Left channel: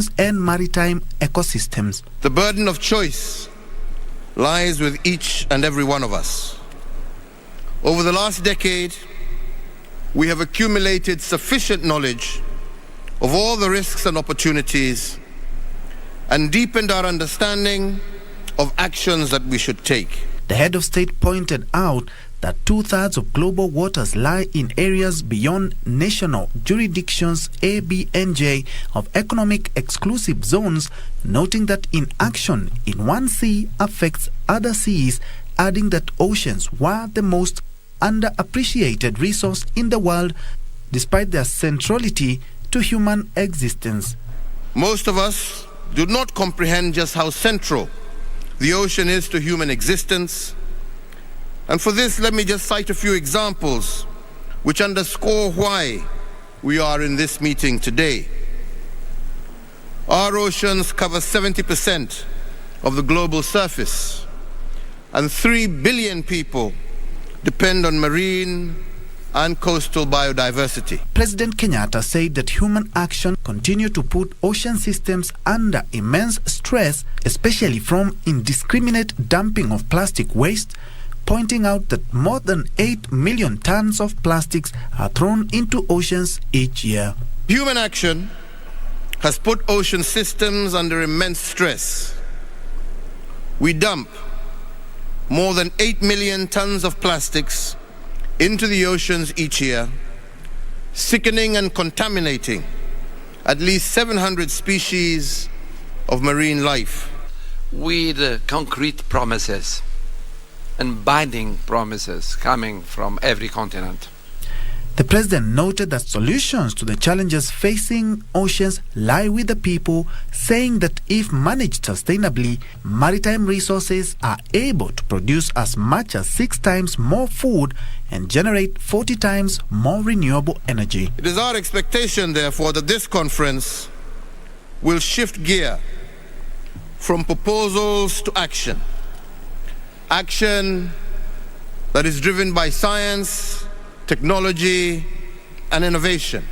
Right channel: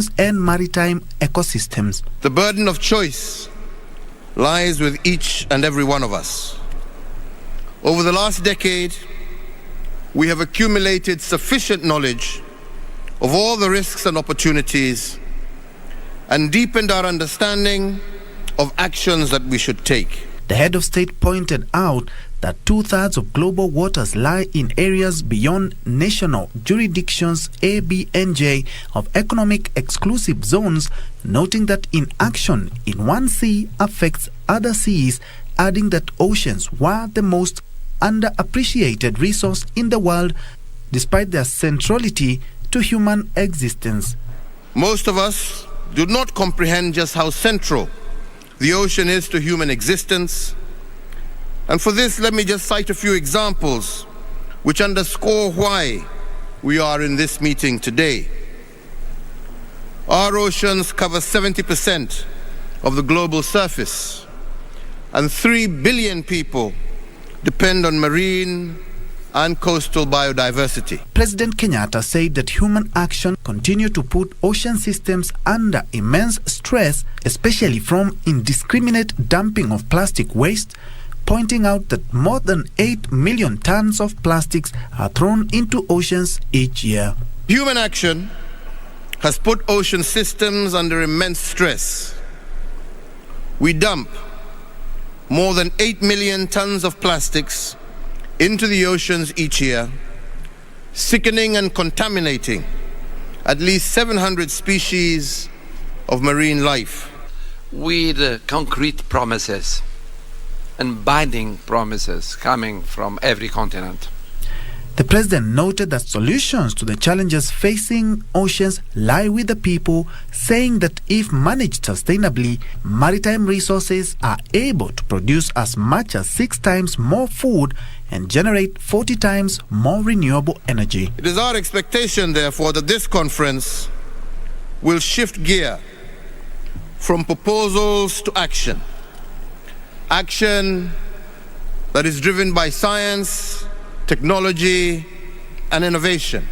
oceans and maritime ecosystems. The burden of choice lies with each and every one of us. Over the last decade, we have accumulated sufficient knowledge of all the risks and opportunities and deepened our understanding of actions that we should take. The head of state pointed out that 2/3 of global waters lie in areas beyond national jurisdictions (ABNJ) of economic exclusive zones, noting that inaction in one sea affects other seas, adding that oceans were the most underappreciated resource in the world despite their centrality to human existence. Most of us do not comprehend just how central the ocean is to human existence. And for this, let me just cite a few examples which underscore why we are in this meeting today. Our oceans cover 70% of the global surface, and 3 billion people depend on marine and coastal biodiversity. President Kenyatta said that human action continues to put ocean systems under immense stress, especially from indiscriminate dumping of plastic waste, pointing out that more than 8 million tons of plastics are thrown into oceans each year. Human action has put ocean systems under immense stress. We dump more than 8 million tons of plastics into the oceans each year, sickening and contaminating at least 700 species of marine life. With concrete promises and binding promises coming from every continent. The president noted that solutions to the challenges facing oceans lie with the people, saying that if managed sustainably, maritime resources are able to produce as much as 6 times more food and generate 40 times more renewable energy. It is our expectation, therefore, that this conference will shift gear from proposals to action. Action that is driven by science, technology, and innovation.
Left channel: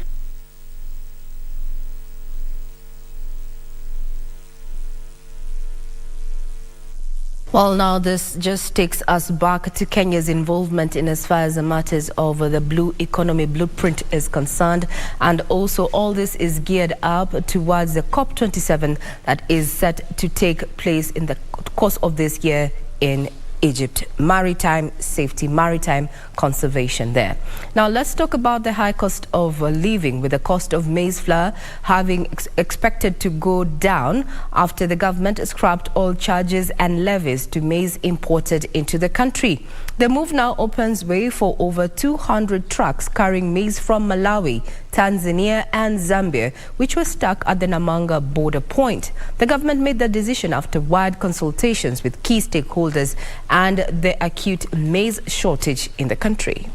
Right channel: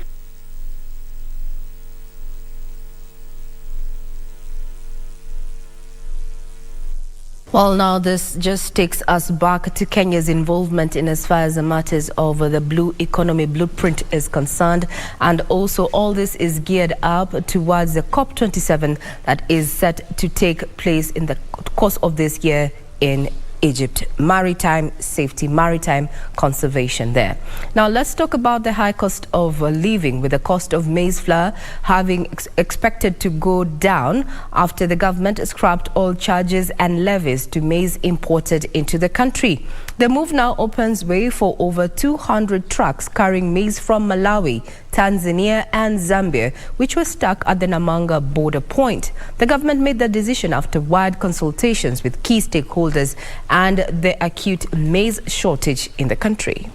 Well, now this just takes us back to Kenya's involvement in as far as the matters of the blue economy blueprint is concerned. And also all this is geared up towards the COP27 that is set to take place in the course of this year in Egypt. Maritime safety, maritime conservation there. Now let's talk about the high cost of living, with the cost of maize flour having expected to go down after the government scrapped all charges and levies to maize imported into the country. The move now opens way for over 200 trucks carrying maize from Malawi, Tanzania and Zambia, which were stuck at the Namanga border point. The government made the decision after wide consultations with key stakeholders and the acute maize shortage in the country.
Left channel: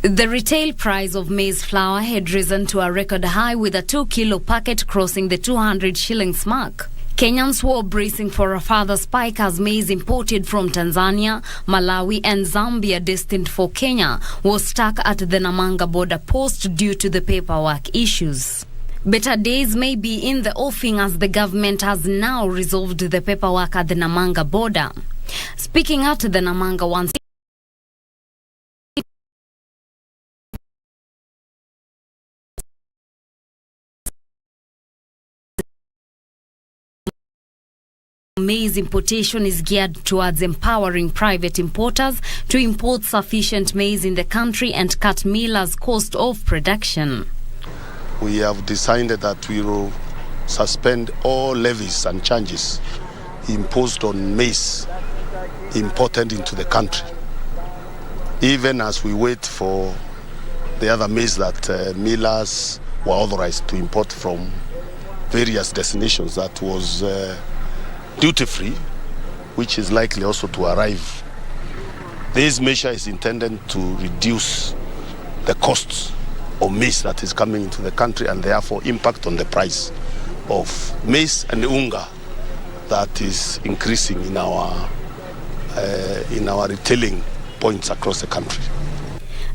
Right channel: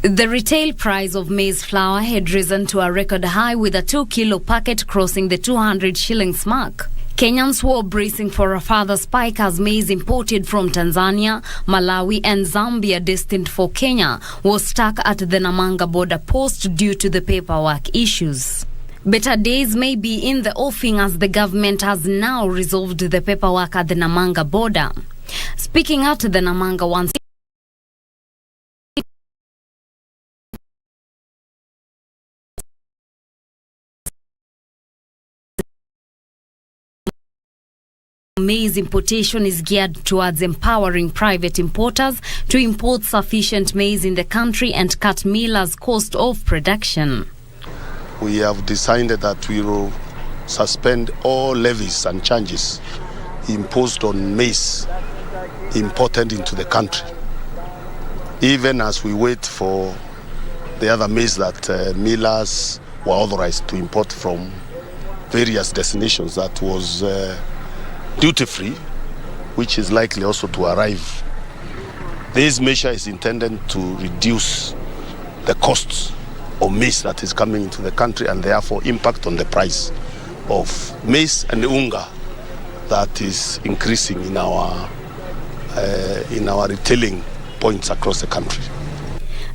The retail price of maize flour had risen to a record high, with a 2-kilo packet crossing the 200 shillings mark. Kenyans were bracing for a further spike as maize imported from Tanzania, Malawi and Zambia destined for Kenya was stuck at the Namanga border post due to the paperwork issues. Better days may be in the offing as the government has now resolved the paperwork at the Namanga border. Speaking at the Namanga once, maize importation is geared towards empowering private importers to import sufficient maize in the country and cut millers' cost of production. We have decided that we will suspend all levies and charges imposed on maize imported into the country, even as we wait for the other maize that millers were authorized to import from various destinations that was duty-free, which is likely also to arrive. This measure is intended to reduce the costs of maize that is coming into the country and therefore impact on the price of maize and unga that is increasing in our retailing points across the country.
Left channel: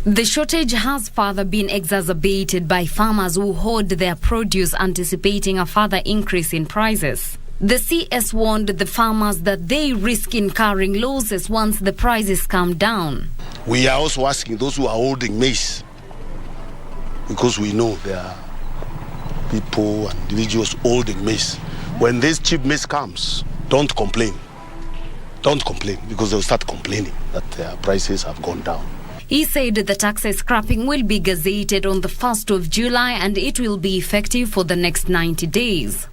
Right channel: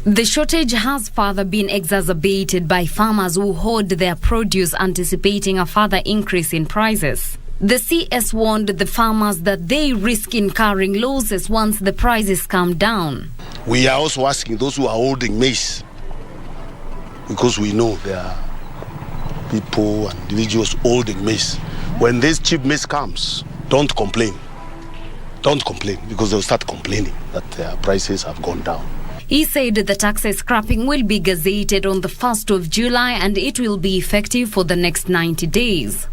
The shortage has further been exacerbated by farmers who hoard their produce, anticipating a further increase in prices. The CS warned the farmers that they risk incurring losses once the prices come down. We are also asking those who are holding maize, because we know there are people and individuals holding maize. When this cheap maize comes, don't complain. Don't complain, because they'll start complaining that their prices have gone down. He said the tax scrapping will be gazetted on the 1st of July and it will be effective for the next 90 days.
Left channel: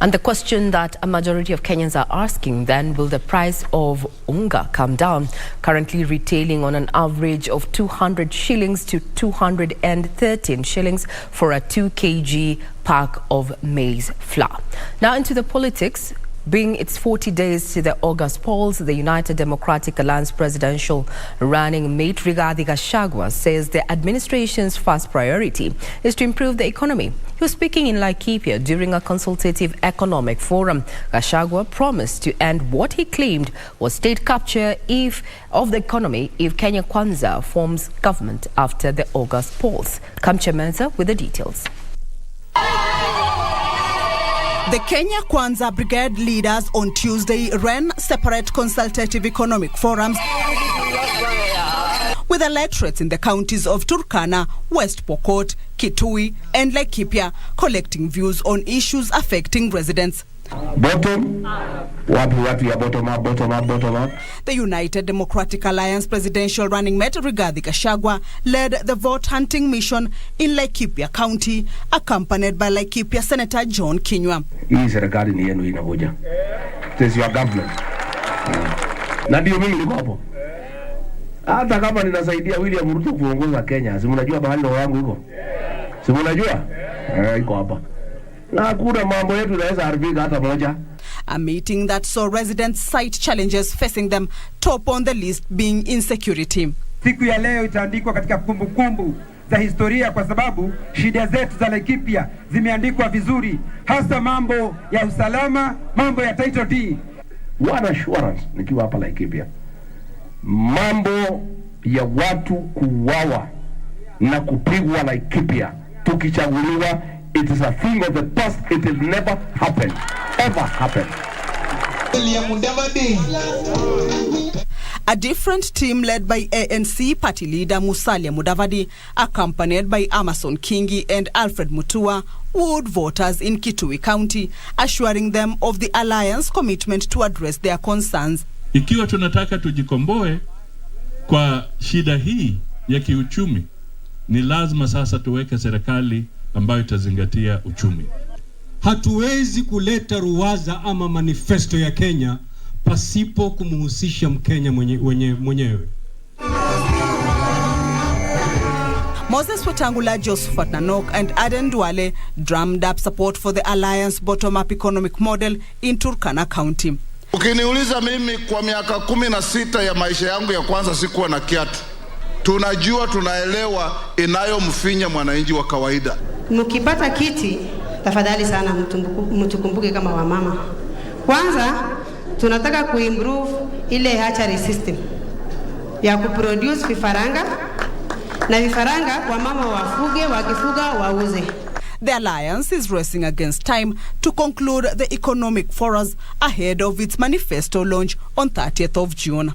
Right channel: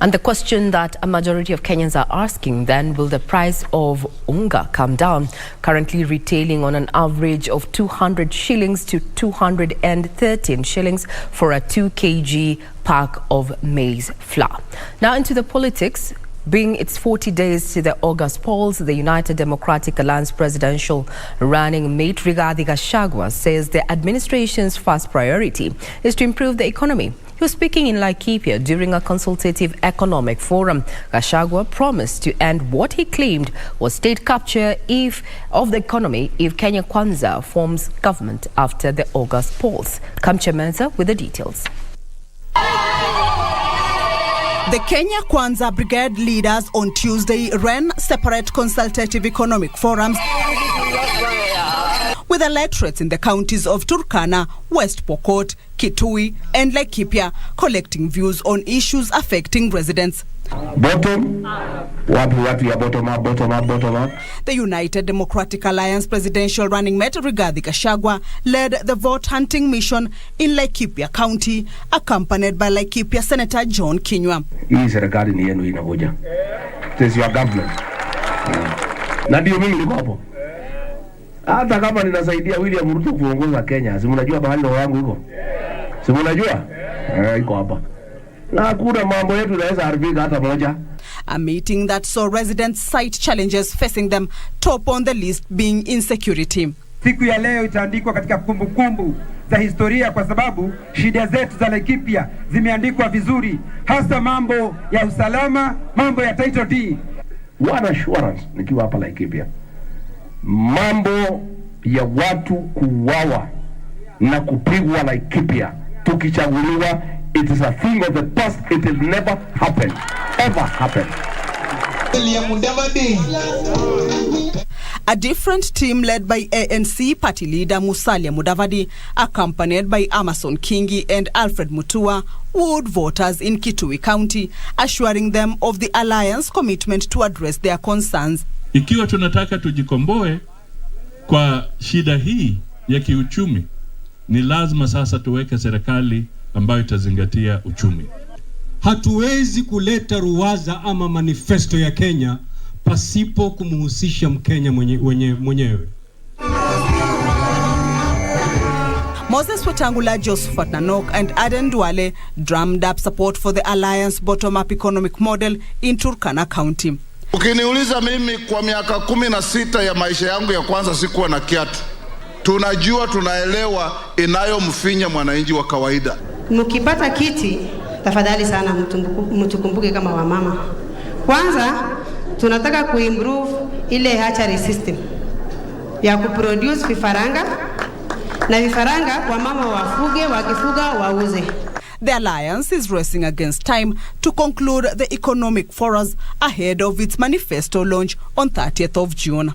And the question that a majority of Kenyans are asking then, will the price of unga come down? Currently retailing on an average of 200 shillings to 213 shillings for a 2 kg pack of maize flour. Now into the politics. Being its 40 days to the August polls, the United Democratic Alliance presidential running mate Rigathi Gachagua says the administration's first priority is to improve the economy. He was speaking in Laikipia during a consultative economic forum. Gachagua promised to end what he claimed was state capture of the economy if Kenya Kwanza forms government after the August polls. Kamcha Menza with the details. The Kenya Kwanza Brigade leaders on Tuesday ran separate consultative economic forums with electorates in the counties of Turkana, West Pokot, Kitui and Laikipia, collecting views on issues affecting residents. Bottom up. The United Democratic Alliance presidential running mate Rigathi Gachagua led the vote-hunting mission in Laikipia County, accompanied by Laikipia Senator John Kinyua. It is your government. Na ndio mimi niko hapo. Hata kama ninasaidia William Ruto kuongoza Kenya, si mnajua bahali roho yangu iko? Si mnajua? Iko hapa. Na hakuna mambo yetu inaweza haribika hata moja. A meeting that saw residents cite challenges facing them, top on the list being insecurity. Siku ya leo itaandikwa katika kumbukumbu za historia kwa sababu shida zetu za Laikipia zimeandikwa vizuri, hasa mambo ya usalama, mambo ya title deed. One assurance nikiwa hapa Laikipia. Mambo ya watu kuuawa na kupigwa Laikipia tukichaguliwa, it is a thing of the past. It will never happen. Ever happen. A different team led by ANC party leader Musalia Mudavadi, accompanied by Amason Kingi and Alfred Mutua, wooed voters in Kitui County, assuring them of the alliance commitment to address their concerns. Ikiwa tunataka tujikomboe kwa shida hii ya kiuchumi, ni lazima sasa tuweke serikali ambayo itazingatia uchumi. Hatuwezi kuleta ruwaza ama manifesto ya Kenya pasipo kumhusisha Mkenya mwenyewe. Moses Wetangula, Josephat Nanok and Aden Duale drummed up support for the alliance bottom-up economic model in Turkana County. Ukiniuliza mimi, kwa miaka 16 ya maisha yangu ya kwanza sikuwa na kiatu. Tunajua, tunaelewa inayomfinya mwananchi wa kawaida. Mkipata kiti, tafadhali sana mtukumbuke kama wamama. Kwanza tunataka kuimprove ile hatchery system ya kuproduce vifaranga, na vifaranga wamama wafuge, wakifuga wauze. The alliance is racing against time to conclude the economic forums ahead of its manifesto launch on 30th of June.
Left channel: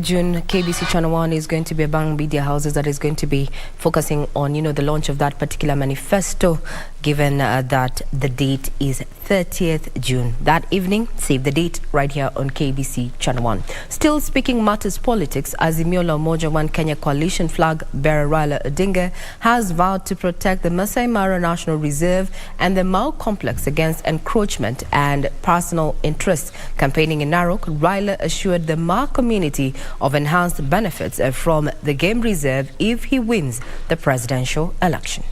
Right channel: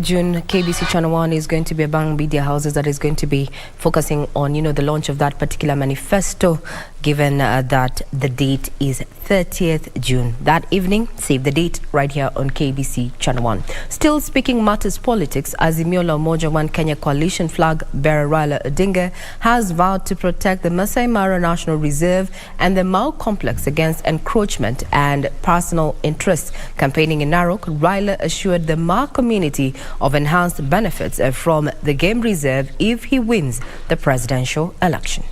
June, KBC Channel 1 is going to be among media houses that is going to be focusing on, the launch of that particular manifesto, given that the date is 30th June. That evening, save the date right here on KBC Channel 1. Still speaking matters politics, Azimio la Umoja One Kenya coalition flag bearer Raila Odinga has vowed to protect the Masai Mara National Reserve and the Mau complex against encroachment and personal interests. Campaigning in Narok, Raila assured the Mau community of enhanced benefits from the game reserve if he wins the presidential election.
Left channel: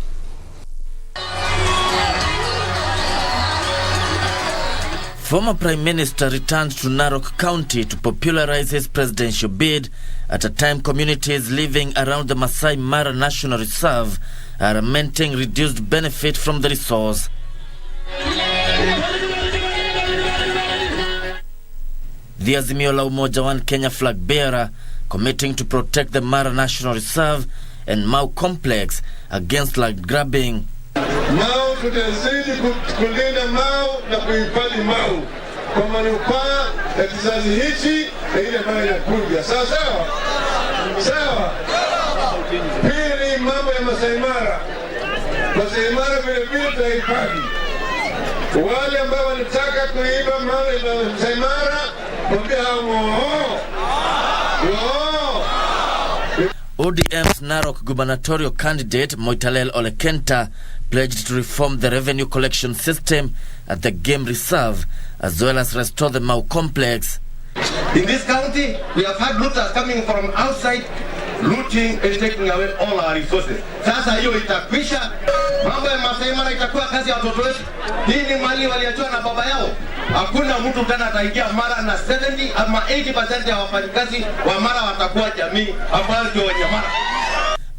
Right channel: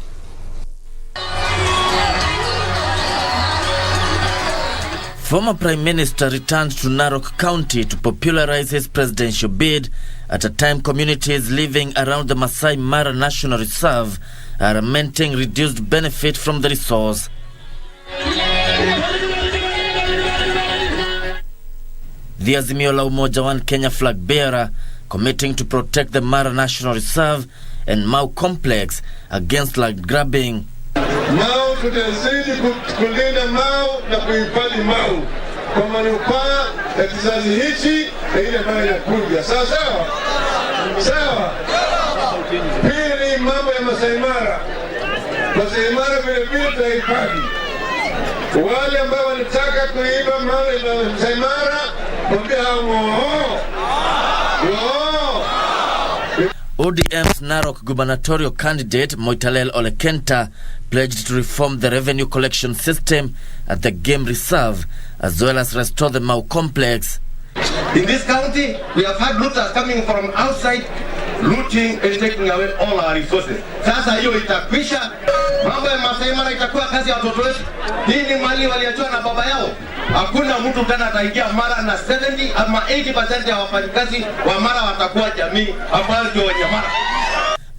Former Prime Minister returned to Narok County to popularize his presidential bid at a time communities living around the Masai Mara National Reserve are lamenting reduced benefit from the resource. The Azimio la Umoja One Kenya flag bearer committing to protect the Mara National Reserve and Mau Complex against land grabbing. Mau tutazidi kulinda Mau na kuhifadhi Mau kwa manufaa ya kizazi hichi na ile ambayo inakuja. Sawa sawa? Sawa. Pili, mambo ya Masai Mara. Masai Mara vile vile tutahifadhi. Wale ambao wanataka kuiba mali ya Masai Mara, mwambie hao ODM's Narok gubernatorial candidate Moitalel Olekenta pledged to reform the revenue collection system at the game reserve as well as restore the Mau complex. In this county, we have had looters coming from outside, looting and taking away all our resources. Sasa hiyo itakwisha. Mambo ya Masai Mara itakuwa kazi ya watoto wetu. Hii ni mali waliachiwa na baba yao. Hakuna mtu tena ataingia Mara na 70 ama 80% ya wafanyikazi wa Mara watakuwa jamii ambayo ndio wenye Mara.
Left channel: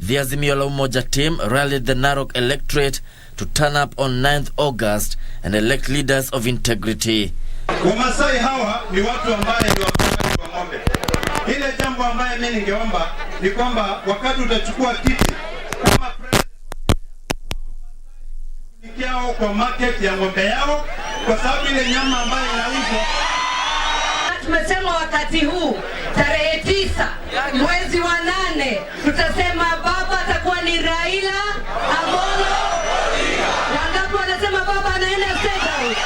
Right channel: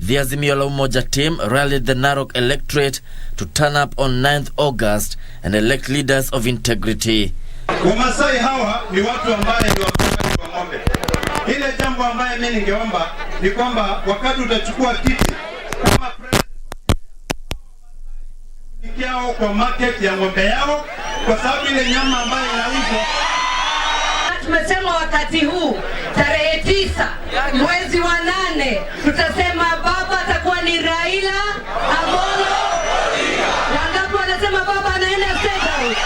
The Azimio la Umoja team rallied the Narok electorate to turn up on 9th August and elect leaders of integrity. Wamasai hawa ni watu ambaye ni wafugaji wa ng'ombe. Ile jambo ambaye mimi ningeomba ni kwamba wakati utachukua kiti kama president kwa market ya ng'ombe yao, kwa sababu ile nyama ambayo inauzwa. Tumesema wakati huu tarehe 9 mwezi wa 8 tutasema baba atakuwa ni Raila Amolo. Wangapi wanasema baba anaenda State House?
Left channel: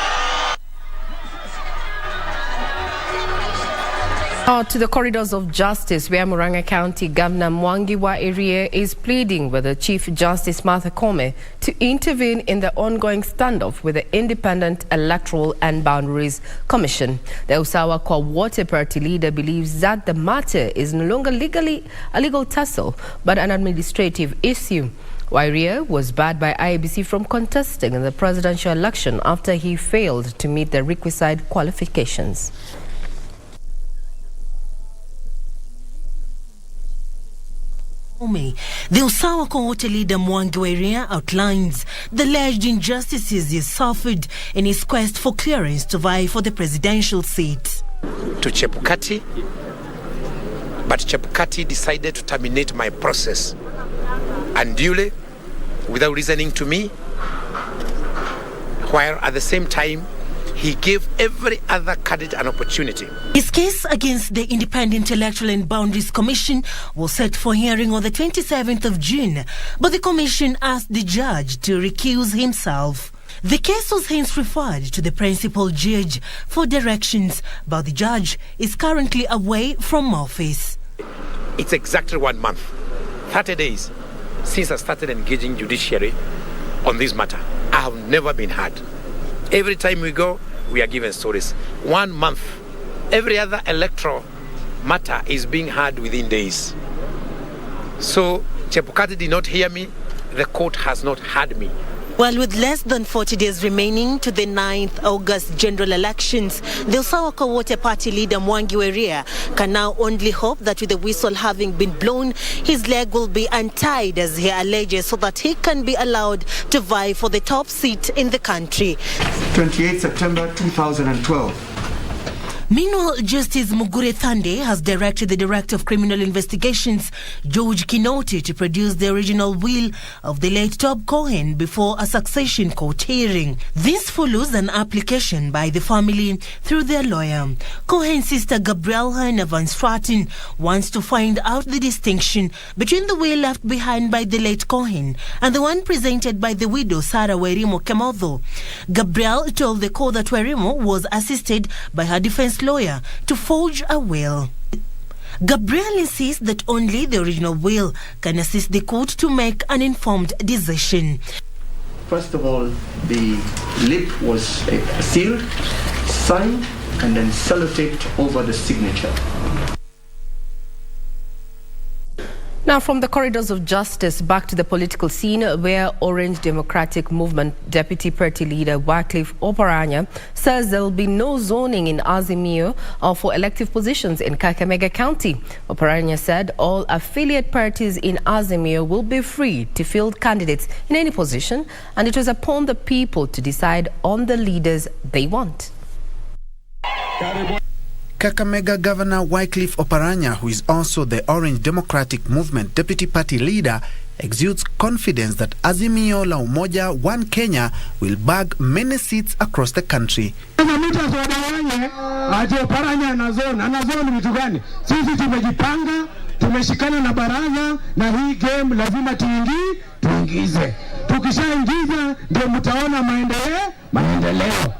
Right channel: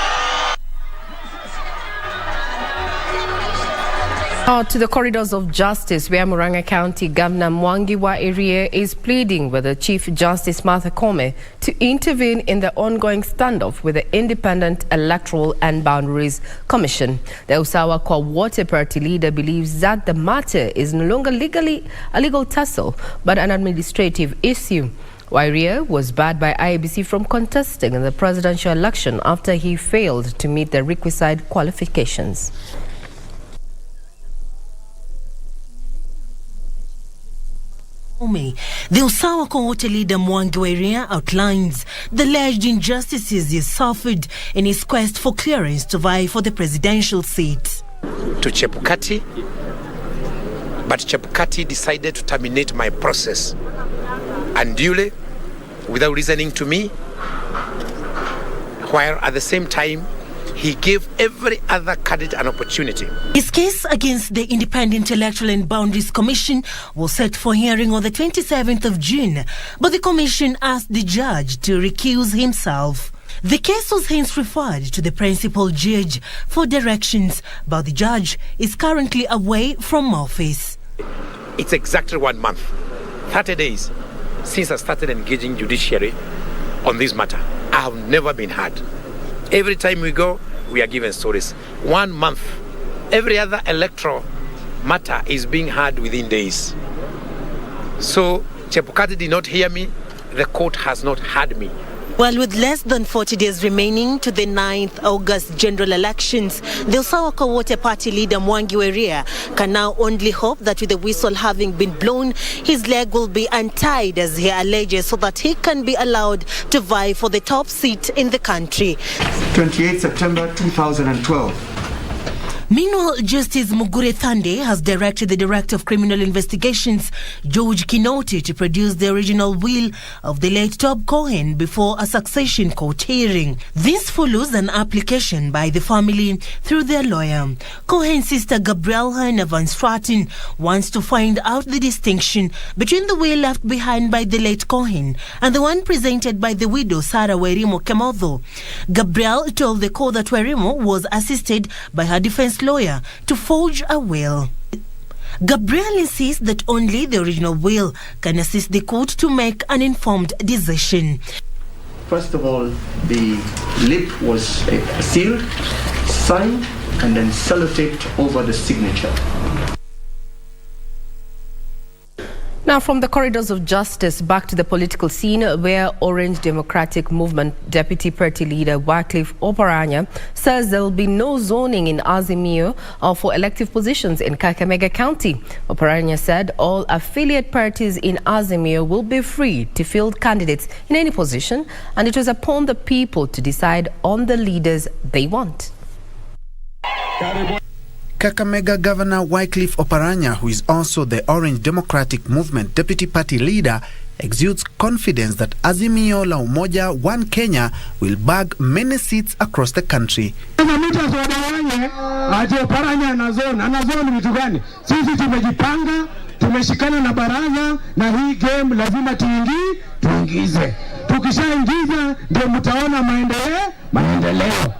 To the corridors of justice, where Murang'a County Governor Mwangi wa Iria is pleading with the Chief Justice Martha Koome to intervene in the ongoing standoff with the Independent Electoral and Boundaries Commission. The Usawa Kwa Water Party leader believes that the matter is no longer a legal tussle, but an administrative issue. Wairia was barred by IEBC from contesting in the presidential election after he failed to meet the requisite qualifications. The Usawa Kwa Water leader Mwangi wa Iria outlines the alleged injustices he suffered in his quest for clearance to vie for the presidential seat. To Chebukati, but Chebukati decided to terminate my process unduly without listening to me, while at the same time he gave every other candidate an opportunity. His case against the Independent Electoral and Boundaries Commission was set for hearing on the 27th of June, but the commission asked the judge to recuse himself. The case was hence referred to the principal judge for directions, but the judge is currently away from office. It's exactly 1 month, 30 days, since I started engaging judiciary on this matter. I have never been heard. Every time we go, we are given stories. 1 month. Every other electoral matter is being heard within days. So, Chebukati did not hear me. The court has not heard me. Well, with less than 40 days remaining to the 9th August general elections, the Usawa Kwa Water Party leader Mwangi wa Iria can now only hope that with the whistle having been blown, his leg will be untied, as he alleges, so that he can be allowed to vie for the top seat in the country. 28 September 2012. Meanwhile, Justice Mugure Thande has directed the Director of Criminal Investigations, George Kinoti, to produce the original will of the late Tob Cohen before a succession court hearing. This follows an application by the family through their lawyer. Cohen's sister Gabrielle Van Straten wants to find out the distinction between the will left behind by the late Cohen and the one presented by the widow Sarah Werimo Kemotho. Gabrielle told the court that Werimo was assisted by her defense lawyer to forge a will. Gabriel insists that only the original will can assist the court to make an informed decision. First of all, the lip was sealed, signed, and then sellotaped over the signature. Now, Now from the corridors of justice back to the political scene, where Orange Democratic Movement Deputy Party Leader Wycliffe Oparanya says there will be no zoning in Azimio for elective positions in Kakamega County. Oparanya said all affiliate parties in Azimio will be free to field candidates in any position, and it was upon the people to decide on the leaders they want. Kakamega Governor Wycliffe Oparanya, who is also the Orange Democratic Movement Deputy Party Leader, exudes confidence that Azimio la Umoja One Kenya will bag many seats across the country. Sisi tumejipanga, tumeshikana na baraza, na hii game lazima tuingize. Tukishaingiza ndio mtaona maendeleo.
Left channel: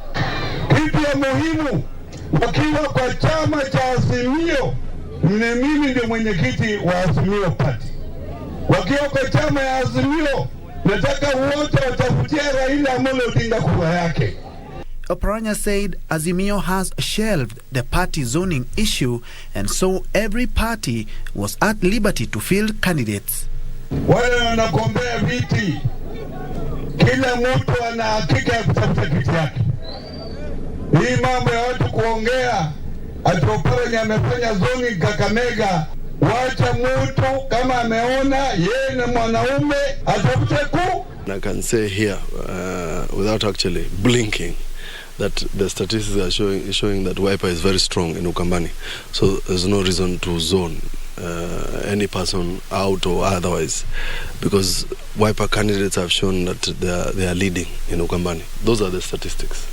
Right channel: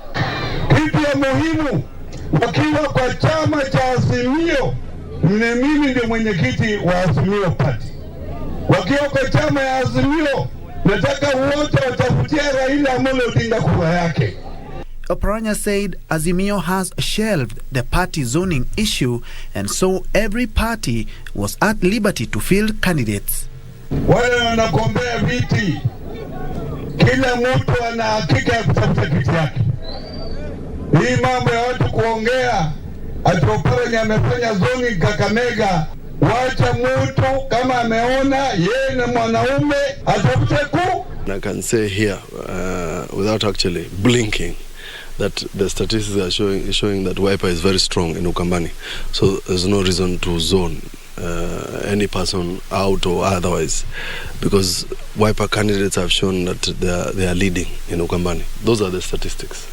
Kitu muhimu wakiwa kwa chama cha Azimio, mimi ndio mwenyekiti wa Azimio Party. Wakiwa kwa chama ya Azimio, nataka wote watafutia Raila Amolo Odinga kura yake. Oparanya said Azimio has shelved the party zoning issue, and so every party was at liberty to field candidates. Wale wanagombea viti, kila mtu ana hakika ya kutafuta kiti yake. Hii mambo ya watu kuongea ati Oparanya amefanya zoning Kakamega, wacha mtu kama ameona yeye ni mwanaume atafute ku. I can say here without actually blinking that the statistics are showing that Wiper is very strong in Ukambani, so there's no reason to zone any person out or otherwise, because Wiper candidates have shown that they are leading in Ukambani. Those are the statistics.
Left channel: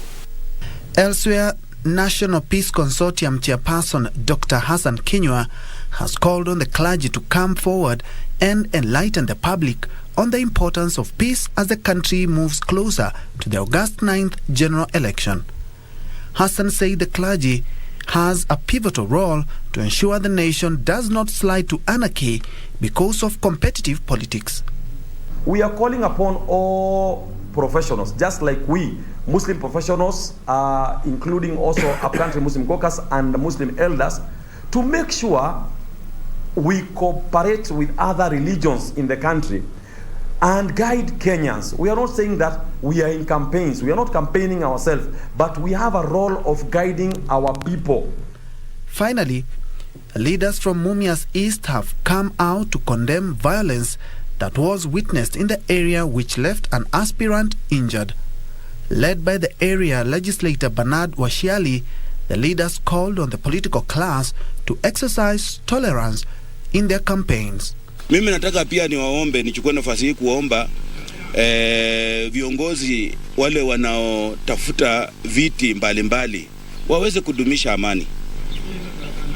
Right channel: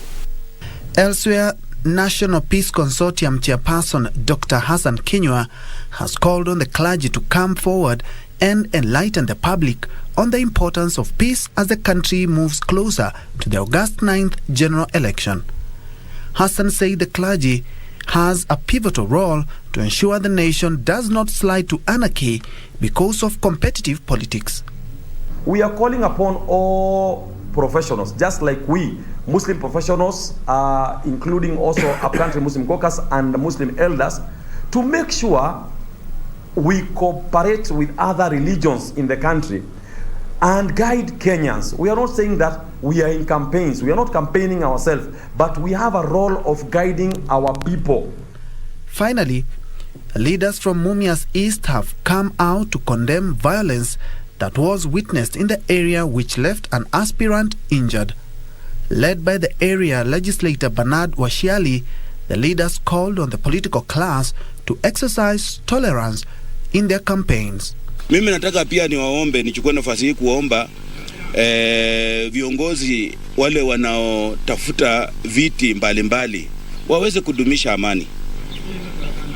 Elsewhere, National Peace Consortium chairperson Dr. Hassan Kinyua has called on the clergy to come forward and enlighten the public on the importance of peace as the country moves closer to the August 9th general election. Hassan said the clergy has a pivotal role to ensure the nation does not slide to anarchy because of competitive politics. We are calling upon all professionals, just like we, Muslim professionals, including also Upcountry Muslim Caucus and Muslim elders, to make sure we cooperate with other religions in the country and guide Kenyans. We are not saying that we are in campaigns. We are not campaigning ourselves, but we have a role of guiding our people. Finally, leaders from Mumias East have come out to condemn violence that was witnessed in the area, which left an aspirant injured. Led by the area legislator Bernard Washiali, the leaders called on the political class to exercise tolerance in their campaigns. Mimi nataka pia nichukue nafasi hii kuomba viongozi wale wanaotafuta viti mbalimbali waweze kudumisha amani.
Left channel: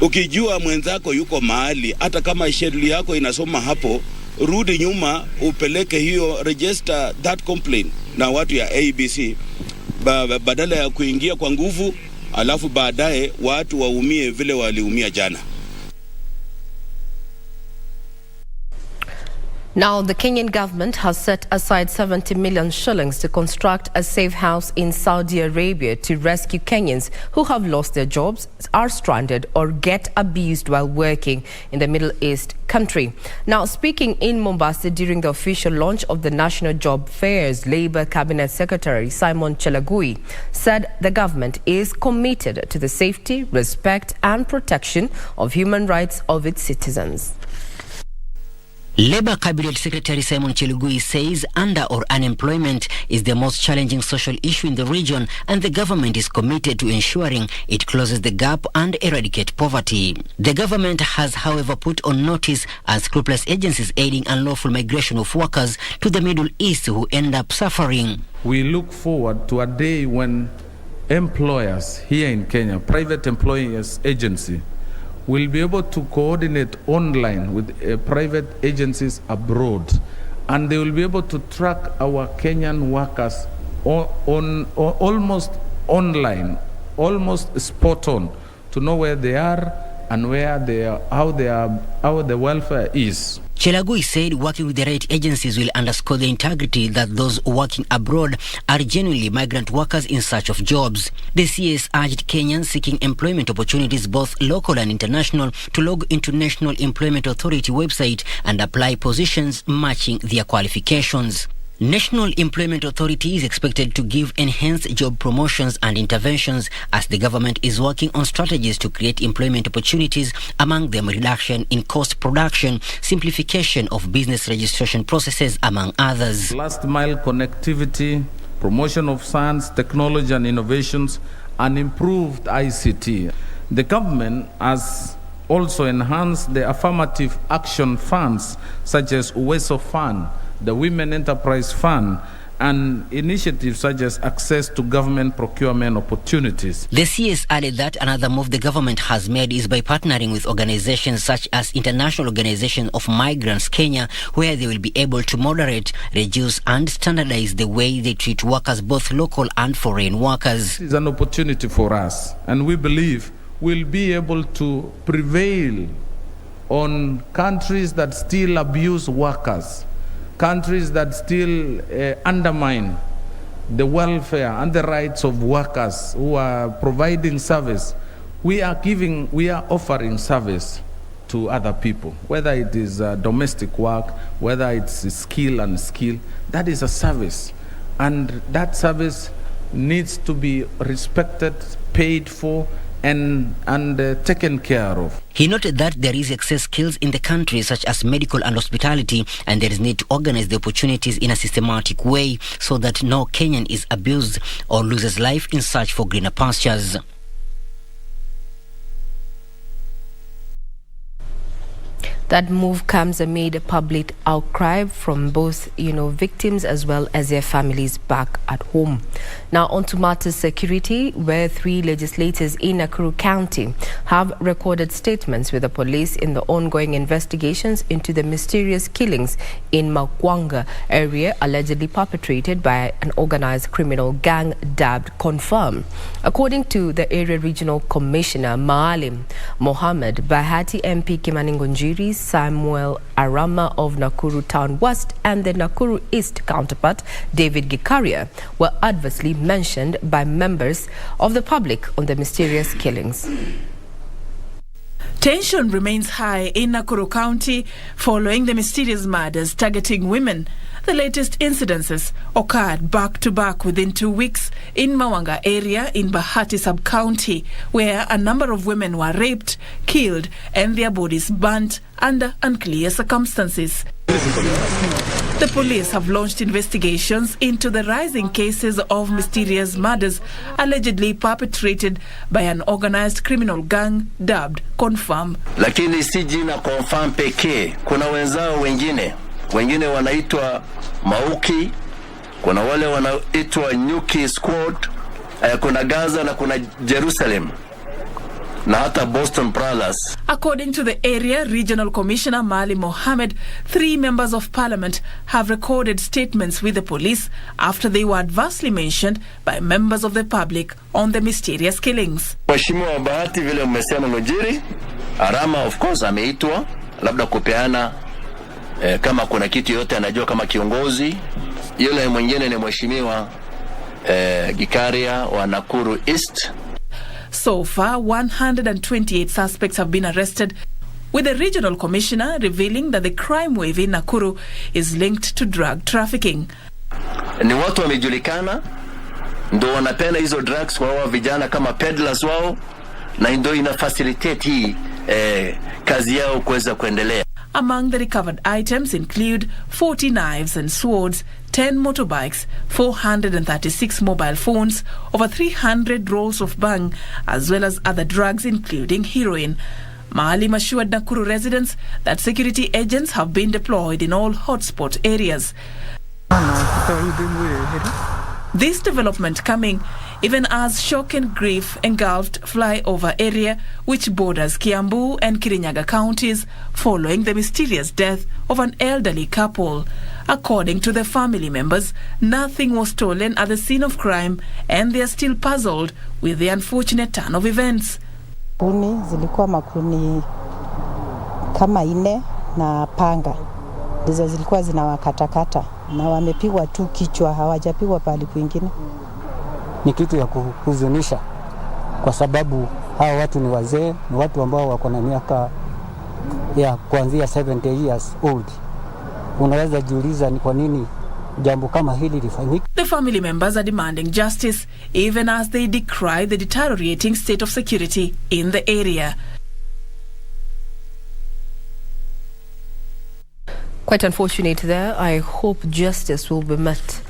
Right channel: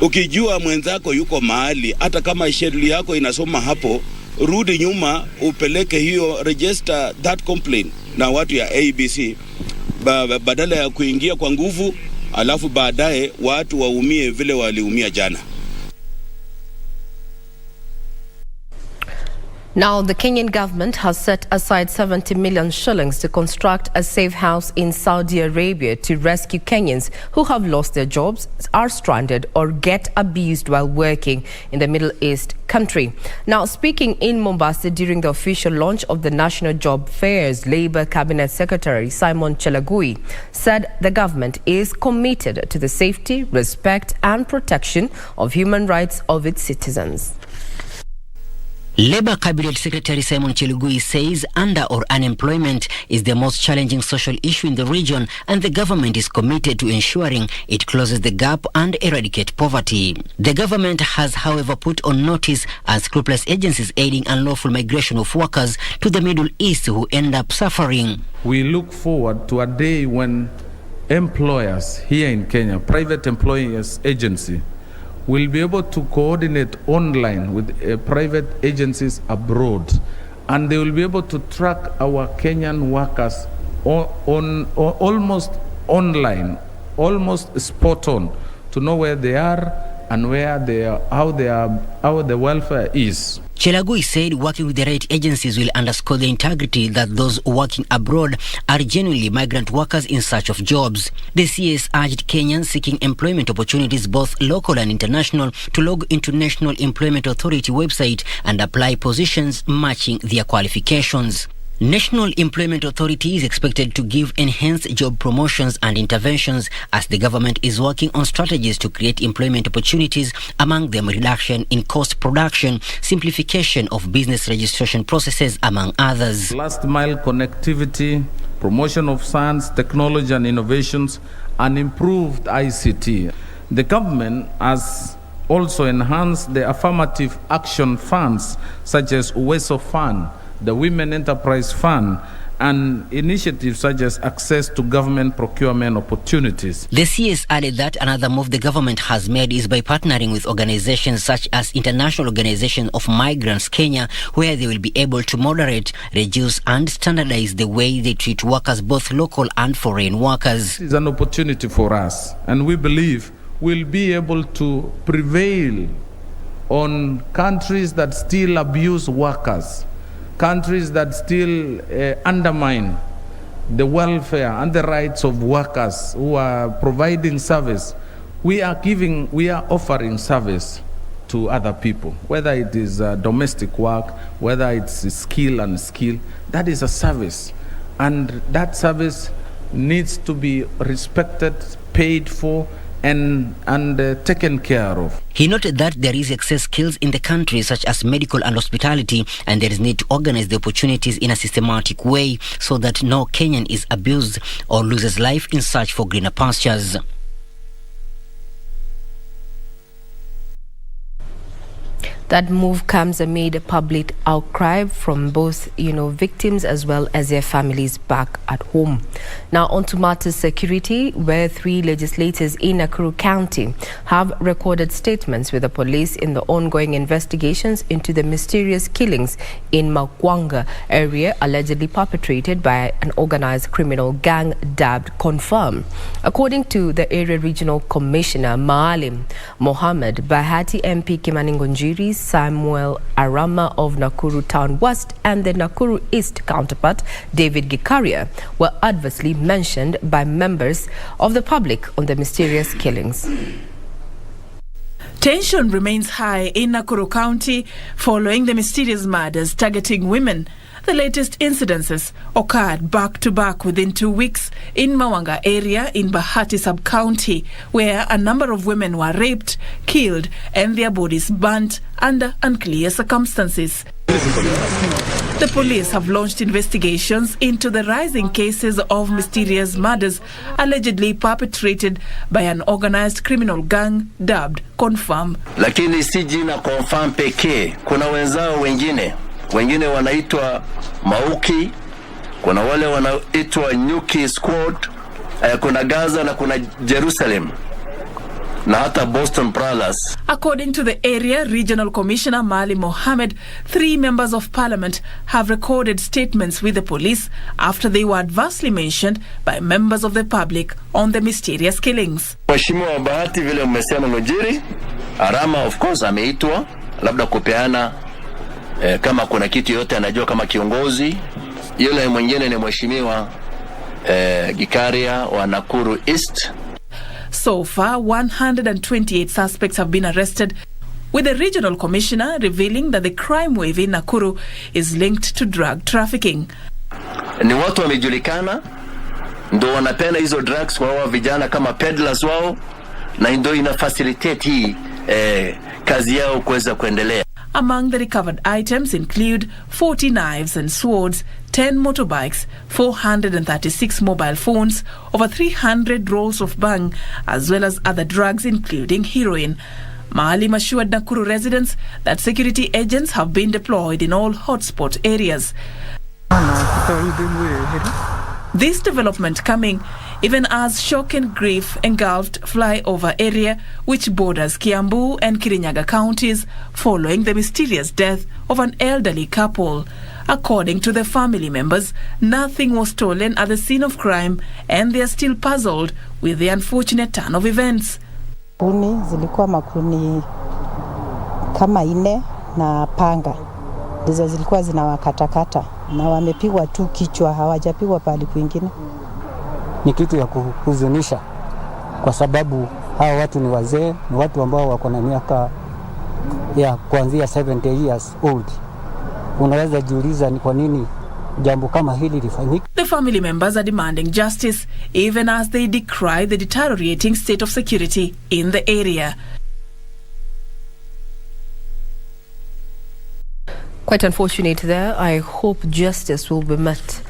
Ukijua mwenzako yuko mahali, hata kama sheria yako inasoma hapo, rudi nyuma upeleke hiyo, register that complaint na watu ya ABC, badala ya kuingia kwa nguvu alafu baadaye watu waumie vile waliumia jana. Now, the Kenyan government has set aside 70 million shillings to construct a safe house in Saudi Arabia to rescue Kenyans who have lost their jobs, are stranded, or get abused while working in the Middle East country. Now, speaking in Mombasa during the official launch of the National Job Fairs, Labour Cabinet Secretary Simon Chelagui said the government is committed to the safety, respect and protection of human rights of its citizens. Labour Cabinet Secretary Simon Chelagui says under or unemployment is the most challenging social issue in the region, and the government is committed to ensuring it closes the gap and eradicate poverty. The government has, however, put on notice unscrupulous agencies aiding unlawful migration of workers to the Middle East who end up suffering. We look forward to a day when employers here in Kenya, private employers agency, will be able to coordinate online with private agencies abroad, and they will be able to track our Kenyan workers almost online, almost spot on, to know where they are and how the welfare is. Chelagui said working with the right agencies will underscore the integrity that those working abroad are genuinely migrant workers in search of jobs. The CS urged Kenyans seeking employment opportunities, both local and international, to log into National Employment Authority website and apply positions matching their qualifications. National Employment Authority is expected to give enhanced job promotions and interventions as the government is working on strategies to create employment opportunities, among them reduction in cost production, simplification of business registration processes, among others. Last mile connectivity, promotion of science, technology and innovations, and improved ICT. The government has also enhanced the affirmative action funds such as Uwezo Fund, the Women Enterprise Fund, and initiatives such as access to government procurement opportunities. The CS added that another move the government has made is by partnering with organizations such as International Organization of Migrants Kenya, where they will be able to moderate, reduce and standardize the way they treat workers, both local and foreign workers. This is an opportunity for us, and we believe we'll be able to prevail on countries that still abuse workers, countries that still undermine the welfare and the rights of workers who are providing service. We are offering service to other people, whether it is domestic work, whether it's skill and skill. That is a service, and that service needs to be respected, paid for, and taken care of. He noted that there is excess skills in the country such as medical and hospitality, and there is need to organize the opportunities in a systematic way so that no Kenyan is abused or loses life in search for greener pastures. That move comes amid a public outcry from both, victims as well as their families back at home. Now on to matters security, where 3 legislators in Nakuru County have recorded statements with the police in the ongoing investigations into the mysterious killings in Makwanga area allegedly perpetrated by an organized criminal gang dubbed Confirm. According to the Area Regional Commissioner Maalim Mohammed, Bahati MP Kimani Ngonjiri, Samuel Arama of Nakuru Town West and the Nakuru East counterpart David Gikaria were adversely mentioned by members of the public on the mysterious killings. Tension remains high in Nakuru County following the mysterious murders targeting women. The latest incidences occurred back-to-back within 2 weeks in Mawanga area in Bahati sub-county, where a number of women were raped, killed, and their bodies burnt under unclear circumstances. The police have launched investigations into the rising cases of mysterious murders allegedly perpetrated by an organized criminal gang dubbed Confirm. Lakini si jina Confirm pekee, kuna wenzao wengine wanaitwa Mauki, kuna wale wanaitwa Nyuki Squad, kuna Gaza na kuna Jerusalem, na hata Boston Prowlers. According to the Area Regional Commissioner Maalim Mohammed, 3 members of parliament have recorded statements with the police after they were adversely mentioned by members of the public on the mysterious killings. Mheshimiwa Bahati vile mmesema Ngonjiri, Arama of course ameitwa labda kupeana kama kuna kitu yote anajua kama kiongozi. Yule mwingine ni Mheshimiwa Gikaria wa Nakuru East. So far, 128 suspects have been arrested, with the regional commissioner revealing that the crime wave in Nakuru is linked to drug trafficking. Ni watu wamejulikana, ndo wanapenda hizo drugs kwa wao vijana kama peddlers wao, na ndo ina facilitate hii kazi yao kuweza kuendelea. Among the recovered items include 40 knives and swords, 10 motorbikes, 436 mobile phones, over 300 rolls of bang, as well as other drugs including heroin. Maalim assured Nakuru residents that security agents have been deployed in all hotspot areas. This development coming even as shock and grief engulfed flyover area which borders Kiambu and Kirinyaga counties following the mysterious death of an elderly couple. According to the family members, nothing was stolen at the scene of crime and they are still puzzled with the unfortunate turn of events. Kuni zilikuwa makuni kama 4 na panga ndizo zilikuwa zinawakatakata na wamepigwa tu kichwa, hawajapigwa pale kwingine. Ni kitu ya kuhuzunisha kwa sababu hawa watu ni wazee, ni watu ambao wako na miaka ya kuanzia 70 years old. Unaweza jiuliza ni kwa nini jambo kama hili lifanyike. The family members are demanding justice even as they decry the deteriorating state of security in the area. Quite unfortunate there. I hope justice will be met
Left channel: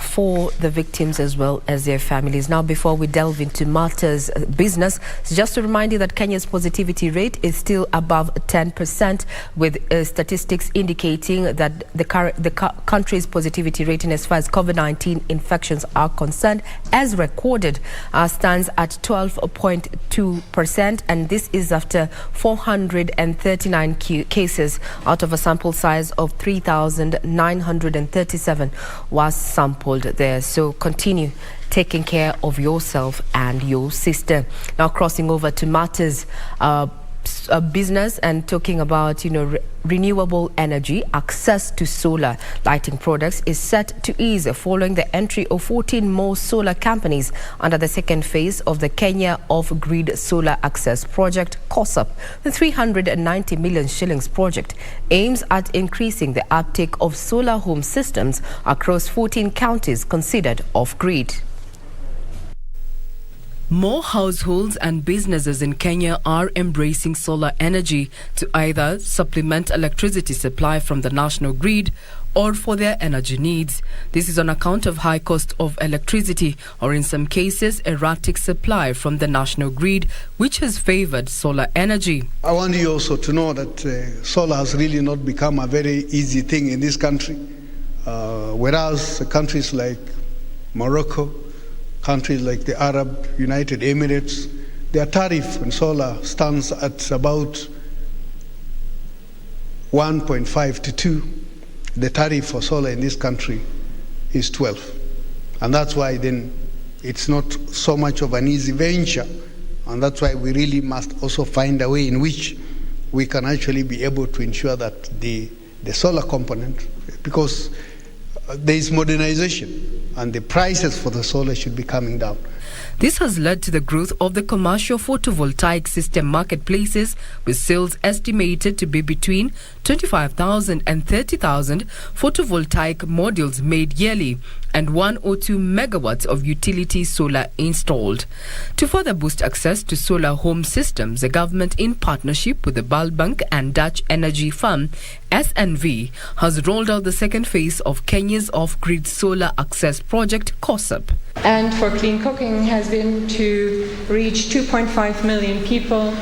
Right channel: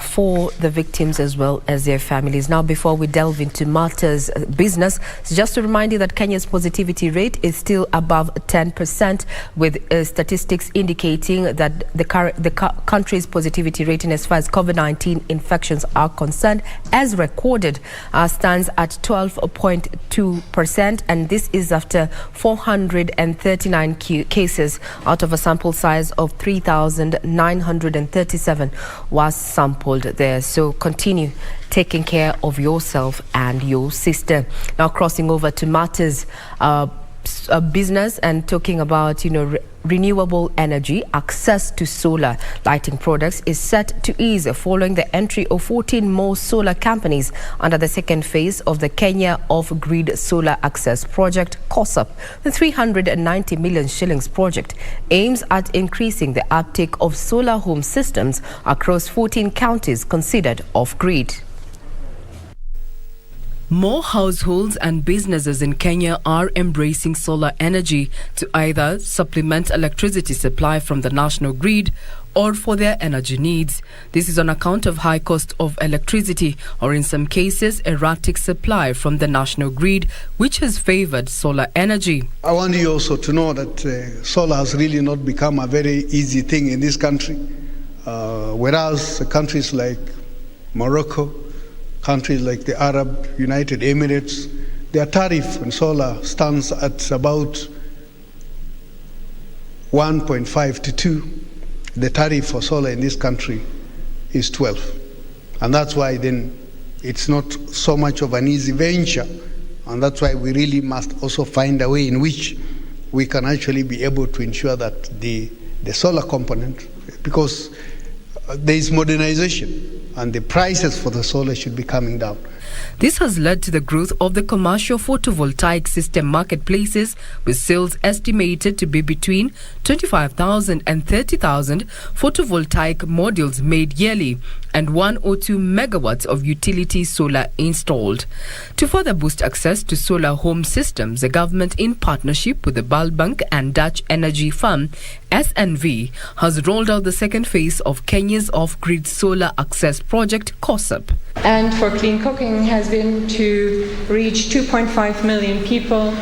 for the victims as well as their families. Now, before we delve into matters business, just to remind you that Kenya's positivity rate is still above 10%, with statistics indicating that the country's positivity rate in as far as COVID-19 infections are concerned, as recorded, stands at 12.2%, and this is after 439 cases out of a sample size of 3,937 was sampled there. So continue taking care of yourself and your sister. Now, crossing over to matters business and talking about, renewable energy, access to solar lighting products is set to ease following the entry of 14 more solar companies under the second phase of the Kenya Off-Grid Solar Access Project, KOSAP. The 390 million shillings project aims at increasing the uptake of solar home systems across 14 counties considered off-grid. More households and businesses in Kenya are embracing solar energy to either supplement electricity supply from the national grid or for their energy needs. This is on account of high cost of electricity or in some cases erratic supply from the national grid, which has favored solar energy. I want you also to know that solar has really not become a very easy thing in this country. Whereas countries like Morocco, countries like the Arab United Emirates, their tariff on solar stands at about 1.5 to 2. The tariff for solar in this country is 12. And that's why then it's not so much of an easy venture. And that's why we really must also find a way in which we can actually be able to ensure that the solar component, because there is modernization, and the prices for the solar should be coming down. This has led to the growth of the commercial photovoltaic system marketplaces, with sales estimated to be between 25,000 and 30,000 photovoltaic modules made yearly, and 1 or 2 megawatts of utility solar installed. To further boost access to solar home systems, the government, in partnership with the Bank and Dutch energy firm SNV, has rolled out the second phase of Kenya's off-grid solar access project, KOSAP. And for clean cooking has been to reach 2.5 million people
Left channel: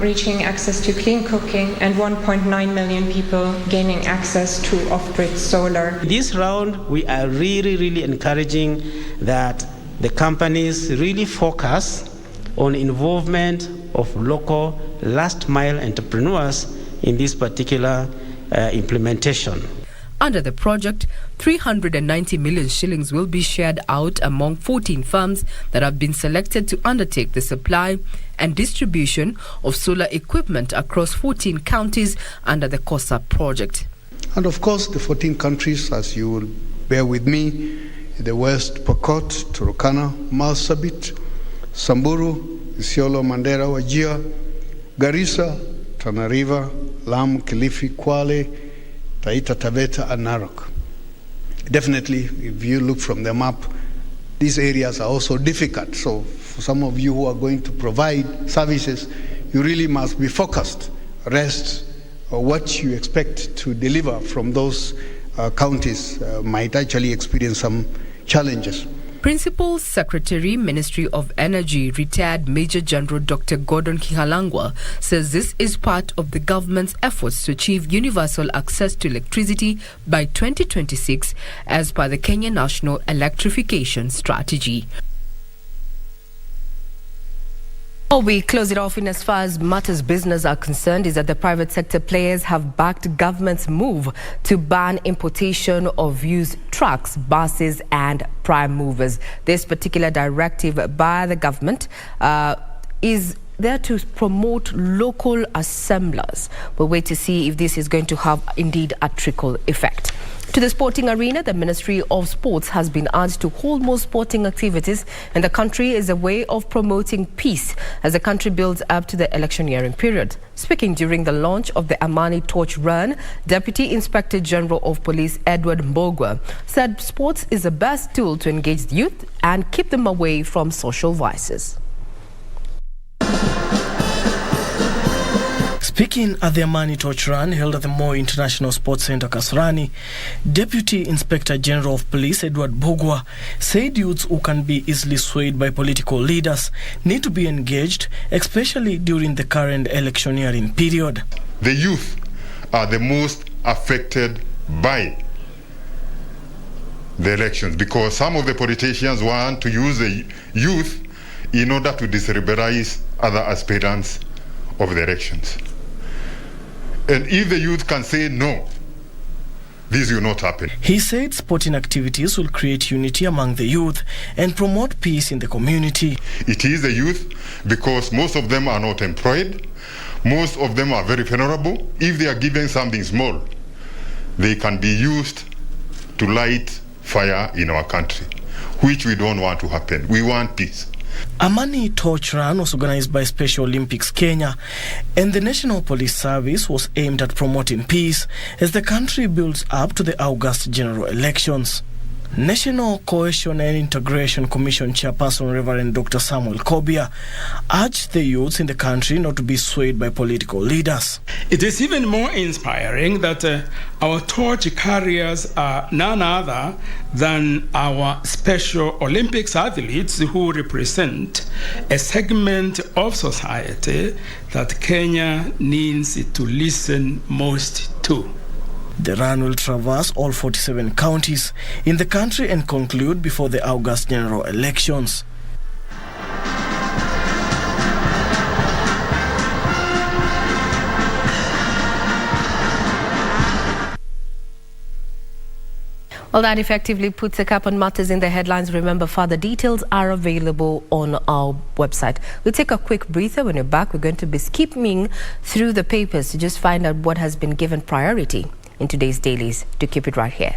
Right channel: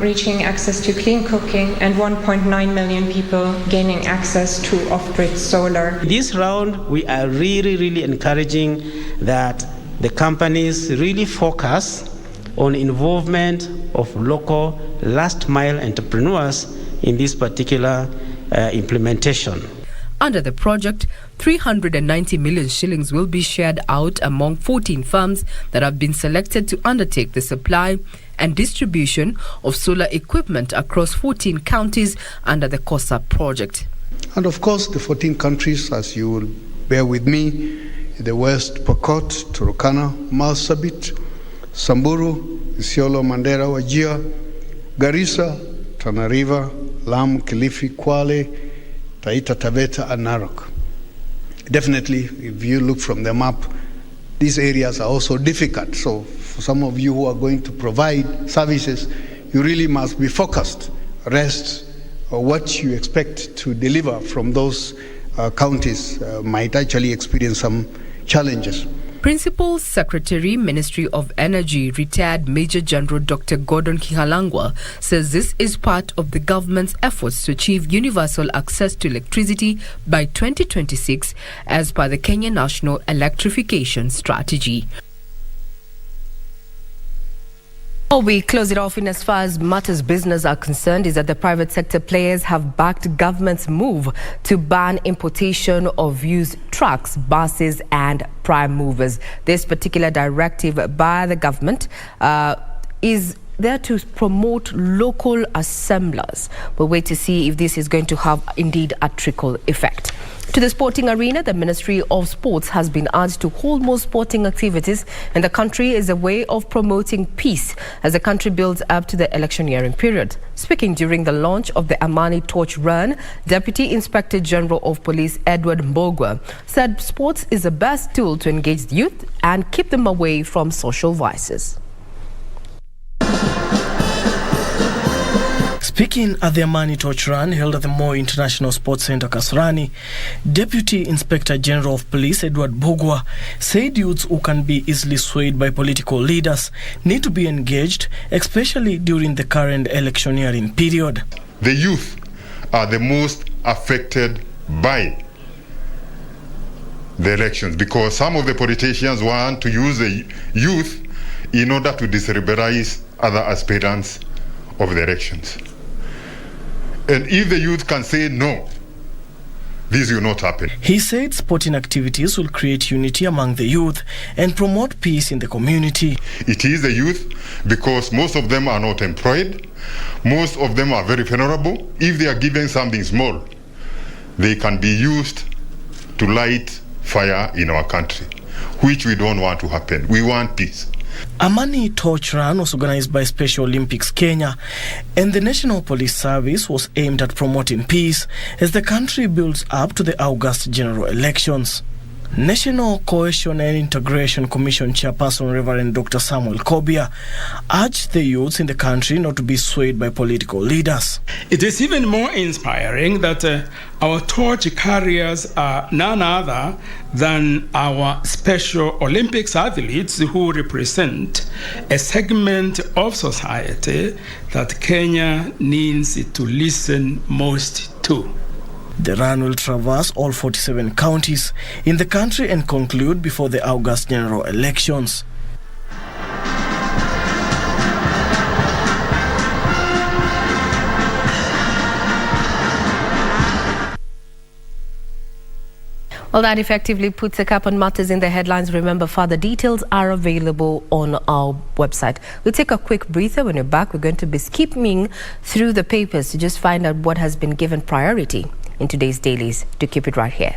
reaching access to clean cooking, and 1.9 million people gaining access to off-grid solar. This round, we are really encouraging that the companies really focus on involvement of local last-mile entrepreneurs in this particular implementation. Under the project, 390 million shillings will be shared out among 14 firms that have been selected to undertake the supply and distribution of solar equipment across 14 counties under the KOSAP project. And of course, the 14 countries, as you will bear with me, the West Pokot, Turkana, Marsabit, Samburu, Isiolo, Mandera, Wajir, Garissa, Tana River, Lamu, Kilifi, Kwale, Taita Taveta, and Narok. Definitely, if you look from the map, these areas are also difficult. So for some of you who are going to provide services, you really must be focused. Rest or what you expect to deliver from those counties might actually experience some challenges. Principal Secretary, Ministry of Energy, retired Major General Dr. Gordon Kihalangwa, says this is part of the government's efforts to achieve universal access to electricity by 2026 as per the Kenya National Electrification Strategy. Before we close it off, in as far as matters business are concerned, is that the private sector players have backed government's move to ban importation of used trucks, buses and prime movers. This particular directive by the government is there to promote local assemblers. We'll wait to see if this is going to have indeed a trickle effect. To the sporting arena, the Ministry of Sports has been urged to hold more sporting activities in the country as a way of promoting peace as the country builds up to the electioneering period. Speaking during the launch of the Amani Torch Run, Deputy Inspector General of Police Edward Mbogwa said sports is the best tool to engage the youth and keep them away from social vices. Speaking at the Amani Torch Run held at the Moi International Sports Centre, Kasarani, Deputy Inspector General of Police Edward Mbogwa said youths who can be easily swayed by political leaders need to be engaged, especially during the current electioneering period. The youth are the most affected by the elections because some of the politicians want to use the youth in order to destabilize other aspirants of the elections. And if the youth can say no, this will not happen. He said sporting activities will create unity among the youth and promote peace in the community. It is the youth because most of them are not employed. Most of them are very vulnerable. If they are given something small, they can be used to light fire in our country, which we don't want to happen. We want peace. Amani Torch Run was organized by Special Olympics Kenya, and the National Police Service was aimed at promoting peace as the country builds up to the August general elections. National Cohesion and Integration Commission Chairperson Reverend Dr. Samuel Kobia urged the youths in the country not to be swayed by political leaders. It is even more inspiring that our torch carriers are none other than our Special Olympics athletes who represent a segment of society that Kenya needs to listen most to. The run will traverse all 47 counties in the country and conclude before the August general elections. Well, that effectively puts a cap on matters in the headlines. Remember, further details are available on our website. We'll take a quick breather. When we're back, we're going to be skipping through the papers to just find out what has been given priority in today's dailies. To keep it right here.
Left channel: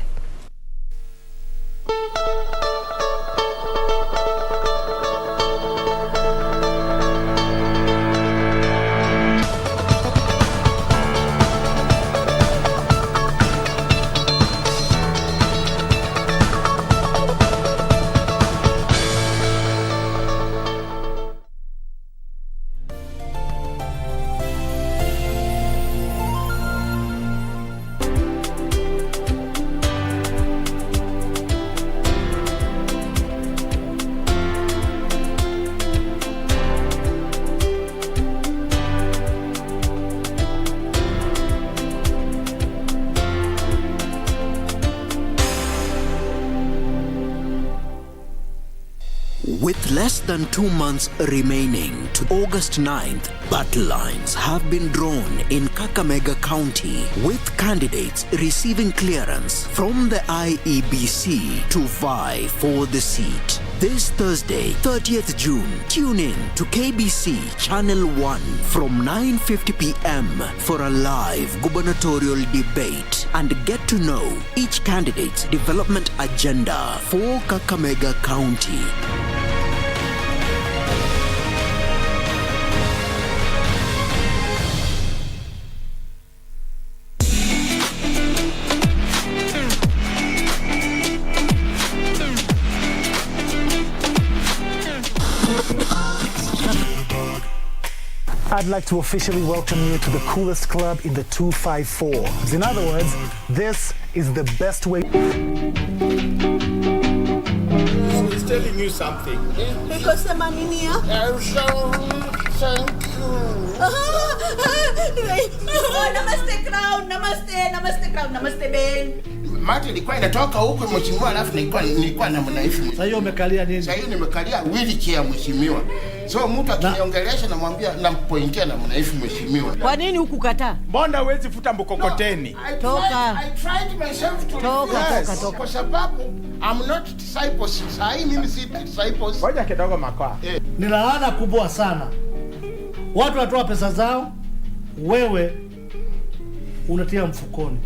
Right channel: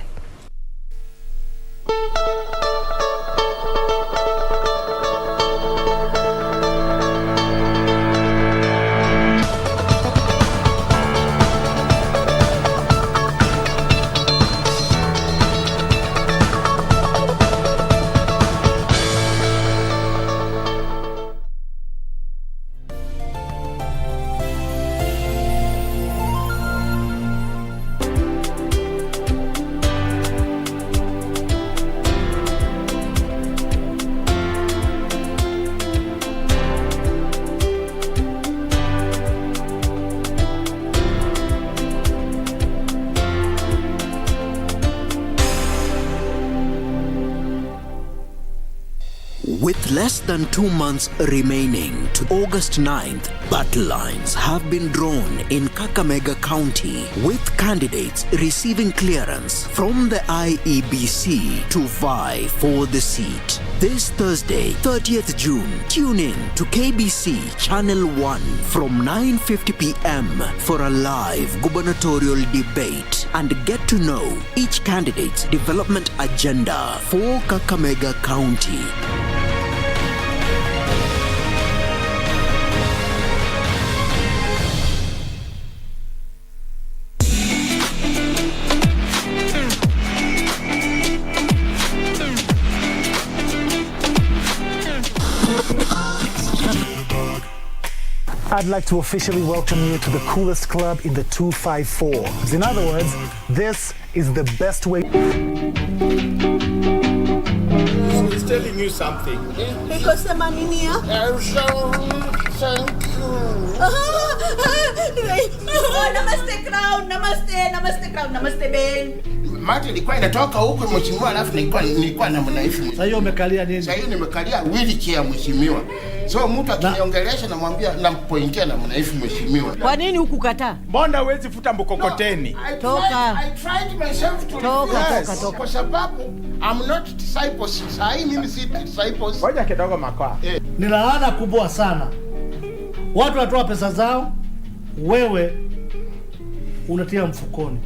With less than 2 months remaining to August 9th, battle lines have been drawn in Kakamega County, with candidates receiving clearance from the IEBC to vie for the seat. This Thursday, 30th June, tune in to KBC Channel 1 from 9:50 p.m. for a live gubernatorial debate and get to know each candidate's development agenda for Kakamega County. I'd like to officially welcome you to the coolest club in the 254. In other words, this is the best way. He's telling you something. Because the money here. Thank you. Namaste crown, namaste crown, namaste Ben. Mati ilikuwa inatoka huko mheshimiwa, alafu nilikuwa na mnaifu. Sasa hiyo umekalia nini? Sasa hiyo nimekalia wheelchair mheshimiwa. So mtu akiniongelesha namwambia nampoingia na mnaifu mheshimiwa. Kwa nini hukukataa? Mbona huwezi futa mkokoteni? Toka. I tried myself to toka. Kwa sababu I'm not disciples. Mimi si disciples. Ngoja kidogo makoa. Ni laana kubwa sana Watu watoa pesa zao, wewe unatia mfukoni.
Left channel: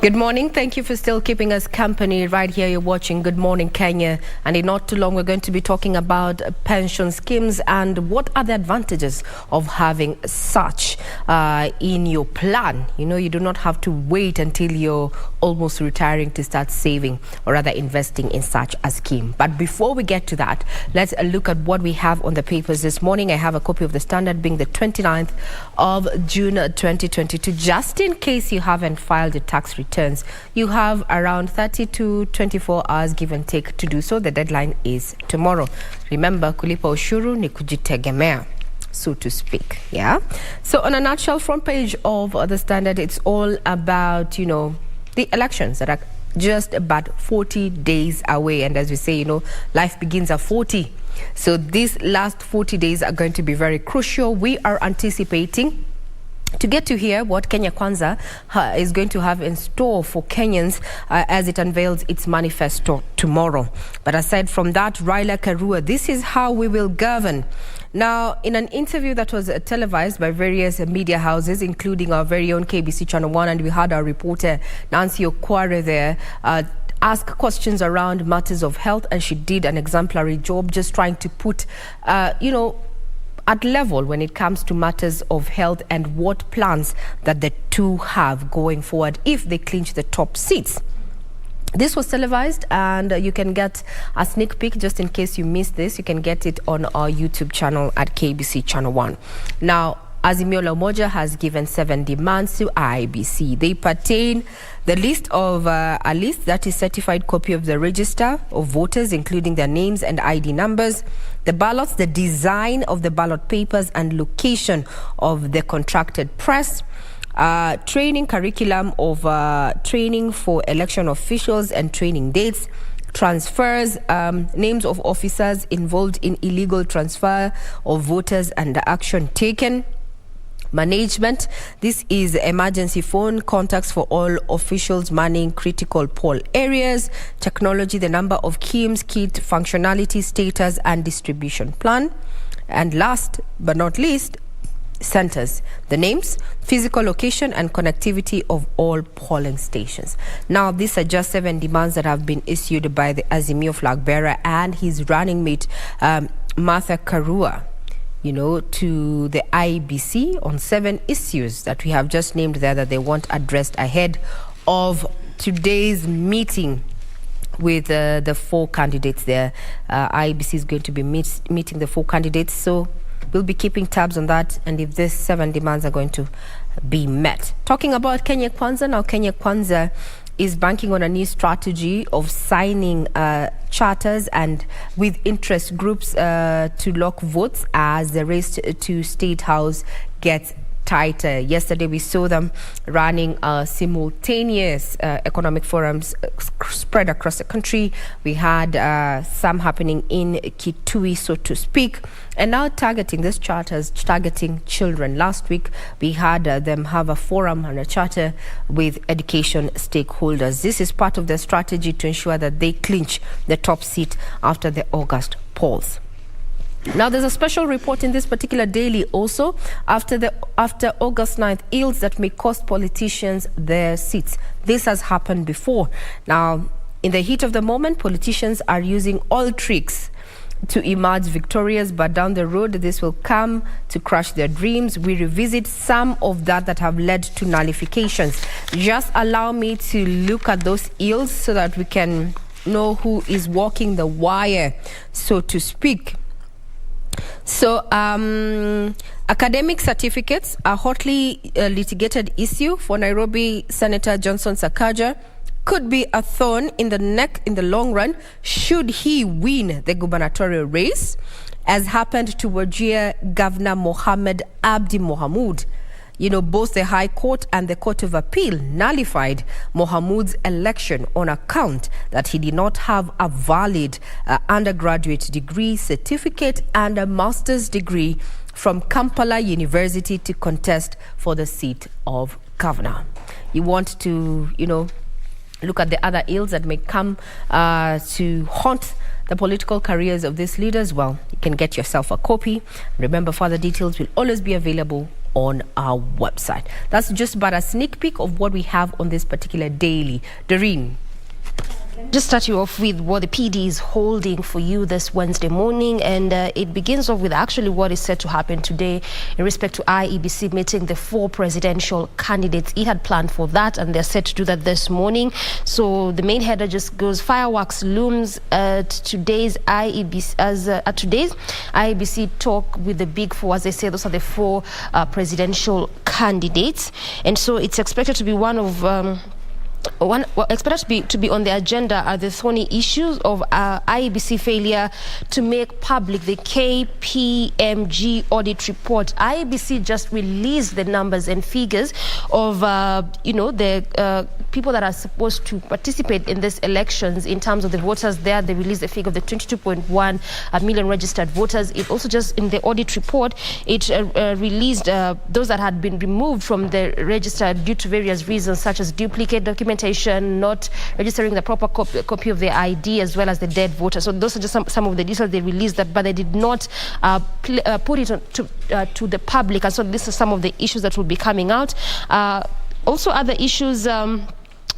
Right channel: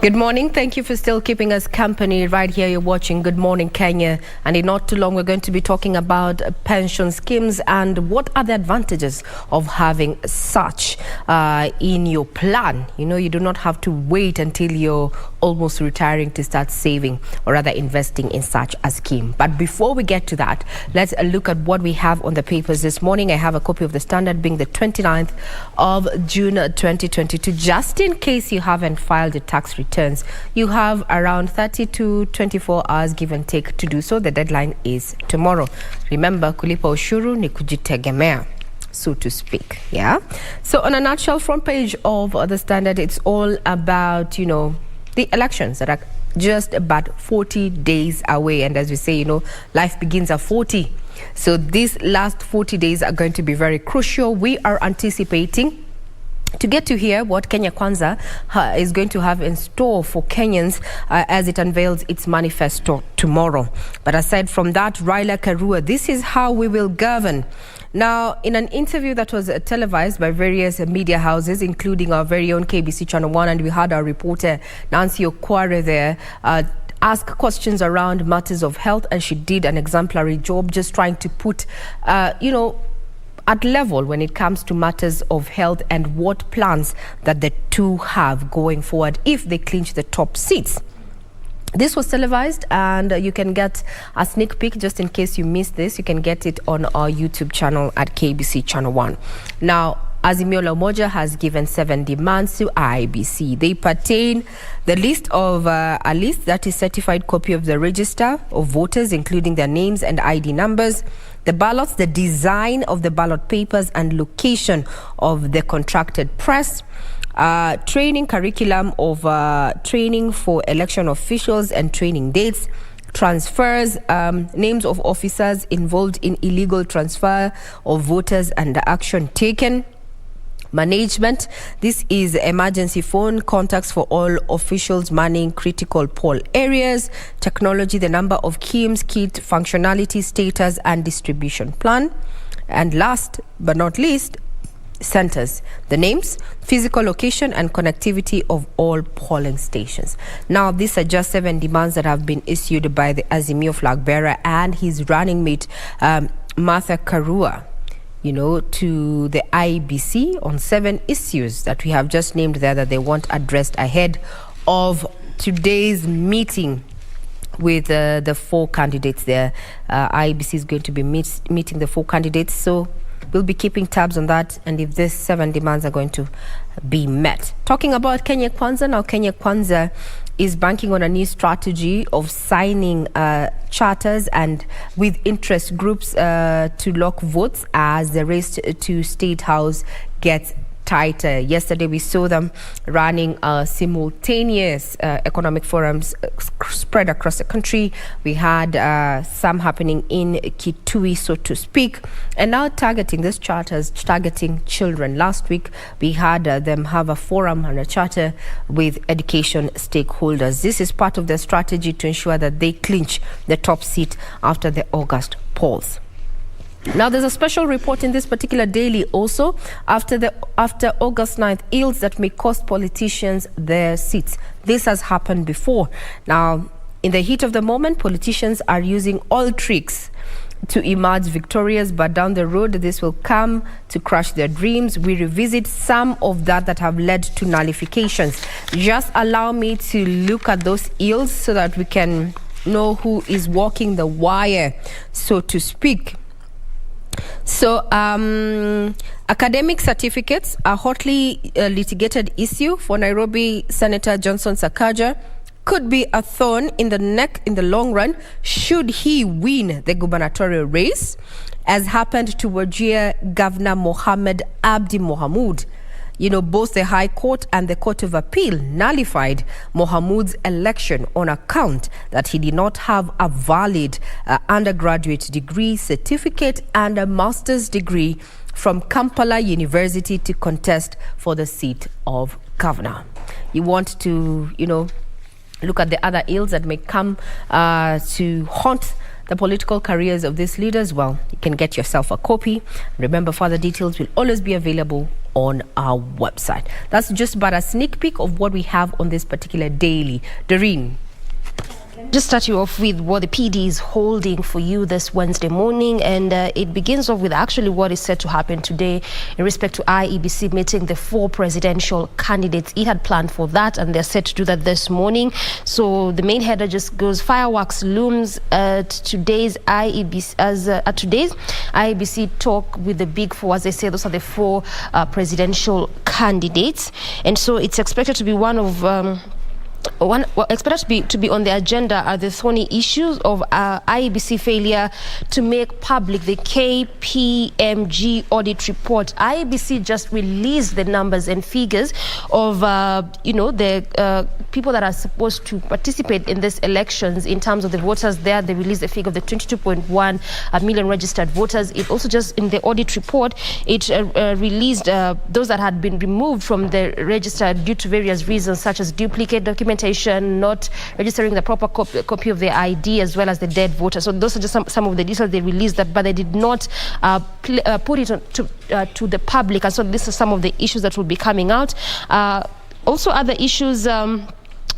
Good morning. Thank you for still keeping us company right here. You're watching Good Morning Kenya. And in not too long, we're going to be talking about pension schemes and what are the advantages of having such in your plan. You know, you do not have to wait until you're almost retiring to start saving or rather investing in such a scheme. But before we get to that, let's look at what we have on the papers this morning. I have a copy of the Standard being the 29th of June 2022. Just in case you haven't filed your tax returns, you have around 30 to 24 hours give and take to do so. The deadline is tomorrow. Remember, kulipa ushuru ni kujitegemea, so to speak. Yeah. So on a nutshell, front page of the Standard, it's all about, you know, the elections that are just about 40 days away. And as we say, you know, life begins at 40. So these last 40 days are going to be very crucial. We are anticipating to get to hear what Kenya Kwanza is going to have in store for Kenyans as it unveils its manifesto tomorrow. But aside from that, Raila Karua, this is how we will govern. Now, in an interview that was televised by various media houses, including our very own KBC Channel 1, and we had our reporter Nancy Okware there ask questions around matters of health, and she did an exemplary job just trying to put, you know, at level when it comes to matters of health and what plans that the two have going forward if they clinch the top seats. This was televised, and you can get a sneak peek just in case you missed this. You can get it on our YouTube channel at KBC Channel 1. Now, Azimio la Umoja has given 7 demands to IEBC. They pertain the list of a list that is certified copy of the register of voters, including their names and ID numbers, the ballots, the design of the ballot papers, and location of the contracted press. Training curriculum of training for election officials and training dates, transfers, names of officers involved in illegal transfer of voters and the action taken. Management, this is emergency phone contacts for all officials manning critical poll areas. Technology, the number of KIMS, kit functionality, status and distribution plan. And last but not least, centers, the names, physical location and connectivity of all polling stations. Now, these are just 7 demands that have been issued by the Azimio flag bearer and his running mate, Martha Karua, you know, to the IEBC on 7 issues that we have just named there that they want addressed ahead of today's meeting with the 4 candidates there. IEBC is going to be meeting the 4 candidates, so we'll be keeping tabs on that and if these 7 demands are going to be met. Talking about Kenya Kwanza, now Kenya Kwanza is banking on a new strategy of signing charters and with interest groups to lock votes as the race to State House gets tighter. Yesterday we saw them running simultaneous economic forums spread across the country. We had some happening in Kitui, so to speak, and now targeting this charters, targeting children. Last week we had them have a forum and a charter with education stakeholders. This is part of their strategy to ensure that they clinch the top seat after the August polls. Now, there's a special report in this particular daily also after August 9th ills that may cost politicians their seats. This has happened before. Now, in the heat of the moment, politicians are using all tricks to emerge victorious, but down the road, this will come to crush their dreams. We revisit some of that have led to nullifications. Just allow me to look at those ills so that we can know who is walking the wire, so to speak. So, academic certificates are hotly litigated issue for Nairobi Senator Johnson Sakaja could be a thorn in the neck in the long run should he win the gubernatorial race, as happened to Wajir Governor Mohammed Abdi Mohamud. Both the High Court and the Court of Appeal nullified Mohamud's election on account that he did not have a valid undergraduate degree, certificate and a master's degree from Kampala University to contest for the seat of governor. You want to, look at the other ills that may come to haunt the political careers of these leaders? Well, you can get yourself a copy. Remember, further details will always be available on our website. That's just but a sneak peek of what we have on this particular daily. Doreen. Just start you off with what the PD is holding for you this Wednesday morning, and it begins off with actually what is set to happen today in respect to IEBC meeting the 4 presidential candidates. It had planned for that, and they're set to do that this morning. So the main header just goes: fireworks looms at today's IEBC talk with the big 4. As they say, those are the 4 presidential candidates, and so it's expected to be one of expected to be on the agenda are the thorny issues of IEBC failure to make public the KPMG audit report. IEBC just released the numbers and figures of the people that are supposed to participate in these elections in terms of the voters there. They released the figure of the 22.1 million registered voters. It also just in the audit report, it released those that had been removed from the register due to various reasons, such as duplicate documentation, not registering the proper copy of the ID, as well as the dead voter. So those are just some of the details they released, but they did not put it to the public. And so this is some of the issues that will be coming out. Also, other issues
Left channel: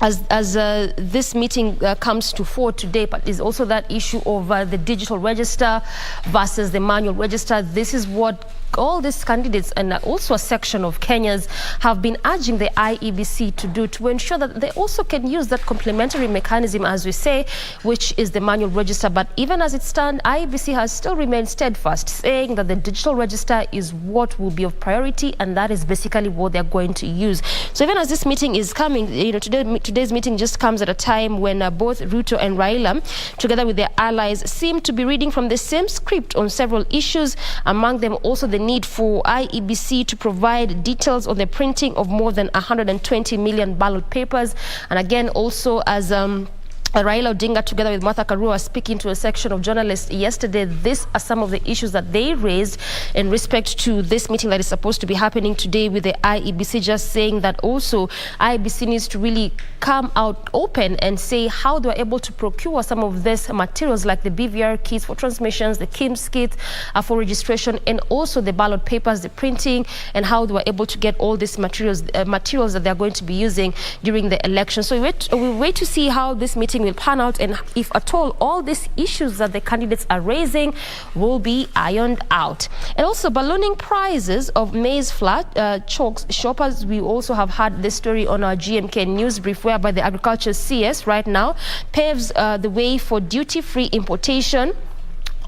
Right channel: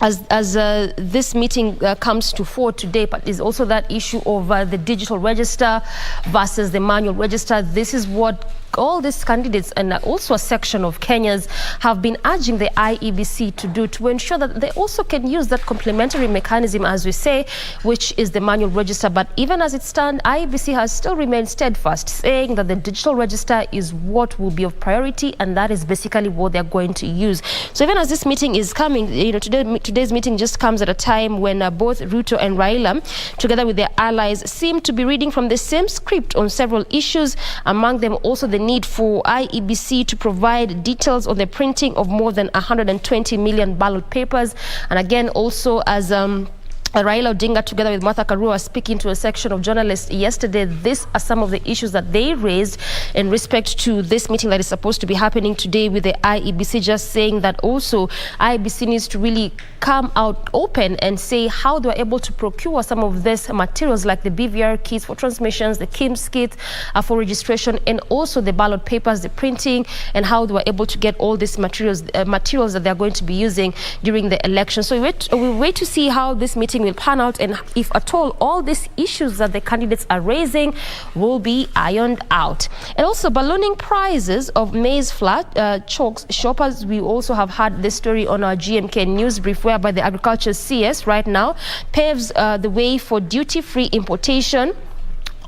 as this meeting comes to fore today, but is also that issue of the digital register versus the manual register. This is what all these candidates and also a section of Kenyans have been urging the IEBC to do, to ensure that they also can use that complementary mechanism, as we say, which is the manual register. But even as it stands, IEBC has still remained steadfast, saying that the digital register is what will be of priority, and that is basically what they're going to use. So even as this meeting is coming, today's meeting just comes at a time when both Ruto and Raila, together with their allies, seem to be reading from the same script on several issues, among them also the need for IEBC to provide details on the printing of more than 120 million ballot papers. And again, also as Raila Odinga, together with Martha Karua, speaking to a section of journalists yesterday, these are some of the issues that they raised in respect to this meeting that is supposed to be happening today with the IEBC, just saying that also IEBC needs to really come out open and say how they are able to procure some of these materials, like the BVR kits for transmissions, the KIMS kits for registration, and also the ballot papers, the printing, and how they were able to get all these materials that they are going to be using during the election. So we wait to see how this meeting will pan out, and if at all these issues that the candidates are raising will be ironed out. And also ballooning prices of maize flour chokes shoppers. We also have had this story on our GMK news brief, whereby the agriculture CS right now paves the way for duty-free importation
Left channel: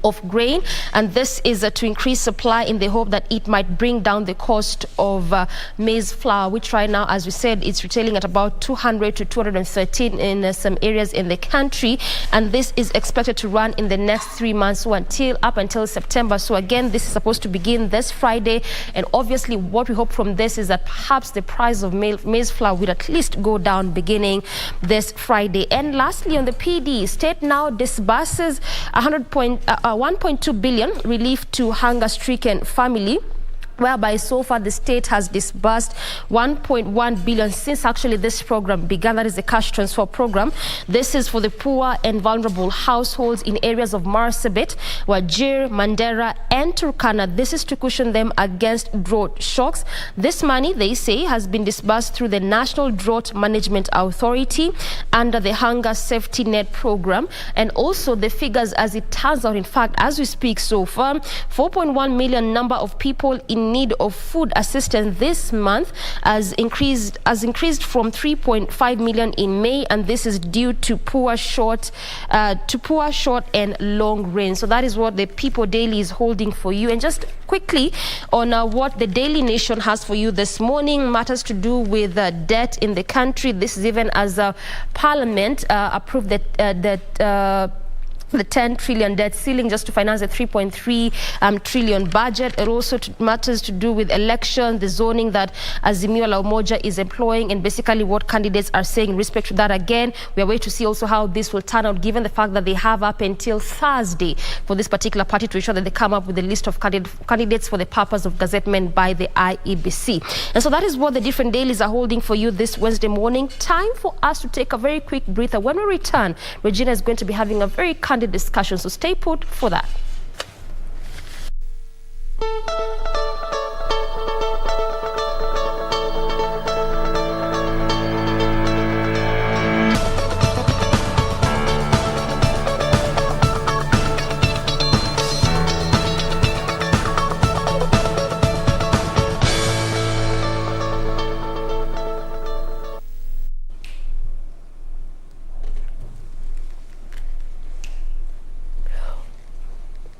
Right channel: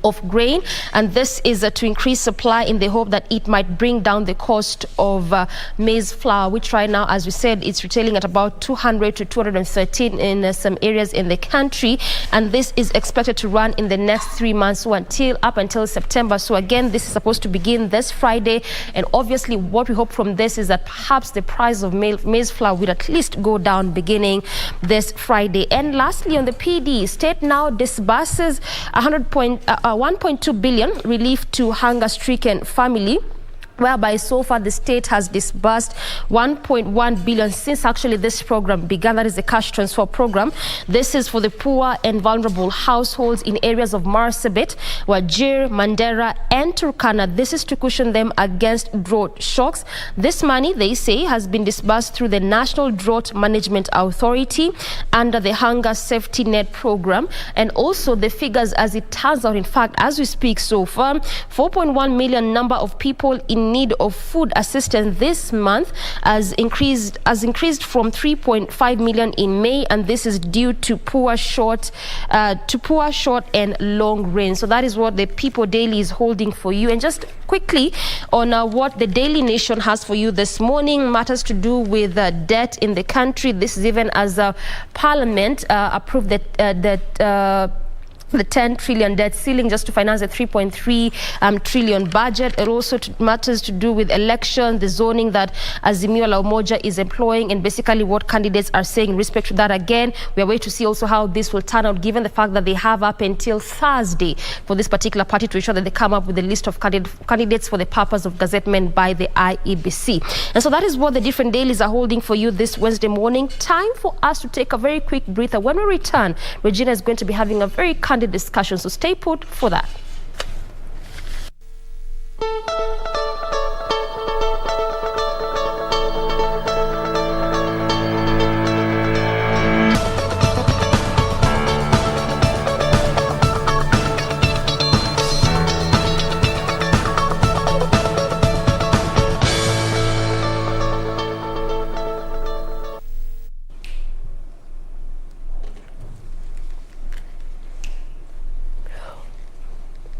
of grain, and this is to increase supply in the hope that it might bring down the cost of maize flour, which right now, as we said, it's retailing at about 200 to 213 in some areas in the country, and this is expected to run in the next 3 months, so up until September. So again, this is supposed to begin this Friday, and obviously what we hope from this is that perhaps the price of maize flour will at least go down beginning this Friday. And lastly, on the PD, state now disburses 1.2 billion relief to hunger-stricken family, whereby so far the state has disbursed 1.1 billion since actually this program began. That is the cash transfer program. This is for the poor and vulnerable households in areas of Marsabit, Wajir, Mandera, and Turkana. This is to cushion them against drought shocks. This money, they say, has been disbursed through the National Drought Management Authority under the Hunger Safety Net program. And also the figures, as it turns out, in fact, as we speak so far, 4.1 million number of people in in need of food assistance this month has increased from 3.5 million in May, and this is due to poor short and long rain. So that is what the People Daily is holding for you. And just quickly on what the Daily Nation has for you this morning, matters to do with debt in the country. This is even as Parliament approved the 10 trillion debt ceiling just to finance the 3.3 trillion budget. It also matters to do with elections, the zoning that Azimio la Umoja is employing, and basically what candidates are saying in respect to that. Again, we are waiting to see also how this will turn out, given the fact that they have up until Thursday for this particular party to ensure that they come up with a list of candidates for the purpose of gazettement by the IEBC. And so that is what the different dailies are holding for you this Wednesday morning. Time for us to take a very quick breather. When we return, Regina is going to be having a very candid discussion, so stay put for that.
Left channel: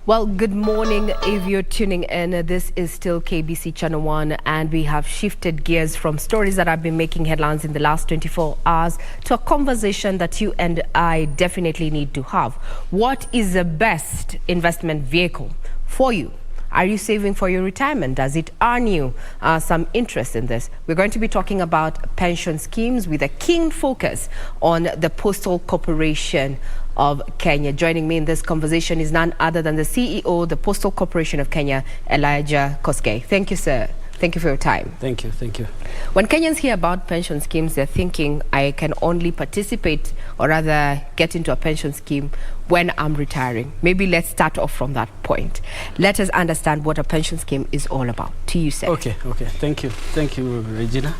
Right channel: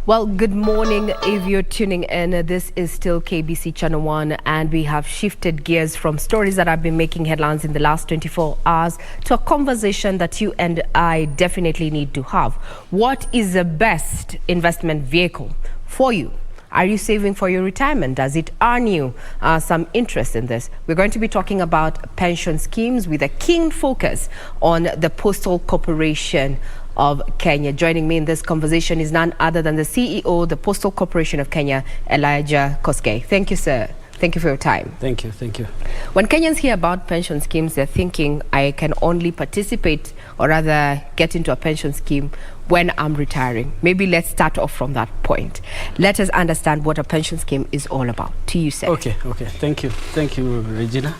Well, good morning if you're tuning in. This is still KBC Channel 1, and we have shifted gears from stories that have been making headlines in the last 24 hours to a conversation that you and I definitely need to have. What is the best investment vehicle for you? Are you saving for your retirement? Does it earn you some interest in this? We're going to be talking about pension schemes with a keen focus on the Postal Corporation of Kenya. Joining me in this conversation is none other than the CEO, the Postal Corporation of Kenya, Elijah Koskei. Thank you, sir. Thank you for your time. Thank you. Thank you. When Kenyans hear about pension schemes, they're thinking, I can only participate or rather get into a pension scheme when I'm retiring. Maybe let's start off from that point. Let us understand what a pension scheme is all about. To you, sir. Okay. Thank you. Thank you, Regina.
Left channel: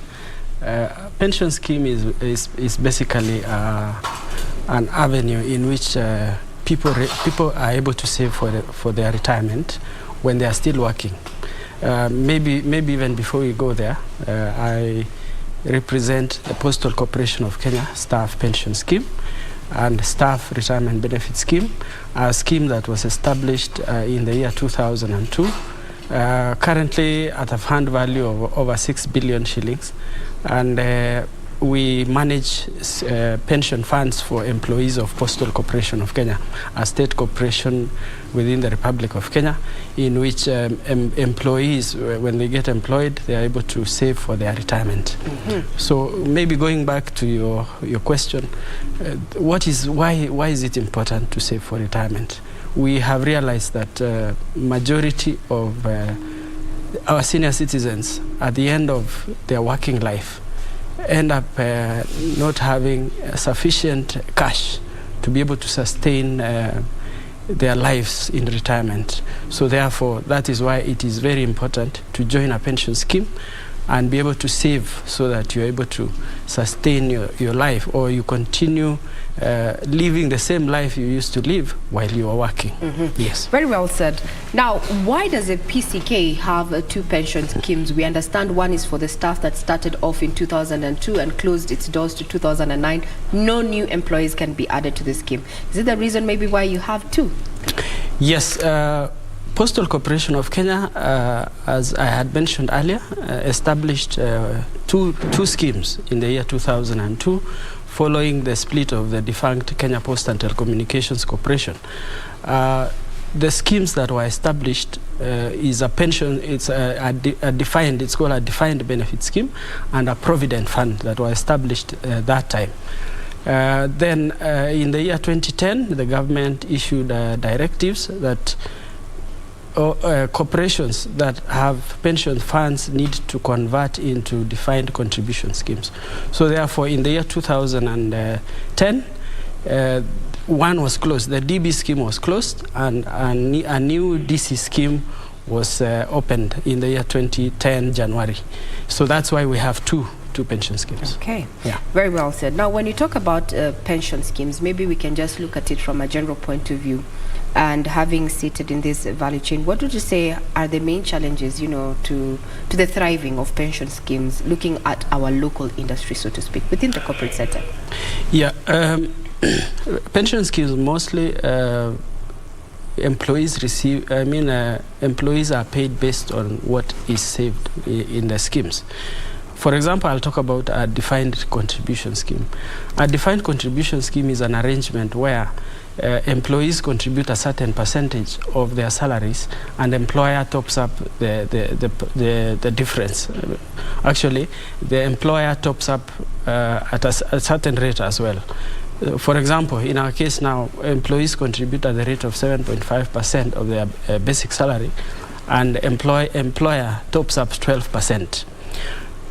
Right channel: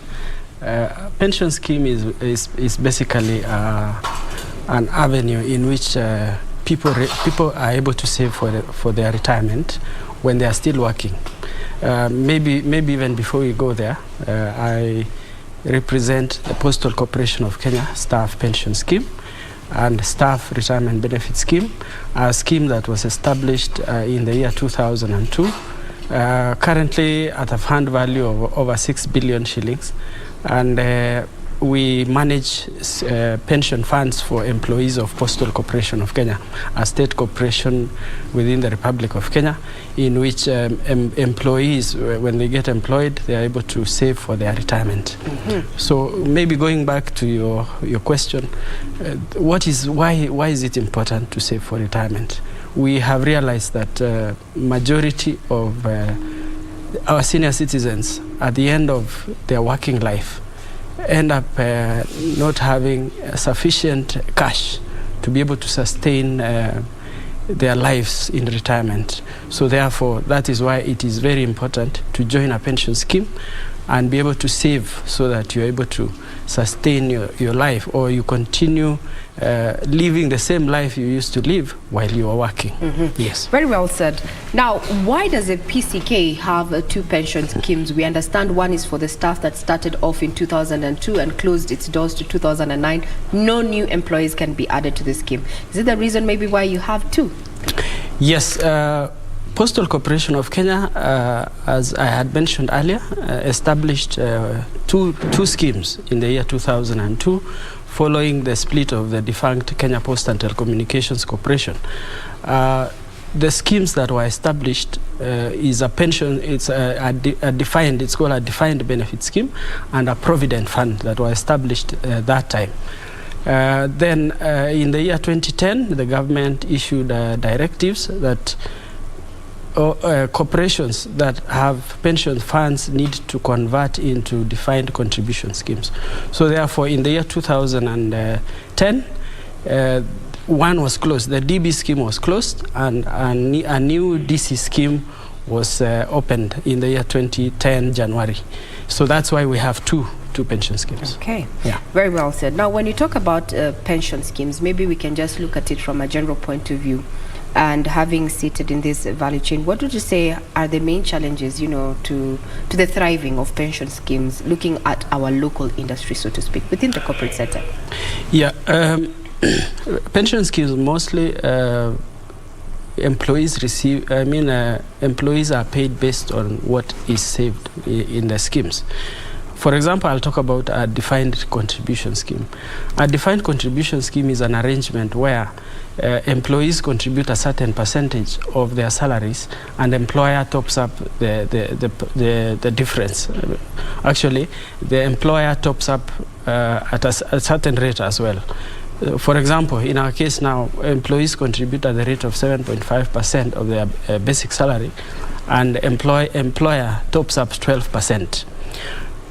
Pension scheme is basically an avenue in which people are able to save for their retirement when they are still working. Maybe even before we go there, I represent the Postal Corporation of Kenya Staff Pension Scheme and Staff Retirement Benefit Scheme, a scheme that was established in the year 2002, currently at a fund value of over 6 billion shillings. And we manage pension funds for employees of Postal Corporation of Kenya, a state corporation within the Republic of Kenya, in which employees, when they get employed, they are able to save for their retirement. Mm-hmm. So maybe going back to your question, why is it important to save for retirement? We have realized that majority of our senior citizens at the end of their working life end up not having sufficient cash to be able to sustain their lives in retirement. So therefore, that is why it is very important to join a pension scheme and be able to save so that you're able to sustain your life, or you continue living the same life you used to live while you were working. Mm-hmm. Yes. Very well said. Now, why does a PCK have two pension schemes? We understand one is for the staff that started off in 2002 and closed its doors to 2009. No new employees can be added to the scheme. Is it the reason maybe why you have two? Yes. Postal Corporation of Kenya, as I had mentioned earlier, established two schemes in the year 2002, following the split of the defunct Kenya Post and Telecommunications Corporation. The schemes that were established is a pension, it's it's called a defined benefit scheme, and a provident fund that were established that time. Then in the year 2010, the government issued directives that corporations that have pension funds need to convert into defined contribution schemes. So therefore, in the year 2010, one was closed. The DB scheme was closed, and a new DC scheme was opened in the year 2010, January. So that's why we have two pension schemes. Okay. Yeah. Very well said. Now, when you talk about pension schemes, maybe we can just look at it from a general point of view. and having seated in this value chain, what would you say are the main challenges, you know, to the thriving of pension schemes, looking at our local industry, so to speak, within the corporate sector? Yeah, pension schemes mostly employees receive. Employees are paid based on what is saved in the schemes. For example, I'll talk about a defined contribution scheme. A defined contribution scheme is an arrangement where employees contribute a certain percentage of their salaries, and the employer tops up the difference. Actually, the employer tops up at a certain rate as well. For example, in our case now, employees contribute at the rate of 7.5% of their basic salary, and employer tops up 12%.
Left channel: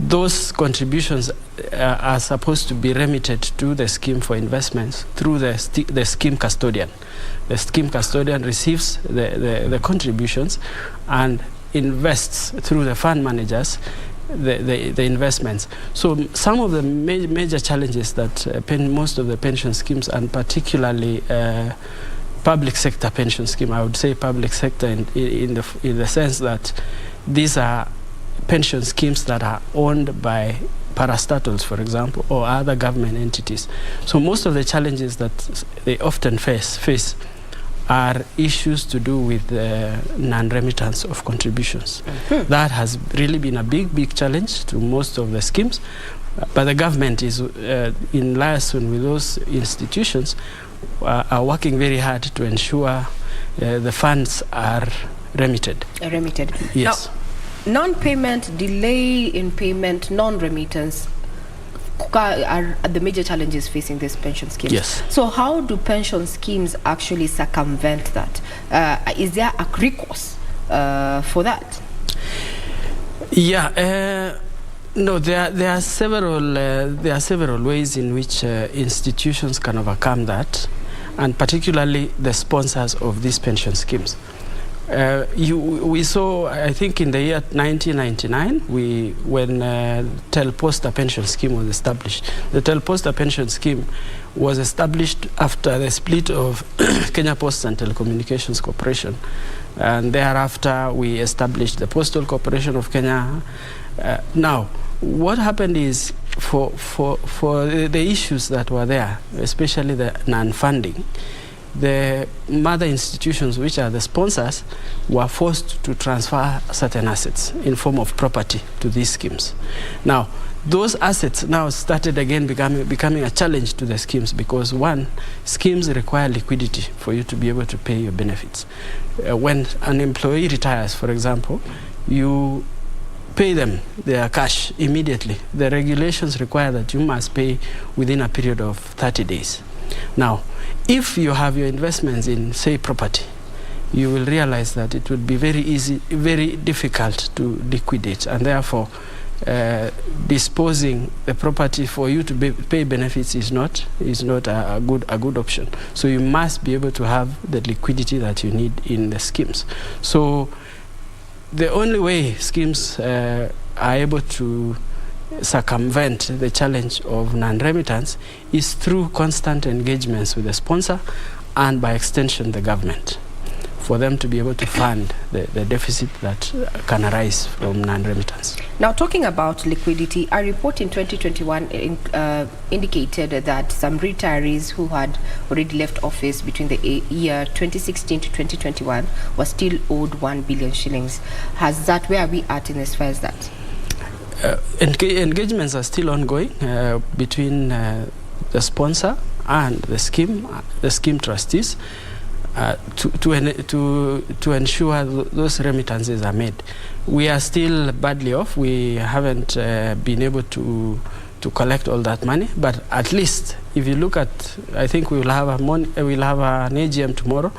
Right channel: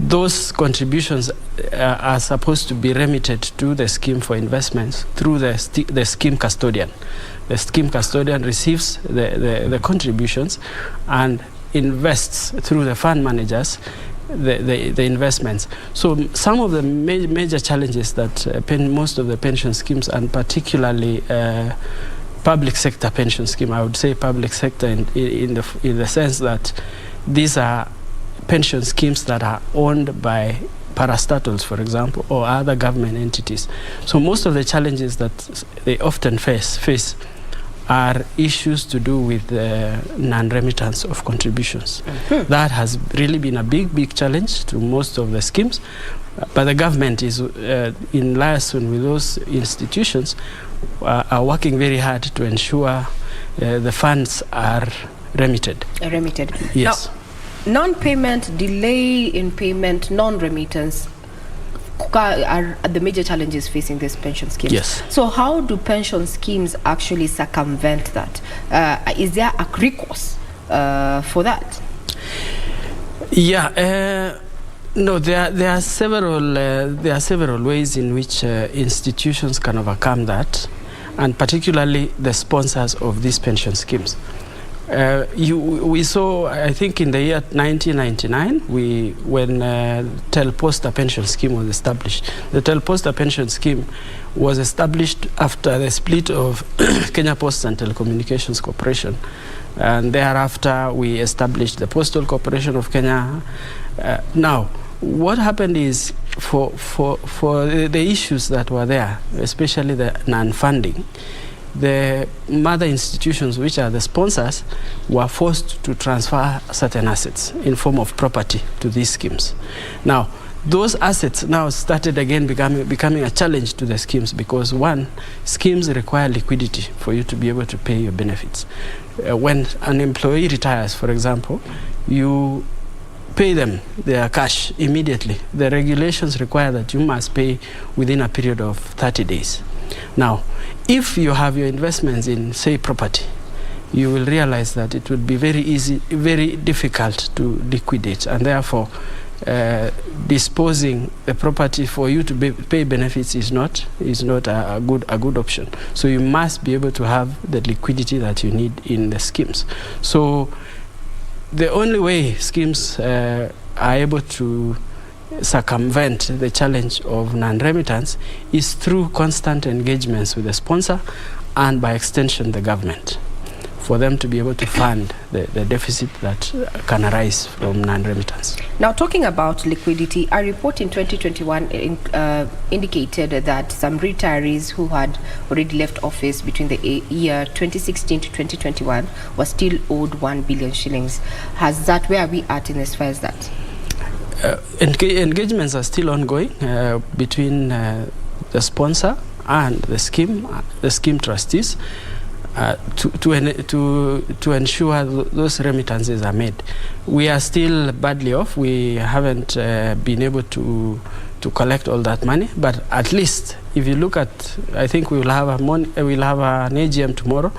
Those contributions are supposed to be remitted to the scheme for investments through the scheme custodian. The scheme custodian receives the contributions and invests through the fund managers the investments. So some of the major challenges that most of the pension schemes, and particularly public sector pension scheme, I would say public sector in the sense that these are pension schemes that are owned by parastatals, for example, or other government entities. So most of the challenges that they often face are issues to do with non-remittance of contributions. Mm-hmm. That has really been a big challenge to most of the schemes, but the government is in liaison with those institutions are working very hard to ensure the funds are remitted. Yes. Now, non-payment, delay in payment, non-remittance are the major challenges facing these pension schemes. Yes. So how do pension schemes actually circumvent that? Is there a recourse for that? Yeah. No, there are several ways in which institutions can overcome that, and particularly the sponsors of these pension schemes. We saw, I think, in the year 1999, when Telposta pension scheme was established. The Telposta pension scheme was established after the split of Kenya Posts and Telecommunications Corporation, and thereafter we established the Postal Corporation of Kenya. Now, what happened is, for the issues that were there, especially the non-funding, the mother institutions, which are the sponsors, were forced to transfer certain assets in form of property to these schemes. Now, those assets now started again becoming a challenge to the schemes, because one, schemes require liquidity for you to be able to pay your benefits. When an employee retires, for example, you pay them their cash immediately. The regulations require that you must pay within a period of 30 days. Now, if you have your investments in, say, property, you will realize that it would be very difficult to liquidate, and therefore disposing the property for you to pay benefits is not a good option. So you must be able to have the liquidity that you need in the schemes. So the only way schemes are able to circumvent the challenge of non-remittance is through constant engagements with the sponsor, and by extension the government, for them to be able to fund the deficit that can arise from non-remittance. Now, talking about liquidity, a report in 2021 indicated that some retirees who had already left office between the year 2016 to 2021 were still owed 1 billion shillings. Where are we at in as far as that? Engagements are still ongoing between the sponsor and the scheme trustees to ensure those remittances are made. We are still badly off. We haven't been able to collect all that money, but at least if you look at, I think we'll have an AGM tomorrow,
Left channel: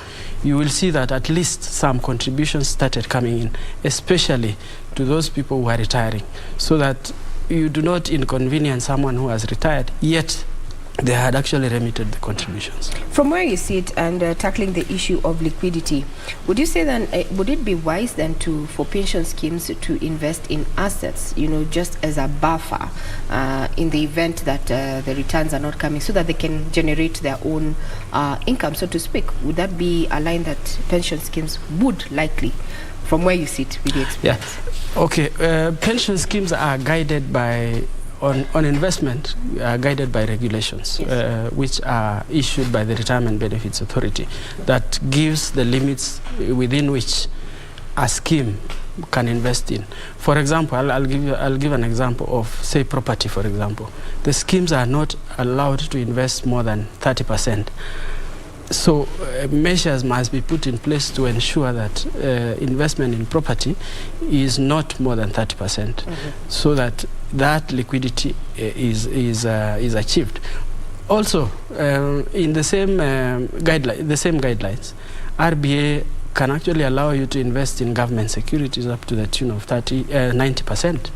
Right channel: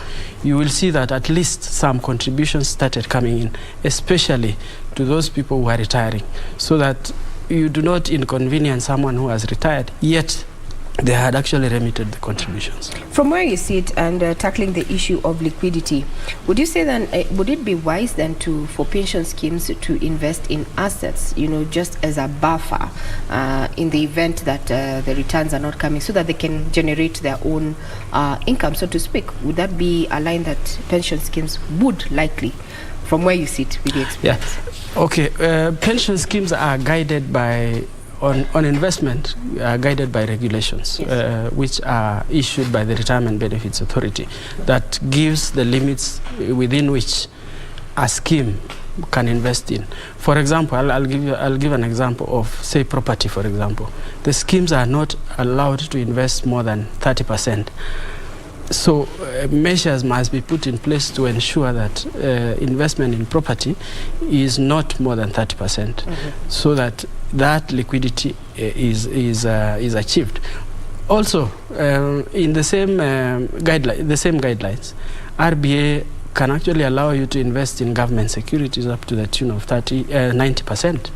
you will see that at least some contributions started coming in, especially to those people who are retiring, so that you do not inconvenience someone who has retired, yet they had actually remitted the contributions. From where you sit and tackling the issue of liquidity, would you say then would it be wise then for pension schemes to invest in assets, just as a buffer in the event that the returns are not coming, so that they can generate their own income, so to speak? Would that be a line that pension schemes would likely, from where you sit with the experience? Yeah. Okay. Pension schemes are guided by on investment, guided by regulations, yes, which are issued by the Retirement Benefits Authority, that gives the limits within which a scheme can invest in. For example, I'll give an example of, say, property. For example, the schemes are not allowed to invest more than 30%. So measures must be put in place to ensure that investment in property is not more than 30%, so that liquidity is achieved. Also, in the same guidelines, RBA can actually allow you to invest in government securities up to the tune of 90%.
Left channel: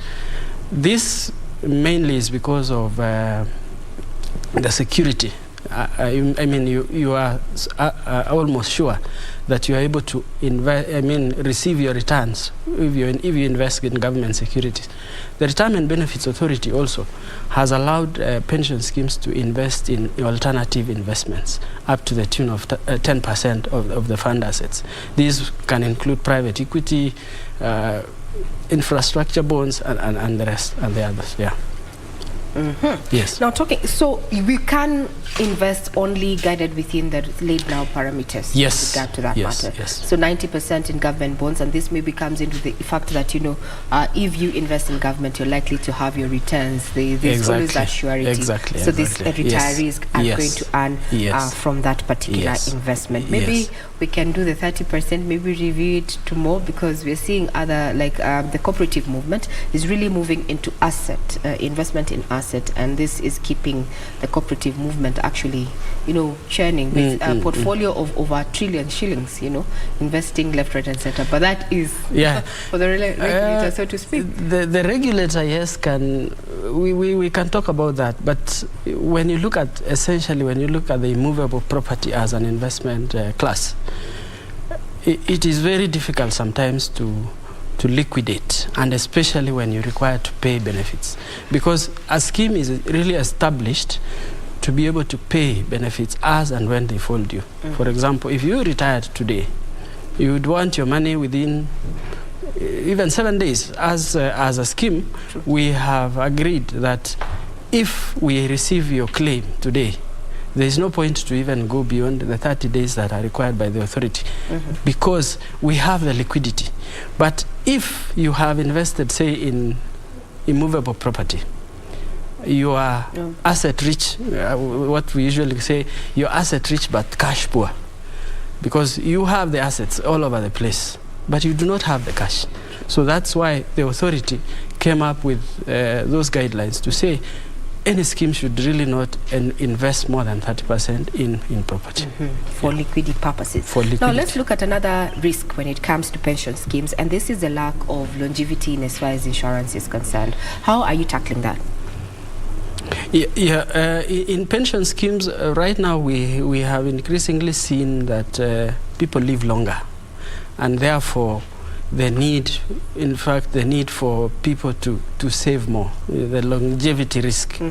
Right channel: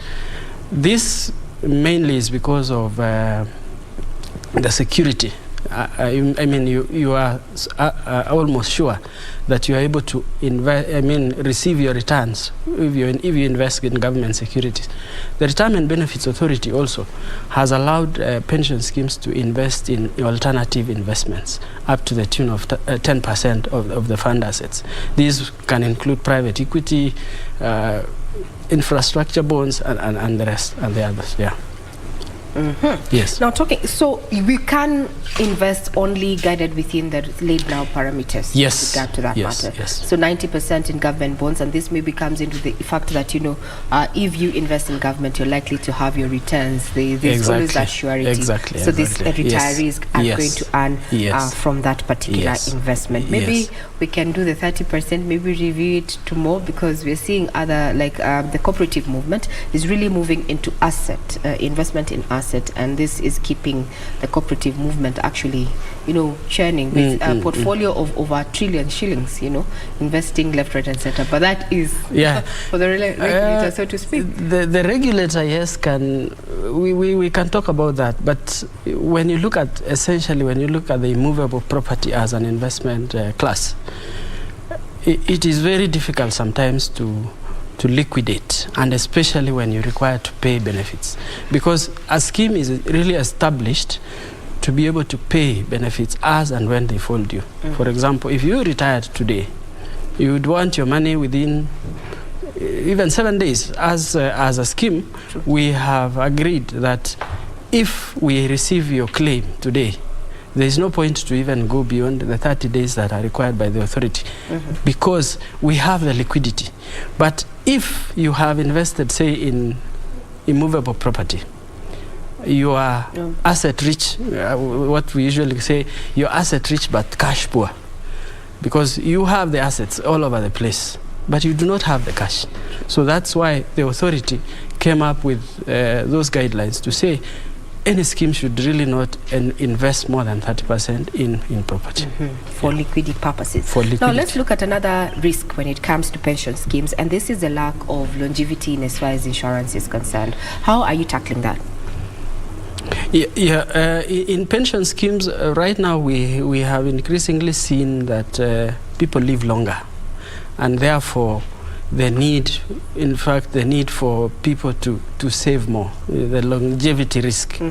This mainly is because of the security. I mean, you are almost sure that you are able to receive your returns if you invest in government securities. The Retirement Benefits Authority also has allowed pension schemes to invest in alternative investments up to the tune of 10% of the fund assets. These can include private equity, infrastructure bonds, and the rest, and the others. Yeah. Yes. Now so we can invest only guided within the laid down parameters. Yes. With regard to that matter. Yes. So 90% in government bonds, and this maybe comes into the fact that if you invest in government, you're likely to have your returns. There's always that surety. Exactly. So these retirees are going to earn from that particular investment. Maybe we can do the 30%. Maybe review it to more, because we're seeing other the cooperative movement is really moving into asset investment in asset, and this is keeping the cooperative movement actually churning with a portfolio of over 1 trillion shillings, investing left, right and center. But that is for the regulator, so to speak. The regulator, yes, we can talk about that, but when you look at the immovable property as an investment class, it is very difficult sometimes to liquidate, and especially when you're required to pay benefits, because a scheme is really established to be able to pay benefits as and when they fall due. For example, if you retired today, you would want your money within even 7 days. As a scheme, we have agreed that if we receive your claim today, there is no point to even go beyond the 30 days that are required by the authority, because we have the liquidity. But if you have invested, say, in immovable property, you are asset rich, what we usually say, you're asset rich but cash poor, because you have the assets all over the place, but you do not have the cash. So that's why the authority came up with those guidelines to say any scheme should really not invest more than 30% in property. For liquidity purposes. Now let's look at another risk when it comes to pension schemes, and this is the lack of longevity in as far as insurance is concerned. How are you tackling that? In pension schemes, right now we have increasingly seen that people live longer, and therefore the need for people to save more, the longevity risk,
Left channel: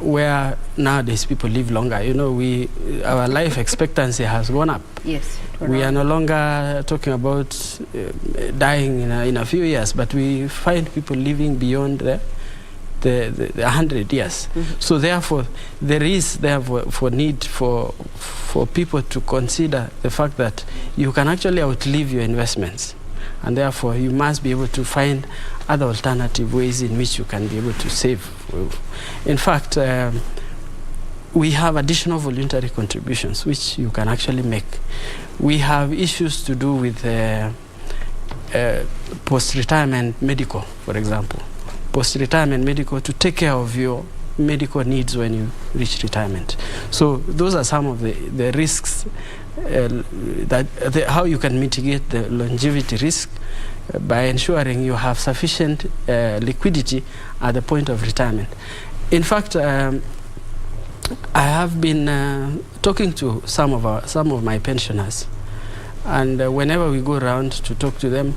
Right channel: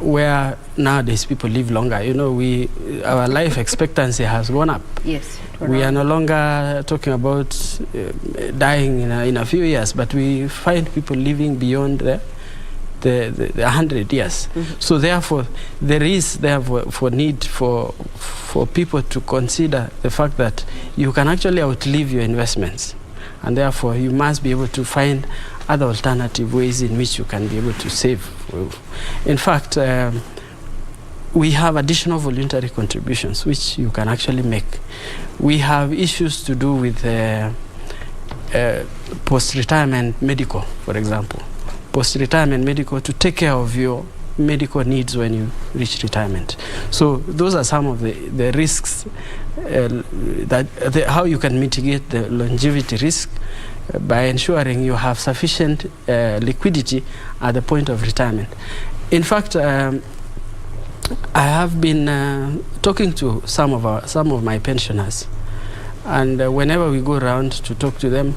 where nowadays people live longer. Our life expectancy has gone up. Yes. We are no longer talking about dying in a few years, but we find people living beyond the 100 years. So therefore, there is for need for people to consider the fact that you can actually outlive your investments, and therefore you must be able to find other alternative ways in which you can be able to save. In fact, we have additional voluntary contributions which you can actually make. We have issues to do with post-retirement medical, for example. Post-retirement medical, to take care of your medical needs when you reach retirement. So those are some of the risks, how you can mitigate the longevity risk by ensuring you have sufficient liquidity at the point of retirement. In fact, I have been talking to some of my pensioners, and whenever we go around to talk to them,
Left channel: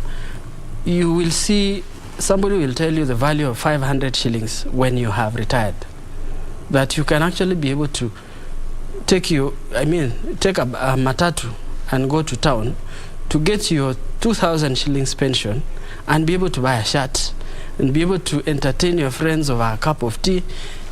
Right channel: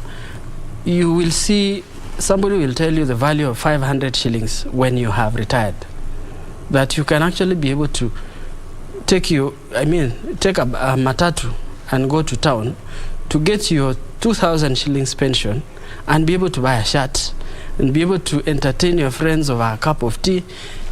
you will see somebody will tell you the value of 500 shillings when you have retired. That you can actually be able to take a matatu and go to town to get your 2,000 shillings pension and be able to buy a shirt and be able to entertain your friends over a cup of tea.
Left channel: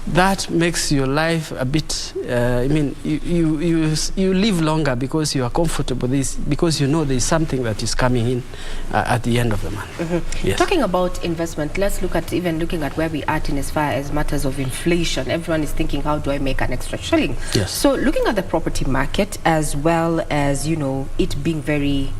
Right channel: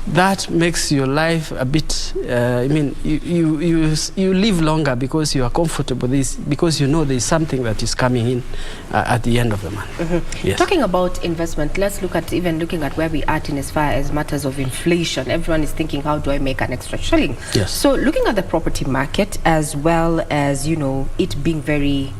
That makes your life a bit, you live longer because you are comfortable, because you know there's something that is coming in at the end of the month. Yes. Talking about investment, let's look at where we are in as far as matters of inflation. Everyone is thinking, how do I make an extra shilling? Yes. So looking at the property market, as well as, it being very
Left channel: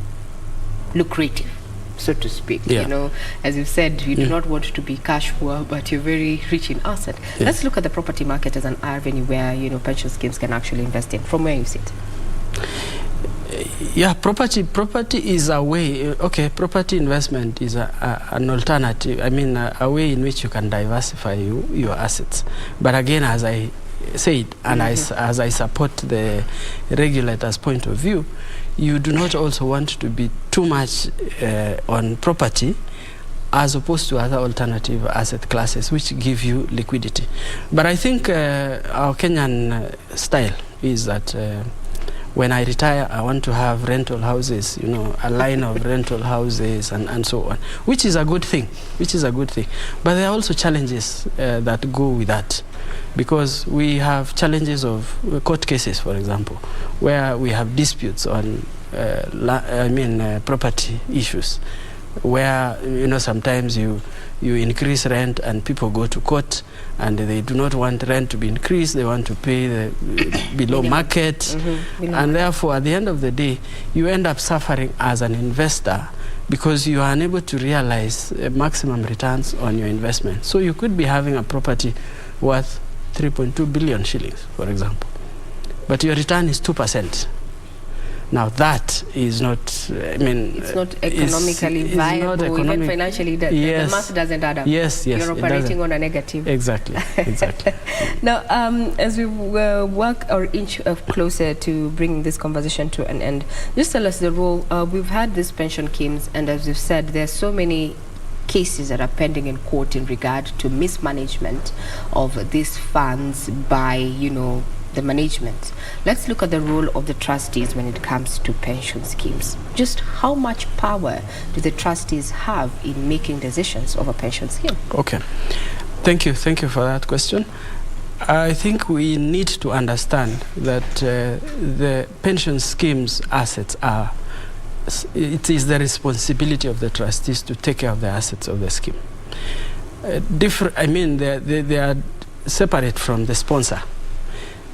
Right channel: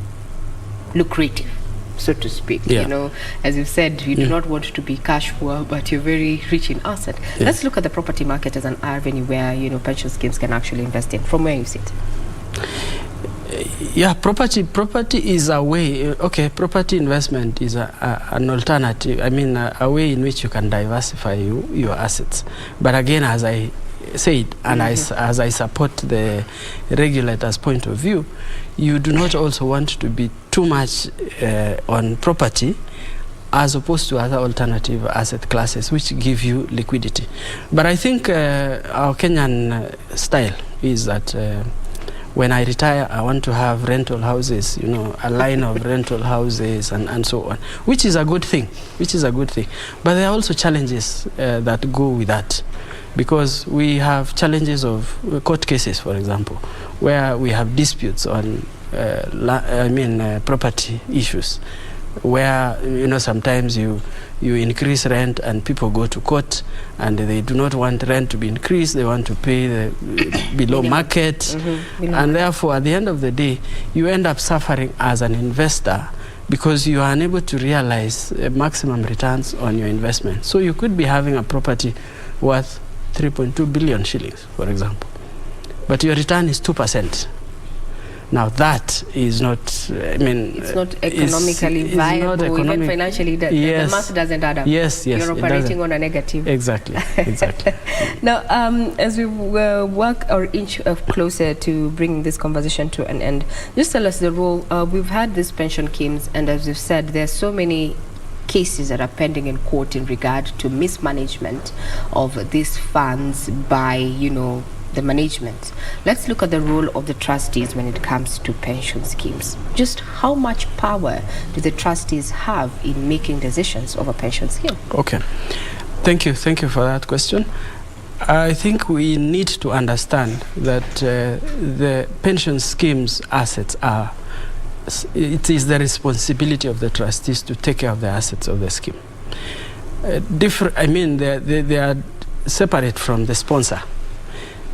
lucrative, so to speak. Yeah. As you've said, you do not want to be cash poor, but you're very rich in asset. Yeah. Let's look at the property market as an avenue where, pension schemes can actually invest in, from where you sit. Yeah, property is a way. Okay, property investment is an alternative. A way in which you can diversify your assets. But again, as I said, and as I support the regulator's point of view, you do not also want to be too much on property as opposed to other alternative asset classes which give you liquidity. But I think our Kenyan style is that when I retire, I want to have rental houses, a line of rental houses and so on, which is a good thing, But there are also challenges that go with that, because we have challenges of court cases, for example, where we have disputes on property issues, where sometimes you increase rent and people go to court and they do not want rent to be increased, they want to pay the below market, and therefore at the end of the day you end up suffering as an investor because you are unable to realize maximum returns on your investment. So you could be having a property worth 3.2 billion shillings, for example, but your return is 2%. Now that is not, it's not economically viable, even financially. The math doesn't add up. Yes, you're operating on a negative. Exactly. Now, as we work or inch closer to bringing this conversation to an end, just tell us the role. We've had these pension schemes, and as you've said, there are so many cases that are pending in court in regard to mismanagement of these funds by, the management. Let's look at the role of the trustees when it comes to pension schemes. Just how much power do the trustees have in making decisions of a pension scheme? Okay. Thank you for that question. I think we need to understand that the pension scheme's assets it is the responsibility of the trustees to take care of the assets of the scheme. They are separate from the sponsor.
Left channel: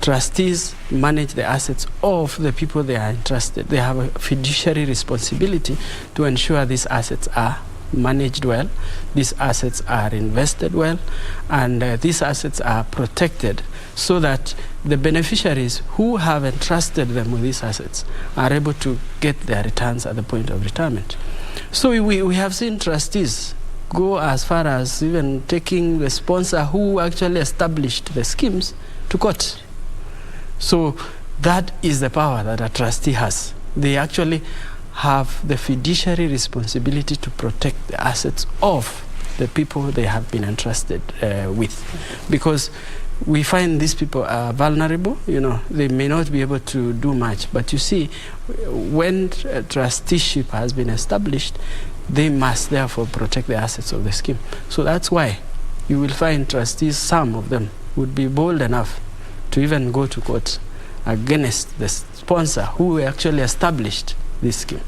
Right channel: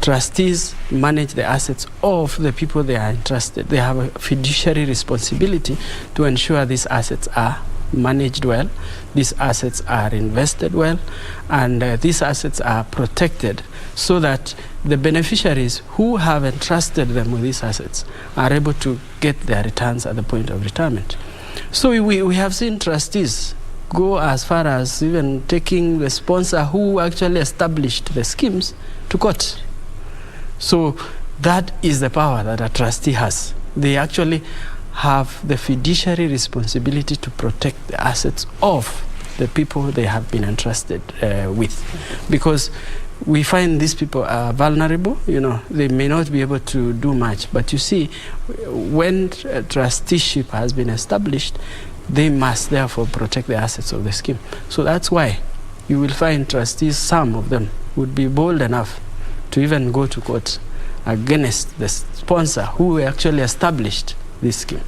Trustees manage the assets of the people they are entrusted. They have a fiduciary responsibility to ensure these assets are managed well, these assets are invested well, and these assets are protected so that the beneficiaries who have entrusted them with these assets are able to get their returns at the point of retirement. So we have seen trustees go as far as even taking the sponsor who actually established the schemes to court. So that is the power that a trustee has. They actually have the fiduciary responsibility to protect the assets of the people they have been entrusted with. Because we find these people are vulnerable, they may not be able to do much. But you see, when trusteeship has been established, they must therefore protect the assets of the scheme. So that's why you will find trustees, some of them would be bold enough to even go to court against the sponsor who actually established this scheme.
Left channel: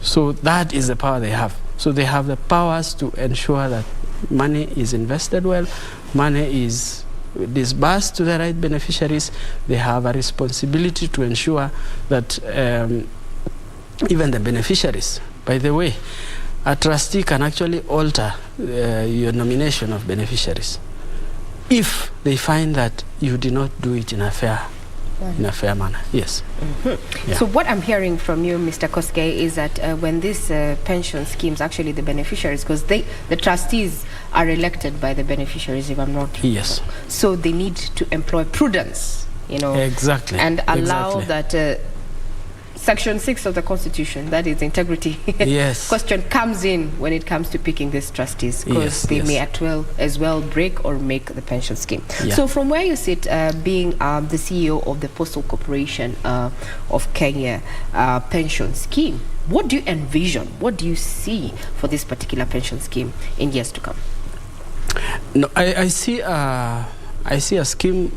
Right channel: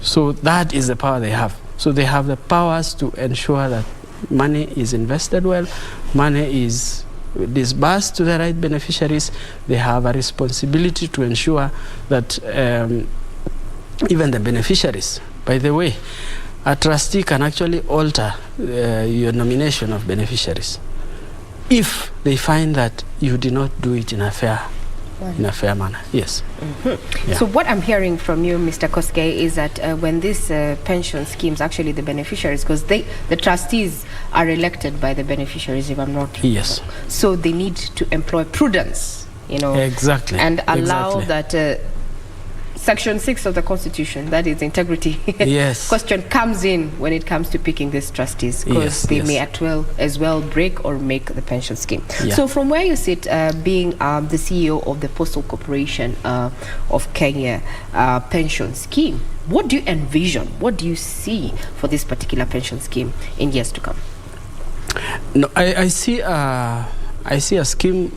So that is the power they have. So they have the powers to ensure that money is invested well, money is disbursed to the right beneficiaries. They have a responsibility to ensure that even the beneficiaries, by the way, a trustee can actually alter your nomination of beneficiaries if they find that you did not do it in a fair in a fair manner. Yes. Yeah. So what I'm hearing from you, Mr. Koske, is that when these pension schemes, actually the beneficiaries, because the trustees are elected by the beneficiaries, if I'm not Yes. wrong. So they need to employ prudence, Exactly. And allow that Section 6 of the Constitution, that is integrity, yes. question comes in when it comes to picking these trustees, because they may as well break or make the pension scheme. Yeah. So from where you sit, being the CEO of the Postal Corporation of Kenya pension scheme, what do you envision? What do you see for this particular pension scheme in years to come? No, I see a scheme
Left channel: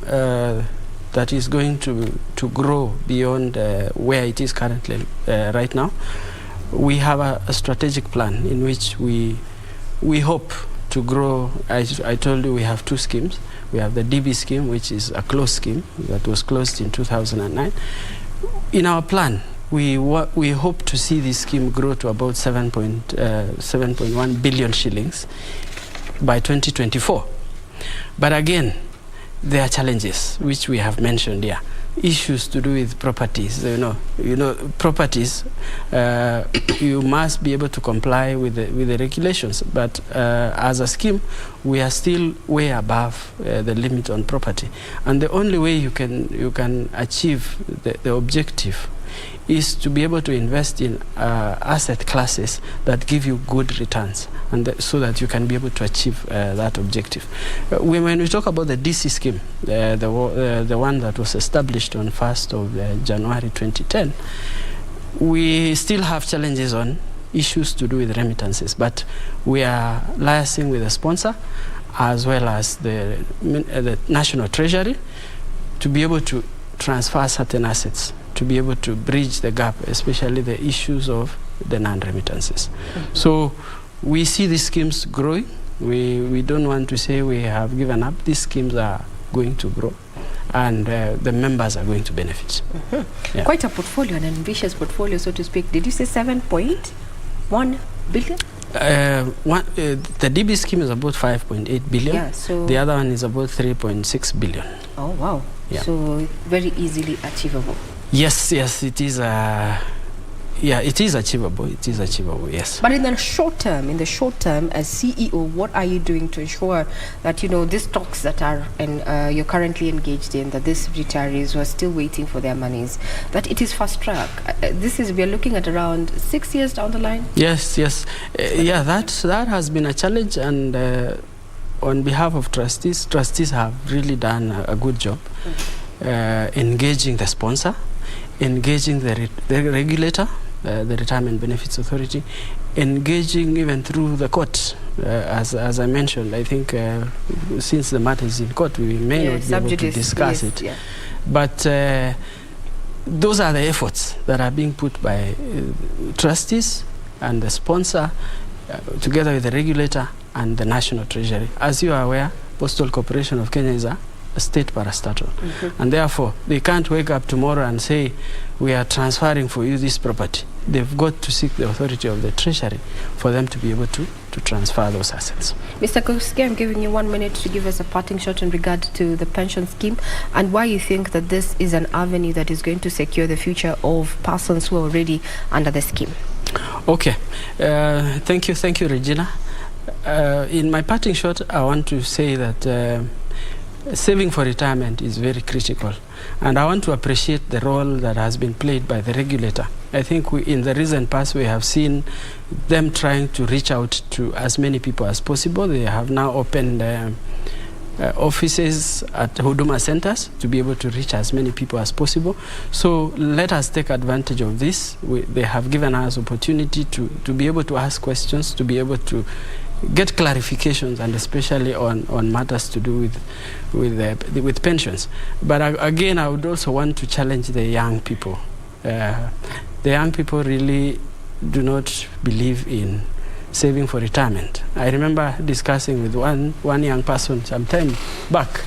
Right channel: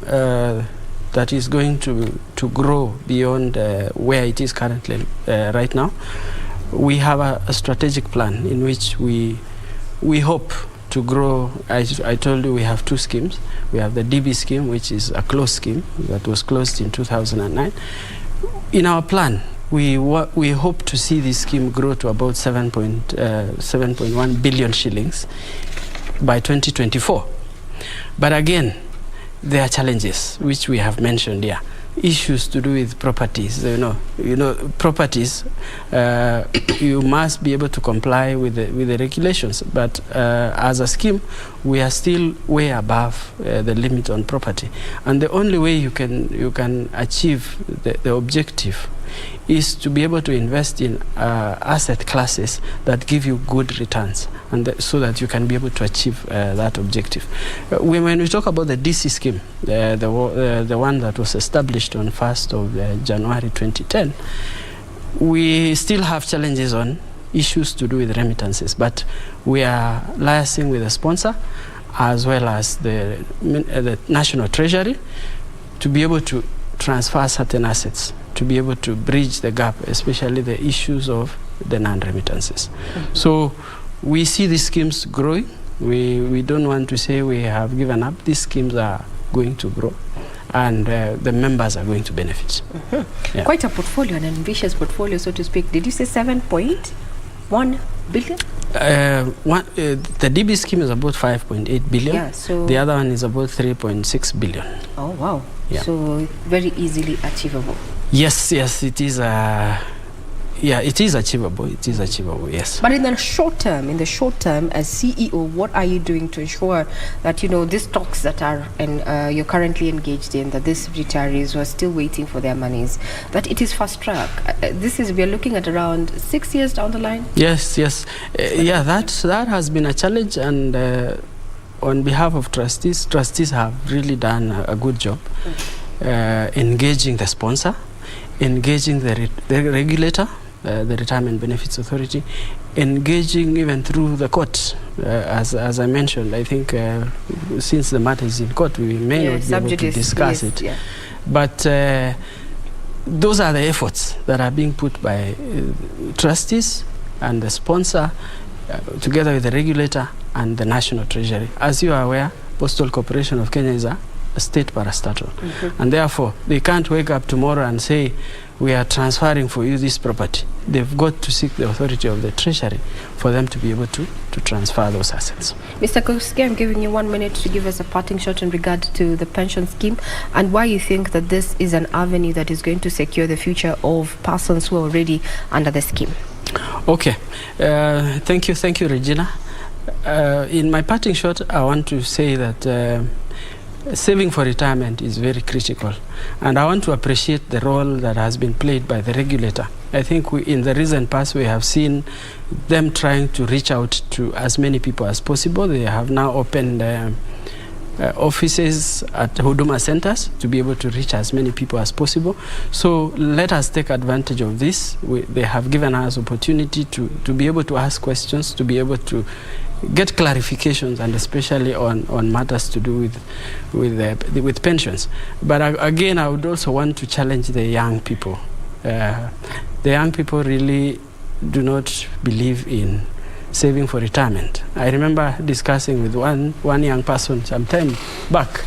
that is going to grow beyond where it is currently right now. We have a strategic plan in which we hope to grow. I told you we have two schemes. We have the DB scheme, which is a closed scheme that was closed in 2009. In our plan, we hope to see this scheme grow to about 7.1 billion shillings by 2024. But again, there are challenges which we have mentioned here. Issues to do with properties. Properties. You must be able to comply with the regulations. But as a scheme, we are still way above the limit on property. And the only way you can achieve the objective is to be able to invest in asset classes that give you good returns, and so that you can be able to achieve that objective. When we talk about the DC scheme, the one that was established on 1st of January 2010, we still have challenges on issues to do with remittances, but we are liaising with the sponsor as well as the National Treasury to be able to transfer certain assets, to be able to bridge the gap, especially the issues of the non-remittances. So we see these schemes growing. We don't want to say we have given up. These schemes are going to grow, and the members are going to benefit. Yeah. Quite a portfolio, an ambitious portfolio, so to speak. Did you say 7.1 billion? The DB scheme is about 5.8 billion. Yeah, so the other one is about 3.6 billion. Oh, wow. Yeah. So very easily achievable. Yes, it is. It is achievable. It is achievable, yes. But in the short term, as CEO, what are you doing to ensure that, these talks that are you're currently engaged in, that these retirees who are still waiting for their monies, that it is fast track? We are looking at around 6 years down the line? Yes. That has been a challenge, and on behalf of trustees have really done a good job engaging the sponsor, engaging the regulator, the Retirement Benefits Authority, engaging even through the court. As I mentioned, I think since the matter is in court, we may not be able to discuss it. Yeah. But those are the efforts that are being put by trustees and the sponsor, together with the regulator and the National Treasury. As you are aware, Postal Corporation of Kenya is a state parastatal. And therefore, they can't wake up tomorrow and say, we are transferring for you this property. They've got to seek the authority of the Treasury for them to be able to transfer those assets. Mr. Koske, I'm giving you 1 minute to give us a parting shot in regard to the pension scheme and why you think that this is an avenue that is going to secure the future of persons who are already under the scheme. Okay. Thank you, Regina. In my parting shot, I want to say that saving for retirement is very critical, and I want to appreciate the role that has been played by the regulator. I think in the recent past we have seen them trying to reach out to as many people as possible. They have now opened offices at Huduma centers to be able to reach as many people as possible. So let us take advantage of this. They have given us opportunity to be able to ask questions, to be able to get clarifications, and especially on matters to do with pensions. But again, I would also want to challenge the young people. The young people really do not believe in saving for retirement. I remember discussing with one young person some time back.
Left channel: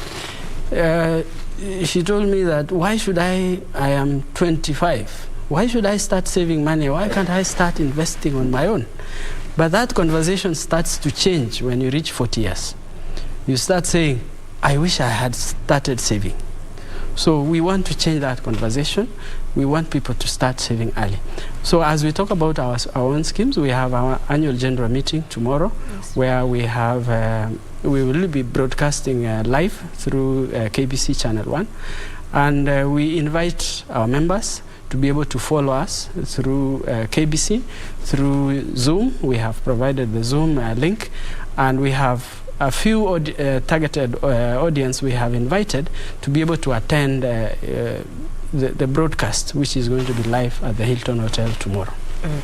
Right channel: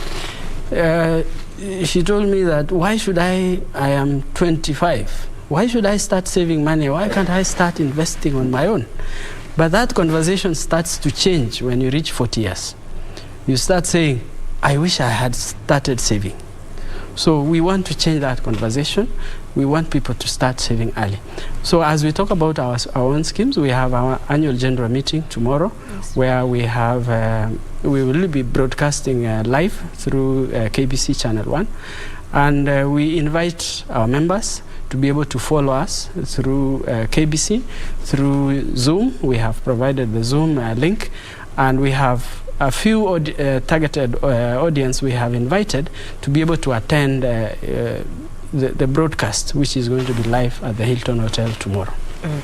She told me that, why should I am 25, why should I start saving money? Why can't I start investing on my own? But that conversation starts to change when you reach 40 years. You start saying, I wish I had started saving. So we want to change that conversation. We want people to start saving early. So as we talk about our own schemes, we have our annual general meeting tomorrow, where we have we will be broadcasting live through KBC Channel 1, and we invite our members to be able to follow us through KBC, through Zoom. We have provided the Zoom link, and we have a few targeted audience we have invited to be able to attend the broadcast, which is going to be live at the Hilton Hotel tomorrow.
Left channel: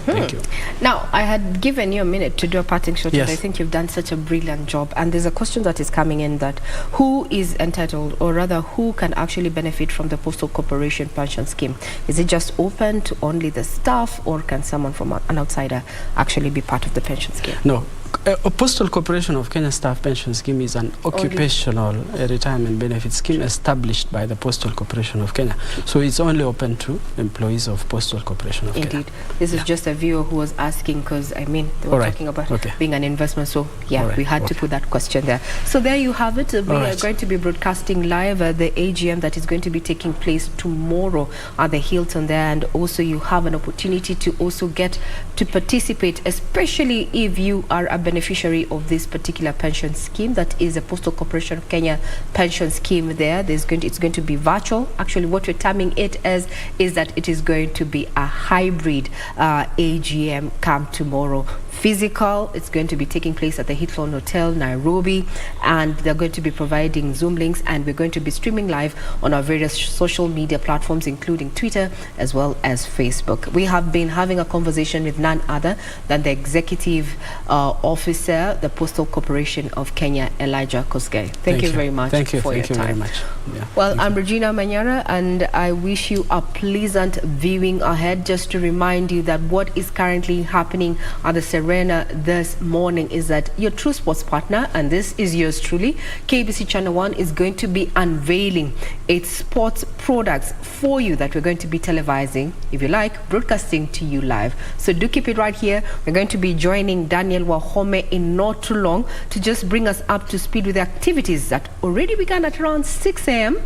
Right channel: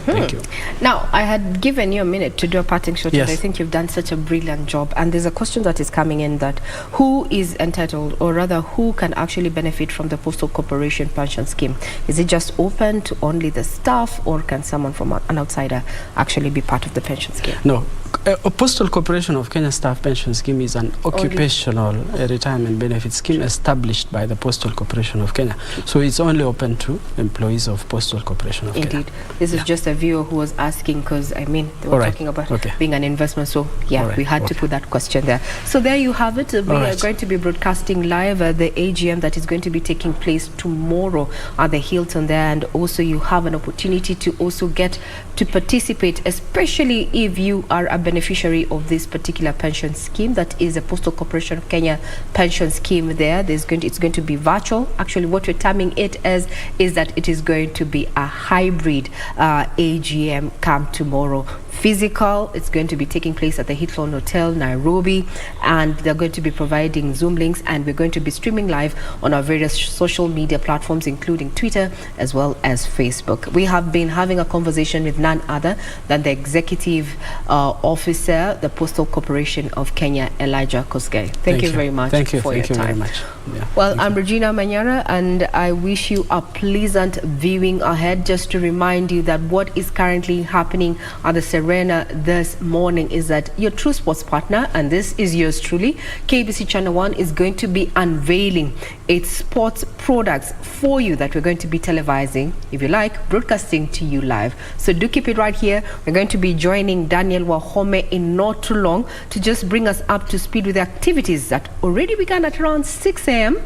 Thank you. Now, I had given you a minute to do a parting shot, Yes. and I think you've done such a brilliant job. And there's a question that is coming in, that who is entitled, or rather who can actually benefit from the Postal Corporation pension scheme? Is it just open to only the staff, or can someone from an outsider actually be part of the pension scheme? No. A Postal Corporation of Kenya Staff Pension Scheme is an occupational retirement benefit scheme established by the Postal Corporation of Kenya. So it's only open to employees of Postal Corporation of Kenya. Indeed. This is just a viewer who was asking, because I mean, they were talking about being an investment. So yeah, we had to put that question there. So there you have it. We are going to be broadcasting live the AGM that is going to be taking place tomorrow at the Hilton there. And also you have an opportunity to also get to participate, especially if you are a beneficiary of this particular pension scheme, that is a Postal Corporation of Kenya pension scheme there. It's going to be virtual. Actually, what we're terming it as is that it is going to be a hybrid AGM come tomorrow. Physical, it's going to be taking place at the Hilton Hotel, Nairobi, and they're going to be providing Zoom links, and we're going to be streaming live on our various social media platforms, including Twitter as well as Facebook. We have been having a conversation with none other than the Executive Officer, the Postal Corporation of Kenya, Elijah Kosgei. Thank you very much for your time. Very much. Yeah. Well, I'm Regina Manyara, and I wish you a pleasant viewing ahead. Just to remind you that what is currently happening at the Serena this morning is that your true sports partner, and this is yours truly, KBC Channel 1, is going to be unveiling its sports products for you that we're going to be televising, if you like, broadcasting to you live. So do keep it right here. We're going to be joining Daniel Wahome in not too long to just bring us up to speed with the activities that already began at around 6 a.m.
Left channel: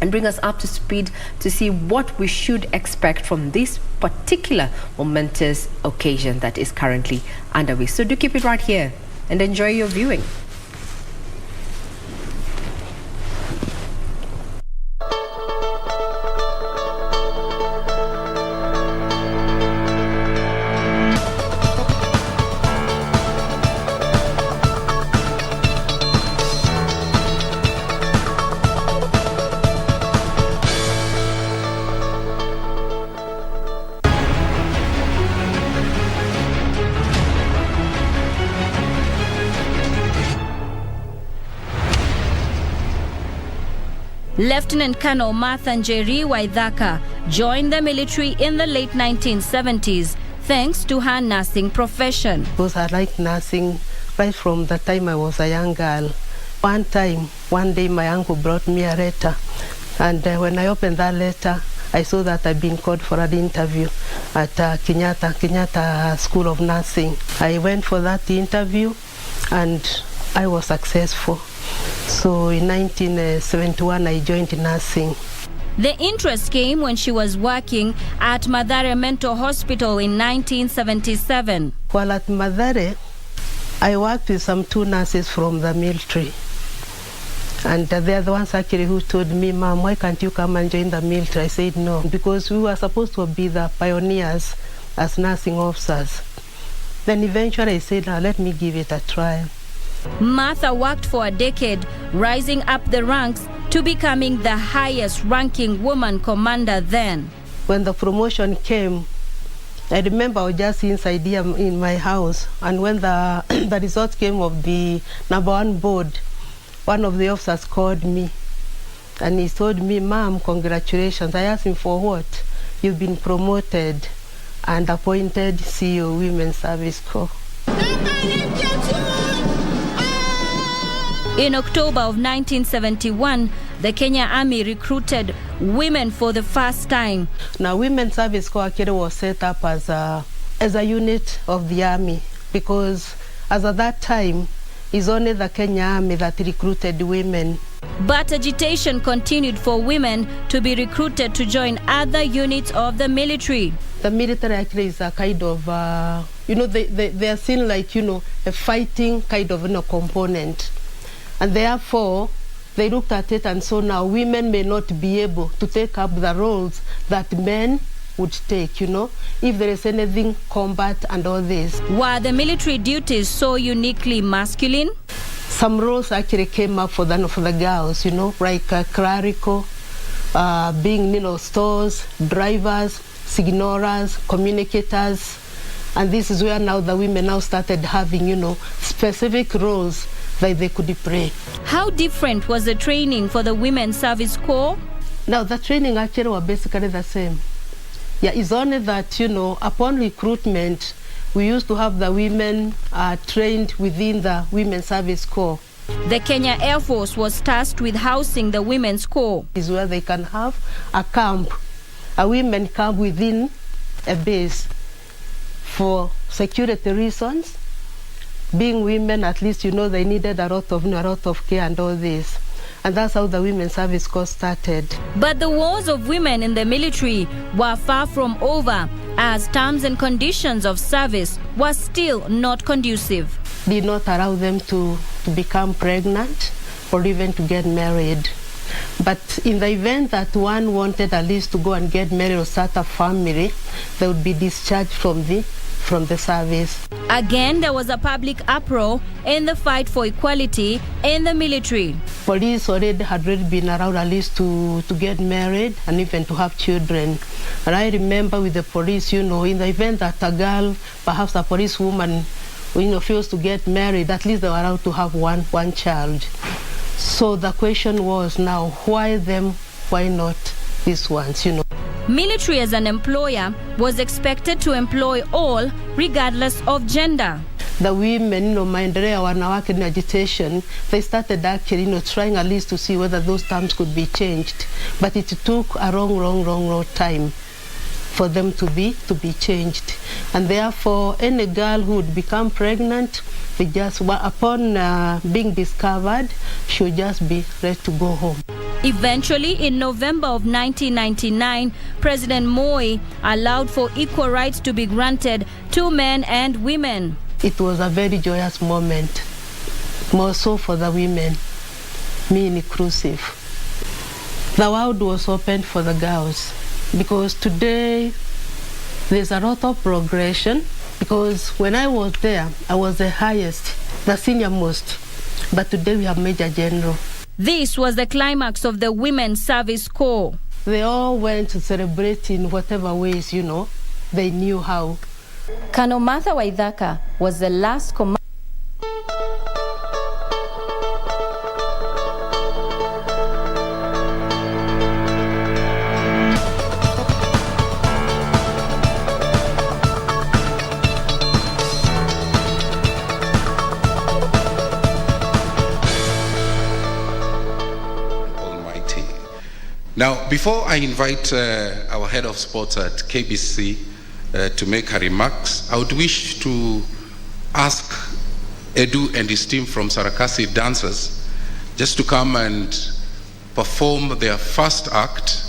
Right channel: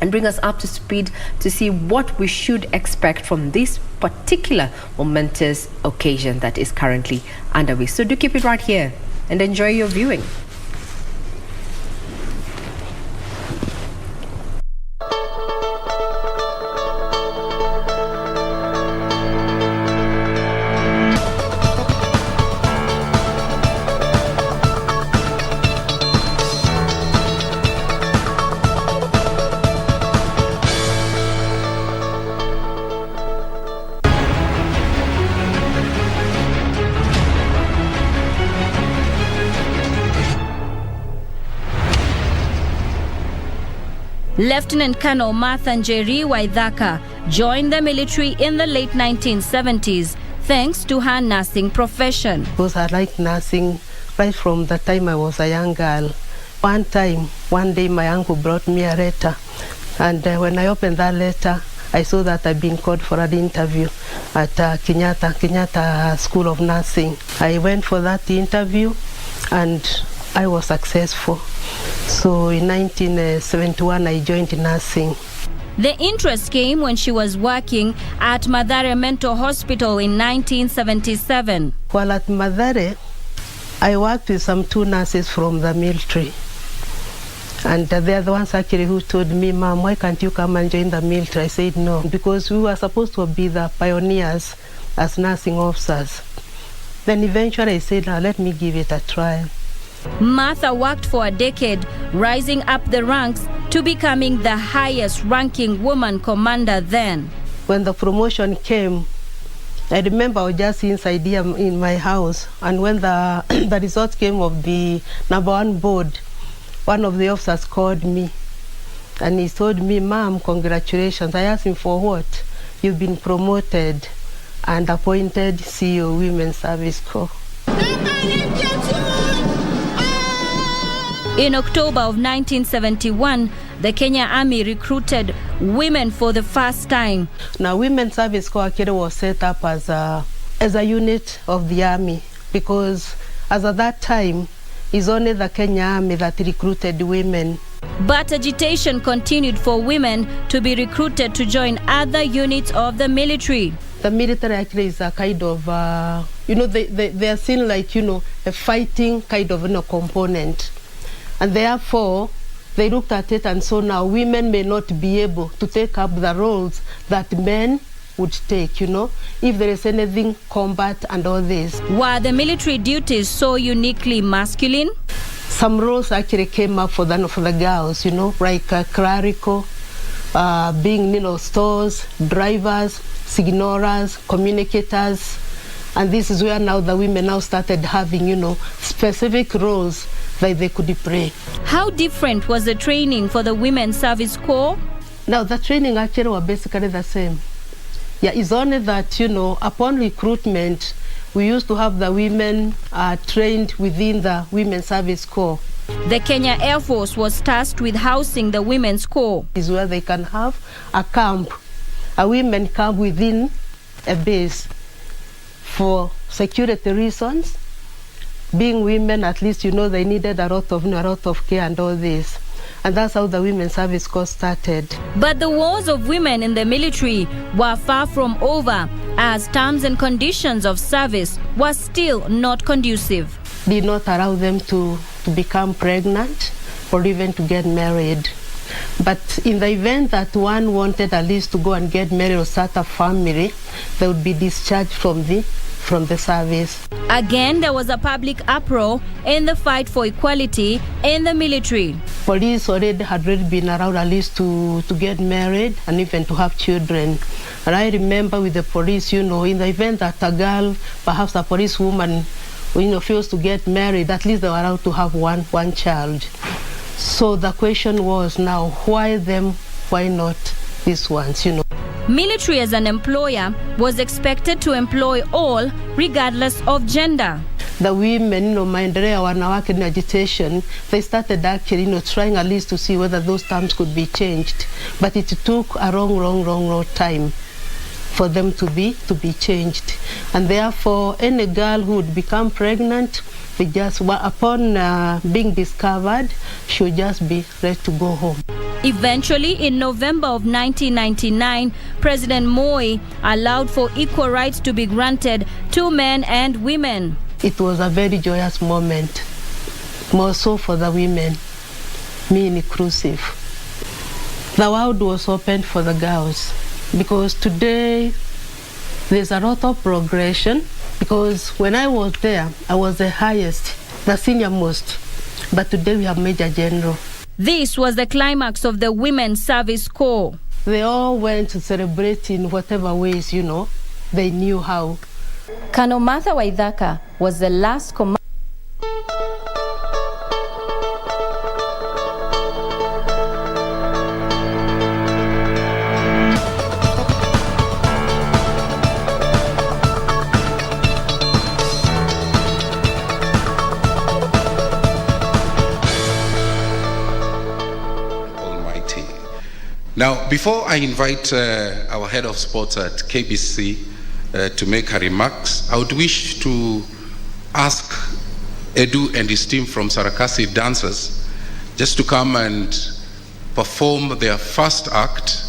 and bring us up to speed to see what we should expect from this particular momentous occasion that is currently underway. So do keep it right here and enjoy your viewing. Lieutenant Colonel Martha Njeri Waithaka joined the military in the late 1970s thanks to her nursing profession. Because I liked nursing right from the time I was a young girl. One day my uncle brought me a letter, and when I opened that letter, I saw that I'd been called for an interview at Kenyatta School of Nursing. I went for that interview and I was successful. So in 1971, I joined nursing. The interest came when she was working at Mathare Mental Hospital in 1977. While at Mathare, I worked with some 2 nurses from the military. And they're the ones actually who told me, Mom, why can't you come and join the military? I said no, because we were supposed to be the pioneers as nursing officers. Then eventually I said, now let me give it a try. Martha worked for a decade, rising up the ranks to becoming the highest ranking woman commander then. When the promotion came, I remember I was just inside here in my house, and when the results came of the #1 board, one of the officers called me and he told me, Mom, congratulations. I asked him, for what? You've been promoted and appointed CEO Women's Service Corps. In October of 1971, the Kenya Army recruited women for the first time. Now, Women's Service Corps was set up as a unit of the Army, because as at that time, it's only the Kenya Army that recruited women. But agitation continued for women to be recruited to join other units of the military. The military actually is a kind of, they are seen like, a fighting kind of component. And therefore, they looked at it and so now women may not be able to take up the roles that men would take, if there is anything, combat and all this. Were the military duties so uniquely masculine? Some roles actually came up for the girls, like clerical, being, stores, drivers, signalers, communicators. And this is where now the women now started having, specific roles that they could play. How different was the training for the Women's Service Corps? Now, the training actually was basically the same. Yeah, it's only that, upon recruitment, we used to have the women trained within the Women's Service Corps. The Kenya Air Force was tasked with housing the Women's Corps. Is where they can have a camp, a women camp within a base for security reasons. Being women, at least, they needed a lot of care and all this. And that's how the Women's Service Corps started. But the wars of women in the military were far from over, as terms and conditions of service were still not conducive. Did not allow them to become pregnant or even to get married. But in the event that one wanted at least to go and get married or start a family, they would be discharged from the service. Again, there was a public uproar in the fight for equality in the military. Police had already been around at least to get married and even to have children. And I remember with the police, in the event that a girl, perhaps a policewoman, fails to get married, at least they were allowed to have one child. So the question was now, why them, why not these ones, Military as an employer was expected to employ all regardless of gender. The women, maendeleo wanawake in agitation, they started actually, trying at least to see whether those terms could be changed. But it took a long time for them to be changed. And therefore, any girl who would become pregnant, they just, upon being discovered, she would just be ready to go home. Eventually, in November of 1999, President Moi allowed for equal rights to be granted to men and women. It was a very joyous moment, more so for the women, me inclusive. The world was open for the girls because today there's a lot of progression because when I was there, I was the highest, the senior most, but today we have Major General. This was the climax of the Women's Service Corps. They all went to celebrate in whatever ways, they knew how. Colonel Martha Waithaka was the last commander. Now, before I invite our head of sports at KBC to make her remarks, I would wish to ask Edu and his team from Sarakasi Dancers just to come and perform their first act.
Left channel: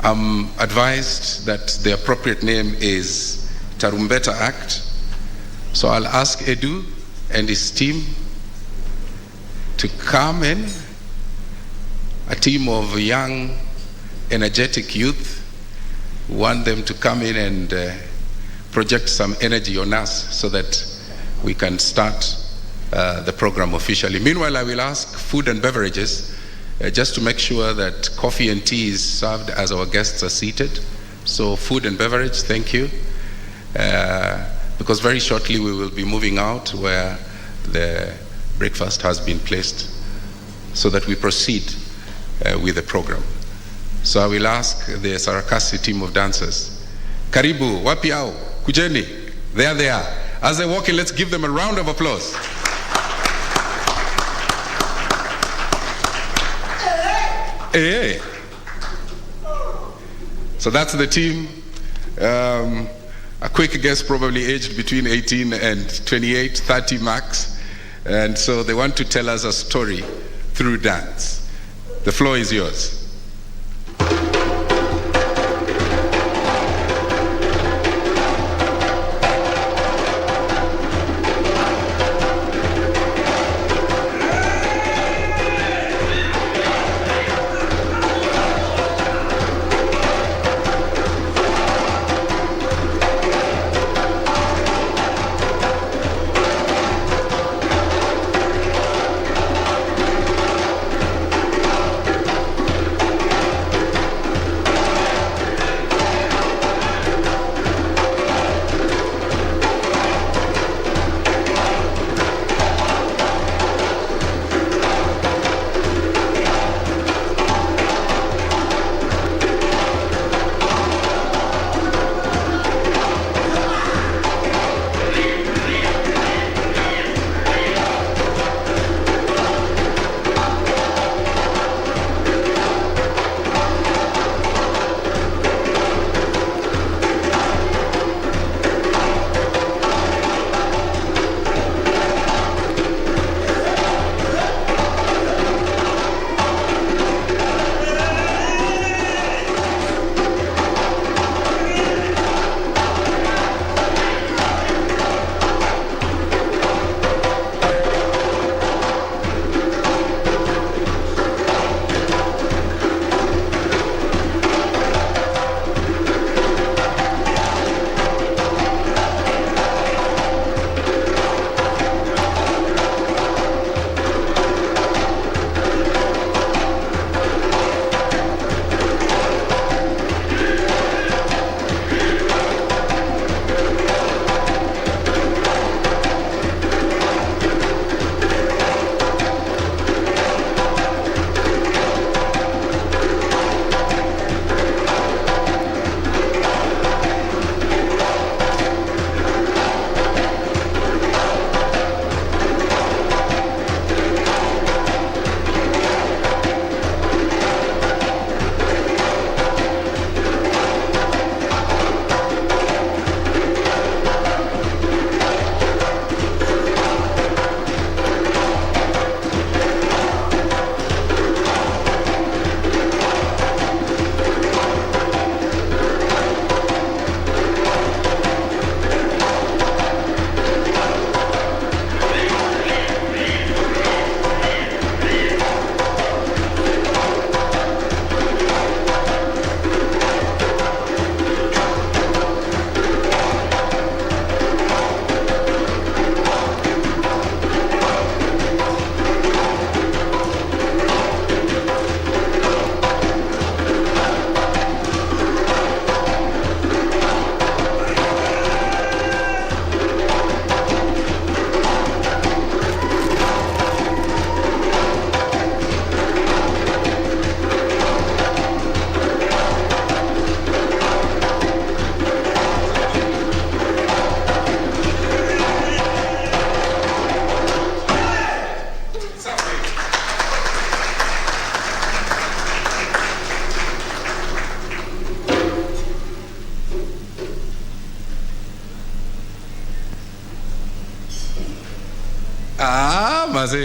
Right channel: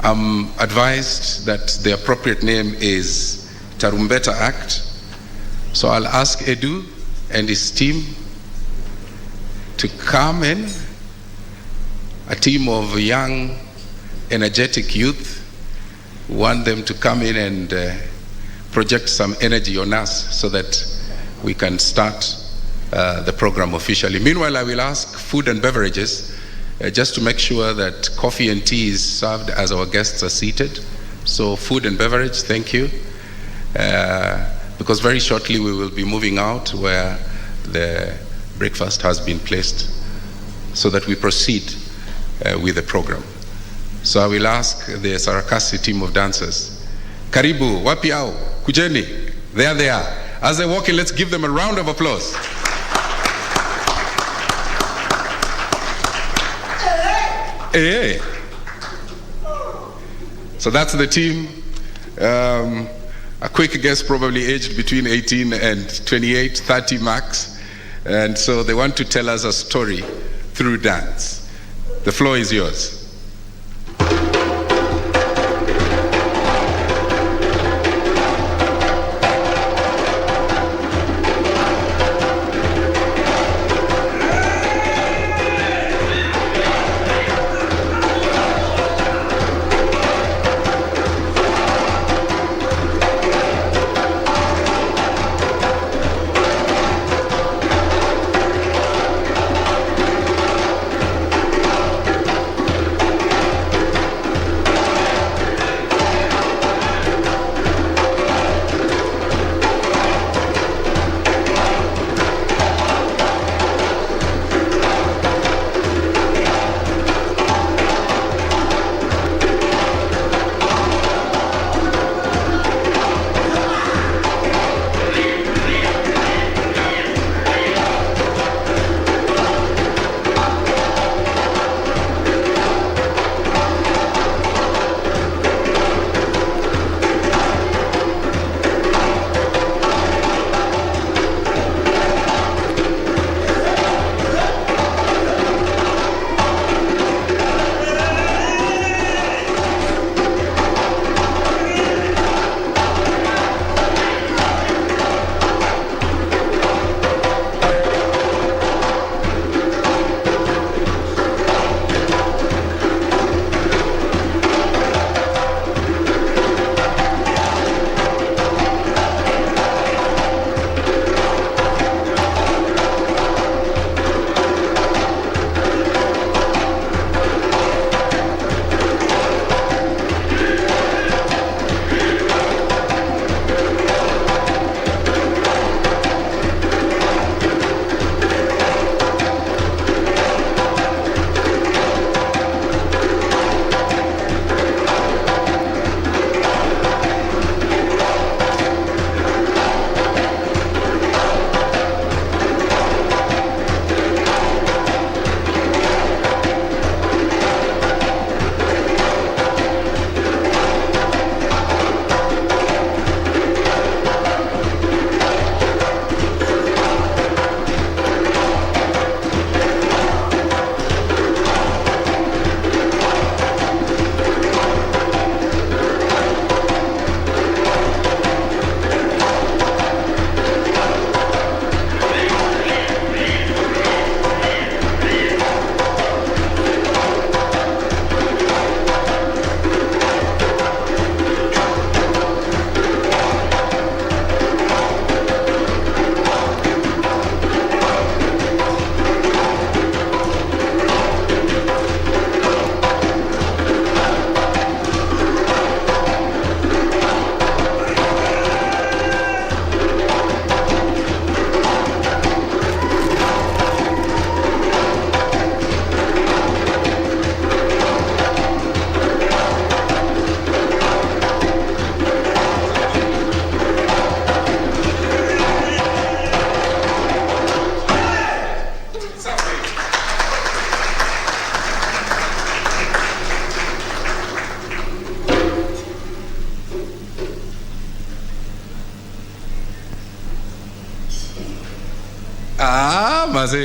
I'm advised that the appropriate name is Tarumbeta Act. So I'll ask Edu and his team to come in. A team of young, energetic youth. We want them to come in and project some energy on us so that we can start the program officially. Meanwhile, I will ask food and beverages just to make sure that coffee and tea is served as our guests are seated. So food and beverage, thank you. Because very shortly we will be moving out where the breakfast has been placed so that we proceed with the program. So I will ask the Sarakasi team of dancers. Karibu, wapi au, kujeni. There they are. As they walk in, let's give them a round of applause. Hey. So that's the team. A quick guess, probably aged between 18 and 28, 30 max. And so they want to tell us a story through dance. The floor is yours.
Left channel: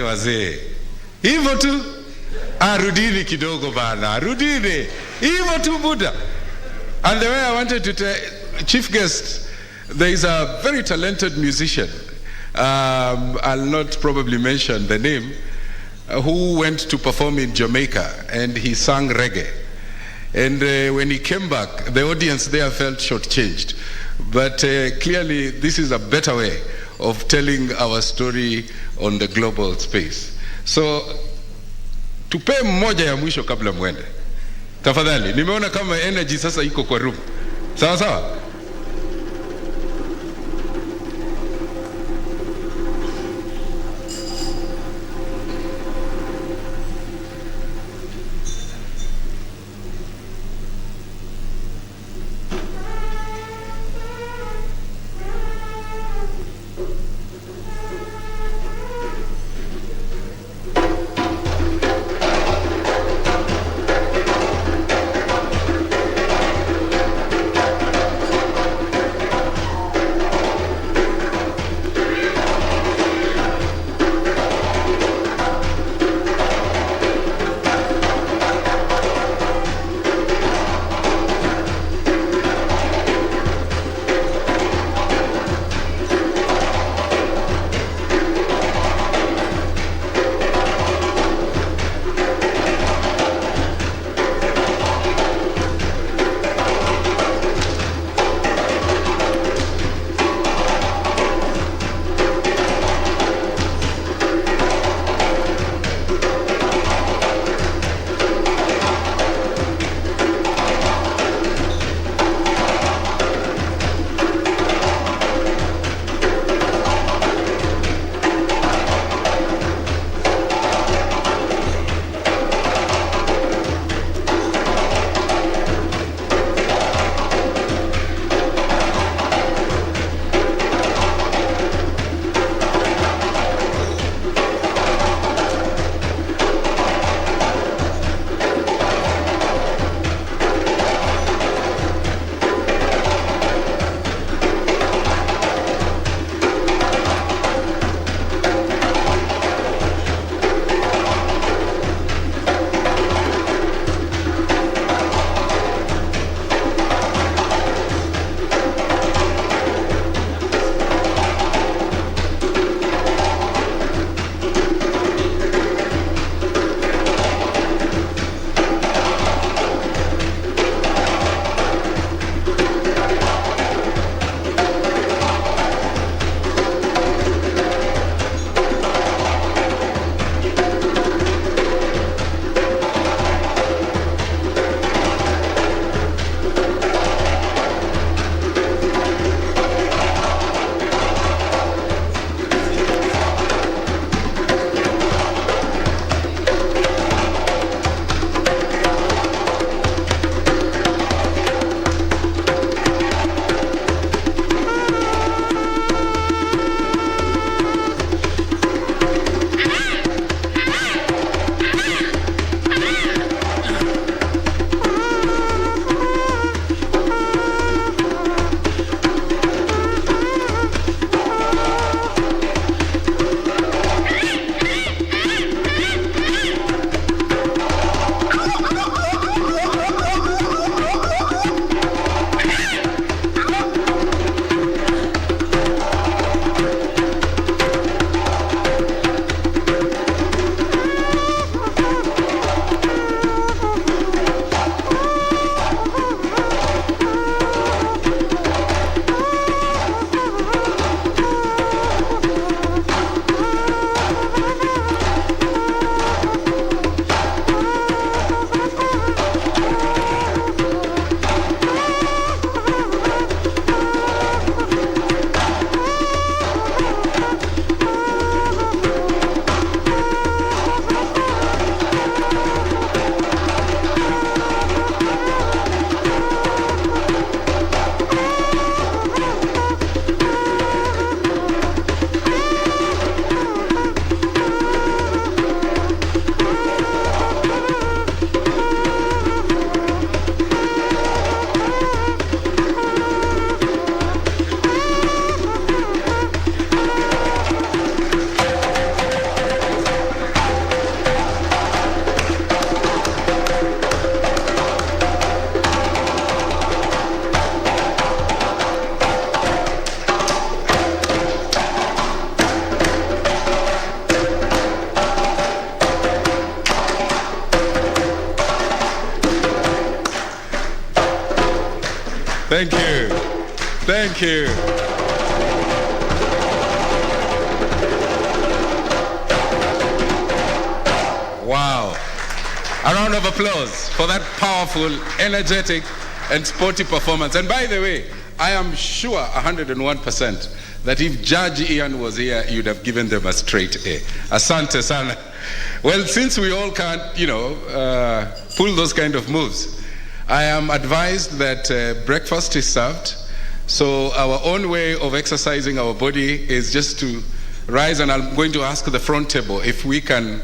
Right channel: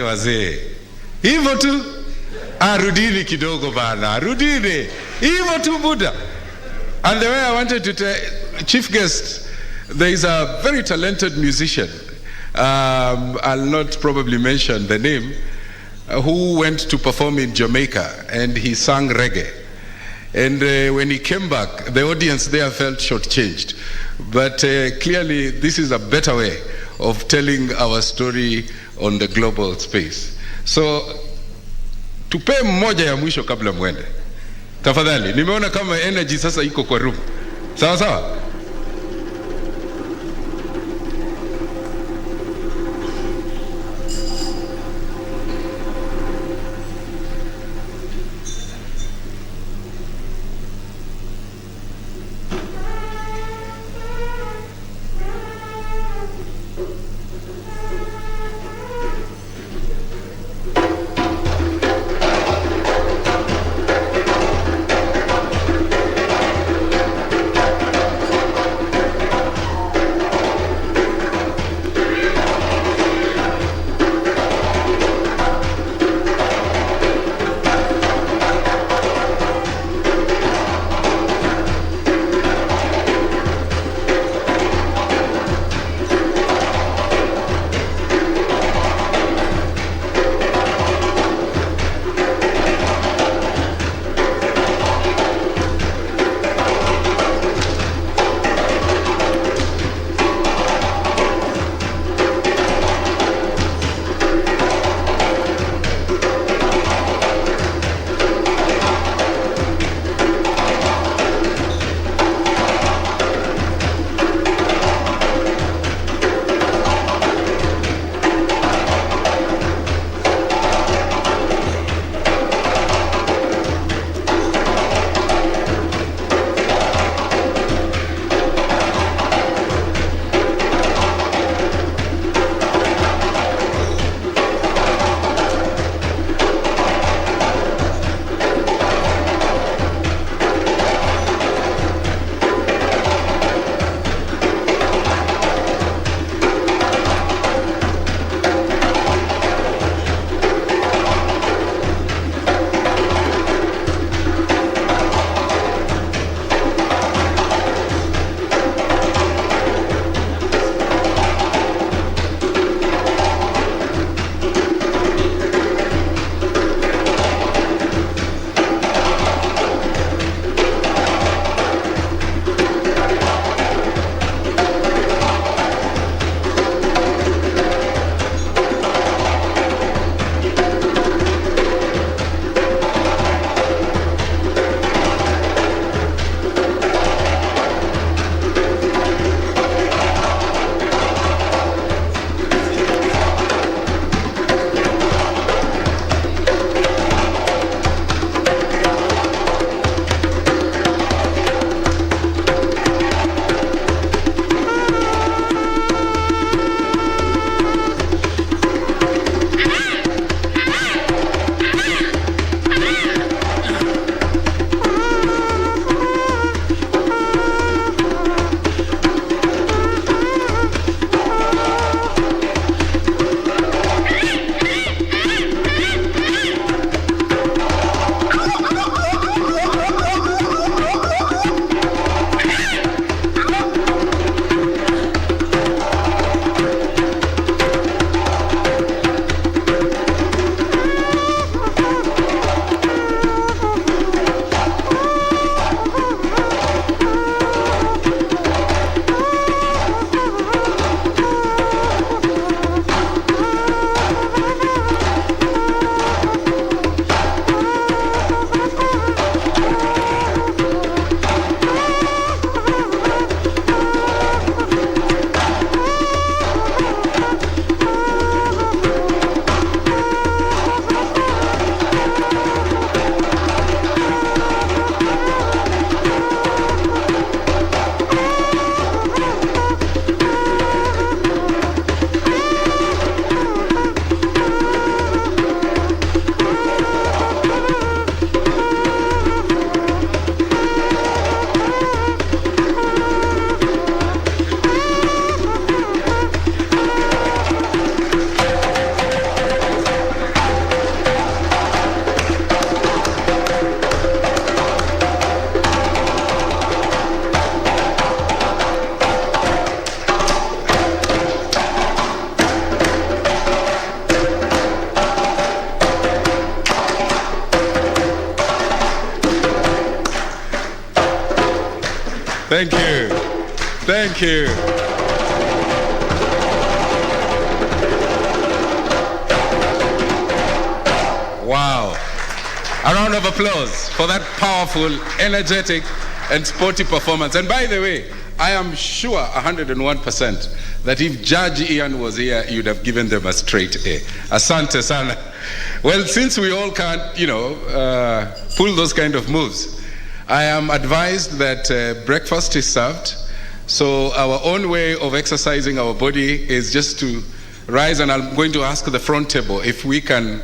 Wazee hivyo tu, rudini kidogo bana, rudini hivyo tu Buddha. And the way I wanted to tell chief guest, there is a very talented musician, I'll not probably mention the name, who went to perform in Jamaica, and he sang reggae. And when he came back, the audience there felt shortchanged. But clearly this is a better way of telling our story on the global space. So tupe mmoja ya mwisho kabla mwende. Tafadhali, nimeona kama energy sasa iko kwa room. Sawa sawa? Thank you. Thank you. Wow. A round of applause for that powerful, energetic, and sporty performance. And by the way, I am sure 101% that if Judge Ian was here, you'd have given them a straight A. Asante sana. Well, since we all can't, pull those kind of moves, I am advised that breakfast is served. So our own way of exercising our body is just to rise, and I'm going to ask the front table if we can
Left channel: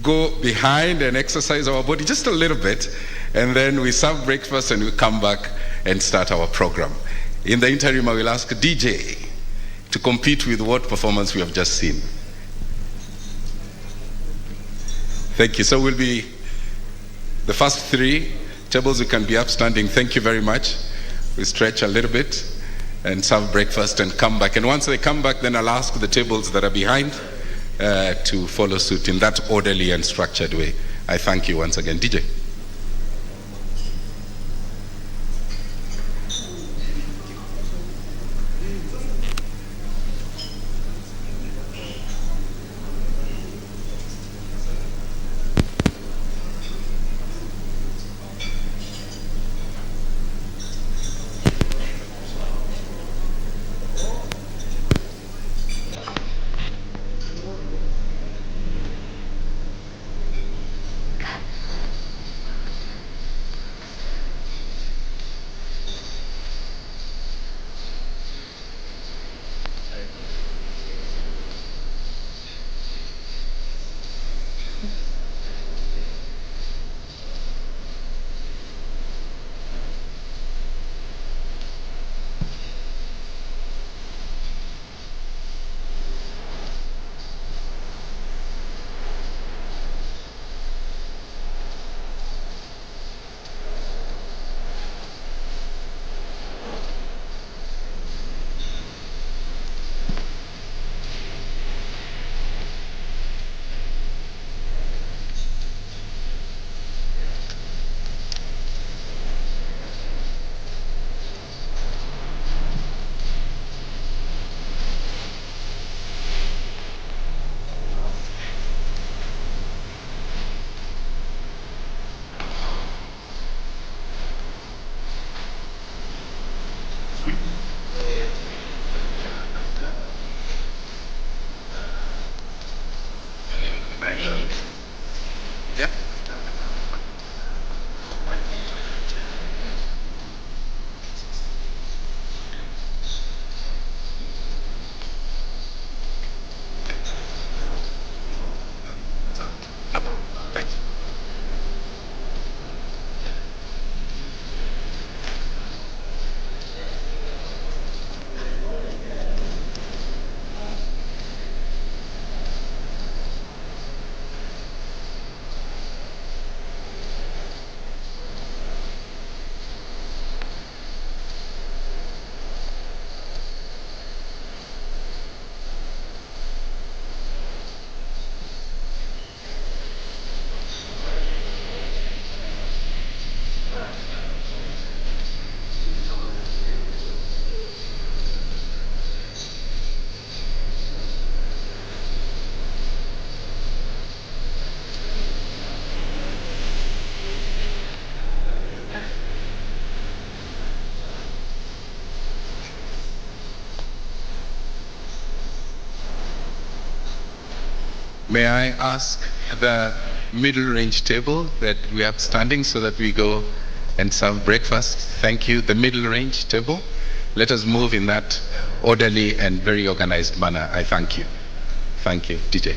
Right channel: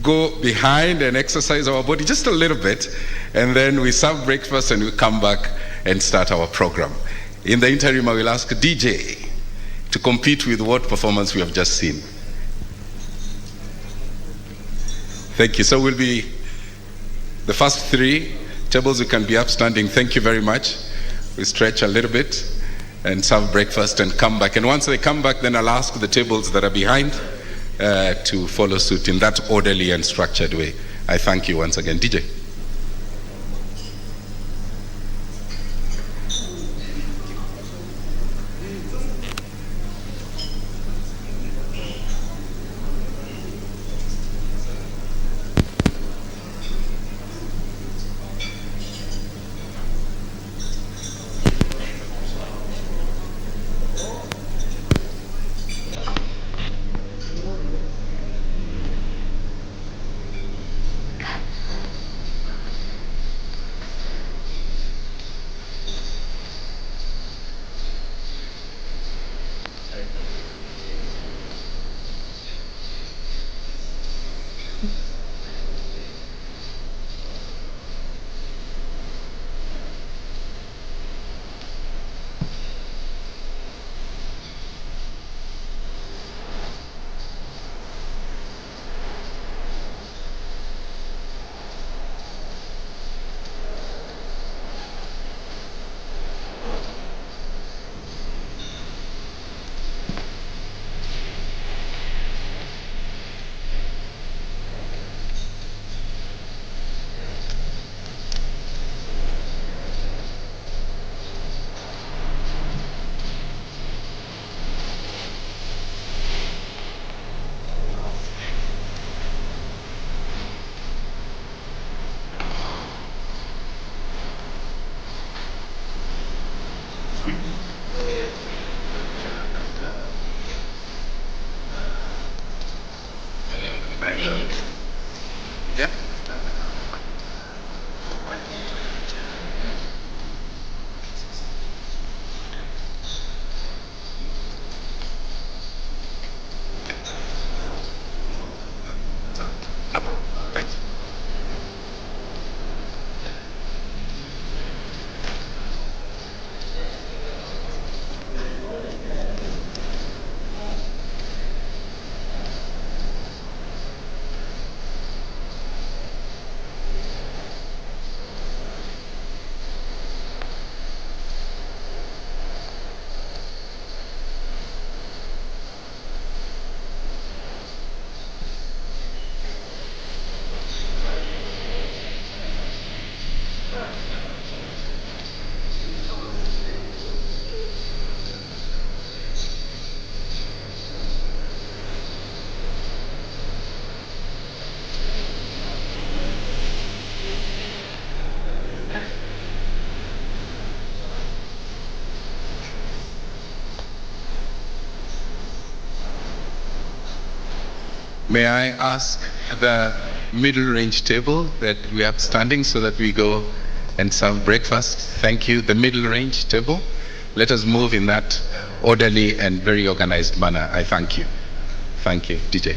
go behind and exercise our body just a little bit, and then we serve breakfast and we come back and start our program. In the interim, I will ask DJ to compete with what performance we have just seen. Thank you. So we'll be the first three tables who can be upstanding. Thank you very much. We stretch a little bit and serve breakfast and come back. And once they come back, then I'll ask the tables that are behind to follow suit in that orderly and structured way. I thank you once again. DJ. Yeah. May I ask the middle range table that we have standing so that we go and serve breakfast? Thank you. The middle range table. Let us move in that orderly and very organized manner. I thank you. Thank you, DJ.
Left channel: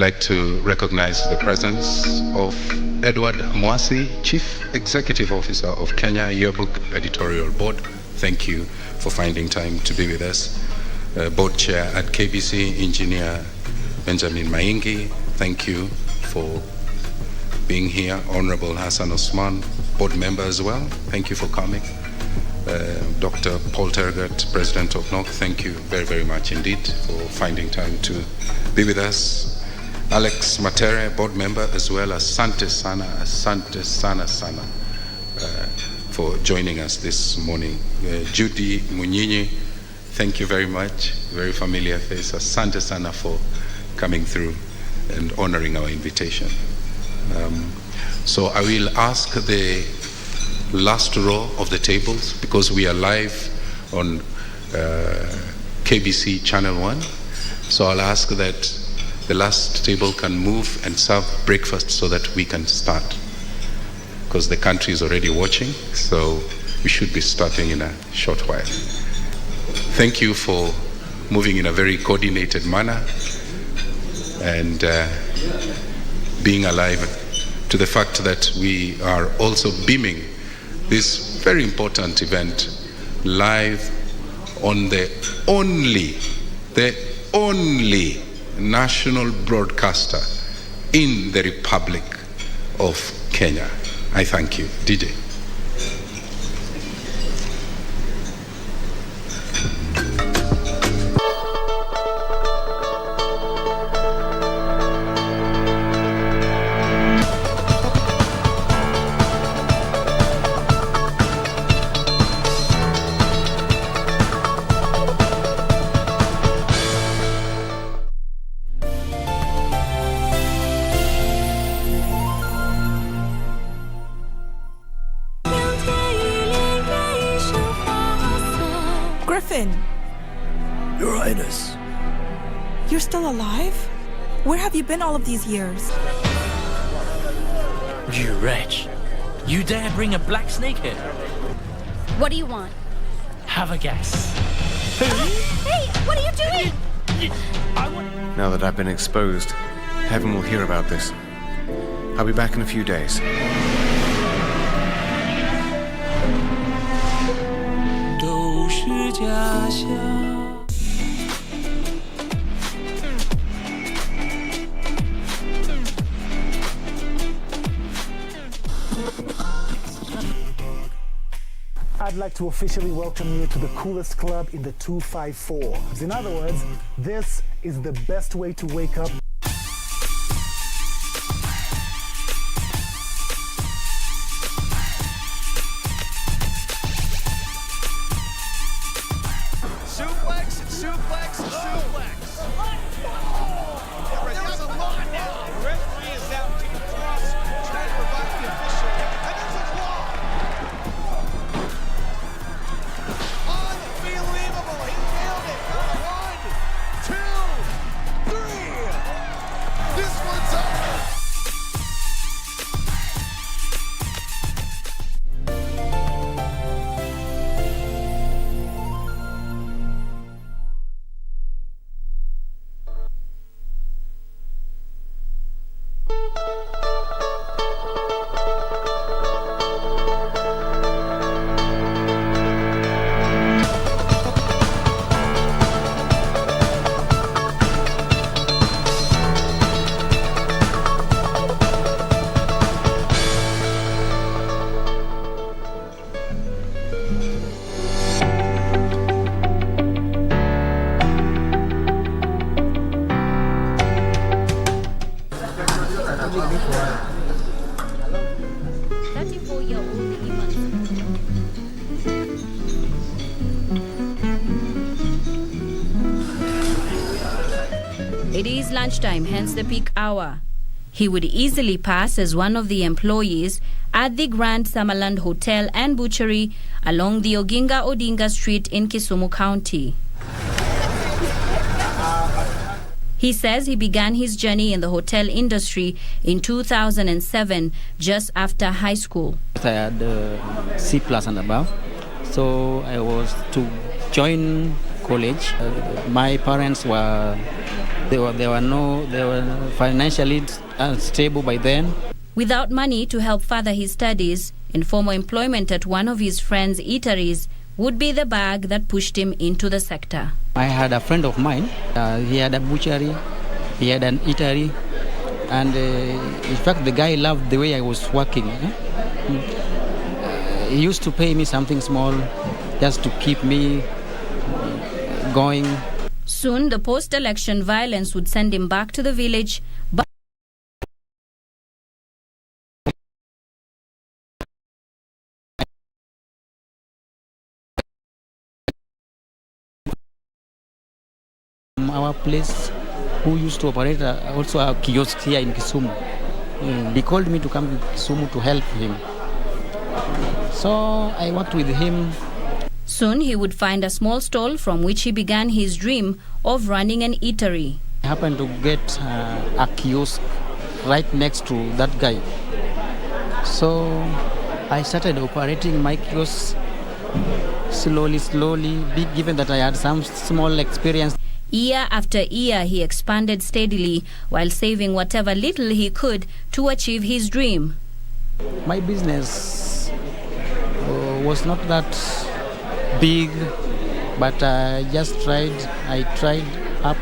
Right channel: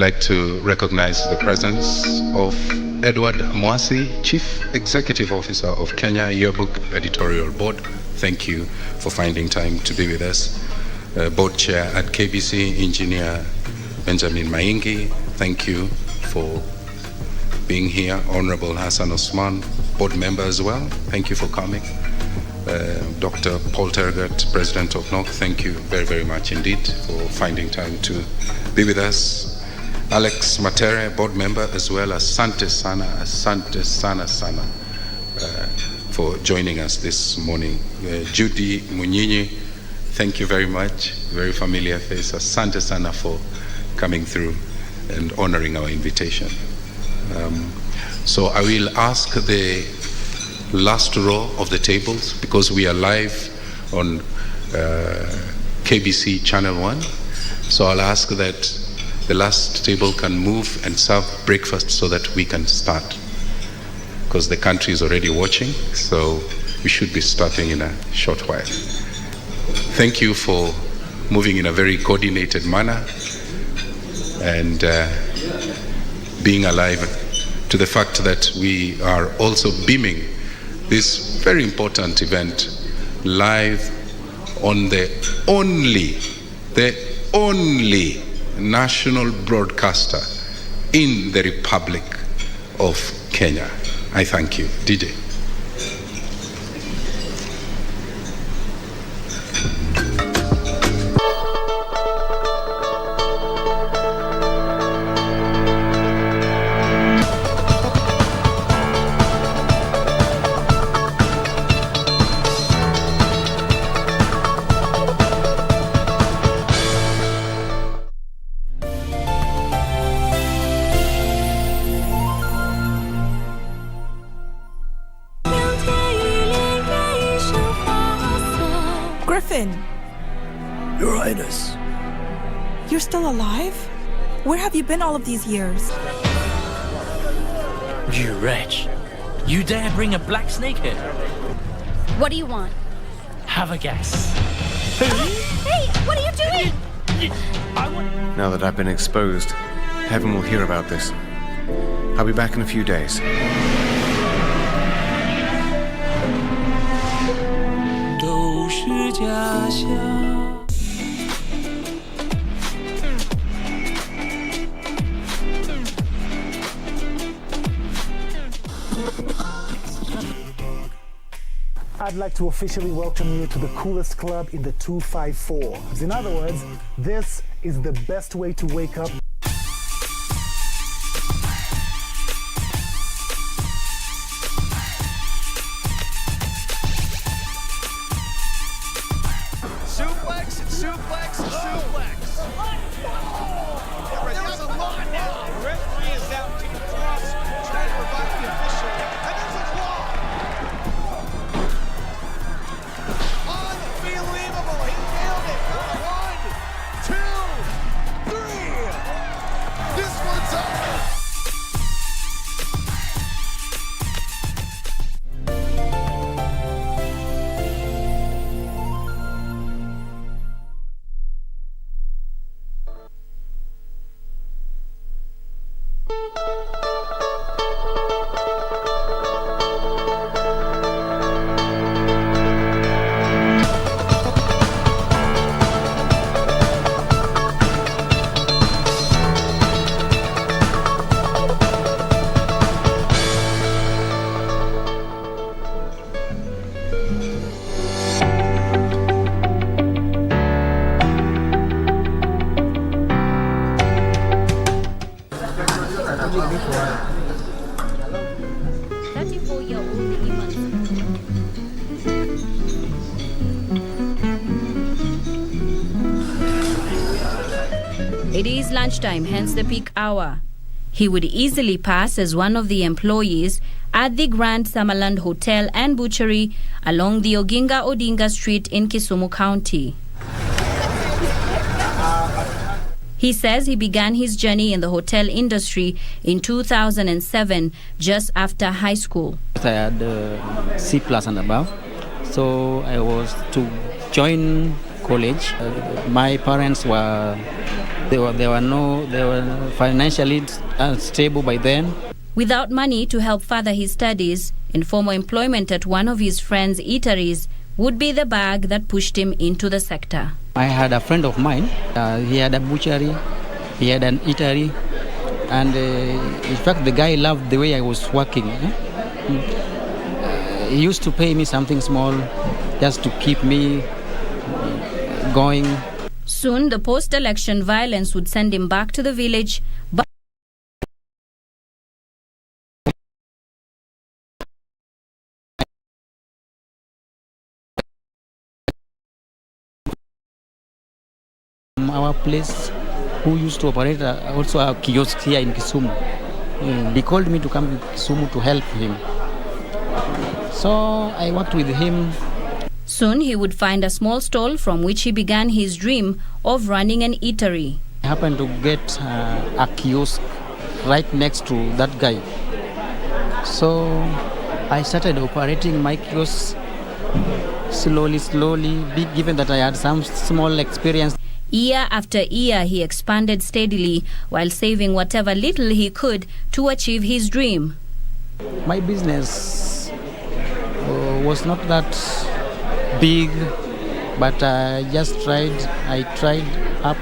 like to recognize the presence of Edward Mwasi, Chief Executive Officer of Kenya Yearbook Editorial Board. Thank you for finding time to be with us. Board Chair at KBC, Engineer Benjamin Maingi, thank you for being here. Honorable Hassan Osman, Board Member as well, thank you for coming. Dr. Paul Tergat, President of NOC, thank you very, very much indeed for finding time to be with us. Alex Matere, Board Member, as well as Asante Sana, for joining us this morning. Judy Munyinyi, thank you very much, very familiar face. Asante Sana for coming through and honoring our invitation. So I will ask the last row of the tables, because we are live on KBC Channel 1. So I'll ask that the last table can move and serve breakfast so that we can start, because the country is already watching, so we should be starting in a short while. Thank you for moving in a very coordinated manner and being alive to the fact that we are also beaming this very important event live on the only national broadcaster in the Republic of Kenya. I thank you. DJ. Your Highness. You're still alive? Where have you been all of these years? You wretch. You dare bring a black snake here? What do you want? Have a guess. Hey, what are you doing? Now that I've been exposed, heaven will hear about this. I'll be back in a few days. I'd like to officially welcome you to the coolest club in the 254. In other words, this is the best way to wake up. Suplex, suplex, suplex. There's a lot now. The referee is out to the cross, trying to provide the official. And there's a claw. Unbelievable. He nailed it. 1, 2, 3. This one's over. It is lunchtime, hence the peak hour. He would easily pass as one of the employees at the Grand Summerland Hotel and Butchery along the Oginga Odinga Street in Kisumu County. He says he began his journey in the hotel industry in 2007, just after high school. I had C+ and above, so I was to join college. My parents were They were financially unstable by then. Without money to help further his studies, informal employment at one of his friends' eateries would be the bag that pushed him into the sector. I had a friend of mine. He had a butchery, he had an eatery, and in fact the guy loved the way I was working. He used to pay me something small just to keep me going. Soon the post-election violence would send him back to the village, but our place who used to operate also a kiosk here in Kisumu. He called me to come to Kisumu to help him. So I worked with him. Soon he would find a small stall from which he began his dream of running an eatery. I happened to get a kiosk right next to that guy. So I started operating my kiosk slowly, given that I had some small experience. Year after year, he expanded steadily while saving whatever little he could to achieve his dream. My business was not that big, but I just tried. I tried up,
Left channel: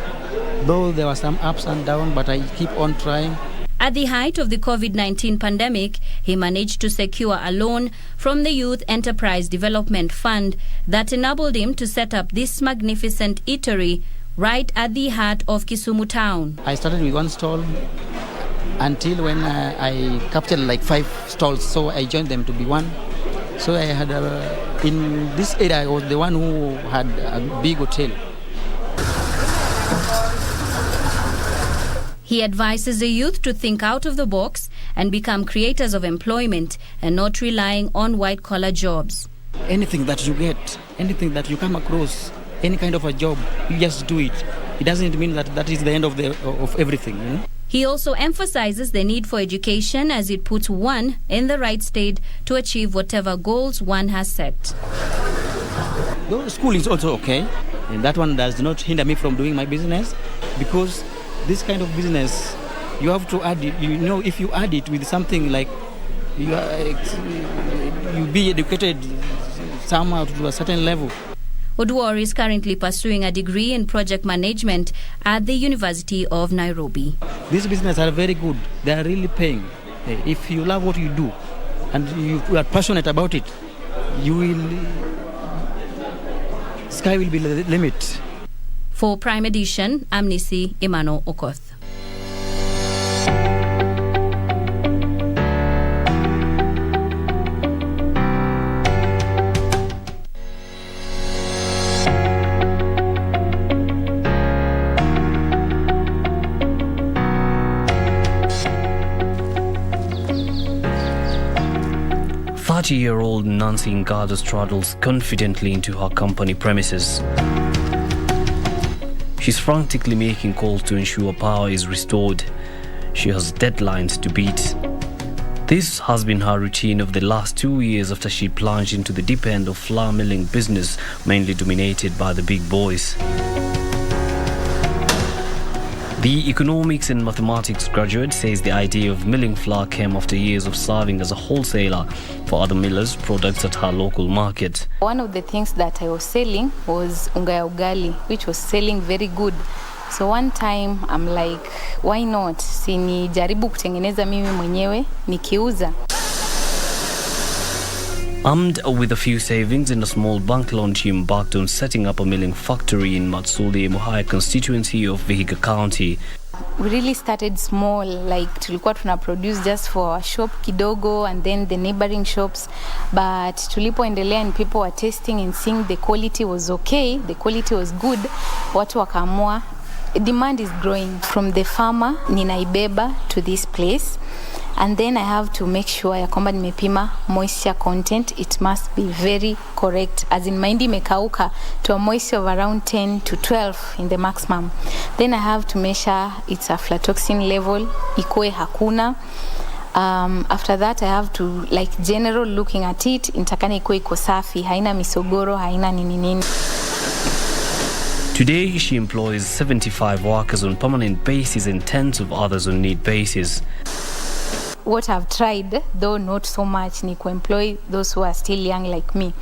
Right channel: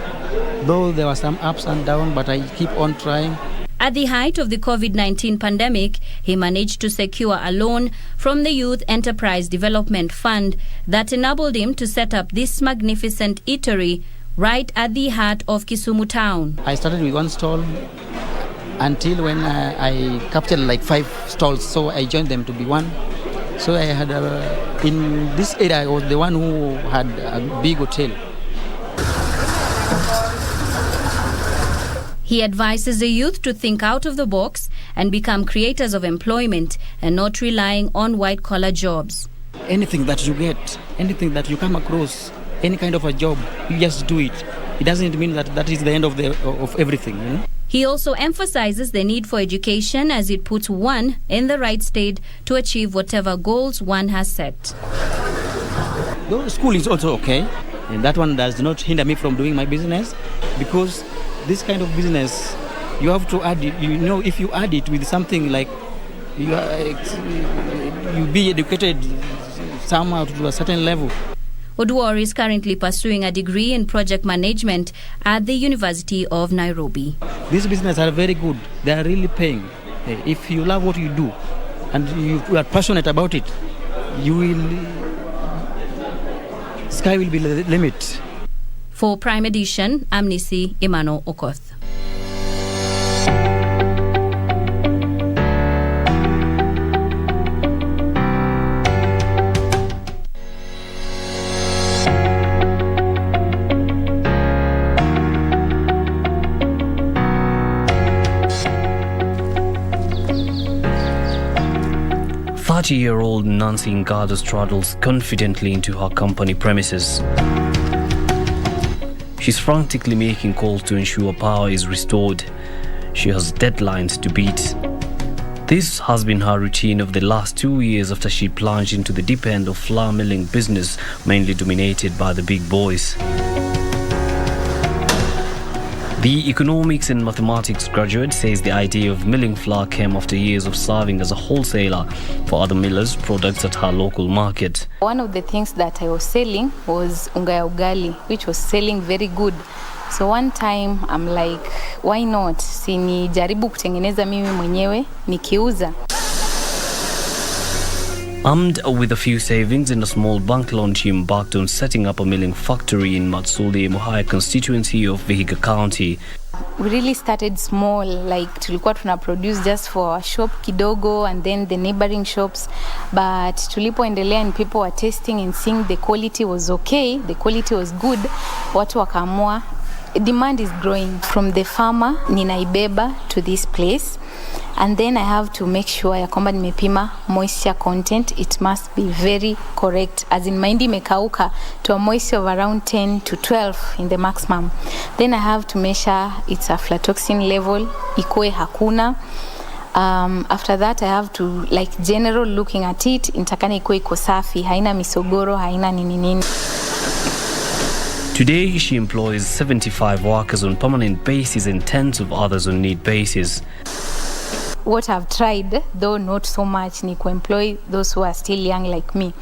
though there were some ups and downs, but I keep on trying. At the height of the COVID-19 pandemic, he managed to secure a loan from the Youth Enterprise Development Fund that enabled him to set up this magnificent eatery right at the heart of Kisumu town. I started with one stall until when I captured like 5 stalls, so I joined them to be one. So I had in this area, I was the one who had a big hotel. He advises the youth to think out of the box and become creators of employment and not relying on white-collar jobs. Anything that you get, anything that you come across, any kind of a job, you just do it. It doesn't mean that that is the end of everything. You know? He also emphasizes the need for education as it puts one in the right state to achieve whatever goals one has set. Though school is also okay, and that one does not hinder me from doing my business, because this kind of business, you have to add it, if you add it with something like you be educated somehow to a certain level. Oduor is currently pursuing a degree in project management at the University of Nairobi. These businesses are very good. They are really paying. If you love what you do and you are passionate about it, sky will be the limit. For Prime Edition, I'm Nisi Emmanuel Okoth. Year-old Nancy Ngado straddles confidently into her company premises. She's frantically making calls to ensure power is restored. She has deadlines to beat. This has been her routine of the last 2 years after she plunged into the deep end of flour milling business, mainly dominated by the big boys. The economics and mathematics graduate says the idea of milling flour came after years of serving as a wholesaler for other millers' products at her local market. One of the things that I was selling was unga ya ugali, which was selling very good. So one time I'm like, why not? Si nijaribu kutengeneza mimi mwenyewe nikiuza. Armed with a few savings and a small bank loan, she embarked on setting up a milling factory in Matsuli, Mohaya constituency of Vihiga County. We really started small, like tulikuwa tuna produce just for our shop kidogo and then the neighboring shops. But tulipoendelea and people were tasting and seeing the quality was okay, the quality was good, watu wakaamua. Demand is growing from the farmer, ninaibeba to this place. And then I have to make sure ya kwamba nimepima moisture content. It must be very correct. As in mahindi imekauka to a moisture of around 10 to 12 in the maximum. Then I have to measure its aflatoxin level, ikoe hakuna. After that I have to like general looking at it, intakana ikoe iko safi, haina misogoro, haina nini. Today, she employs 75 workers on permanent basis and tens of others on need basis. What I've tried, though not so much, ni kuemploy those who are still young like me.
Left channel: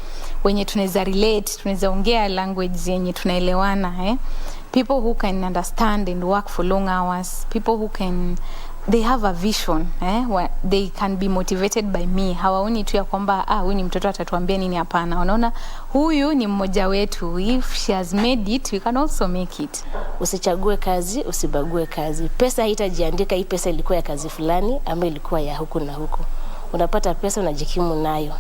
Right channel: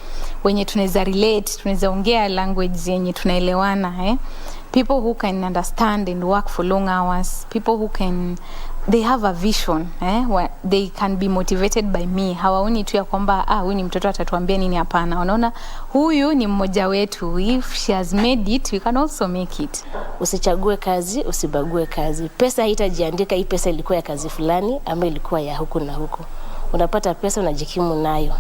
Wenye tunaweza relate, tunaweza ongea language yenye tunaelewana, People who can understand and work for long hours. People who can, they have a vision, where they can be motivated by me. Hawaoni tu ya kwamba huyu ni mtoto atatuambia nini, hapana. Wanaona huyu ni mmoja wetu. If she has made it, we can also make it. Usichague kazi, usibague kazi. Pesa haitajiandika hii pesa ilikuwa ya kazi fulani ama ilikuwa ya huku na huku. Unapata pesa unajikimu nayo.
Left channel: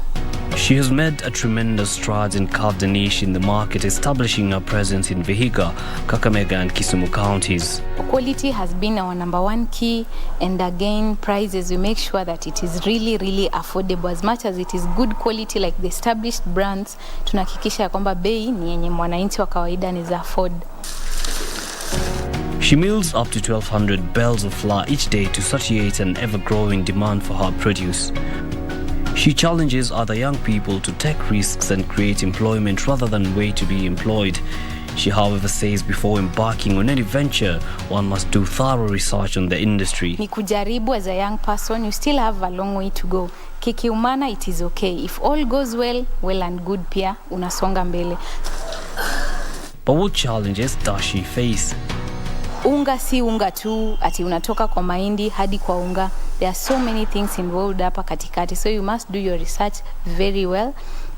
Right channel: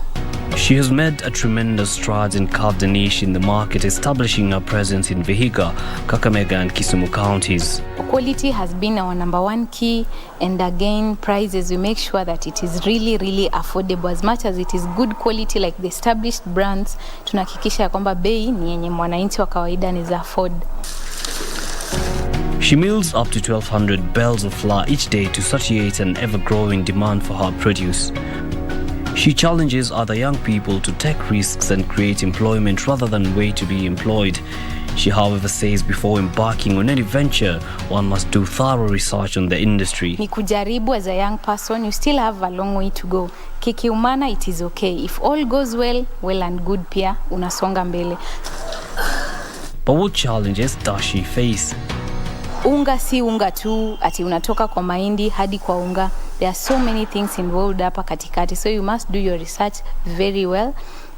She has made a tremendous strides and carved a niche in the market, establishing her presence in Vihiga, Kakamega and Kisumu counties. Quality has been our number one key, and again, prices, we make sure that it is really, really affordable. As much as it is good quality like the established brands, tunahakikisha kwamba bei ni yenye mwananchi wa kawaida anaweza afford. She mills up to 1,200 bales of flour each day to satiate an ever-growing demand for her produce. She challenges other young people to take risks and create employment rather than wait to be employed. She, however, says before embarking on any venture, one must do thorough research on the industry. Ni kujaribu as a young person, you still have a long way to go. Kikiumana, it is okay. If all goes well, well and good pia, unasonga mbele. But what challenges does she face? Unga si unga tu, ati unatoka kwa mahindi hadi kwa unga. There are so many things involved hapa katikati, so you must do your research very well.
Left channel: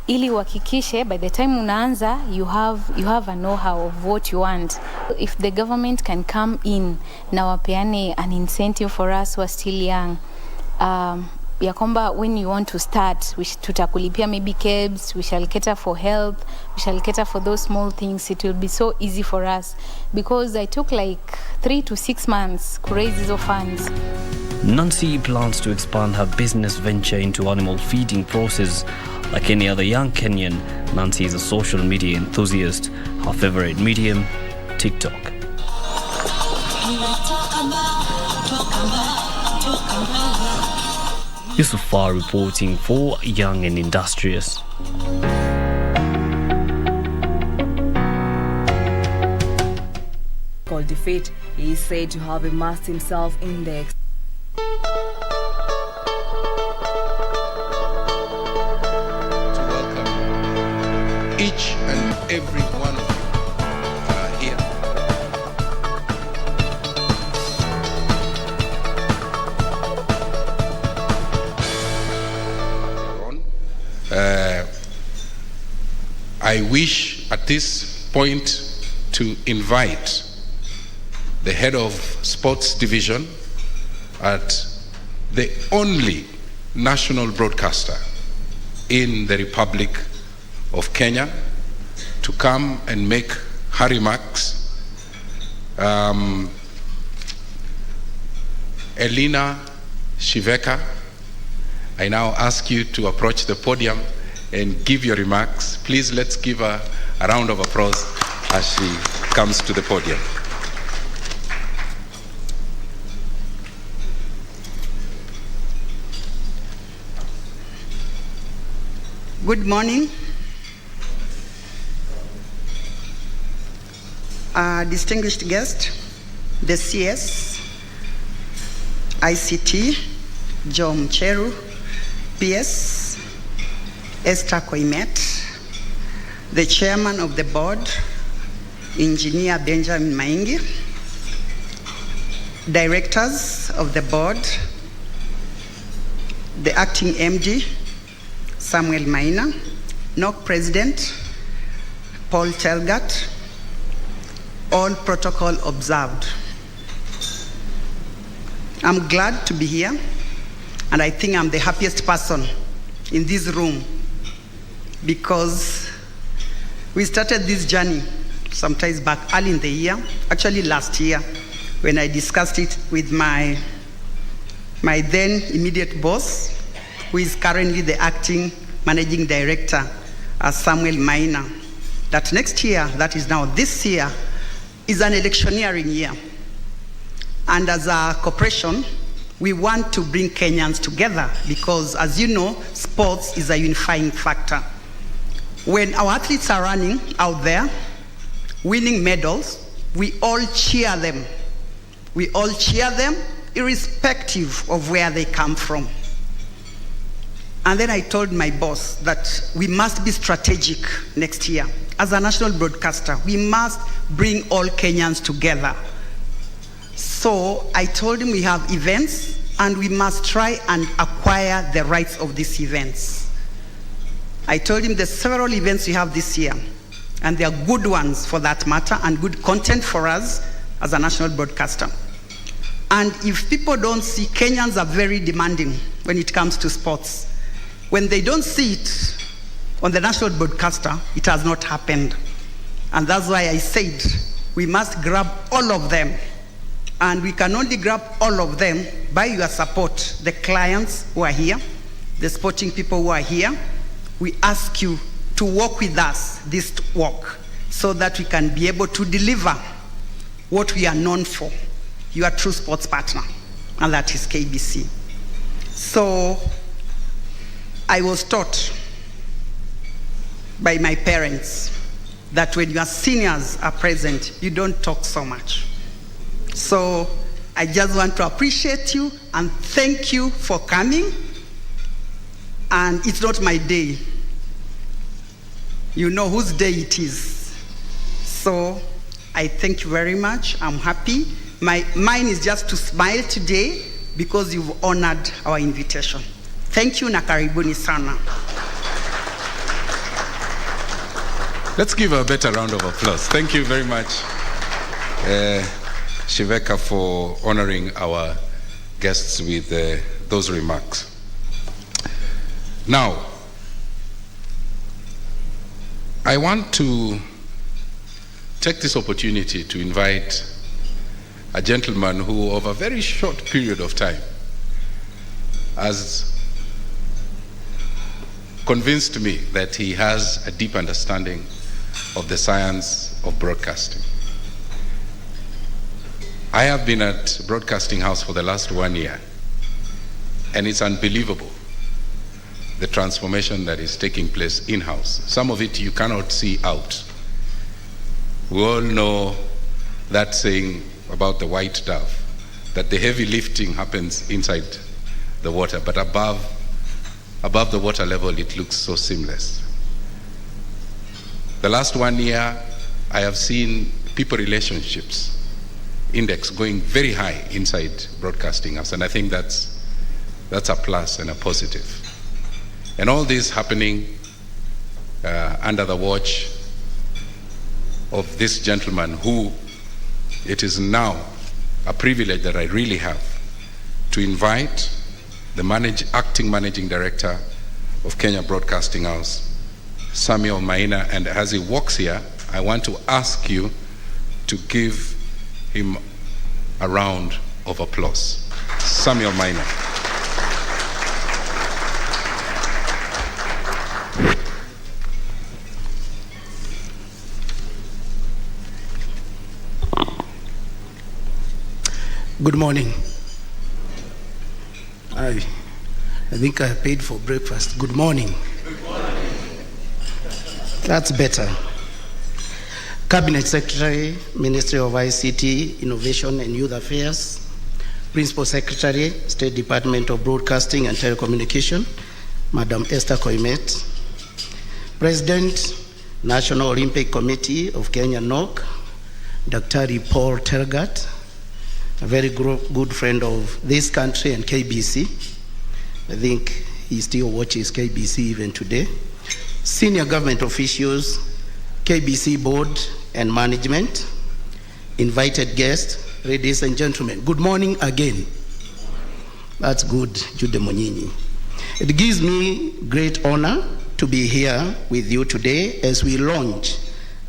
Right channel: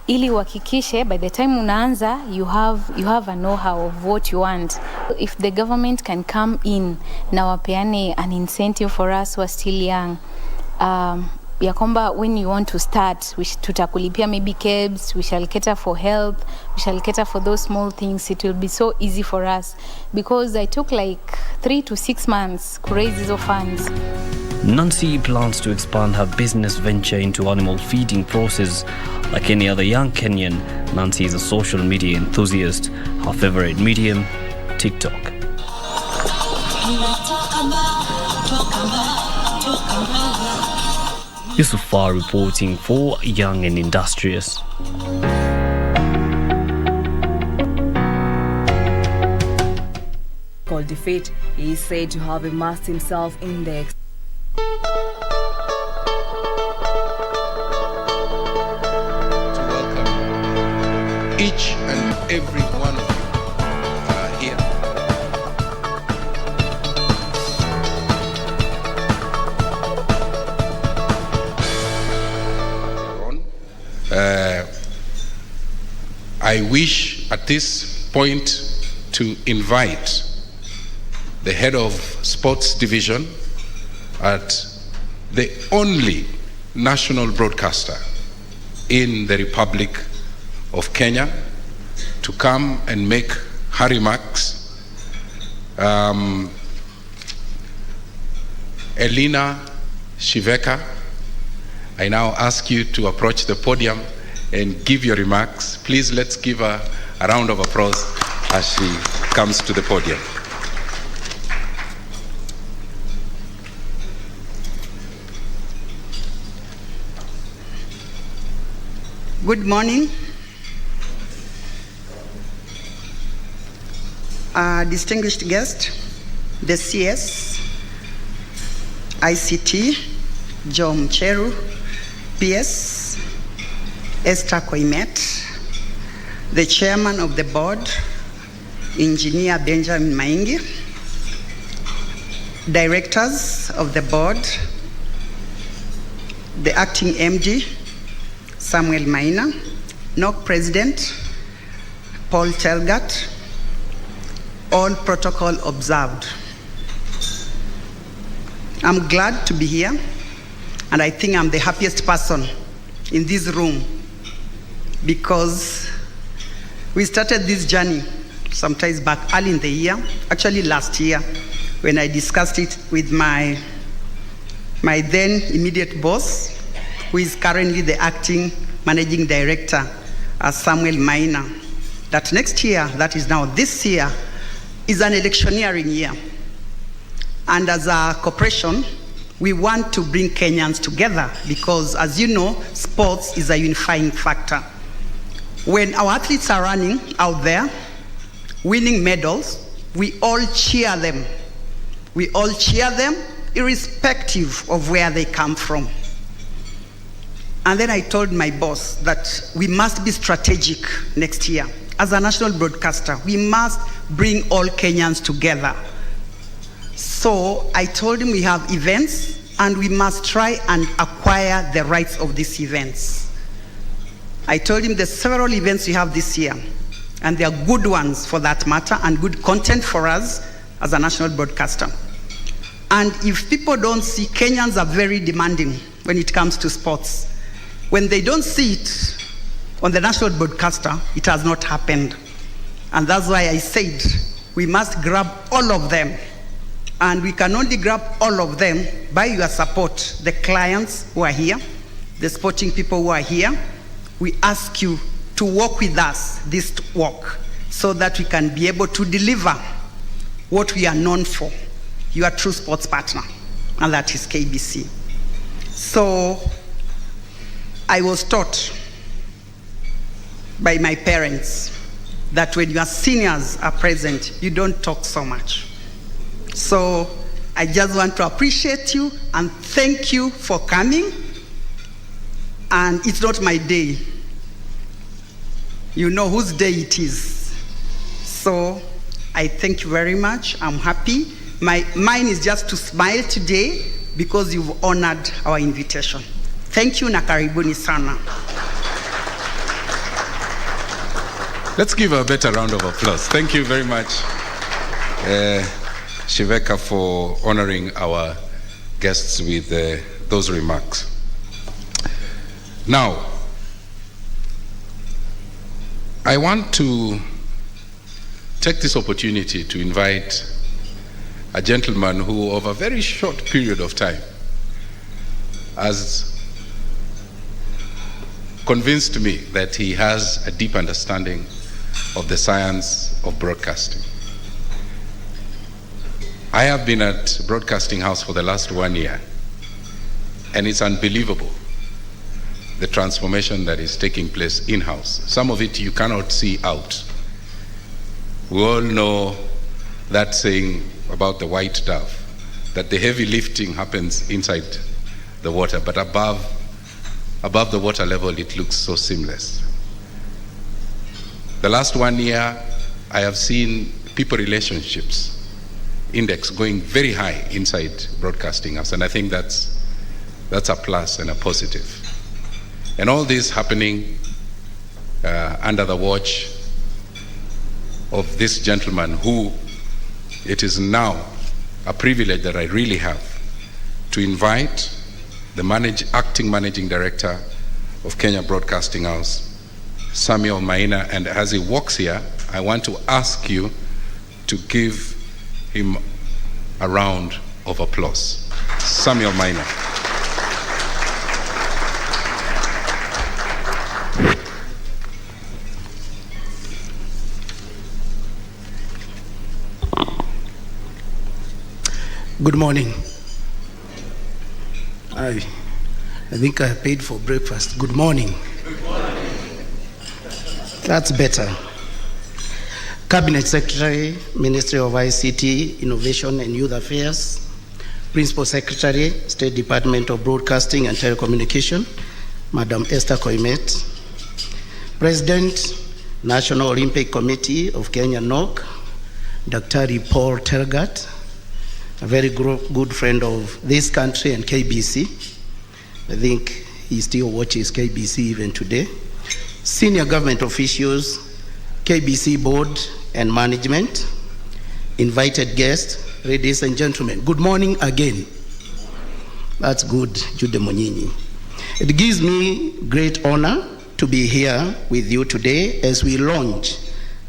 Ili uhakikishe by the time unaanza you have a know-how of what you want. If the government can come in na wapeane an incentive for us who are still young, ya kwamba when you want to start, tutakulipia maybe cabs, we shall cater for health, we shall cater for those small things. It will be so easy for us, because I took like 3 to 6 months to raise these funds. Nancy plans to expand her business venture into animal feeding process. Like any other young Kenyan, Nancy is a social media enthusiast. Her favorite medium, TikTok. Yusufar reporting for Young and Industrious. Called defeat, he is said to have immersed himself in the each and every one of you here. I wish at this point to invite the head of sports division at the only national broadcaster in the Republic of Kenya to come and make her remarks. Elina Shiveka, I now ask you to approach the podium and give your remarks. Please, let's give her a round of applause as she comes to the podium. Good morning. Distinguished guest, the CS, ICT, Joe Mcheru, PS, Esther Koimet, the chairman of the board, Engineer Benjamin Maingi, directors of the board, the acting MD, Samuel Maina, NOC President, Paul Telgat, all protocol observed. I'm glad to be here, and I think I'm the happiest person in this room, because we started this journey sometimes back early in the year, actually last year, when I discussed it with my then immediate boss, who is currently the acting managing director, Samuel Maina, that next year, that is now this year, is an electioneering year. And as a corporation, we want to bring Kenyans together because, as you know, sports is a unifying factor. When our athletes are running out there, winning medals, we all cheer them. We all cheer them irrespective of where they come from. And then I told my boss that we must be strategic next year. As a national broadcaster, we must bring all Kenyans together. So I told him we have events and we must try and acquire the rights of these events. I told him there's several events we have this year, and they are good ones for that matter, and good content for us as a national broadcaster. And if people don't see, Kenyans are very demanding when it comes to sports. When they don't see it on the national broadcaster, it has not happened. And that's why I said we must grab all of them. And we can only grab all of them by your support. The clients who are here, the sporting people who are here, we ask you to work with us this work so that we can be able to deliver what we are known for, your true sports partner, and that is KBC. So I was taught by my parents that when your seniors are present, you don't talk so much. So I just want to appreciate you and thank you for coming. And it's not my day. You know whose day it is. So I thank you very much. I'm happy. Mine is just to smile today because you've honored our invitation. Thank you na karibuni sana. Let's give a better round of applause. Thank you very much, Shiveka, for honoring our guests with those remarks. Now, I want to take this opportunity to invite a gentleman who, over a very short period of time, has convinced me that he has a deep understanding of the science of broadcasting. I have been at Broadcasting House for the last 1 year, and it's unbelievable the transformation that is taking place in-house. Some of it you cannot see out. We all know that saying about the white dove, that the heavy lifting happens inside the water, but above the water level it looks so seamless. The last 1 year, I have seen people relationships index going very high inside Broadcasting House, and I think that's a plus and a positive. And all this happening under the watch of this gentleman who it is now a privilege that I really have to invite the acting managing director of Kenya Broadcasting House, Samuel Maina, and as he walks here, I want to ask you to give him a round of applause. Samuel Maina. Good morning. I think I paid for breakfast. Good morning. Good morning. That's better. Cabinet Secretary, Ministry of ICT, Innovation and Youth Affairs, Principal Secretary, State Department of Broadcasting and Telecommunication, Madam Esther Koimet, President, National Olympic Committee of Kenya NOC, Dr. Paul Tergat, a very good friend of this country and KBC. I think he still watches KBC even today. Senior government officials, KBC board and management, invited guests, ladies and gentlemen, good morning again. That's good, Jude Monyinyi. It gives me great honor to be here with you today as we launch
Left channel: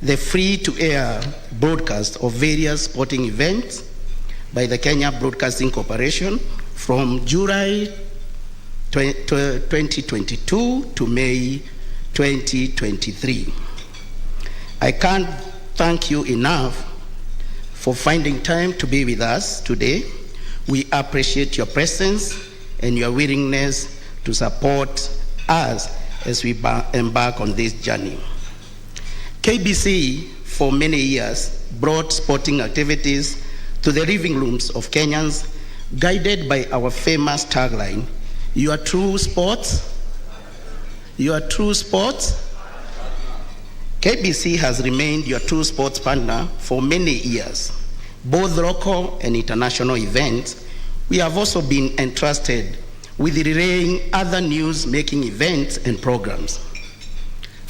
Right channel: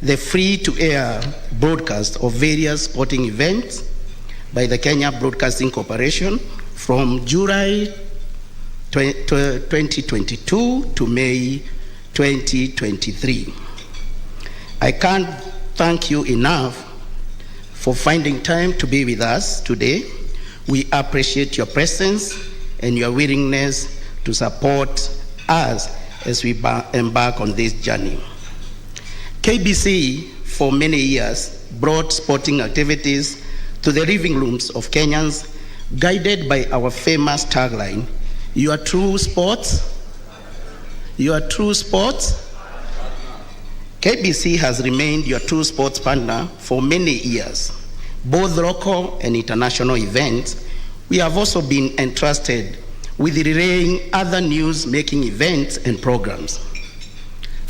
the free-to-air broadcast of various sporting events by the Kenya Broadcasting Corporation from July 2022 to May 2023. I can't thank you enough for finding time to be with us today. We appreciate your presence and your willingness to support us as we embark on this journey. KBC for many years brought sporting activities to the living rooms of Kenyans, guided by our famous tagline, "Your true sports, your true sports." KBC has remained your true sports partner for many years, both local and international events. We have also been entrusted with relaying other news-making events and programs.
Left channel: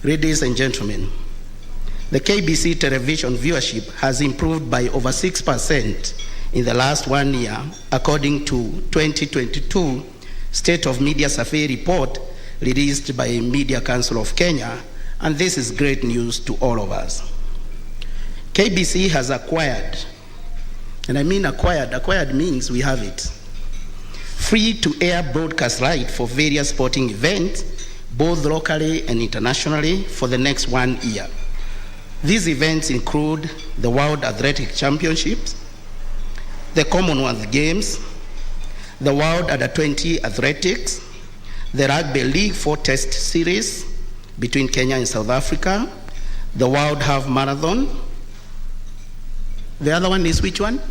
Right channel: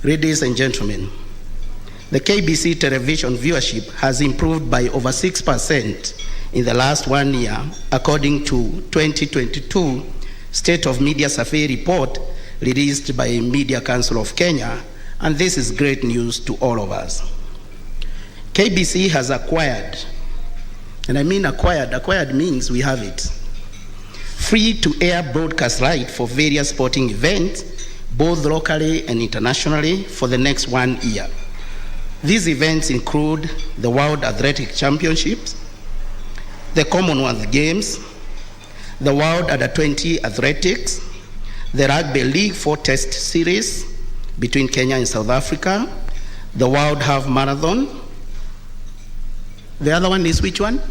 Ladies and gentlemen, the KBC television viewership has improved by over 6% in the last 1 year, according to 2022 State of Media Survey report released by Media Council of Kenya, and this is great news to all of us. KBC has acquired, and I mean acquired means we have it, free-to-air broadcast right for various sporting events, both locally and internationally, for the next 1 year. These events include the World Athletic Championships, the Commonwealth Games, the World Under-20 Athletics, the Rugby League 4 Test Series between Kenya and South Africa, the World Half Marathon. The other one is which one?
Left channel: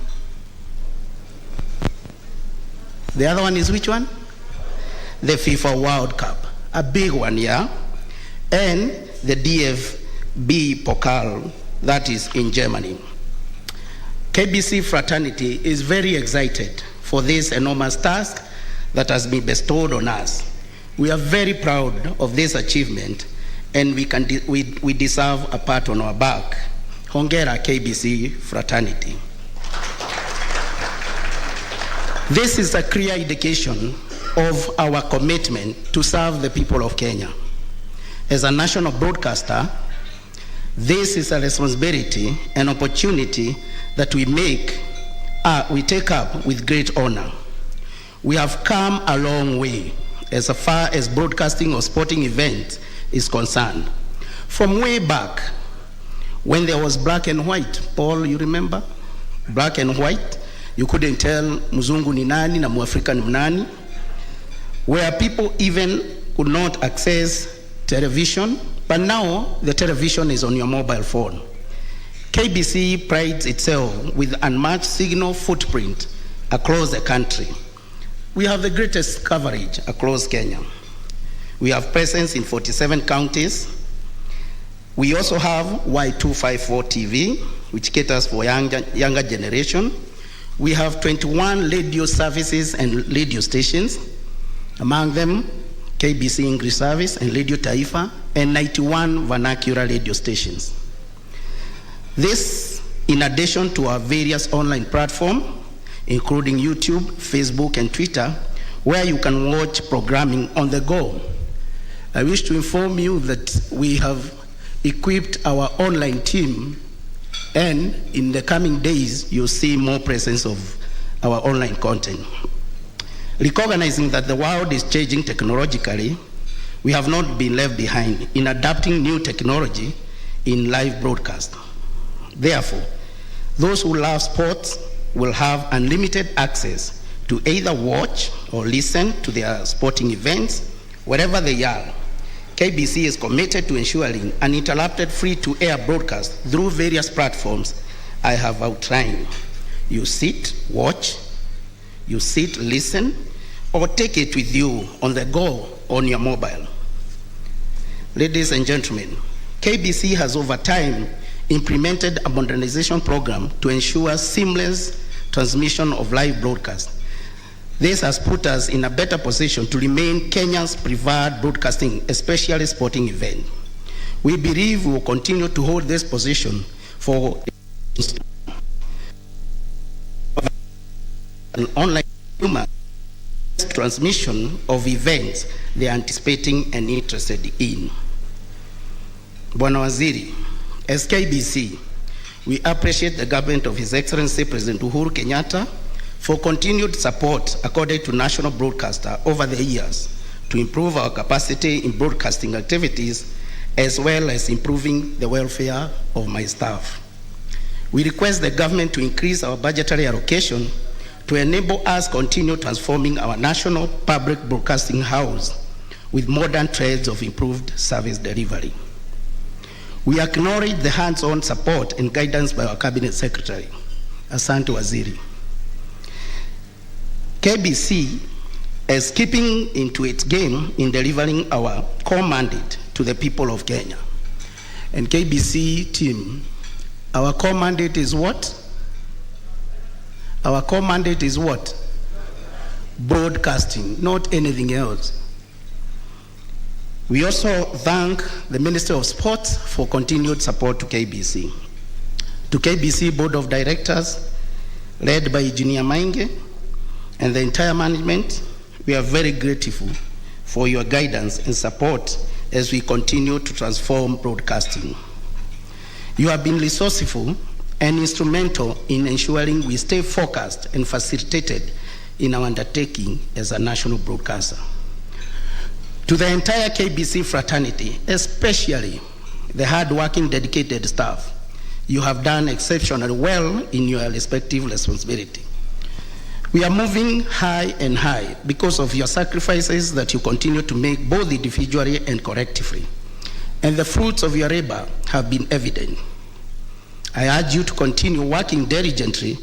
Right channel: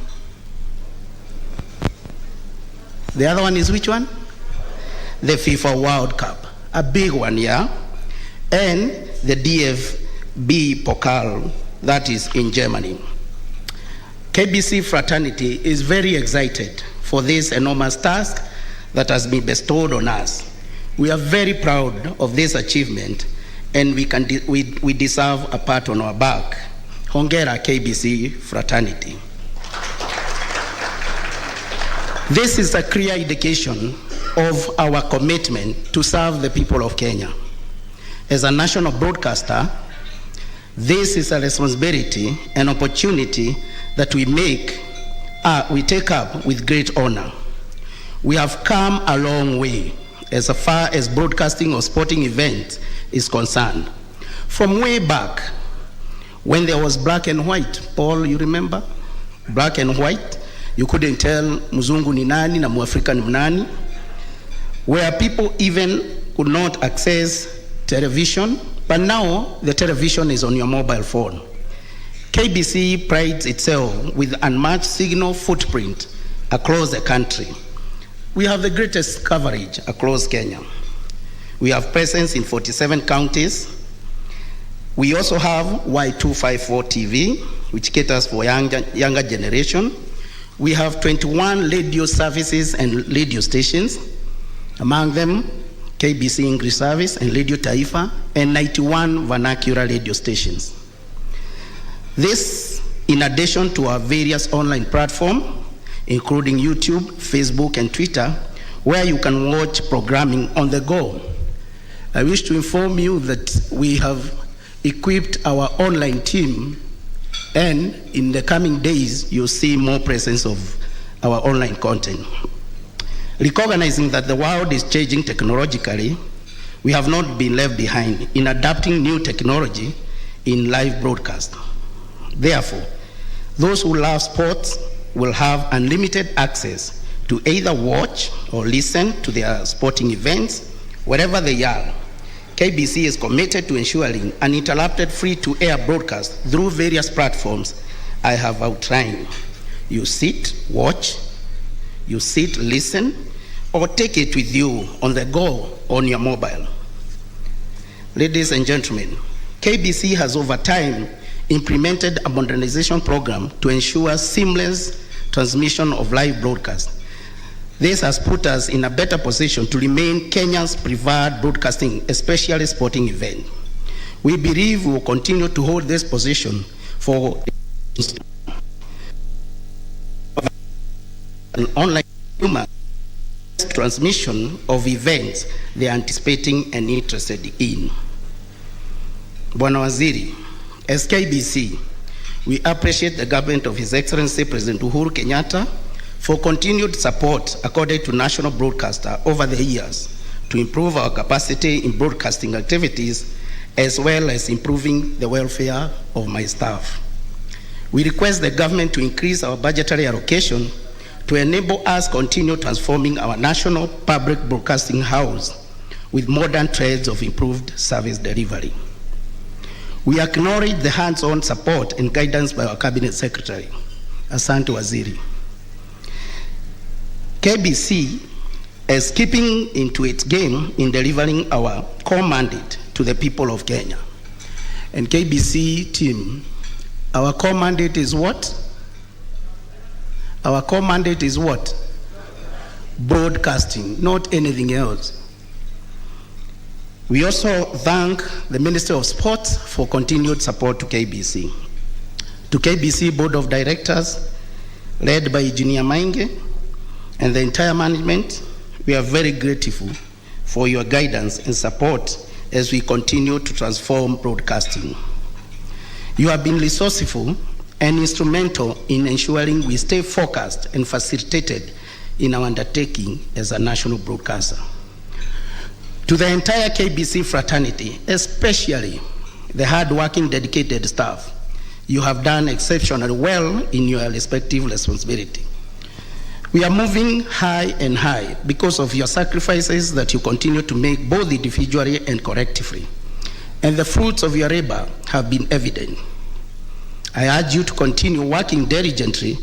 The other one is which one? The FIFA World Cup, a big one, yeah? And the DFB Pokal, that is in Germany. KBC fraternity is very excited for this enormous task that has been bestowed on us. We are very proud of this achievement, and we deserve a pat on our back. Hongera KBC fraternity. This is a clear indication of our commitment to serve the people of Kenya. As a national broadcaster, this is a responsibility and opportunity that we take up with great honor. We have come a long way as far as broadcasting of sporting events is concerned. From way back, when there was black and white, Paul, you remember? Black and white, you couldn't tell Mzungu ni nani na Muafrika ni nani, where people even could not access television, but now the television is on your mobile phone. KBC prides itself with unmatched signal footprint across the country. We have the greatest coverage across Kenya. We have presence in 47 counties. We also have Y254 TV, which caters for younger generation. We have 21 radio services and radio stations, among them KBC English Service and Radio Taifa, and 91 vernacular radio stations. This, in addition to our various online platforms, including YouTube, Facebook, and Twitter, where you can watch programming on the go. I wish to inform you that we have equipped our online team, and in the coming days, you'll see more presence of our online content. Recognizing that the world is changing technologically, we have not been left behind in adapting new technology in live broadcast. Therefore, those who love sports will have unlimited access to either watch or listen to their sporting events wherever they are. KBC is committed to ensuring uninterrupted free-to-air broadcast through various platforms I have outlined. You sit, watch, you sit, listen, or take it with you on the go on your mobile. Ladies and gentlemen, KBC has over time implemented a modernization program to ensure seamless transmission of live broadcast. This has put us in a better position to remain Kenya's preferred broadcasting, especially sporting event. We believe we will continue to hold this position for an online human transmission of events they are anticipating and interested in. Bwana Waziri, as KBC, we appreciate the government of His Excellency President Uhuru Kenyatta for continued support accorded to national broadcaster over the years to improve our capacity in broadcasting activities as well as improving the welfare of my staff. We request the government to increase our budgetary allocation to enable us continue transforming our national public broadcasting house with modern trades of improved service delivery. We acknowledge the hands-on support and guidance by our Cabinet Secretary, Asante Waziri. KBC is keeping into its game in delivering our core mandate to the people of Kenya. And KBC team, our core mandate is what? Our core mandate is what? Broadcasting, not anything else. We also thank the Ministry of Sports for continued support to KBC. To KBC Board of Directors, led by Engineer Maize and the entire management, we are very grateful for your guidance and support as we continue to transform broadcasting. You have been resourceful and instrumental in ensuring we stay focused and facilitated in our undertaking as a national broadcaster. To the entire KBC fraternity, especially the hard-working, dedicated staff, you have done exceptionally well in your respective responsibility. We are moving high and high because of your sacrifices that you continue to make both individually and collectively. And the fruits of your labor have been evident. I urge you to continue working diligently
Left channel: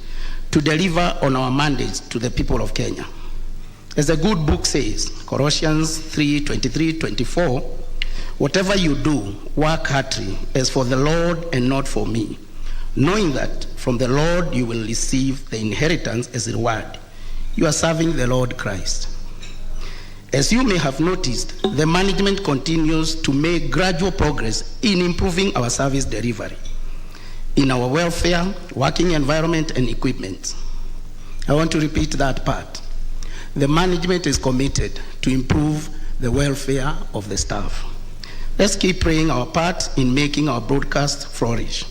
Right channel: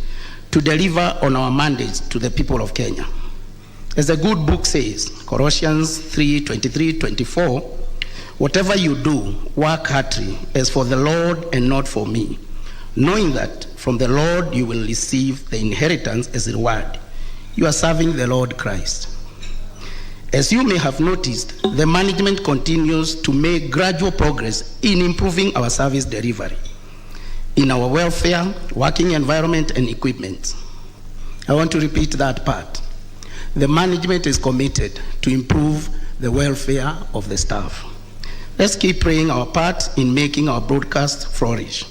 to deliver on our mandates to the people of Kenya. As the good book says, Colossians 3:23-24, whatever you do, work heartily as for the Lord and not for me, knowing that from the Lord you will receive the inheritance as a reward. You are serving the Lord Christ. As you may have noticed, the management continues to make gradual progress in improving our service delivery, in our welfare, working environment, and equipment. I want to repeat that part. The management is committed to improve the welfare of the staff. Let's keep playing our part in making our broadcast flourish.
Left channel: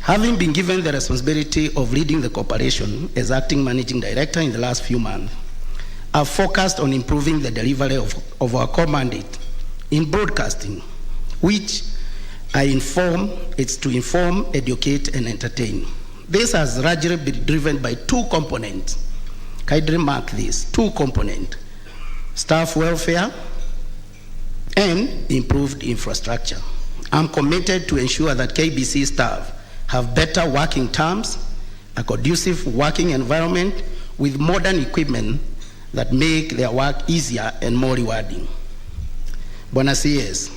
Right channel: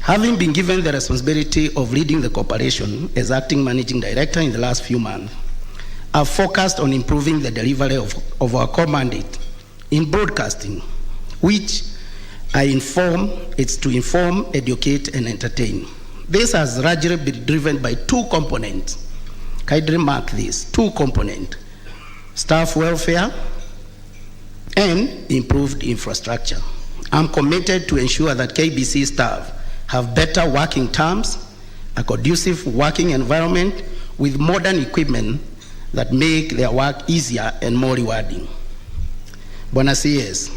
Having been given the responsibility of leading the corporation as acting managing director in the last few months, I've focused on improving the delivery of our core mandate in broadcasting, which it's to inform, educate, and entertain. This has largely been driven by two components. Kindly mark this, two components: staff welfare and improved infrastructure. I'm committed to ensure that KBC staff have better working terms, a conducive working environment with modern equipment that make their work easier and more rewarding. Bwana CS,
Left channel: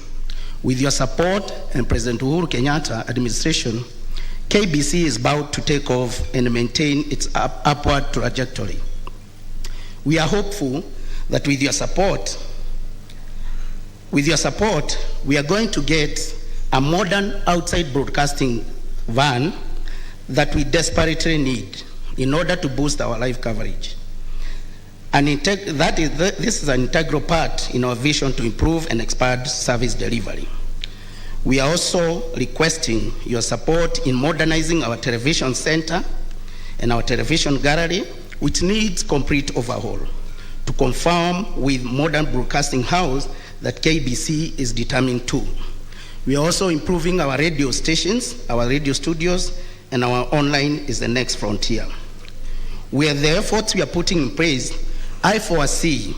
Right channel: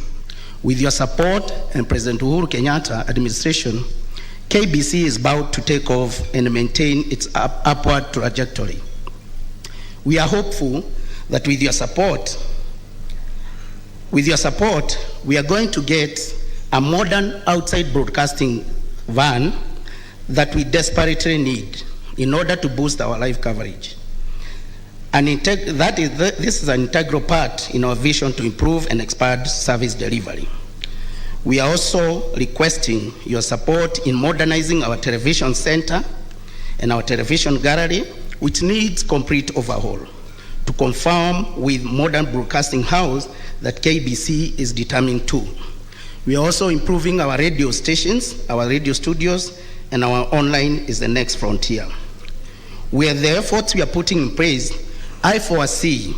with your support and President Uhuru Kenyatta administration, KBC is about to take off and maintain its upward trajectory. We are hopeful that with your support, we are going to get a modern outside broadcasting van that we desperately need in order to boost our live coverage. This is an integral part in our vision to improve and expand service delivery. We are also requesting your support in modernizing our television center and our television gallery, which needs complete overhaul to conform with modern broadcasting house that KBC is determined to. We are also improving our radio stations, our radio studios, and our online is the next frontier. With the efforts we are putting in place, I foresee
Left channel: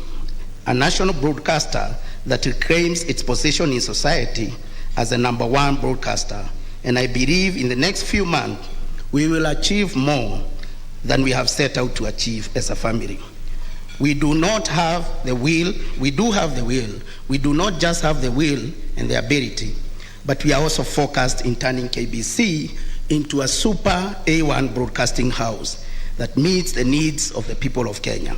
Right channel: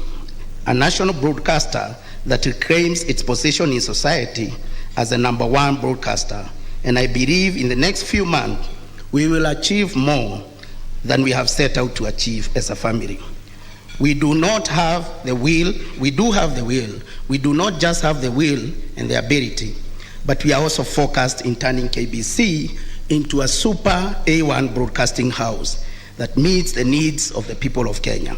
a national broadcaster that reclaims its position in society as the #1 broadcaster. And I believe in the next few months, we will achieve more than we have set out to achieve as a family. We do not have the will, we do have the will. We do not just have the will and the ability, but we are also focused in turning KBC into a super A1 broadcasting house that meets the needs of the people of Kenya.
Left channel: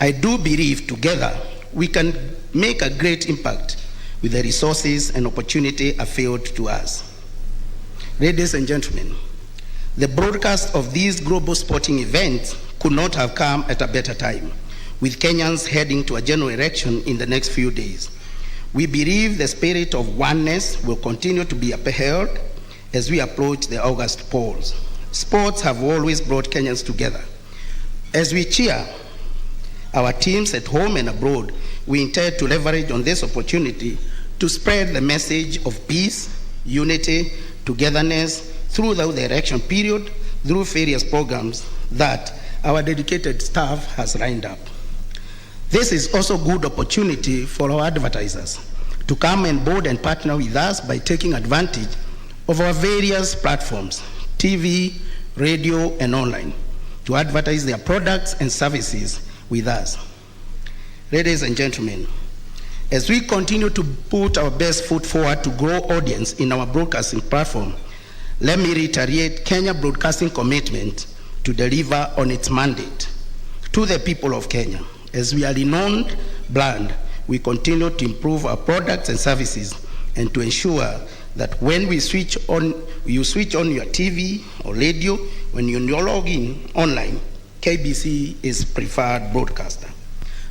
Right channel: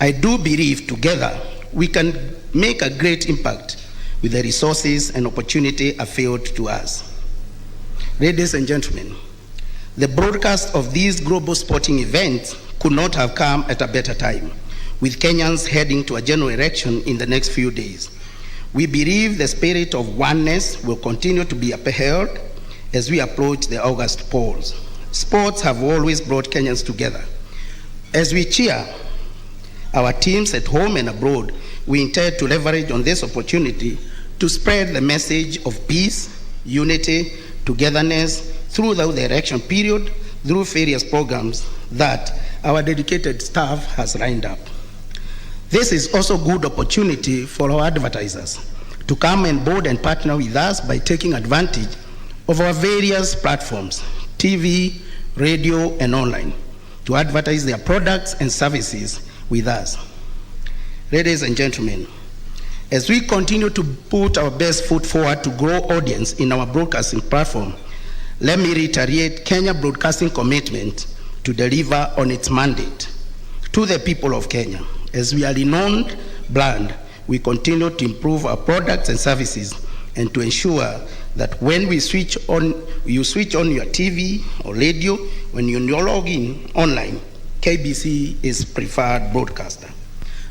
I do believe together we can make a great impact with the resources and opportunity afforded to us. Ladies and gentlemen, the broadcast of these global sporting events could not have come at a better time, with Kenyans heading to a general election in the next few days. We believe the spirit of oneness will continue to be upheld as we approach the August polls. Sports have always brought Kenyans together. As we cheer our teams at home and abroad, we intend to leverage on this opportunity to spread the message of peace, unity, togetherness throughout the election period through various programs that our dedicated staff has lined up. This is also a good opportunity for our advertisers to come on board and partner with us by taking advantage of our various platforms, TV, radio, and online, to advertise their products and services with us. Ladies and gentlemen, as we continue to put our best foot forward to grow audience in our broadcasting platform, let me reiterate Kenya Broadcasting commitment to deliver on its mandate to the people of Kenya. As we are a renowned brand, we continue to improve our products and services and to ensure that when you switch on your TV or radio, when you log in online, KBC is preferred broadcaster.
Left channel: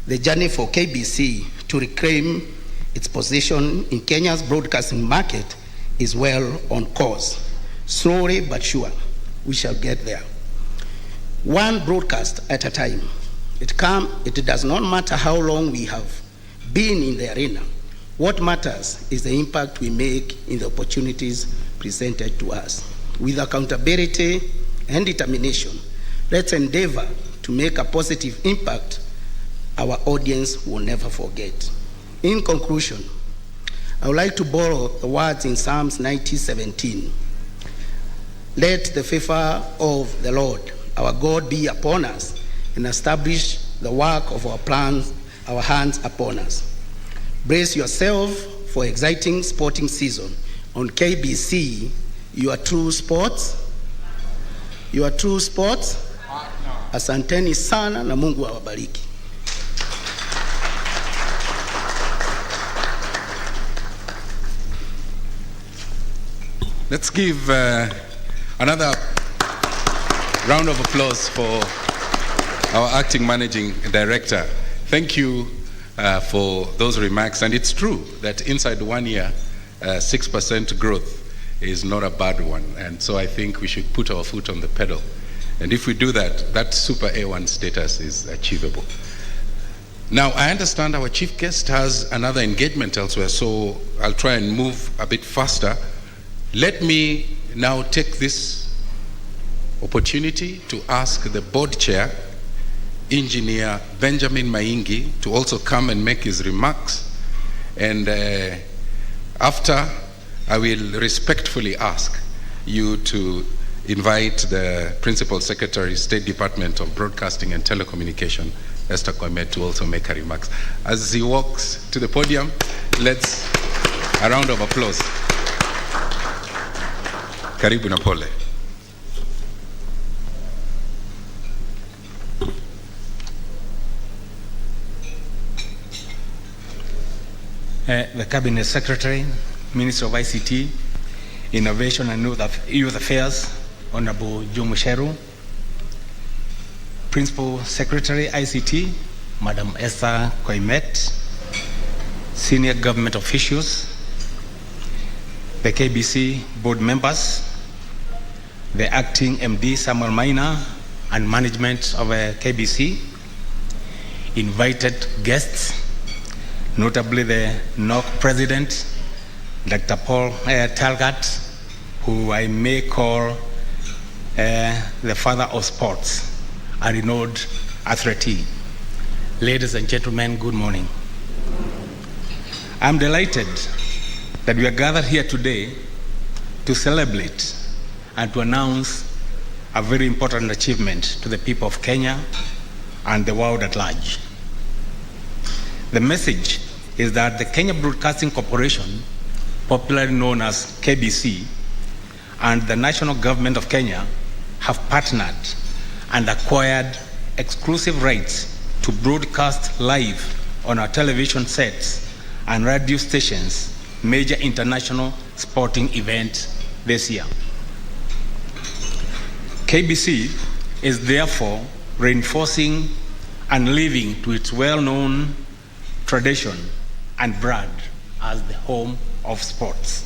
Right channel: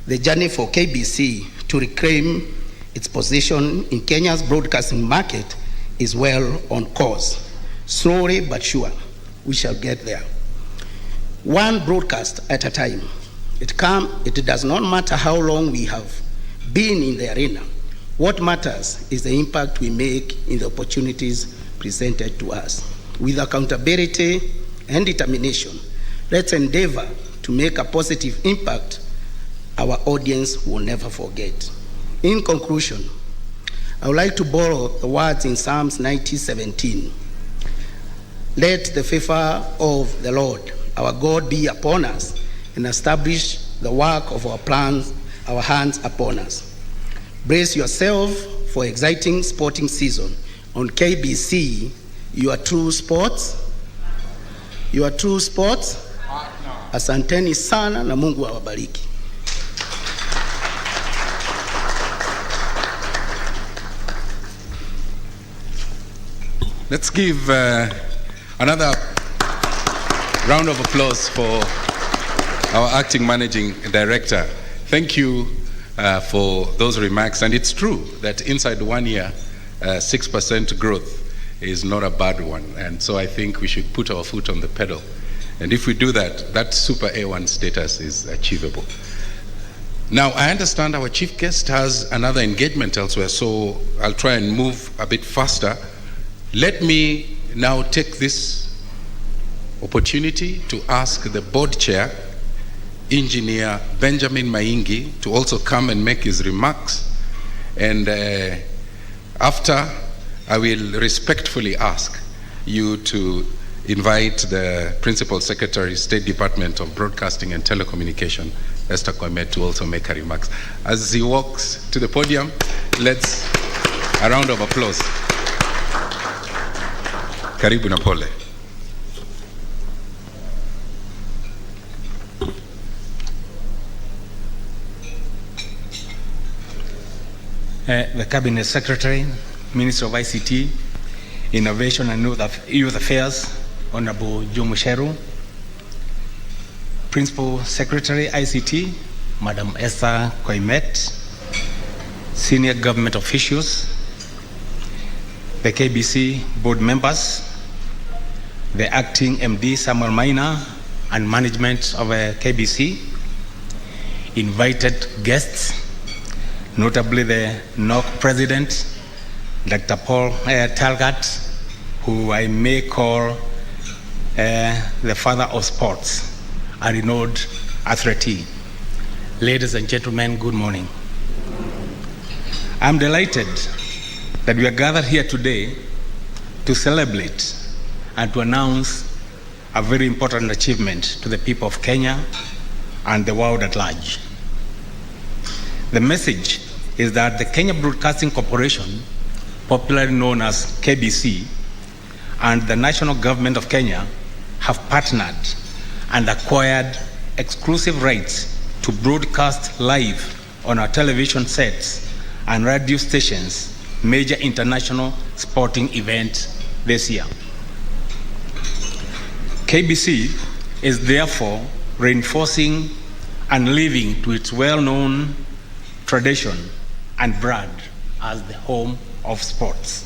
The journey for KBC to reclaim its position in Kenya's broadcasting market is well on course. Slowly but sure, we shall get there. One broadcast at a time. It does not matter how long we have been in the arena. What matters is the impact we make in the opportunities presented to us. With accountability and determination, let's endeavor to make a positive impact our audience will never forget. In conclusion, I would like to borrow the words in Psalms 90:17. Let the favor of the Lord, our God, be upon us and establish the work of our hands upon us. Brace yourself for exciting sporting season on KBC, your true sports. Asanteni sana na Mungu awabariki. Let's give another round of applause for our acting managing director. Thank you for those remarks. And it's true that inside 1 year, 6% growth is not a bad one. And so I think we should put our foot on the pedal. And if we do that, that super A1 status is achievable. Now, I understand our chief guest has another engagement elsewhere, so I'll try and move a bit faster. Let me now take this opportunity to ask the board chair, Engineer Benjamin Maingi, to also come and make his remarks. And after, I will respectfully ask you to invite the Principal Secretary, State Department of Broadcasting and Telecommunication, Esther Kwame, to also make her remarks. As he walks to the podium, let's a round of applause. Karibu na pole. The Cabinet Secretary, Minister of ICT, Innovation and Youth Affairs, Honorable Joe Musheru, Principal Secretary, ICT, Madam Esther Koimet, senior government officials, the KBC board members, the acting MD Samuel Maina, and management of KBC, invited guests, notably the NOC President, Dr. Paul Talgat, who I may call the father of sports, a renowned athlete. Ladies and gentlemen, good morning. I'm delighted that we are gathered here today to celebrate and to announce a very important achievement to the people of Kenya and the world at large. The message is that the Kenya Broadcasting Corporation, popularly known as KBC, and the national government of Kenya have partnered and acquired exclusive rights to broadcast live on our television sets and radio stations major international sporting events this year. KBC is therefore reinforcing and living to its well-known tradition and brand as the home of sports.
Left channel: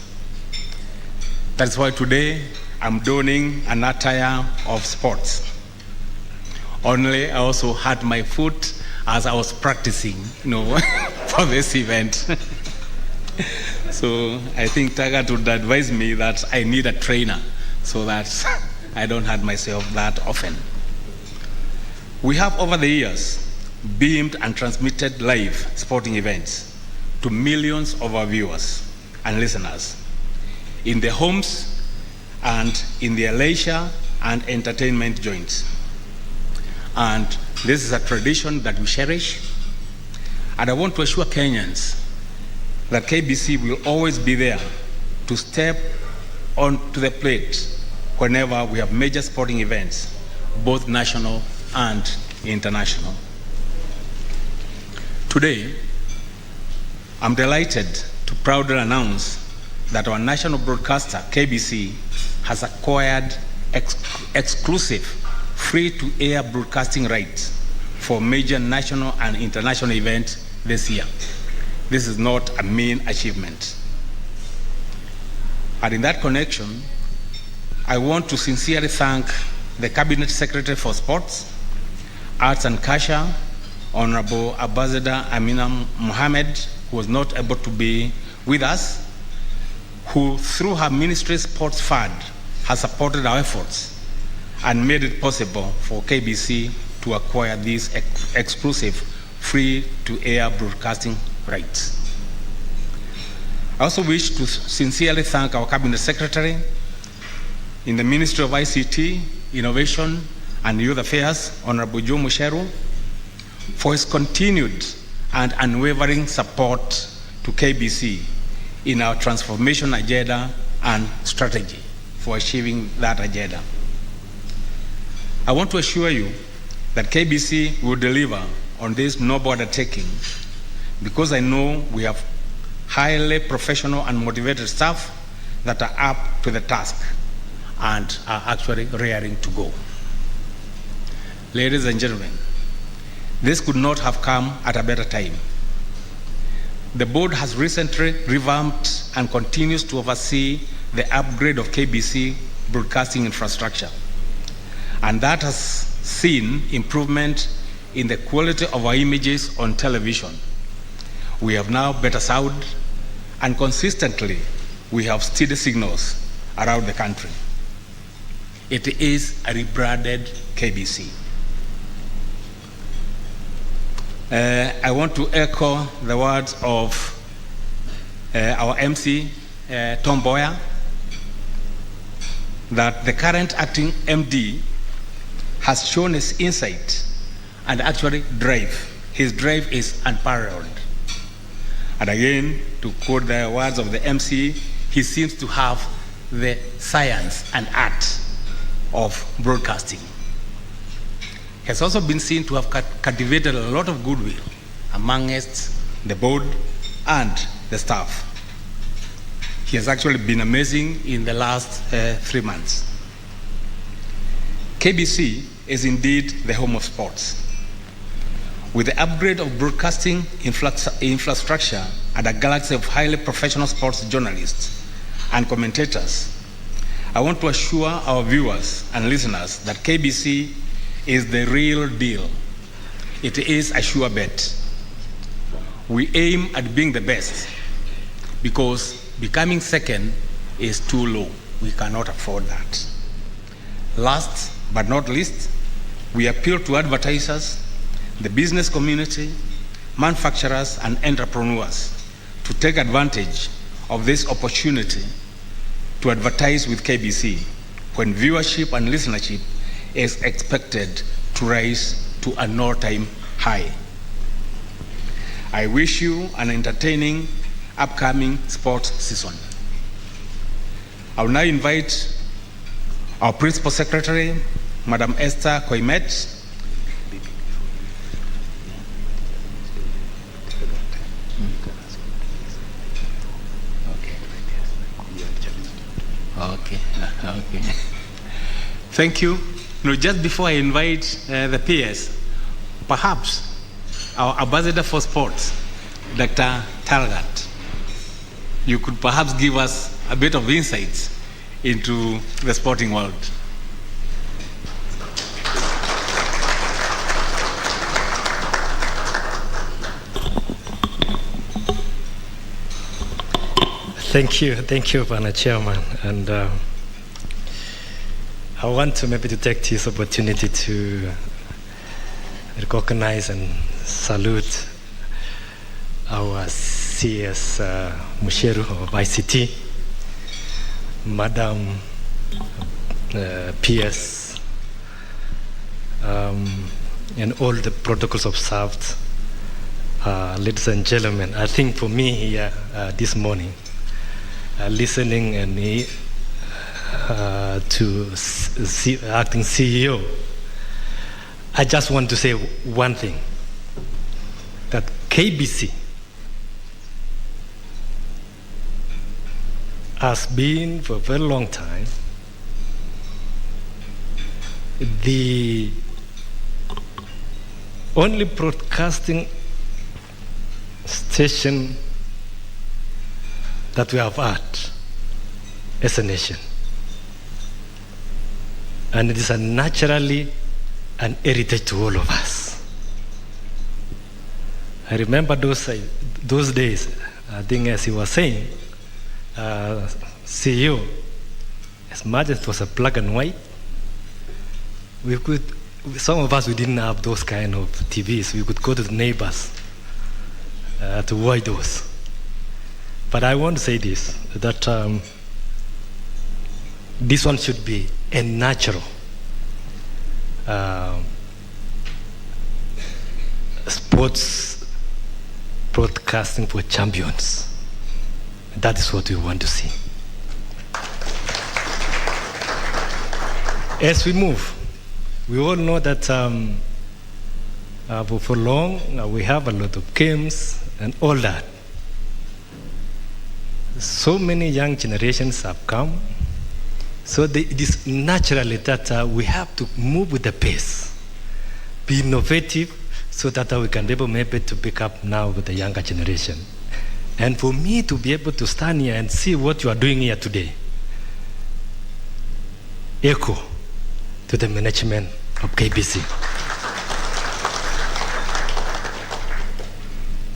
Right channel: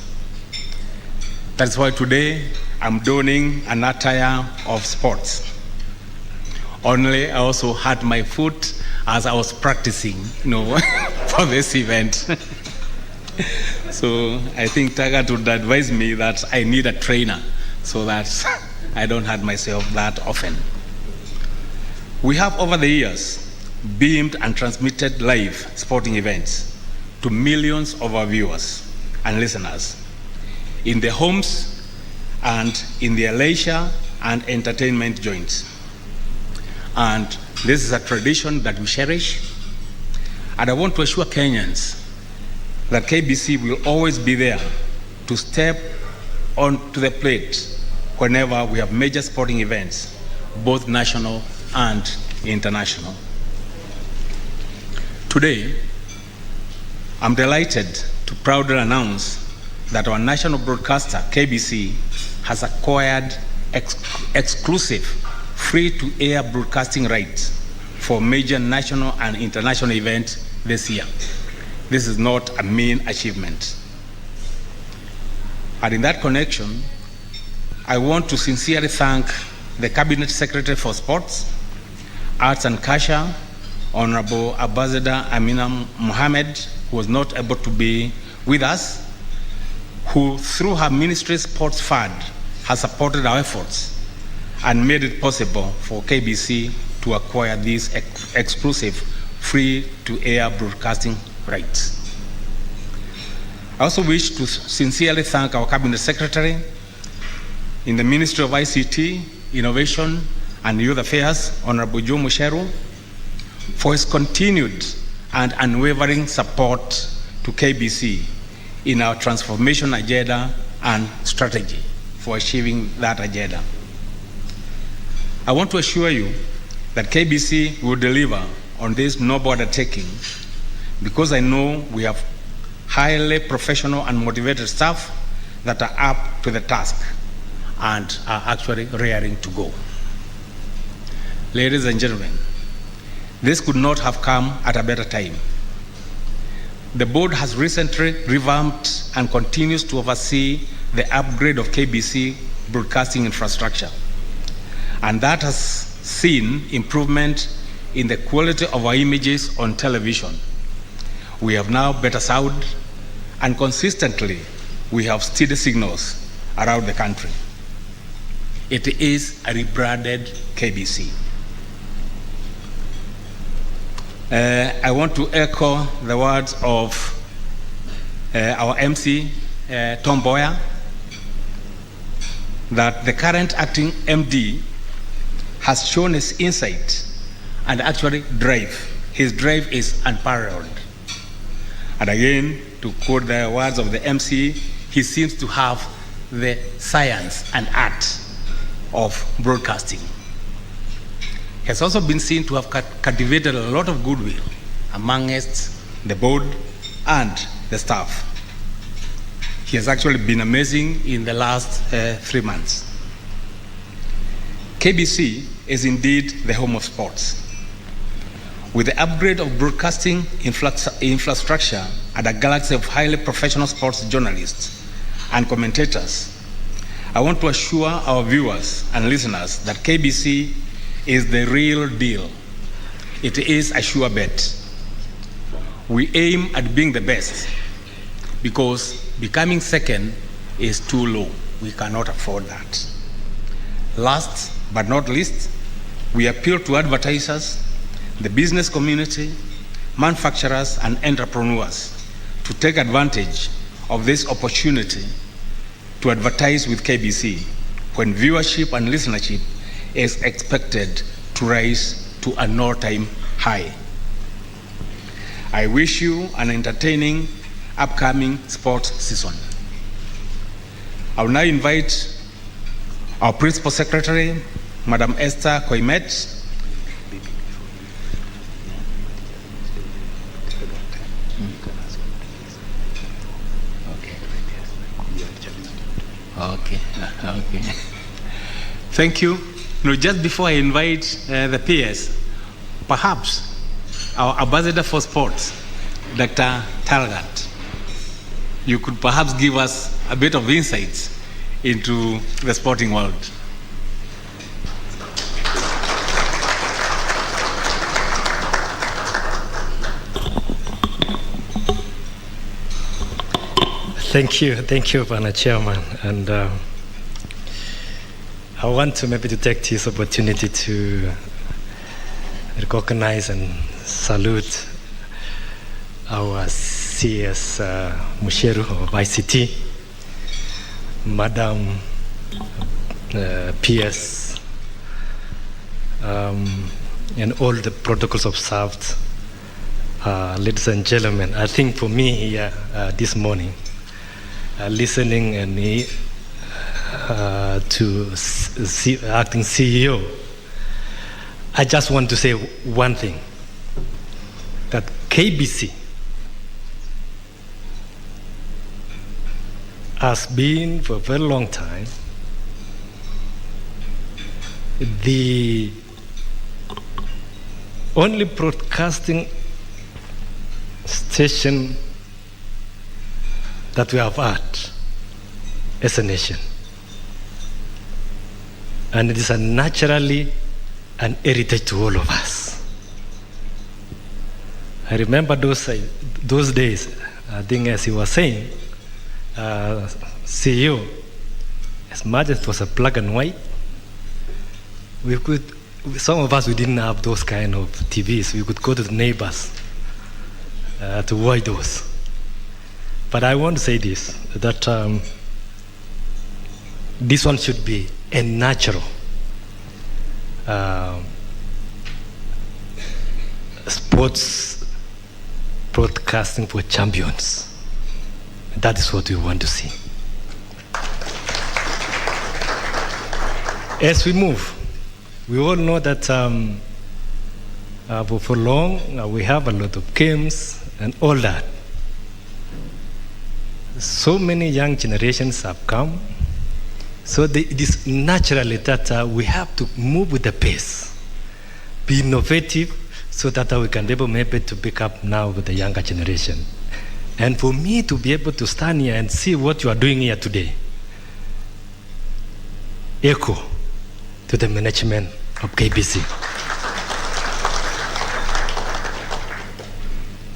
That's why today I'm donning an attire of sports. Only I also had my foot as I was practicing, for this event. So I think Tagat would advise me that I need a trainer so that I don't hurt myself that often. We have over the years beamed and transmitted live sporting events to millions of our viewers and listeners in their homes and in their leisure and entertainment joints. And this is a tradition that we cherish. And I want to assure Kenyans that KBC will always be there to step onto the plate whenever we have major sporting events, both national and international. Today, I'm delighted to proudly announce that our national broadcaster, KBC, has acquired exclusive free-to-air broadcasting rights for major national and international events this year. This is not a mean achievement. And in that connection, I want to sincerely thank the Cabinet Secretary for Sports, Arts and Culture, Honorable Ambassador Amina Mohammed, who was not able to be with us, who through her ministry's sports fund has supported our efforts and made it possible for KBC to acquire these exclusive free-to-air broadcasting rights. I also wish to sincerely thank our Cabinet Secretary in the Ministry of ICT, Innovation and Youth Affairs, Honorable Joe Musheru, for his continued and unwavering support to KBC in our transformation agenda and strategy for achieving that agenda. I want to assure you that KBC will deliver on this noble undertaking because I know we have highly professional and motivated staff that are up to the task and are actually raring to go. Ladies and gentlemen, this could not have come at a better time. The board has recently revamped and continues to oversee the upgrade of KBC broadcasting infrastructure. And that has seen improvement in the quality of our images on television. We have now better sound, and consistently we have steady signals around the country. It is a rebranded KBC. I want to echo the words of our MC, Tom Boyer, that the current acting MD has shown his insight and actually drive. His drive is unparalleled. And again, to quote the words of the MC, he seems to have the science and art of broadcasting. He has also been seen to have cultivated a lot of goodwill amongst the board and the staff. He has actually been amazing in the last 3 months. KBC is indeed the home of sports. With the upgrade of broadcasting infrastructure and a galaxy of highly professional sports journalists and commentators, I want to assure our viewers and listeners that KBC is the real deal. It is a sure bet. We aim at being the best because becoming second is too low. We cannot afford that. Last but not least, we appeal to advertisers, the business community, manufacturers, and entrepreneurs to take advantage of this opportunity to advertise with KBC when viewership and listenership is expected to rise to an all-time high. I wish you an entertaining upcoming sports season. I will now invite our Principal Secretary, Madam Esther Koimet, Okay. Thank you. Just before I invite the peers, perhaps our Ambassador for Sports, Dr. Talgat, you could perhaps give us a bit of insights into the sporting world. Thank you, Pana Chairman. And I want to maybe to take this opportunity to recognize and salute our CS Musheru of ICT, Madam PS, and all the protocols observed. Ladies and gentlemen, I think for me here this morning, listening and to acting CEO, I just want to say one thing, that KBC has been for a very long time the only broadcasting station that we have had as a nation. And it is naturally an heritage to all of us. I remember those days, I think as he was saying, CEO, as much as it was a black and white, some of us, we didn't have those kind of TVs. We could go to the neighbors to watch those. But I want to say this, that this one should be a natural sports broadcasting for champions. That is what we want to see. As we move, we all know that for long we have a lot of games and all that. So many young generations have come, so it is naturally that we have to move with the pace, be innovative, so that we can be able maybe to pick up now with the younger generation. And for me to be able to stand here and see what you are doing here today, echo to the management of KBC.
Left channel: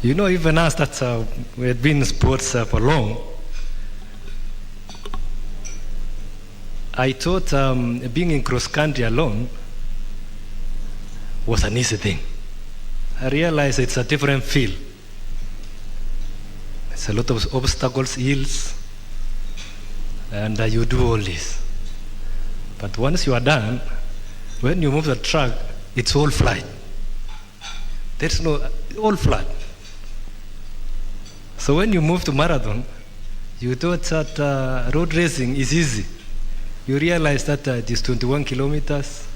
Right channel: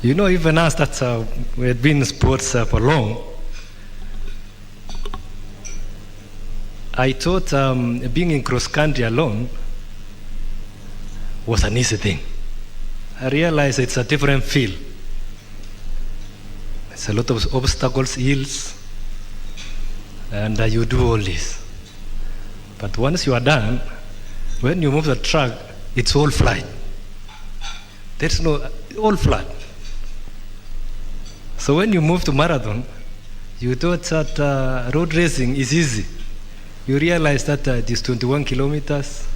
You know, even us that we have been in sports for long, I thought being in cross country alone was an easy thing. I realized it's a different field. It's a lot of obstacles, hills, and you do all this. But once you are done, when you move the track, it's all flat. There's no, all flat. So when you move to marathon, you thought that road racing is easy. You realize that it is 21 kilometers.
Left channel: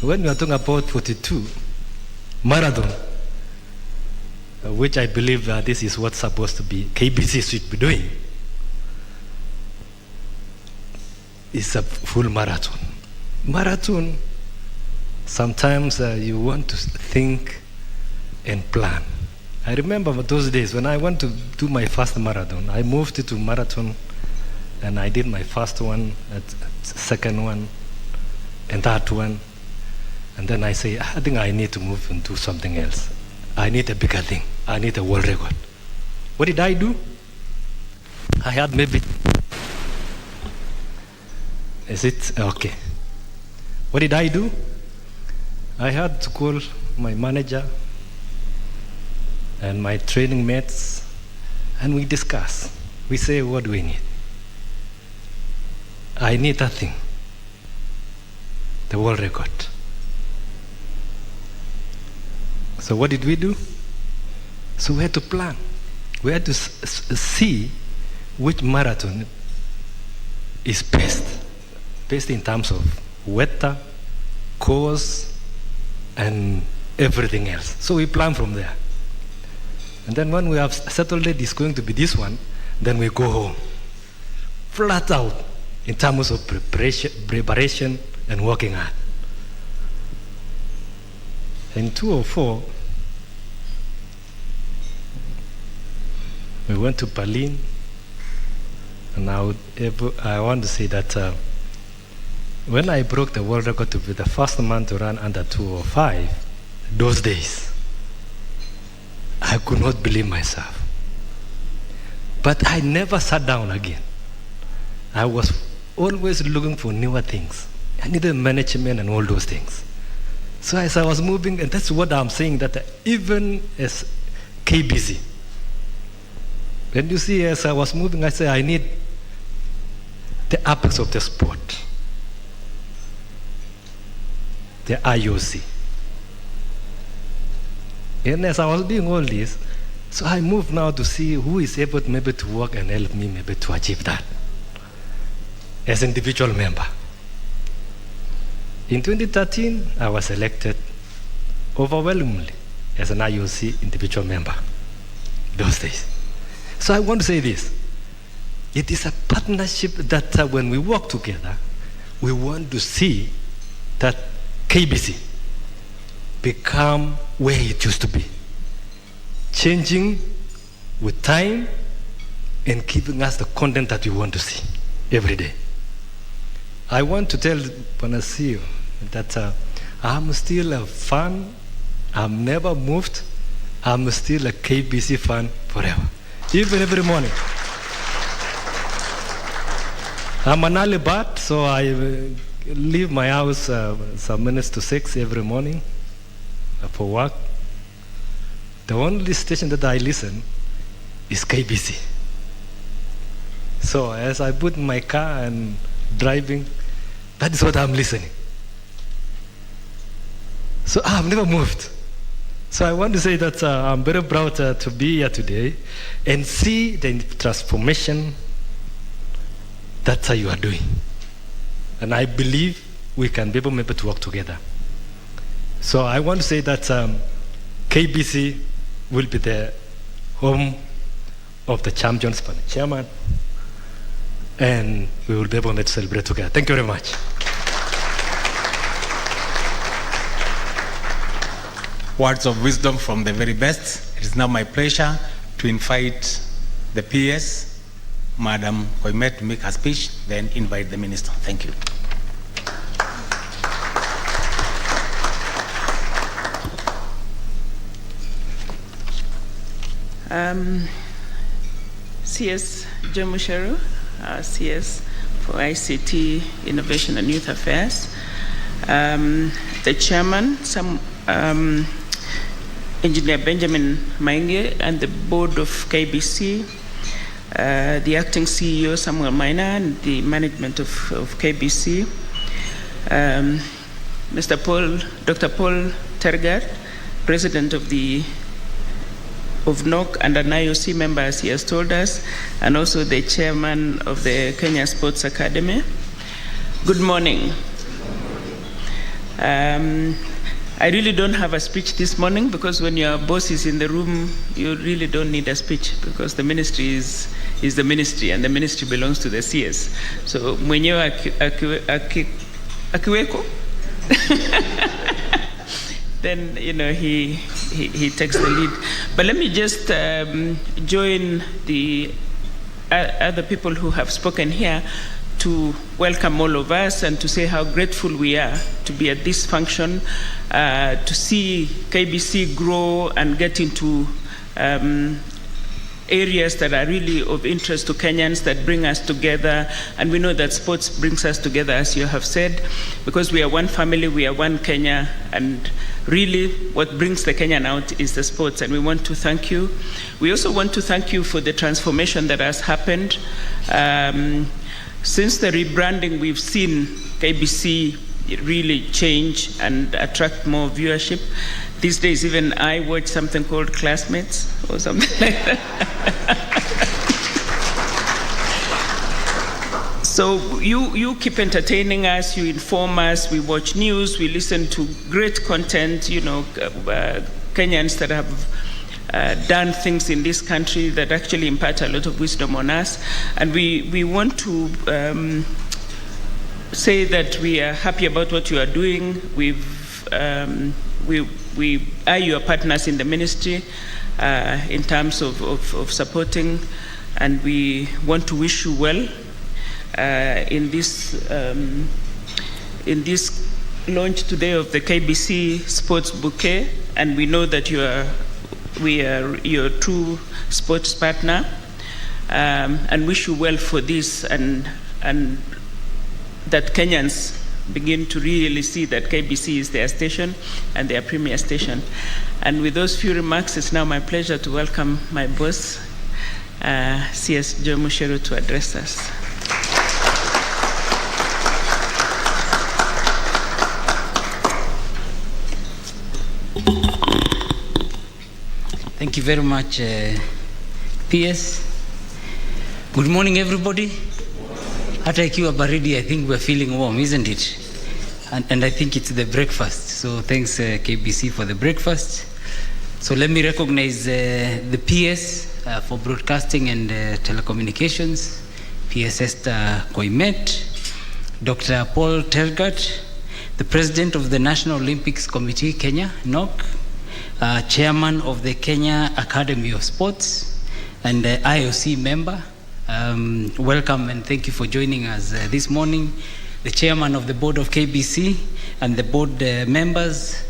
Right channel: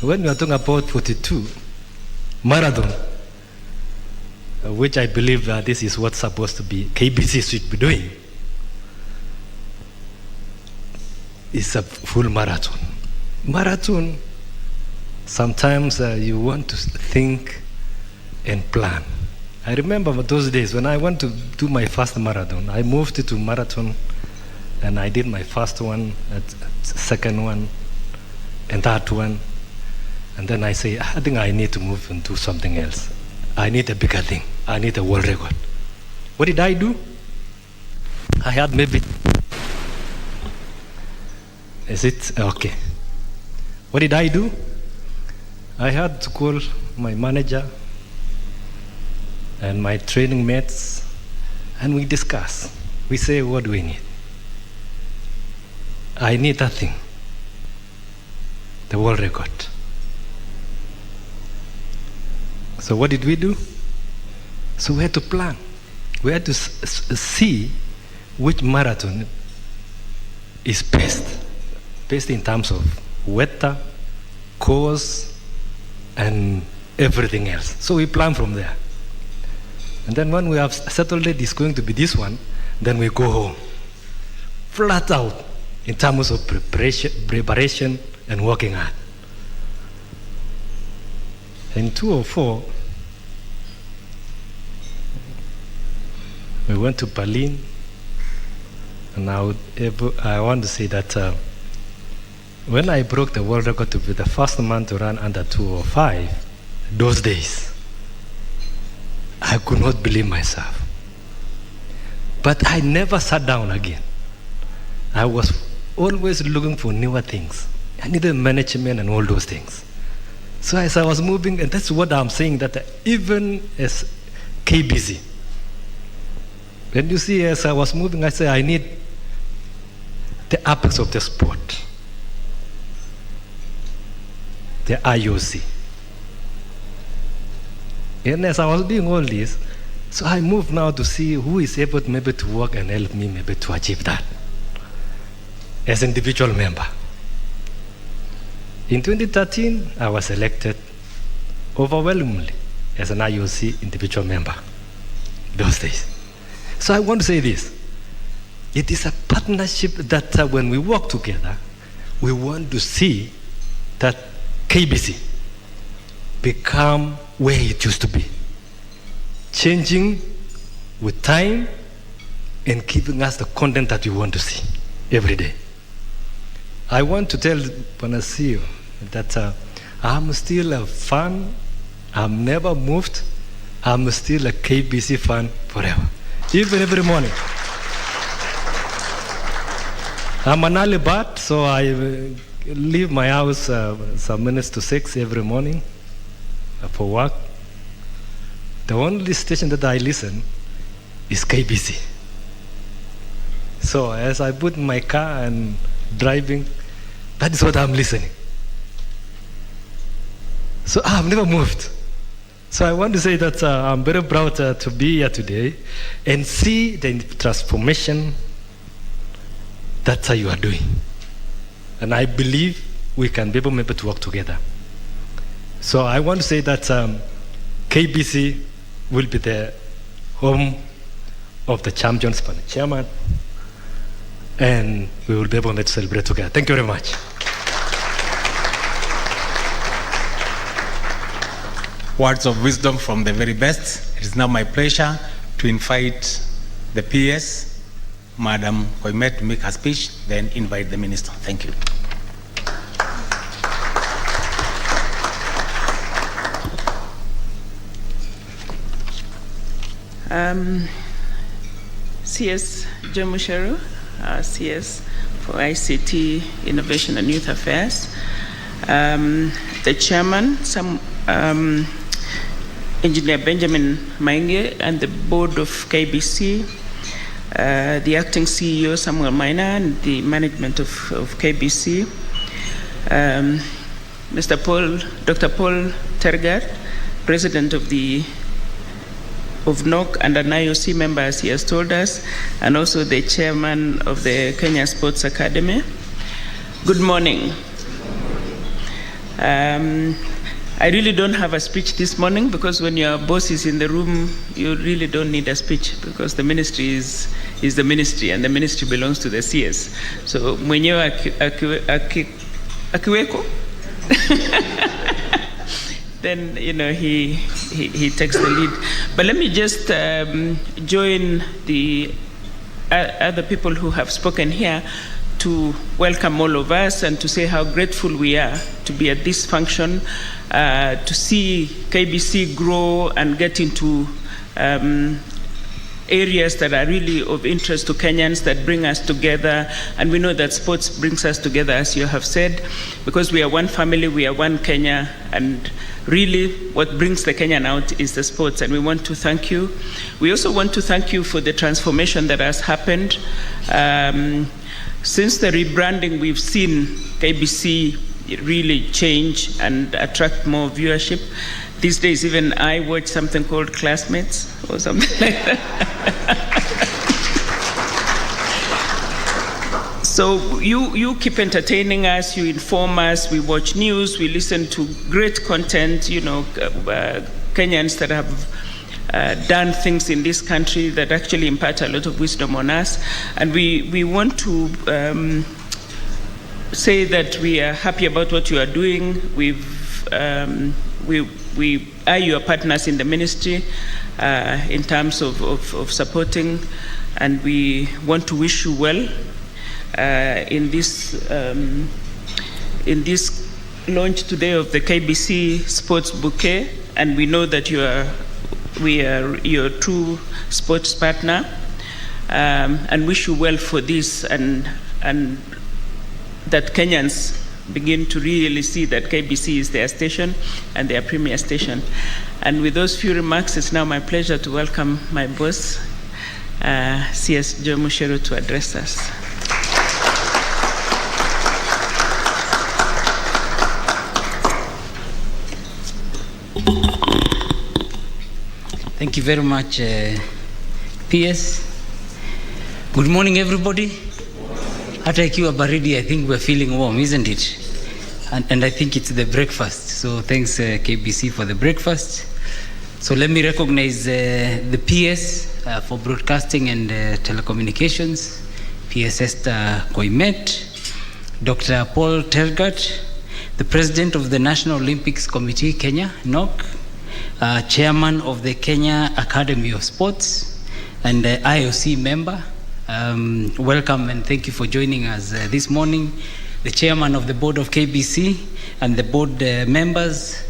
When you are talking about 42, marathon, which I believe this is what's supposed to be, KBC should be doing, is a full marathon. Marathon, sometimes you want to think and plan. I remember those days when I went to do my first marathon. I moved to marathon and I did my first one, second one, and third one. And then I say, I think I need to move and do something else. I need a bigger thing. I need a world record. What did I do? I had maybe, is it? Okay. What did I do? I had to call my manager and my training mates, and we discuss. We say, what do we need? I need that thing, the world record. So what did we do? So we had to plan. We had to see which marathon is best in terms of weather, course, and everything else. So we plan from there. And then when we have settled it, it's going to be this one, then we go home. Flat out in terms of preparation and working hard. In 2004, we went to Berlin, and I want to say that when I broke the world record to be the first man to run under 205, those days, I could not believe myself. But I never sat down again. I was always looking for newer things. I needed management and all those things. So as I was moving, and that's what I'm saying, that even as KBC, When you see, as I was moving, I said, I need the apex of the sport, the IOC. And as I was doing all this, so I moved now to see who is able maybe to work and help me maybe to achieve that as an individual member. In 2013, I was elected overwhelmingly as an IOC individual member those days. So I want to say this. It is a partnership that when we work together, we want to see that KBC become where it used to be, changing with time and giving us the content that we want to see every day. I want to tell Panasio that I'm still a fan. I'm never moved. I'm still a KBC fan forever, even every morning. I'm an early bird, so I leave my house some minutes to 6 every morning for work. The only station that I listen is KBC. So as I put in my car and driving, that is what I'm listening. So I've never moved. So I want to say that I'm very proud to be here today and see the transformation that you are doing. And I believe we can be able to work together. So I want to say that KBC will be the home of the champions for the chairman, and we will be able to celebrate together. Thank you very much. Words of wisdom from the very best. It is now my pleasure to invite the PS, Madam Koimet, to make her speech, then invite the Minister. Thank you. CS Jomusharu, CS for ICT, Innovation and Youth Affairs, the Chairman, Engineer Benjamin Mainge, and the Board of KBC, the Acting CEO Samuel Maina, and the management of KBC, Dr. Paul Tergat, President of NOC and an IOC member, as he has told us, and also the Chairman of the Kenya Sports Academy. Good morning. I really don't have a speech this morning because when your boss is in the room, you really don't need a speech because the ministry is the ministry and the ministry belongs to the CS. So mwenyewe akiweko, then he takes the lead. But let me just join the other people who have spoken here to welcome all of us and to say how grateful we are to be at this function, to see KBC grow and get into areas that are really of interest to Kenyans, that bring us together. And we know that sports brings us together, as you have said, because we are one family, we are one Kenya, and really what brings the Kenyan out is the sports, and we want to thank you. We also want to thank you for the transformation that has happened. Since the rebranding, we've seen KBC really change and attract more viewership. These days, even I watch something called Classmates or something like that. So you keep entertaining us, you inform us, we watch news, we listen to great content, Kenyans that have done things in this country that actually impart a lot of wisdom on us. And we want to say that we are happy about what you are doing. We are your partners in the ministry in terms of supporting, and we want to wish you well in this launch today of the KBC Sports Bouquet, and we know that we are your true sports partner, and wish you well for this, and that Kenyans begin to really see that KBC is their station and their premier station. And with those few remarks, it's now my pleasure to welcome my boss, CS Joe Mushero to address us. Thank you very much, PS. Good morning, everybody. Hata ikiwa baridi, I think we're feeling warm, isn't it? And I think it's the breakfast. So thanks, KBC, for the breakfast. So let me recognize the PS for broadcasting and telecommunications, PS Esther Koimet, Dr. Paul Tergat, the President of the National Olympics Committee, Kenya, NOC, Chairman of the Kenya Academy of Sports, and IOC member. Welcome and thank you for joining us this morning. The Chairman of the Board of KBC and the board members,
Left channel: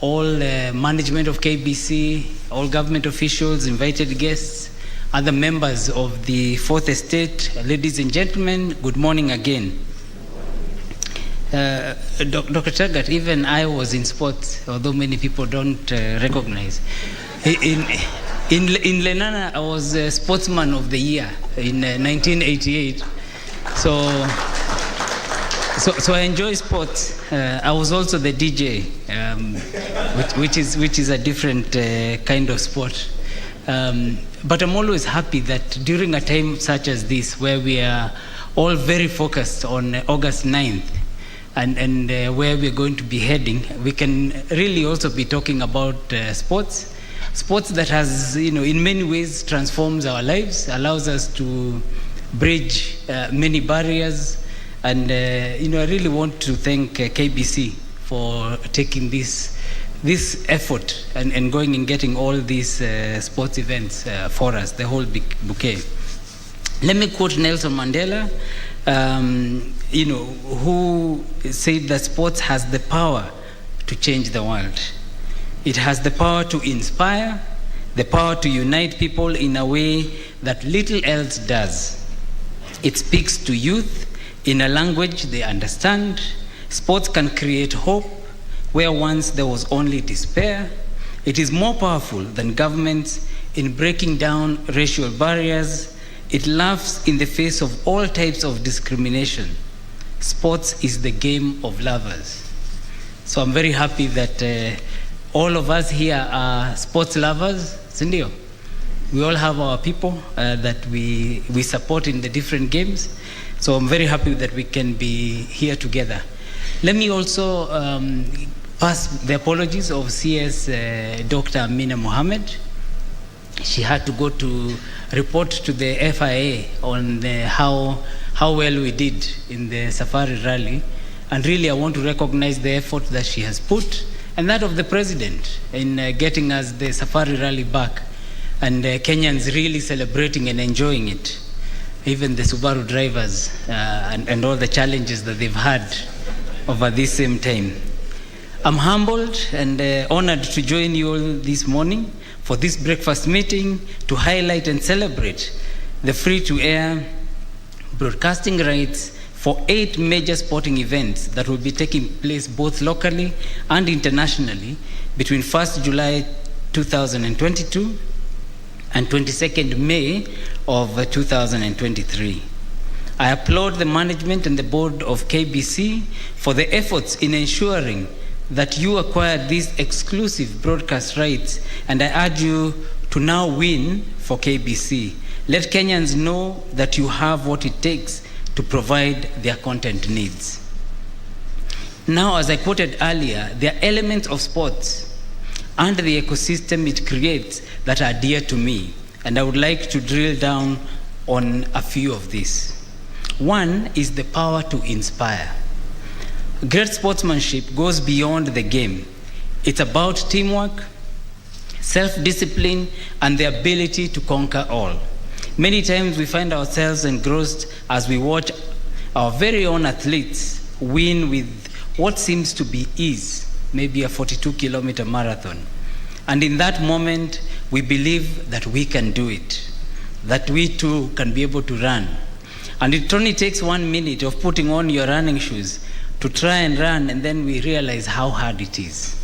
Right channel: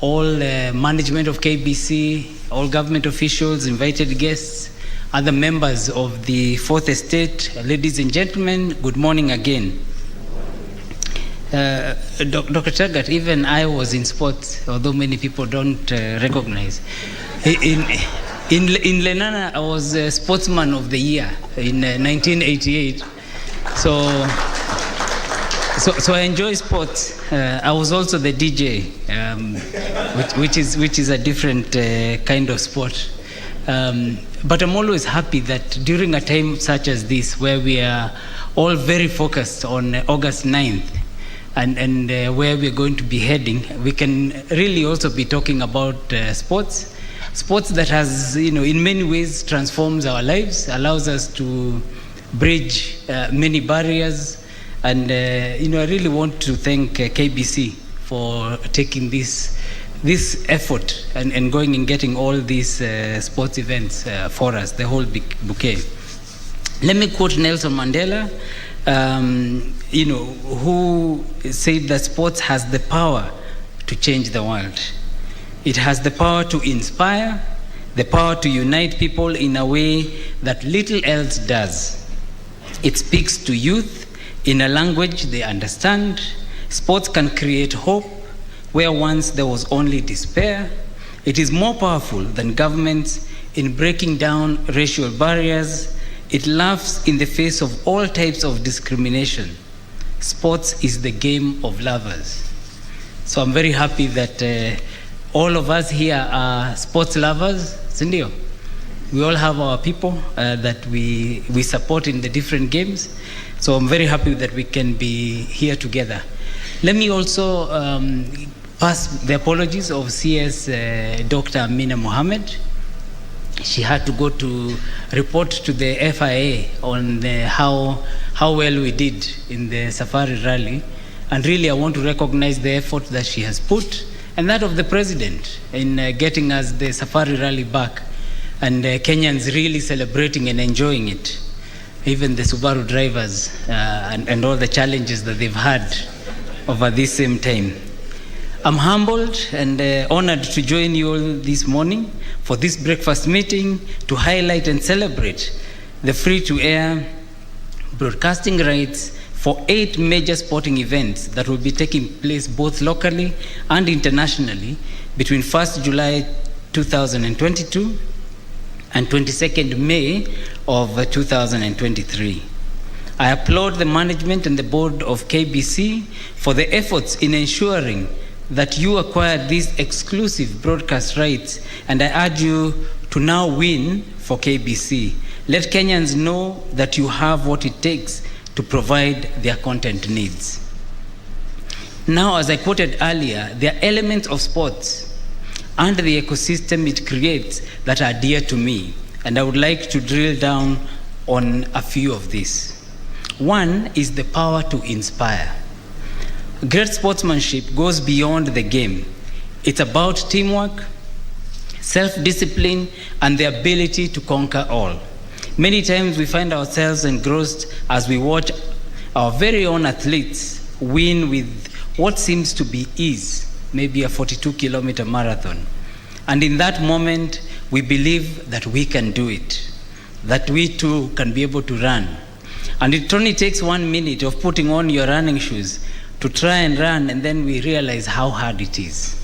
all management of KBC, all government officials, invited guests, other members of the Fourth Estate, ladies and gentlemen, good morning again. Dr. Tergat, even I was in sports, although many people don't recognize. In Lenana, I was Sportsman of the Year in 1988. So I enjoy sports. I was also the DJ, which is a different kind of sport. But I'm always happy that during a time such as this, where we are all very focused on August 9th, and where we're going to be heading, we can really also be talking about sports that has, in many ways transforms our lives, allows us to bridge many barriers. And I really want to thank KBC for taking this effort and going and getting all these sports events for us, the whole big bouquet. Let me quote Nelson Mandela, who said that sports has the power to change the world. It has the power to inspire, the power to unite people in a way that little else does. It speaks to youth in a language they understand. Sports can create hope where once there was only despair. It is more powerful than governments in breaking down racial barriers. It laughs in the face of all types of discrimination. Sports is the game of lovers. So I'm very happy that all of us here are sports lovers. Sindio? We all have our people that we support in the different games. So I'm very happy that we can be here together. Let me also pass the apologies of CS Dr. Amina Mohammed. She had to go to report to the FIA on how well we did in the Safari Rally. And really I want to recognize the effort that she has put and that of the President in getting us the Safari Rally back. And Kenyans really celebrating and enjoying it. Even the Subaru drivers and all the challenges that they've had over this same time. I'm humbled and honored to join you all this morning for this breakfast meeting to highlight and celebrate the free-to-air broadcasting rights for 8 major sporting events that will be taking place both locally and internationally between 1st July 2022 and 22nd May of 2023. I applaud the management and the board of KBC for the efforts in ensuring that you acquired these exclusive broadcast rights, and I urge you to now win for KBC. Let Kenyans know that you have what it takes to provide their content needs. Now, as I quoted earlier, there are elements of sports and the ecosystem it creates that are dear to me, and I would like to drill down on a few of these. One is the power to inspire. Great sportsmanship goes beyond the game. It's about teamwork, self-discipline, and the ability to conquer all. Many times we find ourselves engrossed as we watch our very own athletes win with what seems to be ease, maybe a 42-kilometer marathon. And in that moment, we believe that we can do it, that we too can be able to run. And it only takes 1 minute of putting on your running shoes to try and run, and then we realize how hard it is.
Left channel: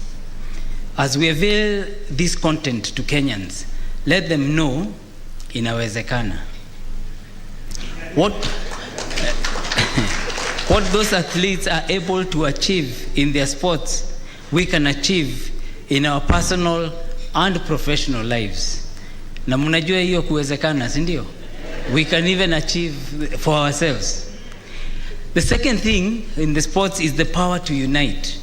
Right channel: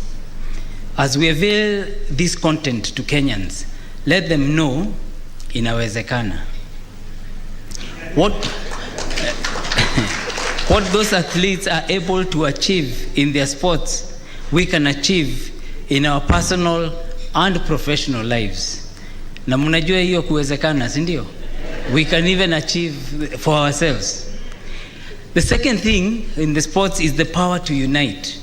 As we avail this content to Kenyans, let them know inawezekana. What those athletes are able to achieve in their sports, we can achieve in our personal and professional lives. Na mnajua hiyo kuwezekana, si ndio? We can even achieve for ourselves. The second thing in the sports is the power to unite.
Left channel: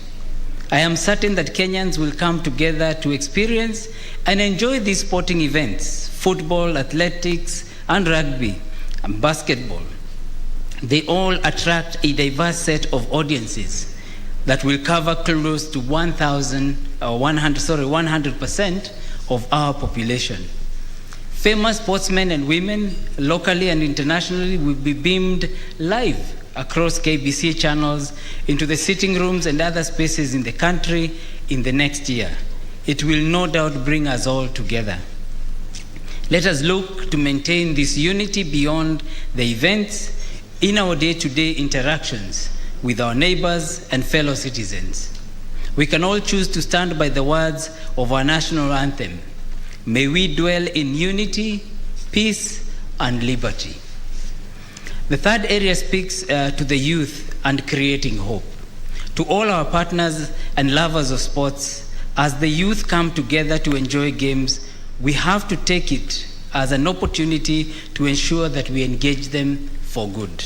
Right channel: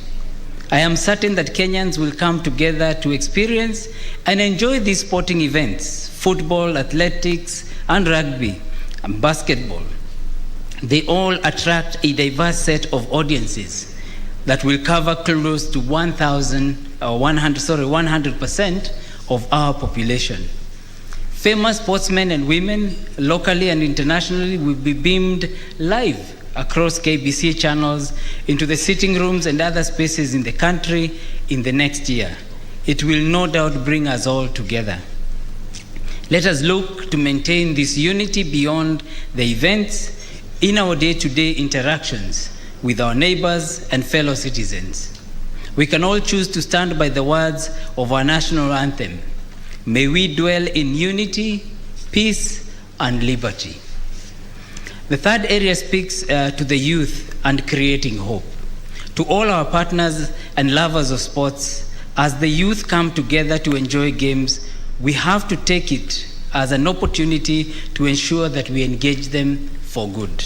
I am certain that Kenyans will come together to experience and enjoy these sporting events: football, athletics, and rugby, and basketball. They all attract a diverse set of audiences that will cover close to 100% of our population. Famous sportsmen and women, locally and internationally, will be beamed live across KBC channels into the sitting rooms and other spaces in the country in the next year. It will no doubt bring us all together. Let us look to maintain this unity beyond the events in our day-to-day interactions with our neighbors and fellow citizens. We can all choose to stand by the words of our national anthem. May we dwell in unity, peace, and liberty. The third area speaks to the youth and creating hope. To all our partners and lovers of sports, as the youth come together to enjoy games, we have to take it as an opportunity to ensure that we engage them for good.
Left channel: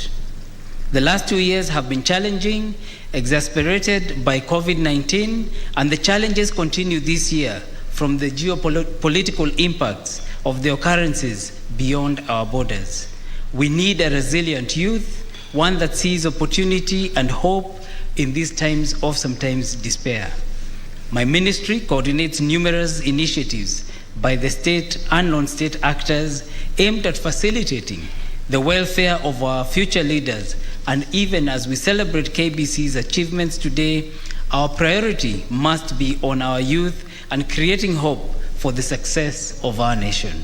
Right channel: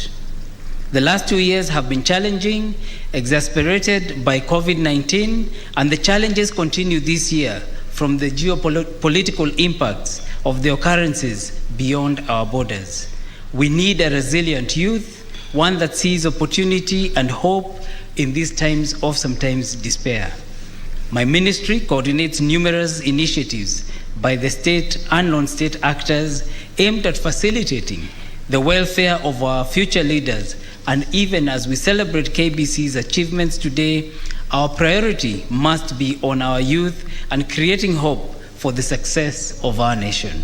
The last 2 years have been challenging, exacerbated by COVID-19, and the challenges continue this year from the geopolitical impacts of the occurrences beyond our borders. We need a resilient youth, one that sees opportunity and hope in these times of sometimes despair. My ministry coordinates numerous initiatives by the state and non-state actors aimed at facilitating the welfare of our future leaders. And even as we celebrate KBC's achievements today, our priority must be on our youth and creating hope for the success of our nation.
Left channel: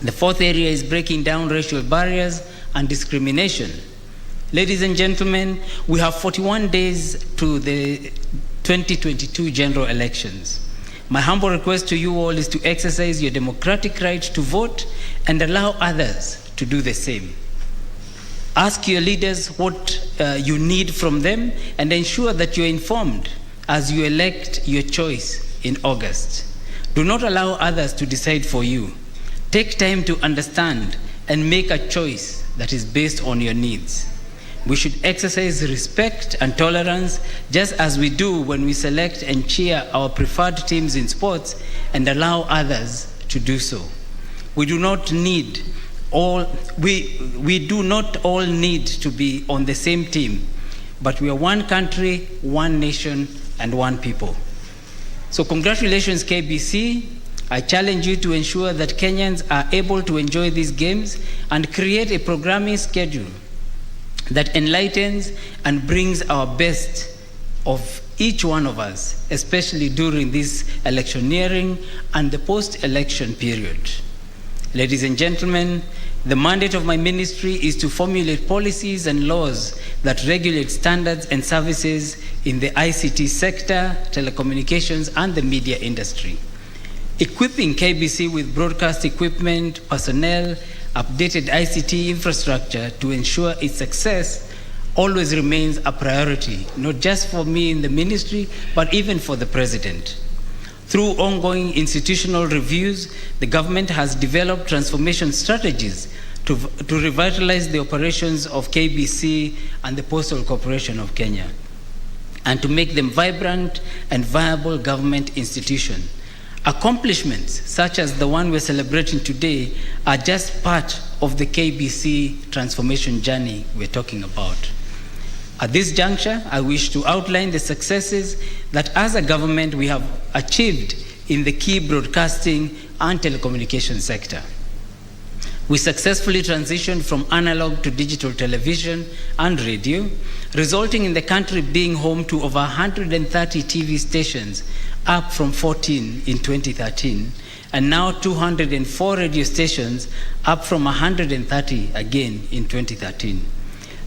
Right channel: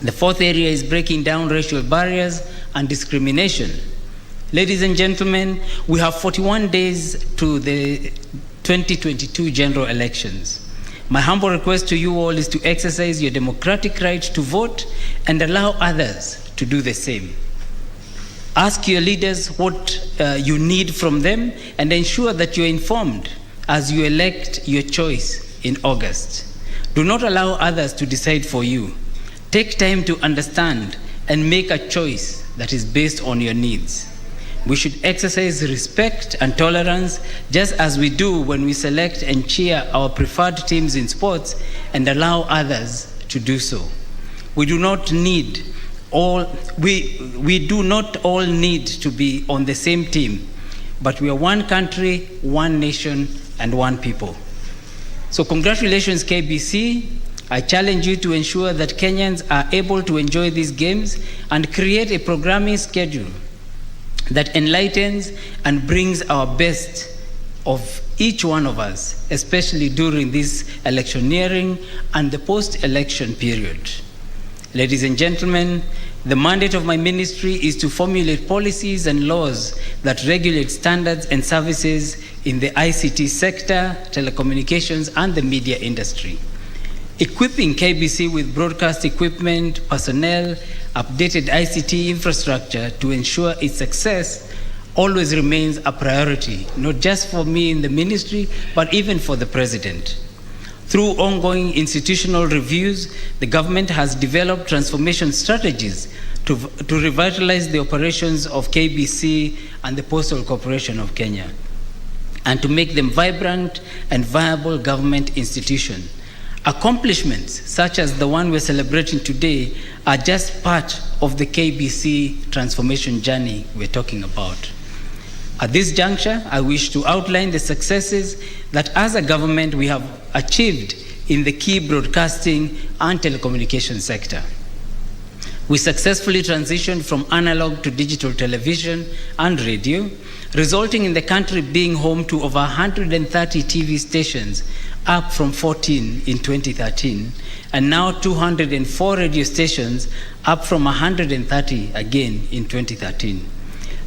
The fourth area is breaking down racial barriers and discrimination. Ladies and gentlemen, we have 41 days to the 2022 general elections. My humble request to you all is to exercise your democratic right to vote and allow others to do the same. Ask your leaders what you need from them and ensure that you're informed as you elect your choice in August. Do not allow others to decide for you. Take time to understand and make a choice that is based on your needs. We should exercise respect and tolerance just as we do when we select and cheer our preferred teams in sports and allow others to do so. We do not all need to be on the same team, but we are one country, one nation, and one people. So congratulations, KBC. I challenge you to ensure that Kenyans are able to enjoy these games and create a programming schedule that enlightens and brings our best of each one of us, especially during this electioneering and the post-election period. Ladies and gentlemen, the mandate of my ministry is to formulate policies and laws that regulate standards and services in the ICT sector, telecommunications, and the media industry. Equipping KBC with broadcast equipment, personnel, updated ICT infrastructure to ensure its success always remains a priority, not just for me in the ministry, but even for the President. Through ongoing institutional reviews, the government has developed transformation strategies to revitalize the operations of KBC and the Postal Corporation of Kenya, and to make them vibrant and viable government institutions. Accomplishments such as the one we're celebrating today are just part of the KBC transformation journey we're talking about. At this juncture, I wish to outline the successes that as a government we have achieved in the key broadcasting and telecommunication sector. We successfully transitioned from analog to digital television and radio, resulting in the country being home to over 130 TV stations, up from 14 in 2013, and now 204 radio stations, up from 130 again in 2013.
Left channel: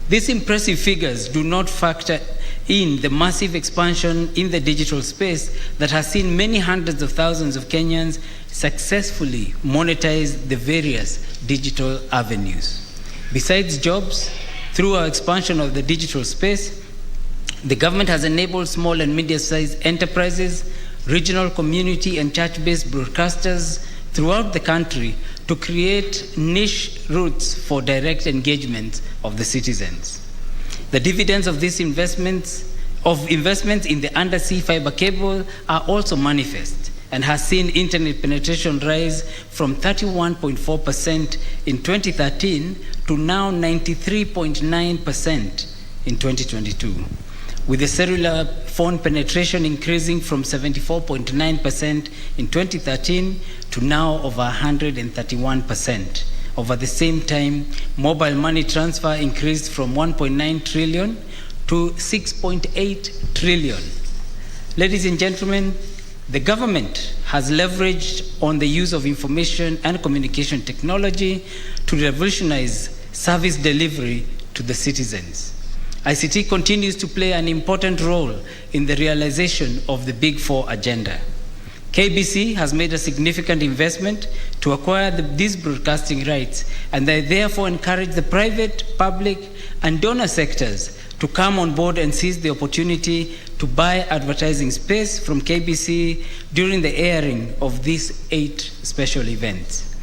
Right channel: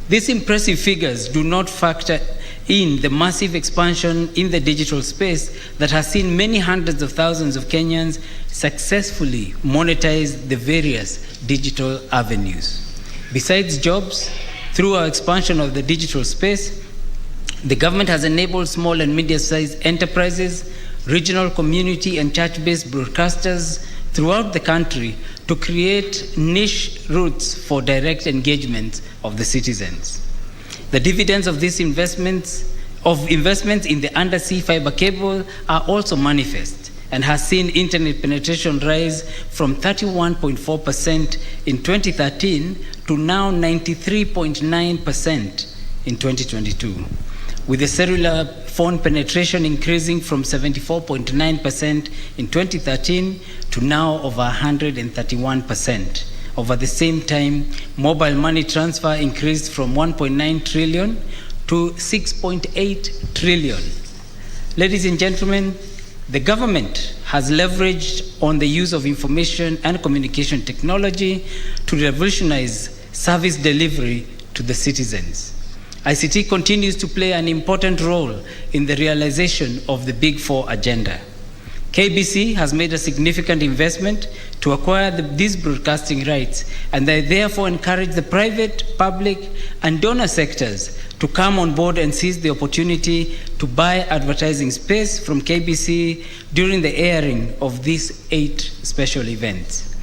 These impressive figures do not factor in the massive expansion in the digital space that has seen many hundreds of thousands of Kenyans successfully monetize the various digital avenues. Besides jobs, through our expansion of the digital space, the government has enabled small and medium-sized enterprises, regional community and church-based broadcasters throughout the country to create niche routes for direct engagement of the citizens. The dividends of these investments in the undersea fiber cable are also manifest and has seen internet penetration rise from 31.4% in 2013 to now 93.9% in 2022, with the cellular phone penetration increasing from 74.9% in 2013 to now over 131%. Over the same time, mobile money transfer increased from 1.9 trillion to 6.8 trillion. Ladies and gentlemen, the government has leveraged on the use of information and communication technology to revolutionize service delivery to the citizens. ICT continues to play an important role in the realization of the Big Four agenda. KBC has made a significant investment to acquire these broadcasting rights, and they therefore encourage the private, public, and donor sectors to come on board and seize the opportunity to buy advertising space from KBC during the airing of these 8 special events.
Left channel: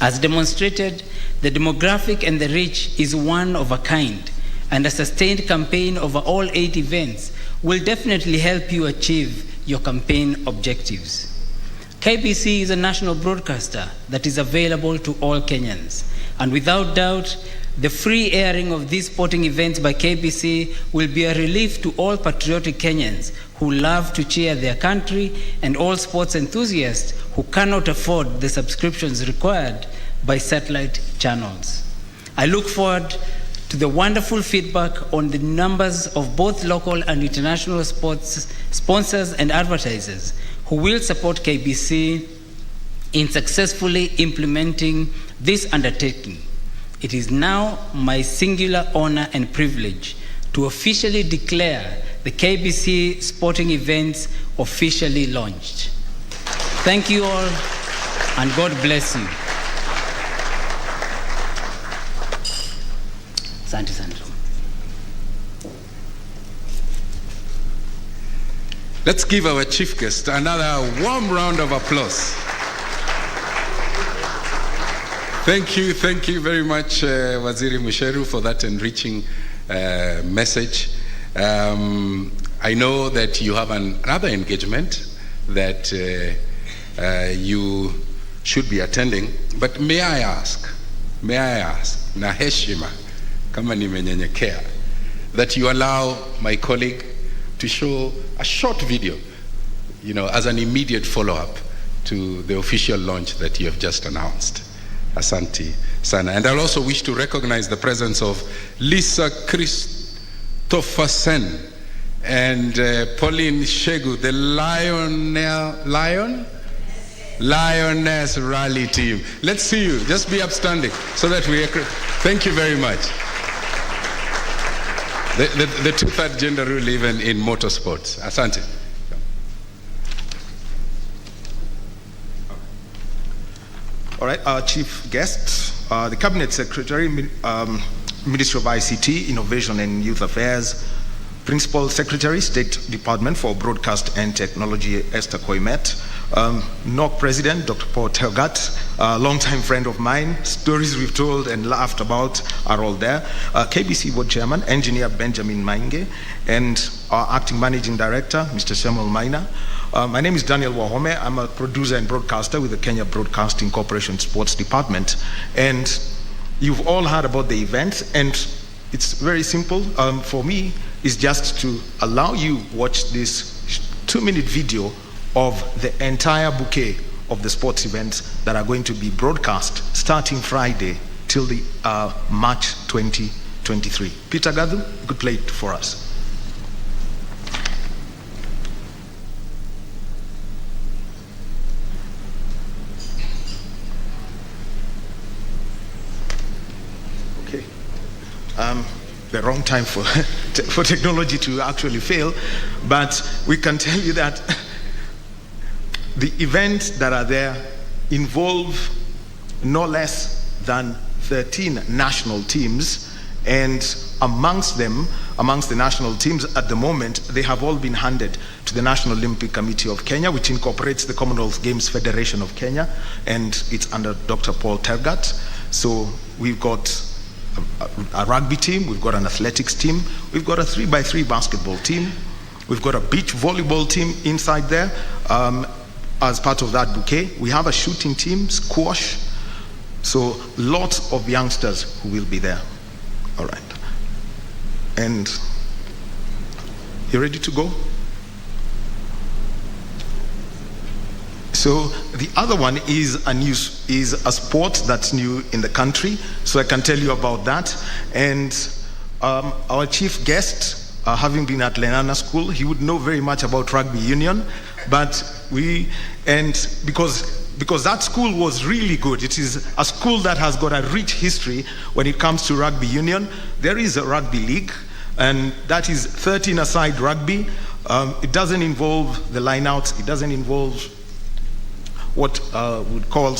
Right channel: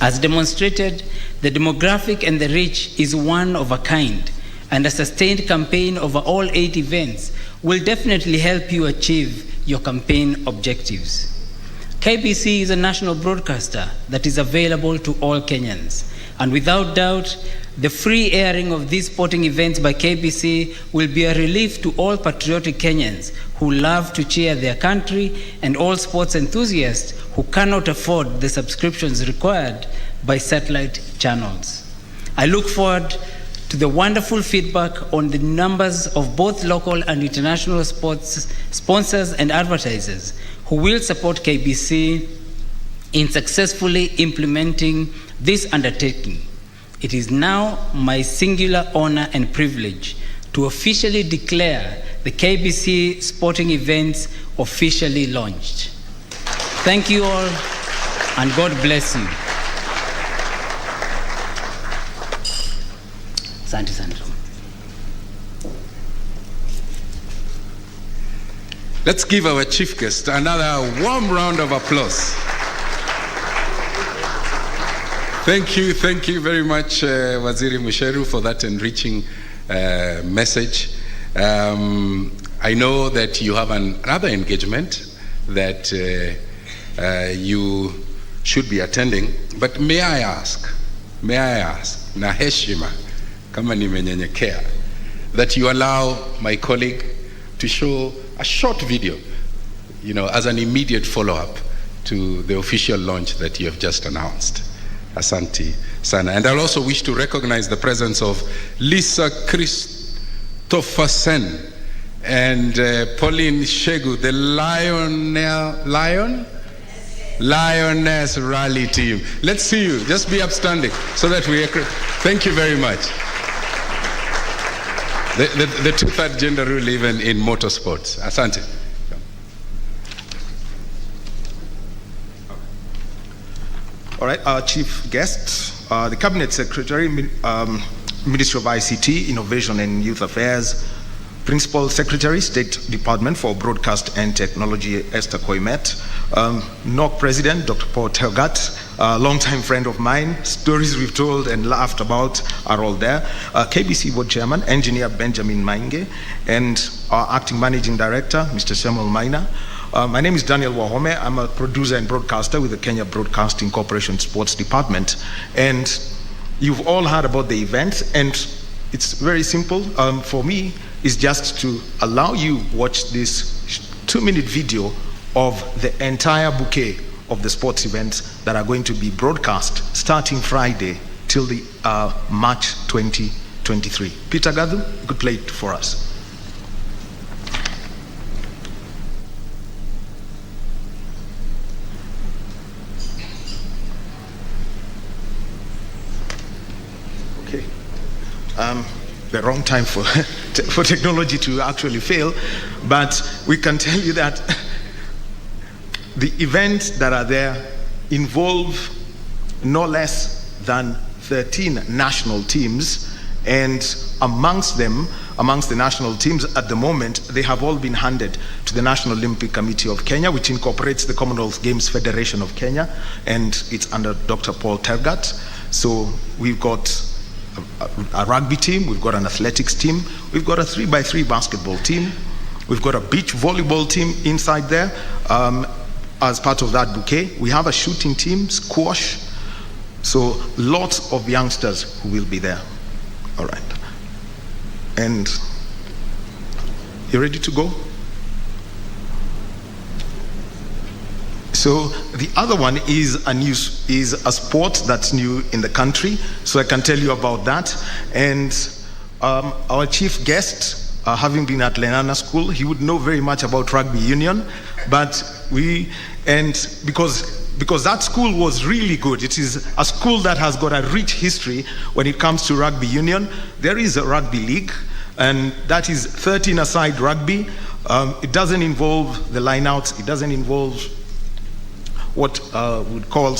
As demonstrated, the demographic and the reach is one of a kind, and a sustained campaign over all 8 events will definitely help you achieve your campaign objectives. KBC is a national broadcaster that is available to all Kenyans, and without doubt, the free airing of these sporting events by KBC will be a relief to all patriotic Kenyans who love to cheer their country and all sports enthusiasts who cannot afford the subscriptions required by satellite channels. I look forward to the wonderful feedback on the numbers of both local and international sports sponsors and advertisers who will support KBC in successfully implementing this undertaking. It is now my singular honor and privilege to officially declare the KBC sporting events officially launched. Thank you all, and God bless you. Asante sana. Let's give our chief guest another warm round of applause. Thank you very much, Waziri Musheru, for that enriching message. I know that you have another engagement that you should be attending, but may I ask, na heshima, kama nimenyenyekea, that you allow my colleague to show a short video, as an immediate follow-up to the official launch that you have just announced. Asante sana. And I'll also wish to recognize the presence of Lisa Christophersen and Pauline Shegu, the Lioness Rally team. Let's see you. Just be upstanding so that we... Thank you very much. The two-third gender rule even in motorsports. Asante. All right, our chief guest, the Cabinet Secretary, Ministry of ICT, Innovation and Youth Affairs, Principal Secretary, State Department for Broadcast and Technology, Esther Koimet, NOC President, Dr. Paul Telgat, a longtime friend of mine. Stories we've told and laughed about are all there. KBC Board Chairman, Engineer Benjamin Mainge, and our Acting Managing Director, Mr. Samuel Maina. My name is Daniel Wahome. I'm a producer and broadcaster with the Kenya Broadcasting Corporation Sports Department. And you've all heard about the event, and it's very simple. For me, it's just to allow you watch this 2-minute video of the entire bouquet of the sports events that are going to be broadcast starting Friday till the March 2023. Peter Gadu, you could play it for us. the wrong time for, for technology to actually fail, but we can tell you that the events that are there involve no less than 13 national teams, and amongst the national teams at the moment, they have all been handed to the National Olympic Committee of Kenya, which incorporates the Commonwealth Games Federation of Kenya, and it's under Dr. Paul Tergat. So we've got a rugby team, we've got an athletics team, we've got a 3x3 basketball team, we've got a beach volleyball team inside there as part of that bouquet. We have a shooting team, squash, so lots of youngsters who will be there. All right. And you ready to go? So the other one is a sport that's new in the country, so I can tell you about that. And our chief guest, having been at Lenana School, he would know very much about rugby union, but because that school was really good. It is a school that has got a rich history when it comes to rugby union. There is a rugby league, and that is 13-a-side rugby. It doesn't involve the lineouts. It doesn't involve what would call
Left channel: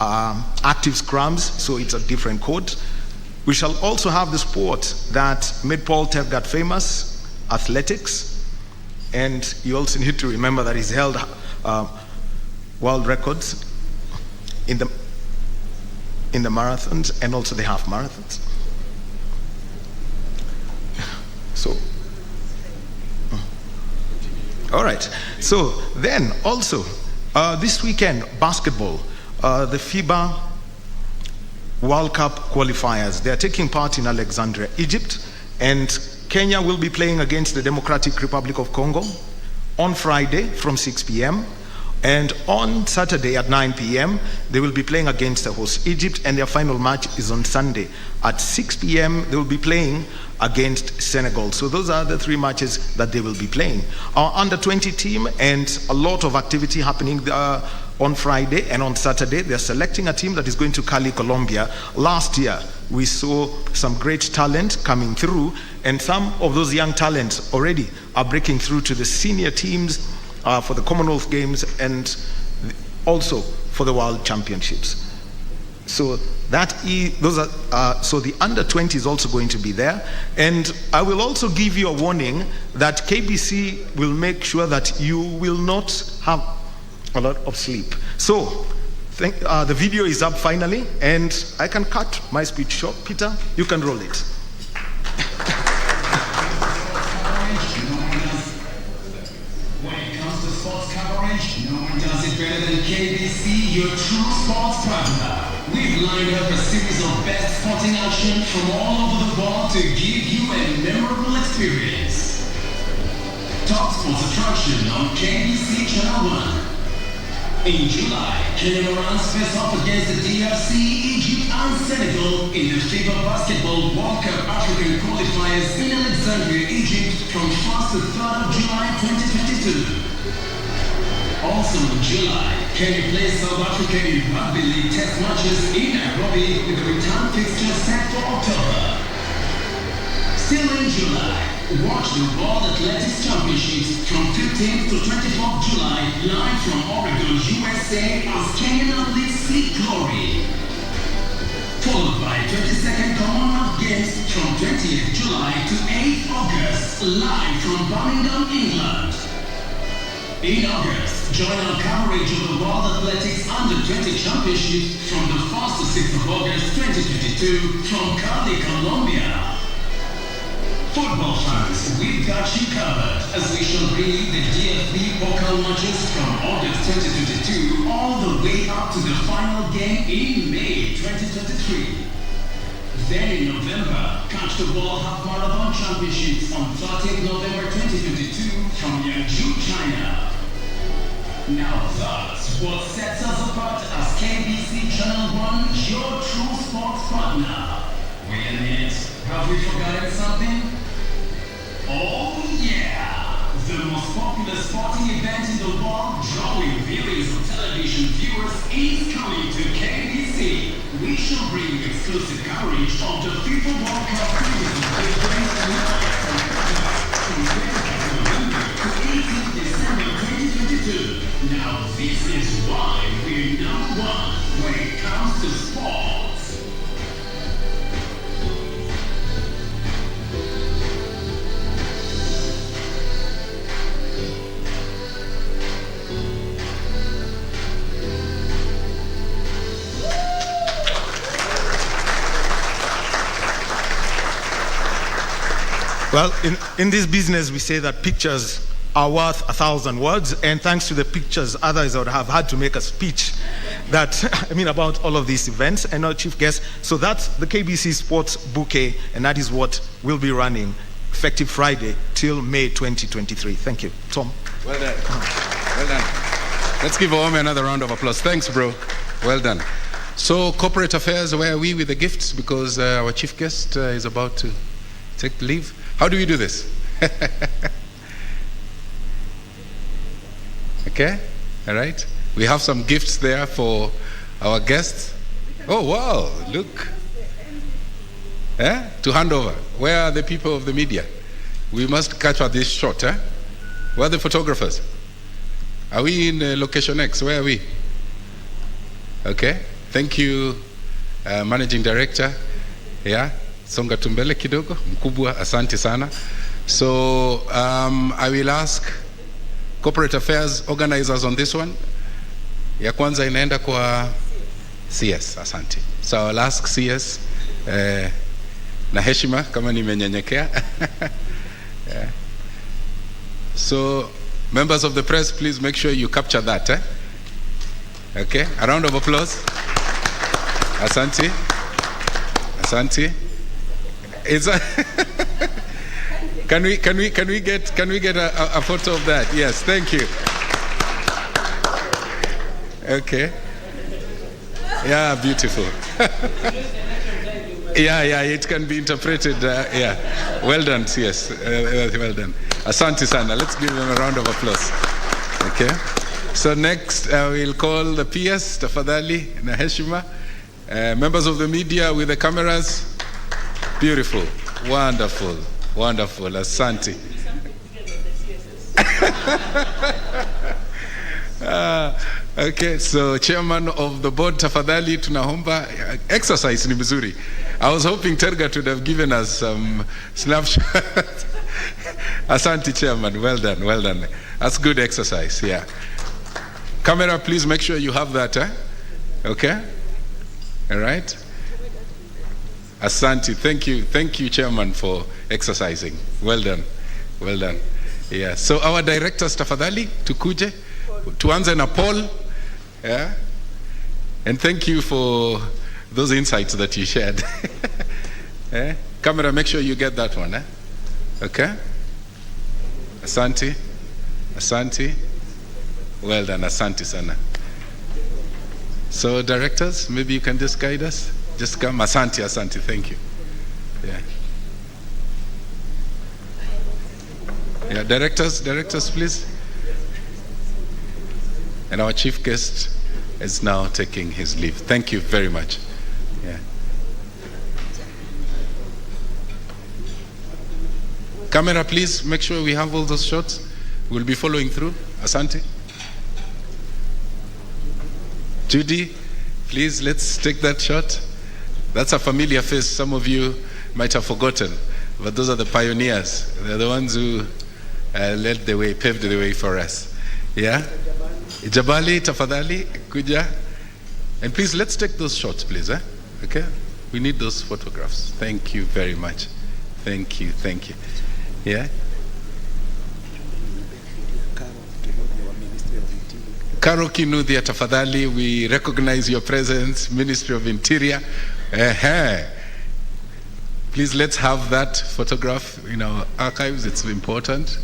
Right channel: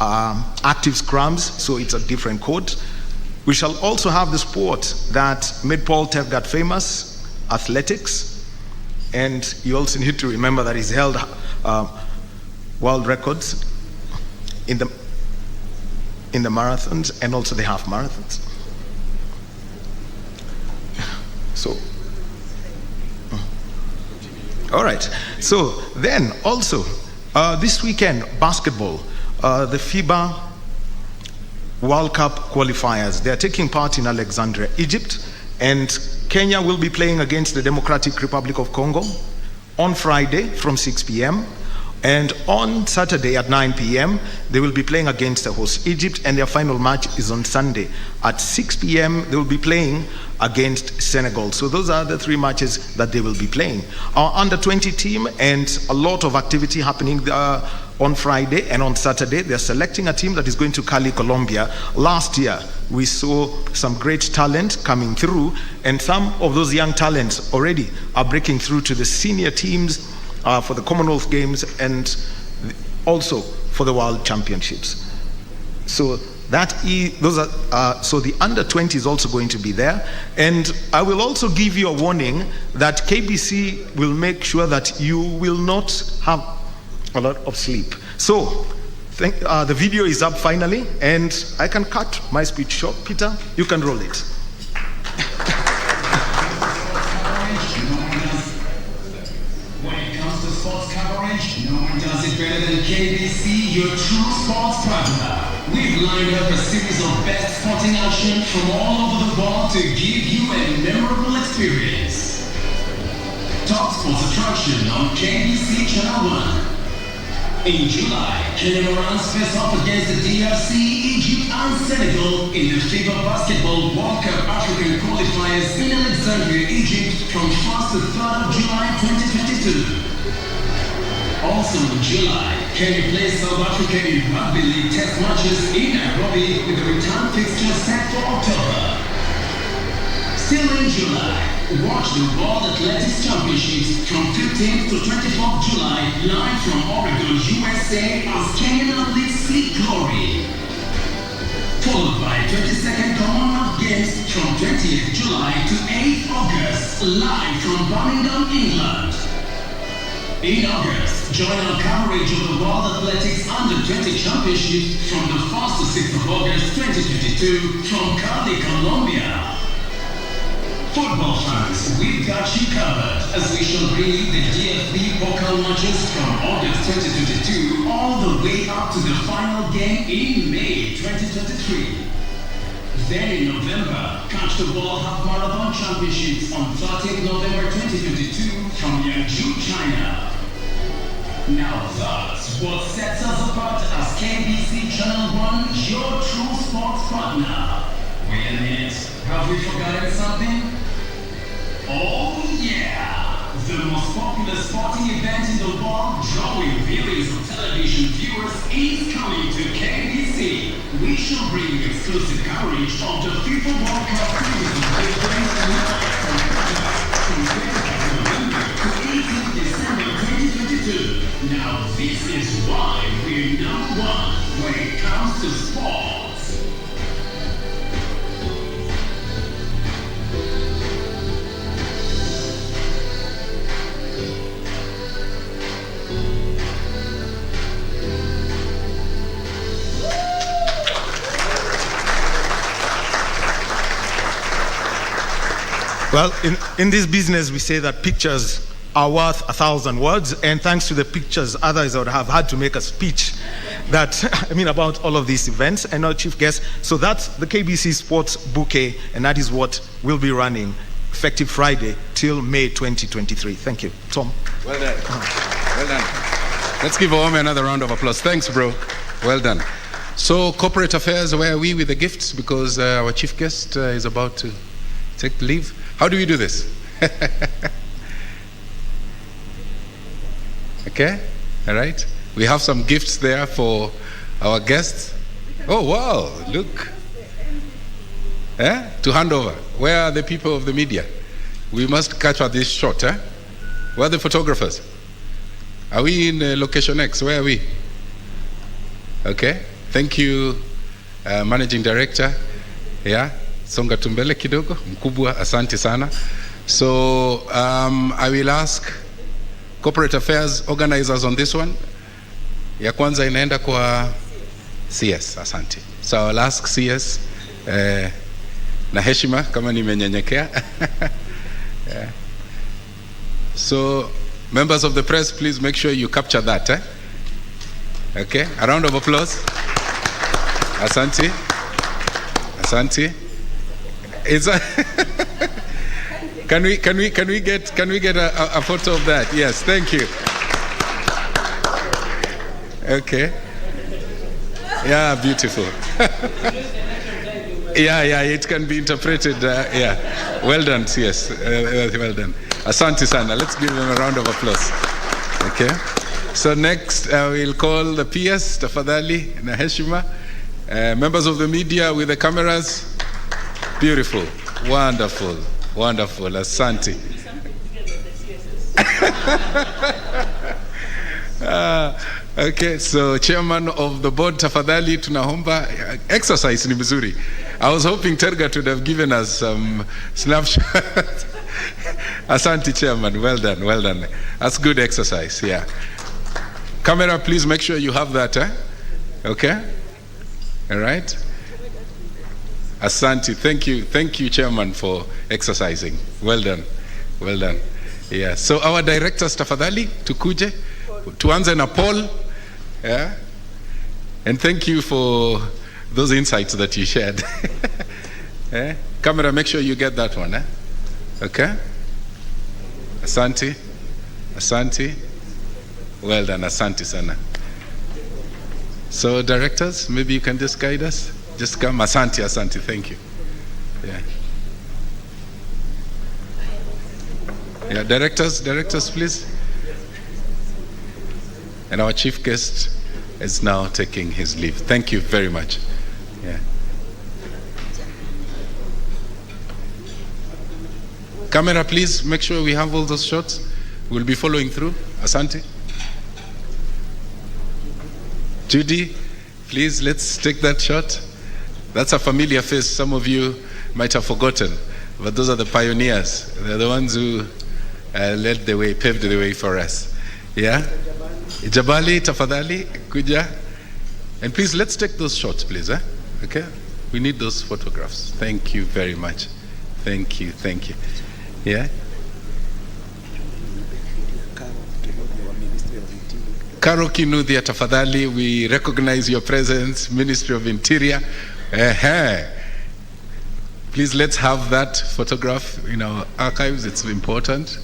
active scrums, so it's a different code. We shall also have the sport that made Paul Tergat famous, athletics, and you also need to remember that he's held world records in the marathons and also the half marathons. So, all right. So then also this weekend, basketball, the FIBA World Cup qualifiers. They are taking part in Alexandria, Egypt, and Kenya will be playing against the Democratic Republic of Congo on Friday from 6 p.m. And on Saturday at 9 p.m., they will be playing against the host Egypt, and their final match is on Sunday. At 6 p.m., they will be playing against Senegal. So those are the three matches that they will be playing. Our under-20 team, and a lot of activity happening on Friday and on Saturday. They're selecting a team that is going to Cali, Colombia. Last year, we saw some great talent coming through, and some of those young talents already are breaking through to the senior teams for the Commonwealth Games and also for the World Championships. So so the under-20 is also going to be there. And I will also give you a warning that KBC will make sure that you will not have a lot of sleep. So the video is up finally, and I can cut my speech short. Peter, you can roll it. No one does it better than KBC, your true sports partner. We've lined up a series of best sporting action from all over the world to give you a memorable experience. Top sports attraction on KBC Channel 1. In July, Kenya runs face off against the DRC, Egypt and Senegal in the FIBA Basketball World Cup African qualifiers in Alexandria, Egypt from 1st to 3rd of July 2022. Also in July, Kenya plays South Africa in Rugby League test matches in Nairobi with a return fixture set for October. Still in July, watch the World Athletics Championships from 15th to 24th July live from Oregon, USA as Kenyan athletes seek glory. Followed by 22nd Commonwealth Games from 20th July to 8th August live from Birmingham, England. In August, join our coverage of the World Athletics Under-20 Championships from the 1st to 6th of August 2022 from Cali, Colombia. Football fans, we've got you covered as we shall bring you the DFB Pokal matches from August 2022 all the way up to the final game in May 2023. Then in November, catch the World Half Marathon Championships on 30th November 2022 from Yangzhou, China. Now that's what sets us apart as KBC Channel 1, your true sports partner. Wait a minute, have we forgotten something? Oh yeah! The most popular sporting event in the world, drawing millions of television viewers, is coming to KBC. KBC, we shall bring exclusive coverage of the FIFA World Cup series of take place live from November to 18th December 2022. Now this is why we're number one when it comes to sports. Well, in this business, we say that pictures are worth 1,000 words, and thanks to the pictures, others would have had to make a speech about all of these events and our chief guests. So that's the KBC Sports Bouquet, and that is what we'll be running effective Friday till May 2023. Thank you. Tom. Well done. Well done. Let's give Ome another round of applause. Thanks, bro. Well done. So, corporate affairs, where are we with the gifts? Because our chief guest is about to take leave. How do we do this? Okay, all right. We have some gifts there for our guests. Oh, wow, look. To hand over. Where are the people of the media? We must catch this shot. Where are the photographers? Are we in location X? Where are we? Okay, thank you, Managing Director. Yeah. Songa tumbele kidogo, mkubwa, asante sana. So I will ask corporate affairs organizers on this one. Ya kwanza inaenda kwa CS, asante. So I'll ask CS na heshima kama nimenyenyekea. Yeah. So members of the press, please make sure you capture that. Okay, a round of applause. Asante. Asante. Can we get a photo of that? Yes, thank you. Okay. Yeah, beautiful. Yeah, it can be interpreted. Yeah, well done. Yes, well done. Asante sana. Let's give them a round of applause. Okay. So next, we'll call the PS, tafadhali na heshima. Members of the media with the cameras. Beautiful, wonderful, wonderful. Asante. Okay, so chairman of the board, tafadhali tunahomba exercise ni mzuri. I was hoping Tergat would have given us some snapshot. Asante, chairman. Well done, well done. That's good exercise. Yeah. Camera, please make sure you have that. Okay. All right. Asante, thank you, Chairman, for exercising. Well done, well done. Yeah. So our directors, tafadhali, tukuje, tuanze na Paul. Yeah. And thank you for those insights that you shared. Camera, make sure you get that one. Okay. Asante, asante. Well done, asante sana. So directors, maybe you can just guide us. Just come, asante, asante, thank you. Yeah. Yeah, directors, please. And our chief guest is now taking his leave. Thank you very much. Yeah. Camera, please, make sure we have all those shots. We'll be following through. Asante. Judy, please, let's take that shot. That's a familiar face. Some of you might have forgotten, but those are the pioneers. They're the ones who led the way, paved the way for us. Yeah? Jabali, tafadhali, kuja. And please, let's take those shots, please. Okay? We need those photographs. Thank you very much. Thank you, thank you. Yeah? Karo Kinuthia, tafadhali, we recognize your presence, Ministry of Interior. Please, let's have that photograph in our archives. It's important.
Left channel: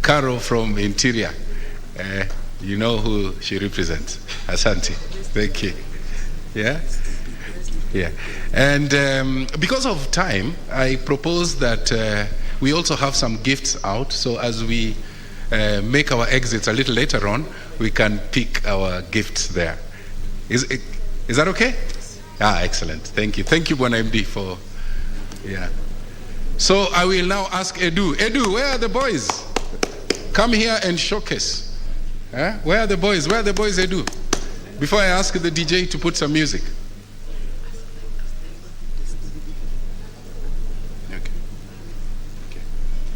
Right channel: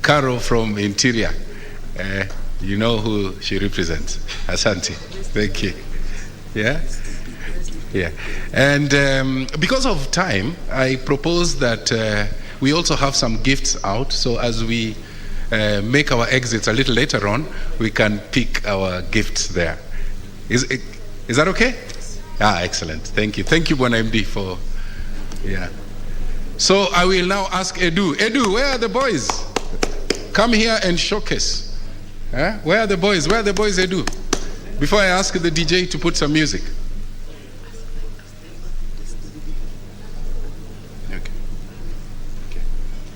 Karo from Interior. You know who she represents. Asante. Thank you. Yeah? Yeah. And because of time, I propose that we also have some gifts out. So as we make our exits a little later on, we can pick our gifts there. Is that okay? Excellent. Thank you. Thank you, Bwana MD, for, So I will now ask Edu. Edu, where are the boys? Come here and showcase. Where are the boys? Where are the boys, Edu? Before I ask the DJ to put some music.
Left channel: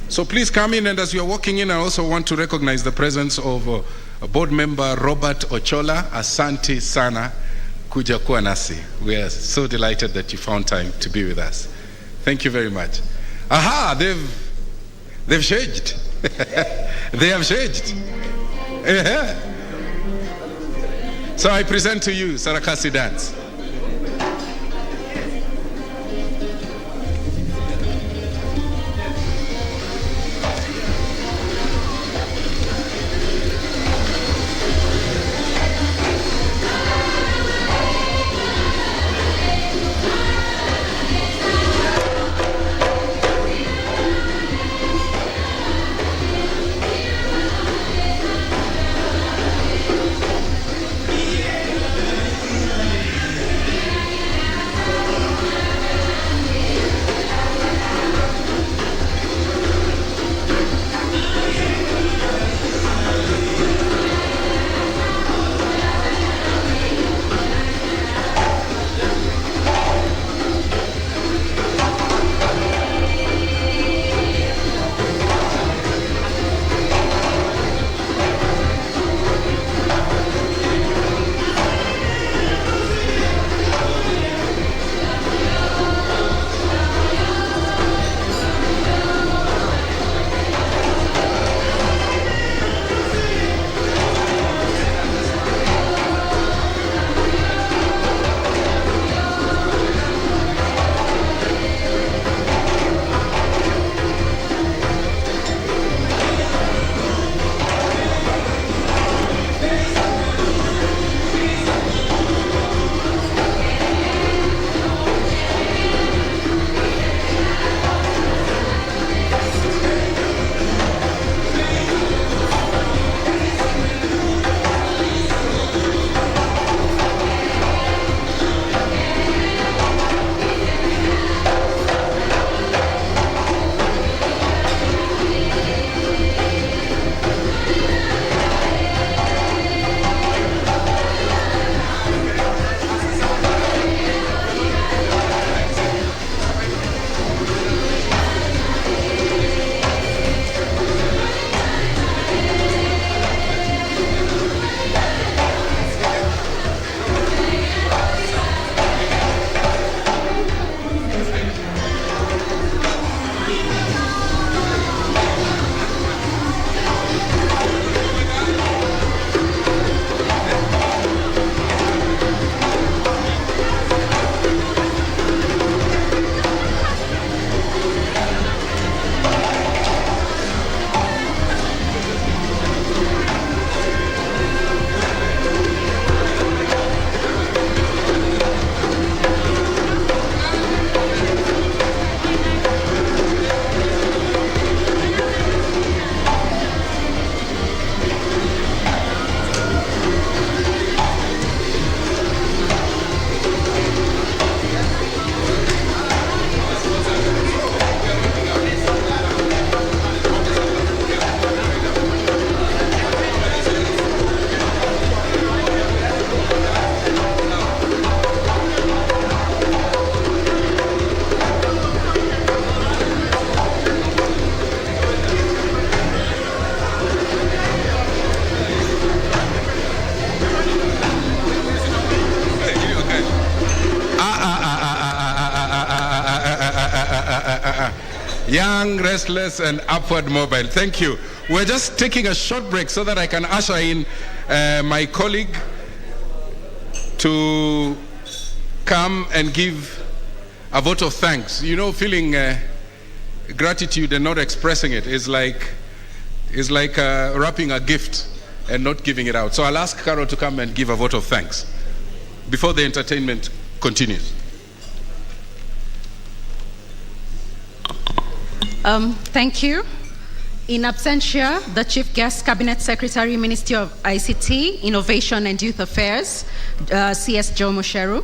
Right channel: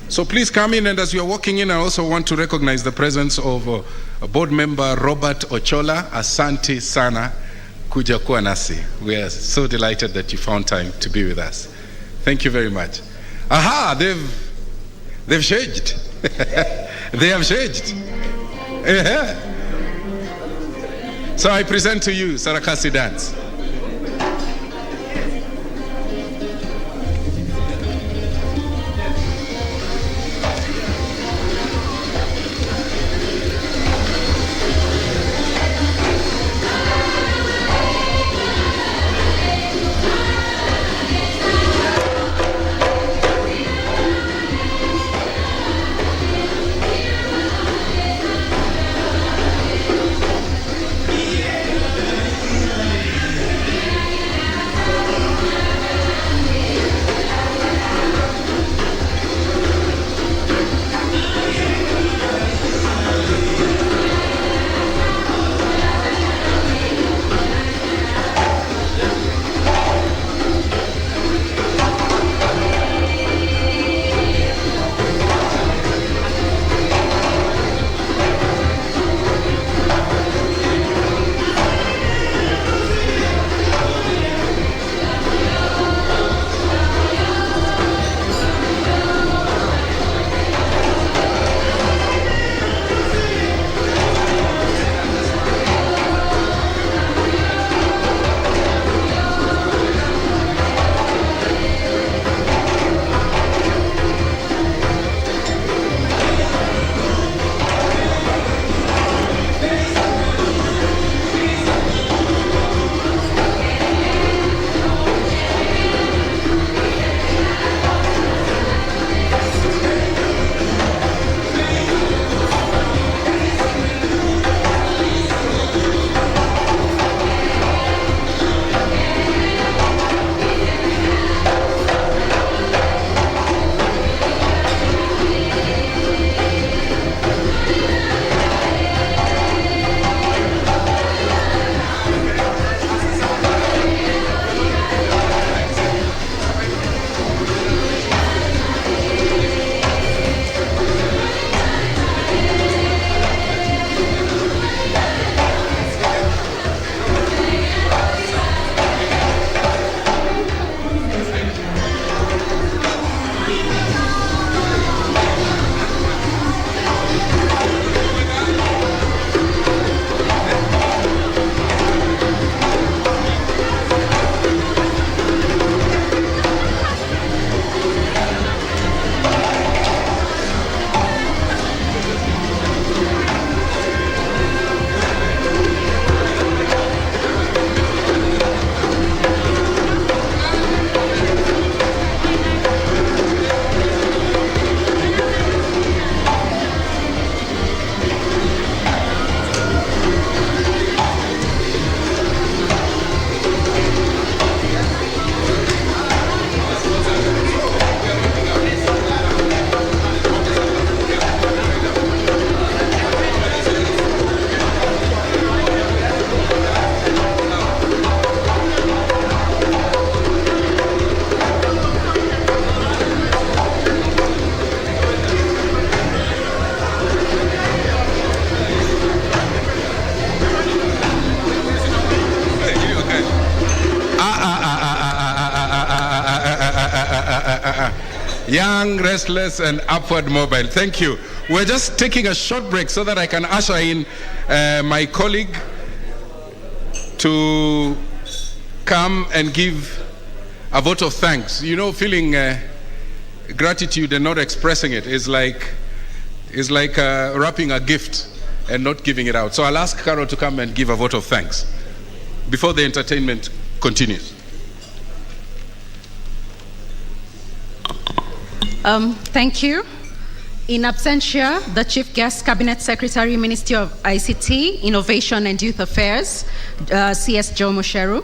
So please come in, and as you're walking in, I also want to recognize the presence of board member Robert Ochola. Asante sana kuja kuwa nasi. We are so delighted that you found time to be with us. Thank you very much. Aha, they've changed. They have changed. So I present to you Sarakasi dance. Young, restless, and upward mobile. Thank you. We're just taking a short break so that I can usher in my colleague to come and give a vote of thanks. You know, feeling gratitude and not expressing it is like wrapping a gift and not giving it out. So I'll ask Carol to come and give a vote of thanks before the entertainment continues. Thank you. In absentia, the Chief Guest Cabinet Secretary, Ministry of ICT, Innovation and Youth Affairs, CS Joe Mosheru.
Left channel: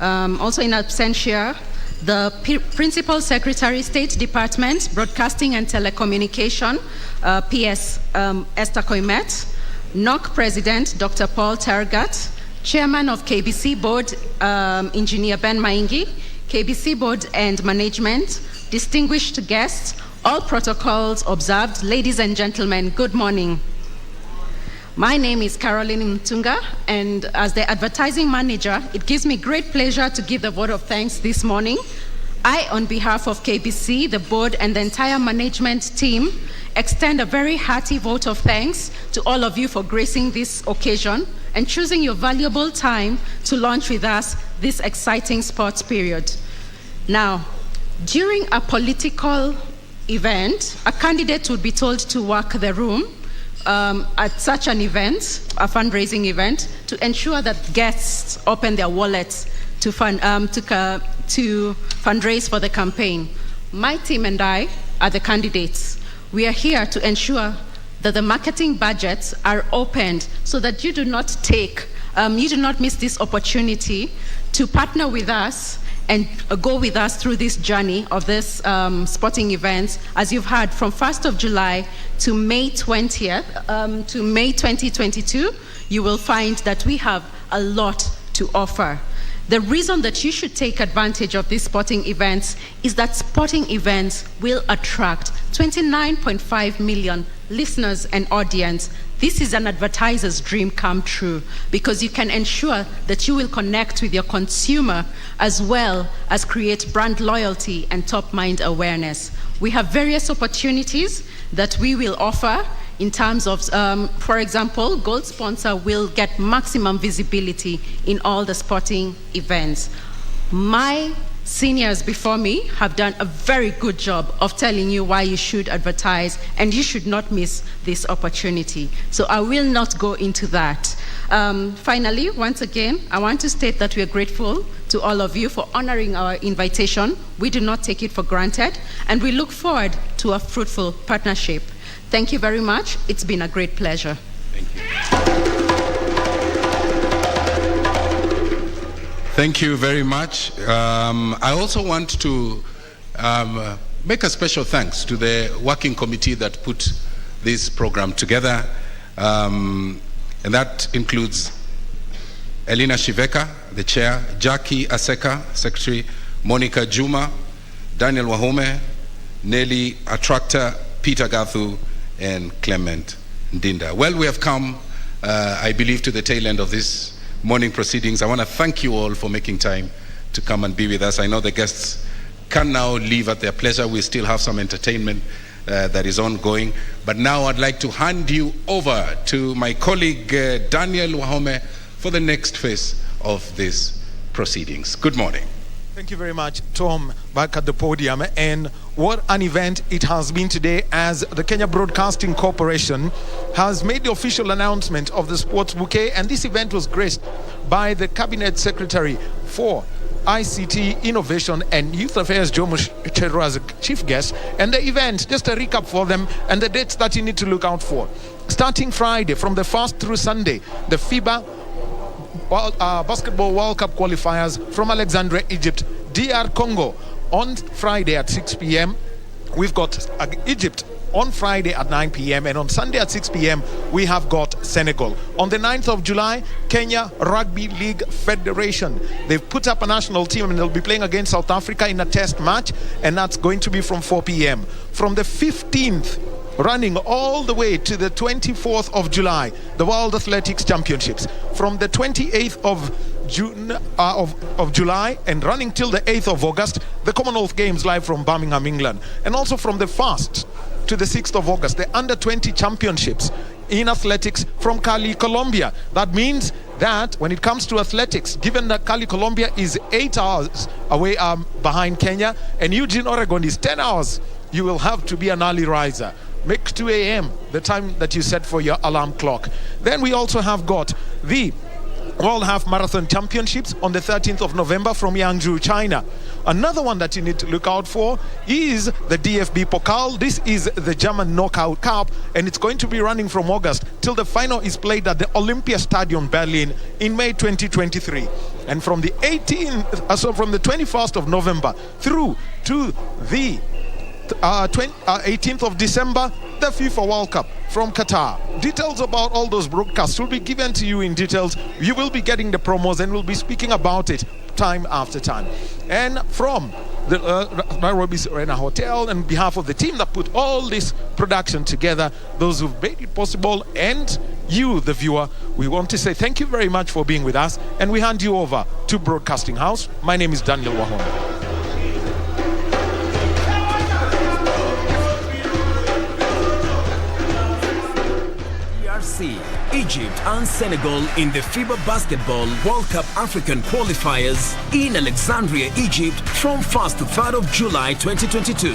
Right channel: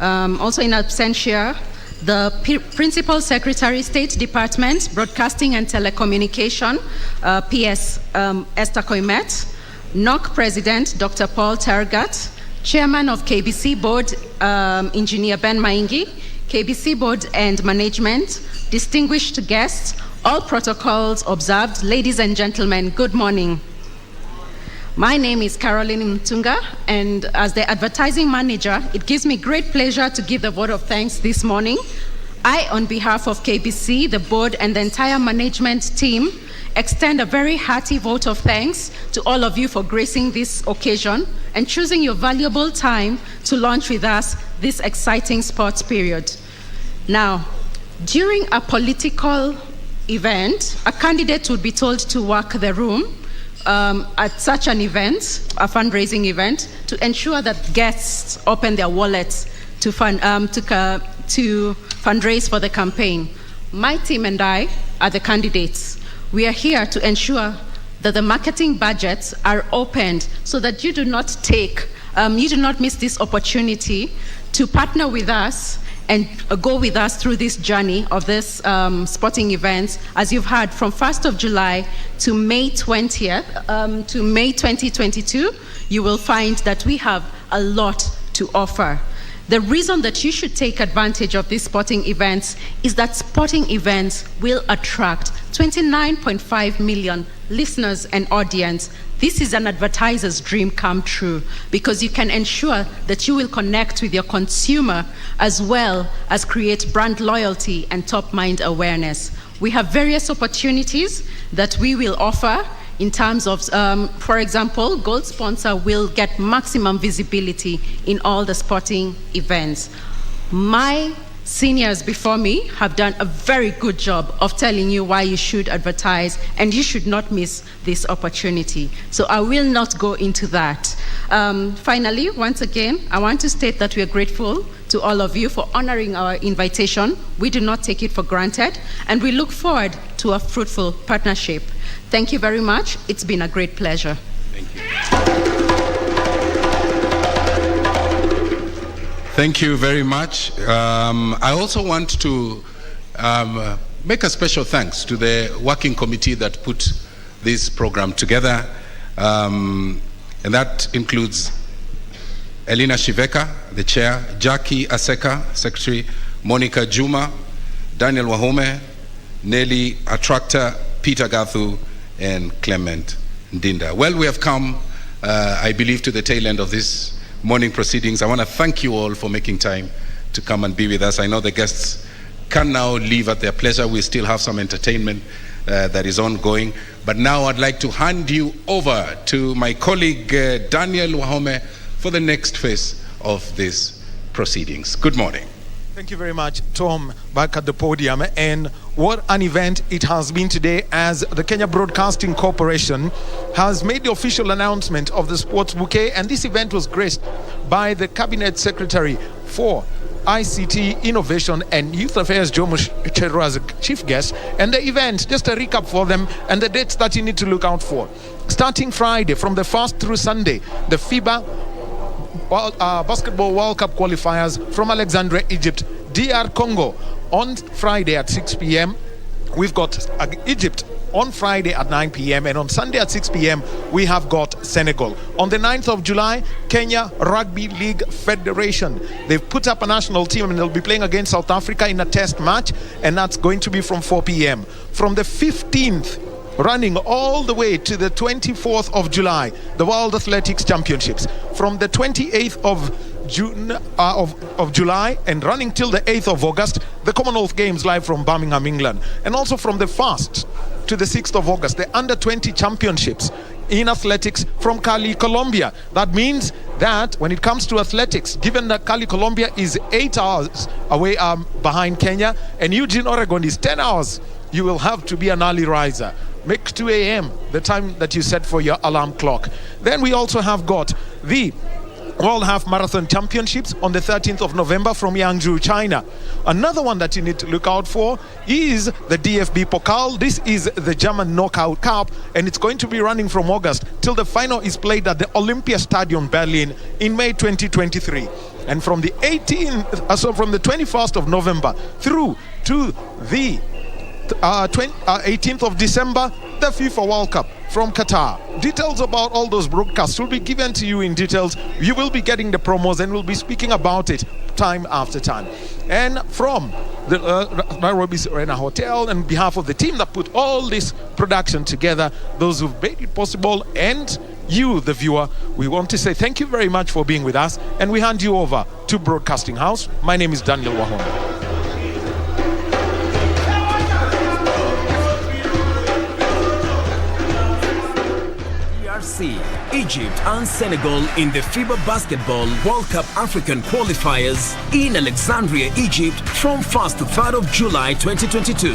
Also in absentia, the Principal Secretary, State Department, Broadcasting and Telecommunication, PS Esther Koimet, NOC President, Dr. Paul Tergat, Chairman of KBC Board, Engineer Ben Maingi, KBC Board and Management, distinguished guests, all protocols observed. Ladies and gentlemen, good morning. My name is Caroline Mtunga, and as the advertising manager, it gives me great pleasure to give the vote of thanks this morning. I, on behalf of KBC, the board, and the entire management team, extend a very hearty vote of thanks to all of you for gracing this occasion and choosing your valuable time to launch with us this exciting sports period. Now, during a political event, a candidate would be told to work the room at such an event, a fundraising event, to ensure that guests open their wallets to fundraise for the campaign. My team and I are the candidates. We are here to ensure that the marketing budgets are opened so that you do not miss this opportunity to partner with us and go with us through this journey of this sporting events. As you've heard, from 1st of July to May 20th, to May 2022, you will find that we have a lot to offer. The reason that you should take advantage of these sporting events is that sporting events will attract 29.5 million listeners and audience. This is an advertiser's dream come true because you can ensure that you will connect with your consumer as well as create brand loyalty and top mind awareness. We have various opportunities that we will offer in terms of, for example, Gold Sponsor will get maximum visibility in all the sporting events. My seniors before me have done a very good job of telling you why you should advertise, and you should not miss this opportunity. So I will not go into that. Finally, once again, I want to state that we are grateful to all of you for honoring our invitation. We do not take it for granted, and we look forward to a fruitful partnership. Thank you very much. It's been a great pleasure. Thank you. Thank you very much. I also want to make a special thanks to the working committee that put this program together. And that includes Elena Shiveka, the chair, Jackie Aseka, secretary, Monica Juma, Daniel Wahome, Nelly Attractor, Peter Gathu, and Clement Ndinda. Well, we have come, I believe, to the tail end of this morning proceedings. I want to thank you all for making time to come and be with us. I know the guests can now leave at their pleasure. We still have some entertainment that is ongoing. But now I'd like to hand you over to my colleague Daniel Wahome for the next phase of these proceedings. Good morning. Thank you very much, Tom, back at the podium. And what an event it has been today, as the Kenya Broadcasting Corporation has made the official announcement of the sports bouquet. And this event was graced by the Cabinet Secretary for ICT, Innovation and Youth Affairs, Jomo Chero, as a chief guest. And the event, just a recap for them and the dates that you need to look out for. Starting Friday, from the 1st through Sunday, the FIBA Basketball World Cup qualifiers from Alexandria, Egypt, DR Congo on Friday at 6 p.m. We've got Egypt on Friday at 9 p.m. and on Sunday at 6 p.m. we have got Senegal. On the 9th of July, Kenya Rugby League Federation, they've put up a national team and they'll be playing against South Africa in a test match, and that's going to be from 4 p.m. From the 15th running all the way to the 24th of July, the World Athletics Championships. From the 28th of June of July and running till the 8th of August, the Commonwealth Games live from Birmingham, England. And also from the 1st to the 6th of August, the Under-20 Championships in athletics from Cali, Colombia. That means that when it comes to athletics, given that Cali, Colombia is 8 hours away behind Kenya, and Eugene, Oregon is 10 hours, you will have to be an early riser. Make 2 a.m. the time that you set for your alarm clock. Then we also have got the World Half Marathon Championships on the 13th of November from Yangzhou, China. Another one that you need to look out for is the DFB Pokal. This is the German Knockout Cup, and it's going to be running from August till the final is played at the Olympia Stadium, Berlin, in May 2023. And from the 21st of November through to the 18th of December, the FIFA World Cup from Qatar. Details about all those broadcasts will be given to you in details. You will be getting the promos and we'll be speaking about it time after time. And from the Nairobi's Arena Hotel, on behalf of the team that put all this production together, those who've made it possible, and you, the viewer, we want to say thank you very much for being with us, and we hand you over to Broadcasting House. My name is Daniel Wahona. Egypt and Senegal in the FIBA Basketball World Cup African qualifiers in Alexandria, Egypt from 1st to 3rd of July 2022.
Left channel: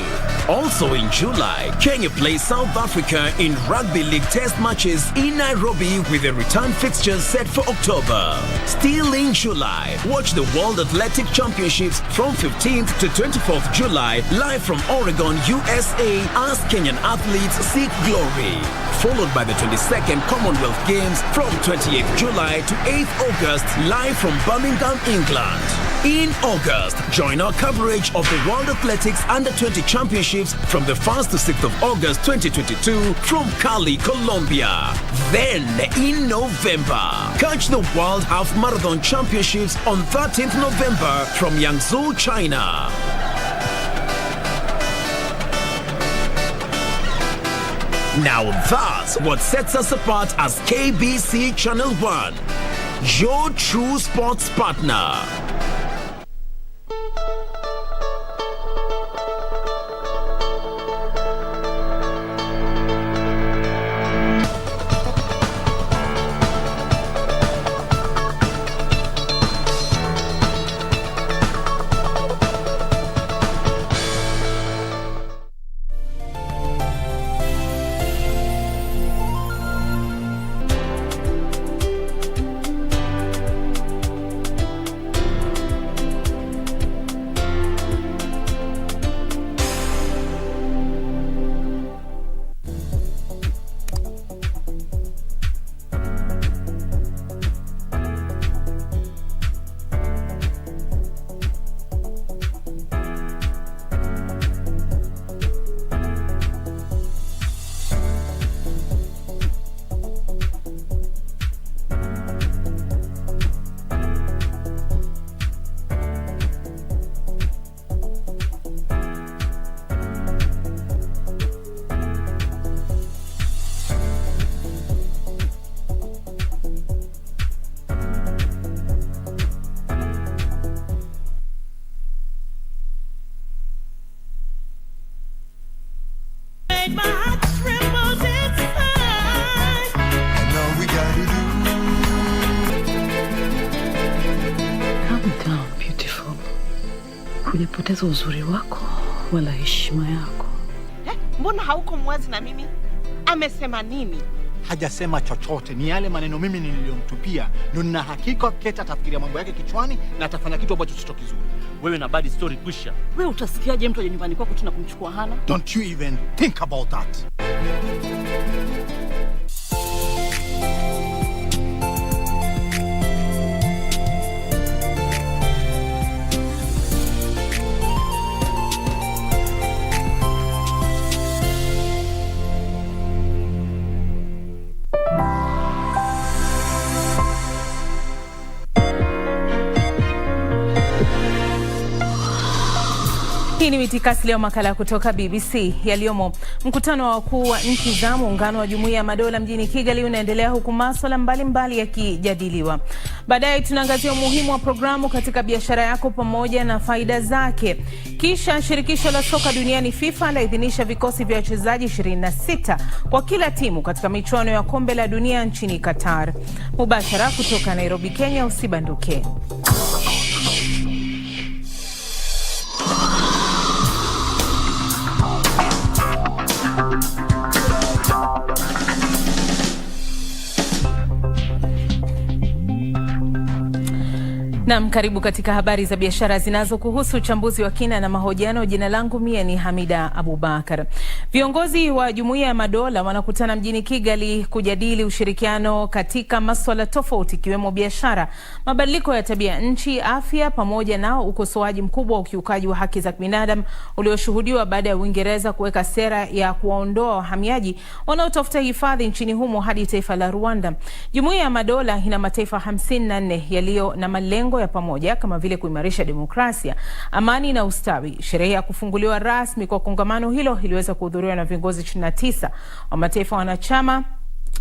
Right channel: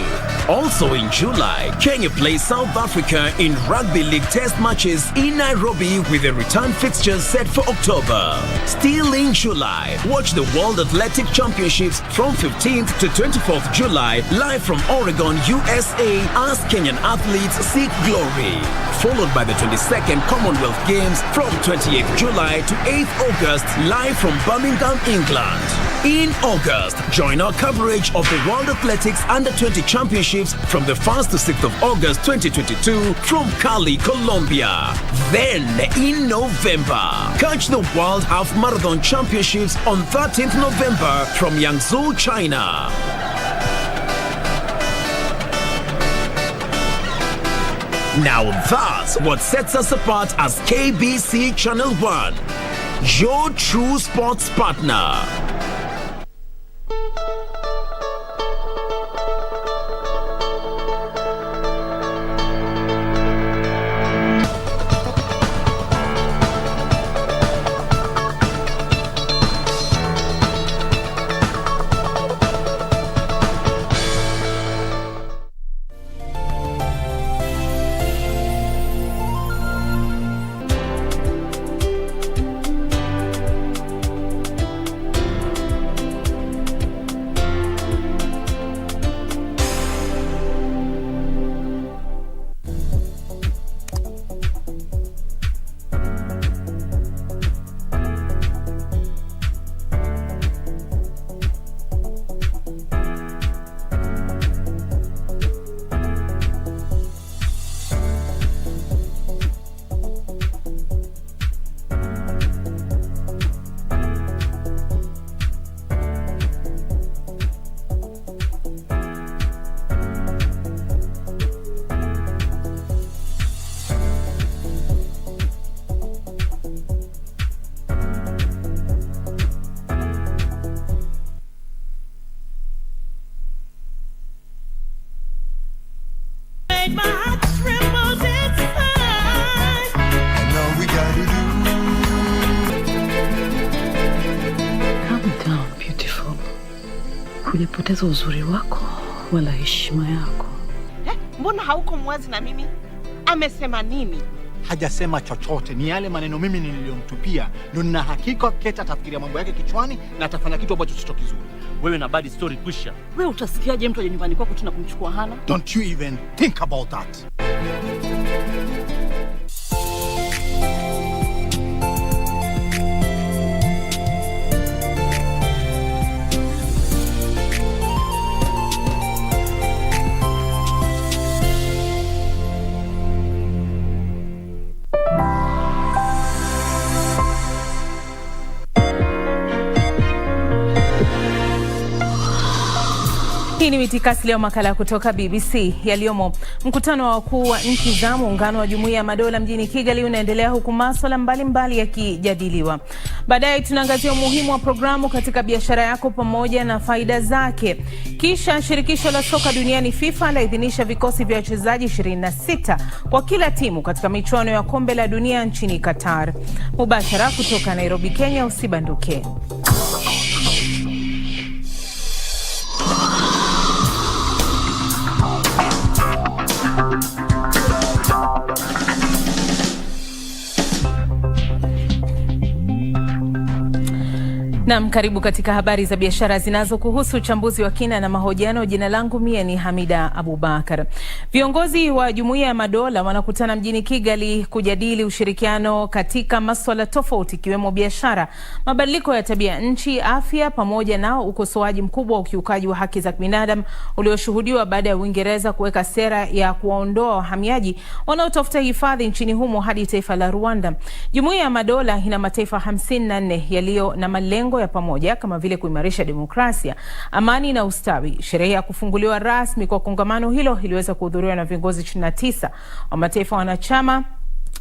Also in July, Kenya plays South Africa in Rugby League test matches in Nairobi with a return fixtures set for October. Still in July, watch the World Athletic Championships from 15th to 24th July live from Oregon, USA as Kenyan athletes seek glory. Followed by the 22nd Commonwealth Games from 28th July to 8th August, live from Birmingham, England. In August, join our coverage of the World Athletics Under-20 Championships from the 1st to 6th of August 2022 from Cali, Colombia. Then, in November, catch the World Half Marathon Championships on 13th November from Yangzhou, China. Now that's what sets us apart as KBC Channel 1, your true sports partner. Hujapoteza uzuri wako wala heshima yako. Mbona hauko mwazi na mimi? Amesema nini? Hajasema chochote, ni yale maneno mimi niliyomtupia. Ndio nina hakika Keta atafikiria mambo yake kichwani na atafanya kitu ambacho sio kizuri. Wewe na bad story kwisha. Wewe utasikiaje mtu aje nyumbani kwako tuna kumchukua Hana? Don't you even think about that. Hii ni mitikasi leo, makala kutoka BBC yaliyomo. Mkutano wa wakuu wa nchi za muungano wa Jumuiya ya Madola mjini Kigali unaendelea huku masuala mbalimbali yakijadiliwa. Baadaye tunaangazia umuhimu wa programu katika biashara yako pamoja na faida zake. Kisha shirikisho la soka duniani FIFA laidhinisha vikosi vya wachezaji 26 kwa kila timu katika michuano ya kombe la dunia nchini Qatar. Mubashara kutoka Nairobi, Kenya, usibanduke. Naam, karibu katika habari za biashara zinazokuhusu, uchambuzi wa kina na mahojiano. Jina langu mie ni Hamida Abubakar. Viongozi wa Jumuiya ya Madola wanakutana mjini Kigali kujadili ushirikiano katika masuala tofauti ikiwemo biashara, mabadiliko ya tabia nchi, afya pamoja na ukosoaji mkubwa wa ukiukaji wa haki za binadamu ulioshuhudiwa baada ya Uingereza kuweka sera ya kuwaondoa wahamiaji wanaotafuta hifadhi nchini humo hadi taifa la Rwanda. Jumuiya ya Madola ina mataifa 54 yaliyo na malengo ya pamoja kama vile kuimarisha demokrasia, amani na ustawi. Sherehe ya kufunguliwa rasmi kwa kongamano hilo iliweza kuhudhuriwa na viongozi 29 wa mataifa wanachama.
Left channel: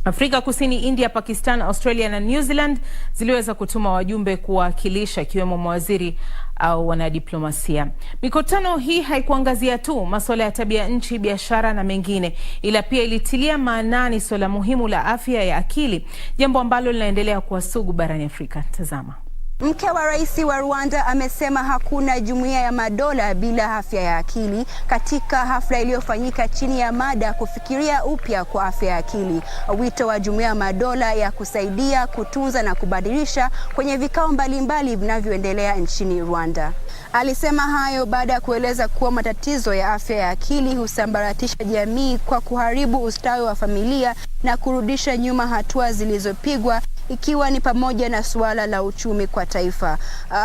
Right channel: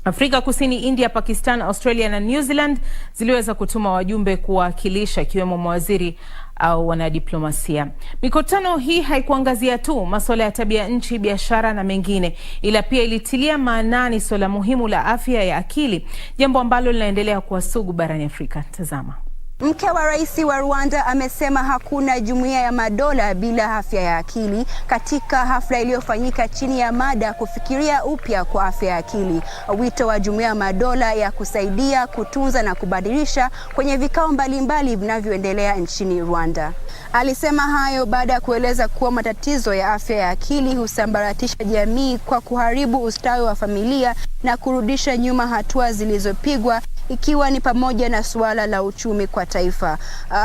Afrika Kusini, India, Pakistan, Australia na New Zealand ziliweza kutuma wajumbe kuwakilisha ikiwemo mawaziri au wanadiplomasia. Mikutano hii haikuangazia tu masuala ya tabia nchi, biashara na mengine, ila pia ilitilia maanani swala muhimu la afya ya akili, jambo ambalo linaendelea kuwa sugu barani Afrika. Tazama. Mke wa rais wa Rwanda amesema hakuna jumuiya ya madola bila afya ya akili katika hafla iliyofanyika chini ya mada kufikiria upya kwa afya ya akili. Wito wa jumuiya ya madola ya kusaidia, kutunza na kubadilisha kwenye vikao mbalimbali vinavyoendelea nchini Rwanda. Alisema hayo baada ya kueleza kuwa matatizo ya afya ya akili husambaratisha jamii kwa kuharibu ustawi wa familia na kurudisha nyuma hatua zilizopigwa, ikiwa ni pamoja na suala la uchumi kwa taifa.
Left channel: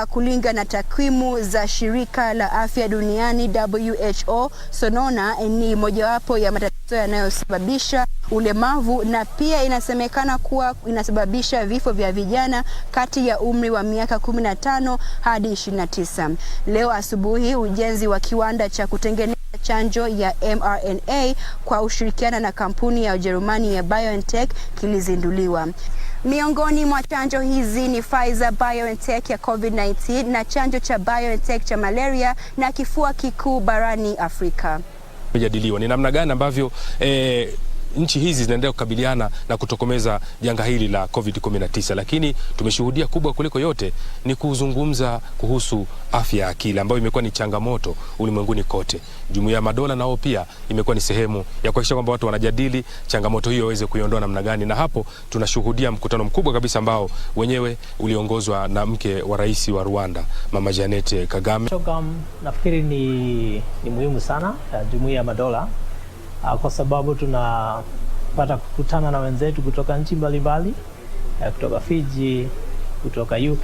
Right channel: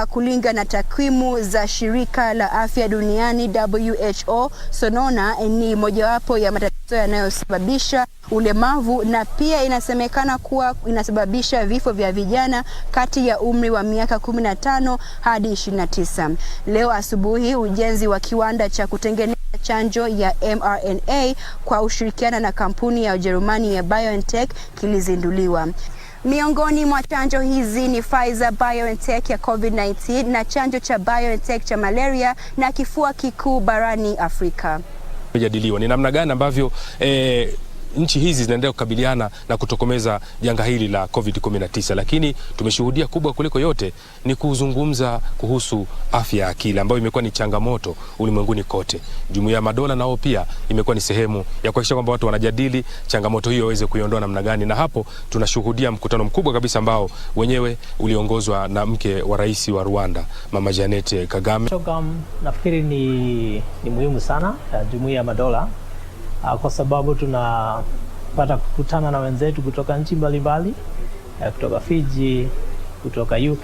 Kulingana na takwimu za shirika la afya duniani WHO, sonona ni mojawapo ya matatizo yanayosababisha ulemavu na pia inasemekana kuwa inasababisha vifo vya vijana kati ya umri wa miaka 15 hadi 29. Leo asubuhi ujenzi wa kiwanda cha kutengeneza chanjo ya mRNA kwa ushirikiano na kampuni ya Ujerumani ya BioNTech kilizinduliwa. Miongoni mwa chanjo hizi ni Pfizer BioNTech ya COVID-19 na chanjo cha BioNTech cha malaria na kifua kikuu barani Afrika. Mjadiliwa ni namna gani ambavyo nchi hizi zinaendelea kukabiliana na kutokomeza janga hili la COVID-19, lakini tumeshuhudia kubwa kuliko yote ni kuzungumza kuhusu afya ya akili ambayo imekuwa ni changamoto ulimwenguni kote. Jumuiya ya Madola nao pia imekuwa ni sehemu ya kuhakikisha kwamba watu wanajadili changamoto hiyo waweze kuiondoa namna gani, na hapo tunashuhudia mkutano mkubwa kabisa ambao wenyewe uliongozwa na mke wa rais wa Rwanda, Mama Jeannette Kagame. Nafikiri ni muhimu sana Jumuiya ya Madola kwa sababu tunapata kukutana na wenzetu kutoka nchi mbalimbali, kutoka Fiji, kutoka UK,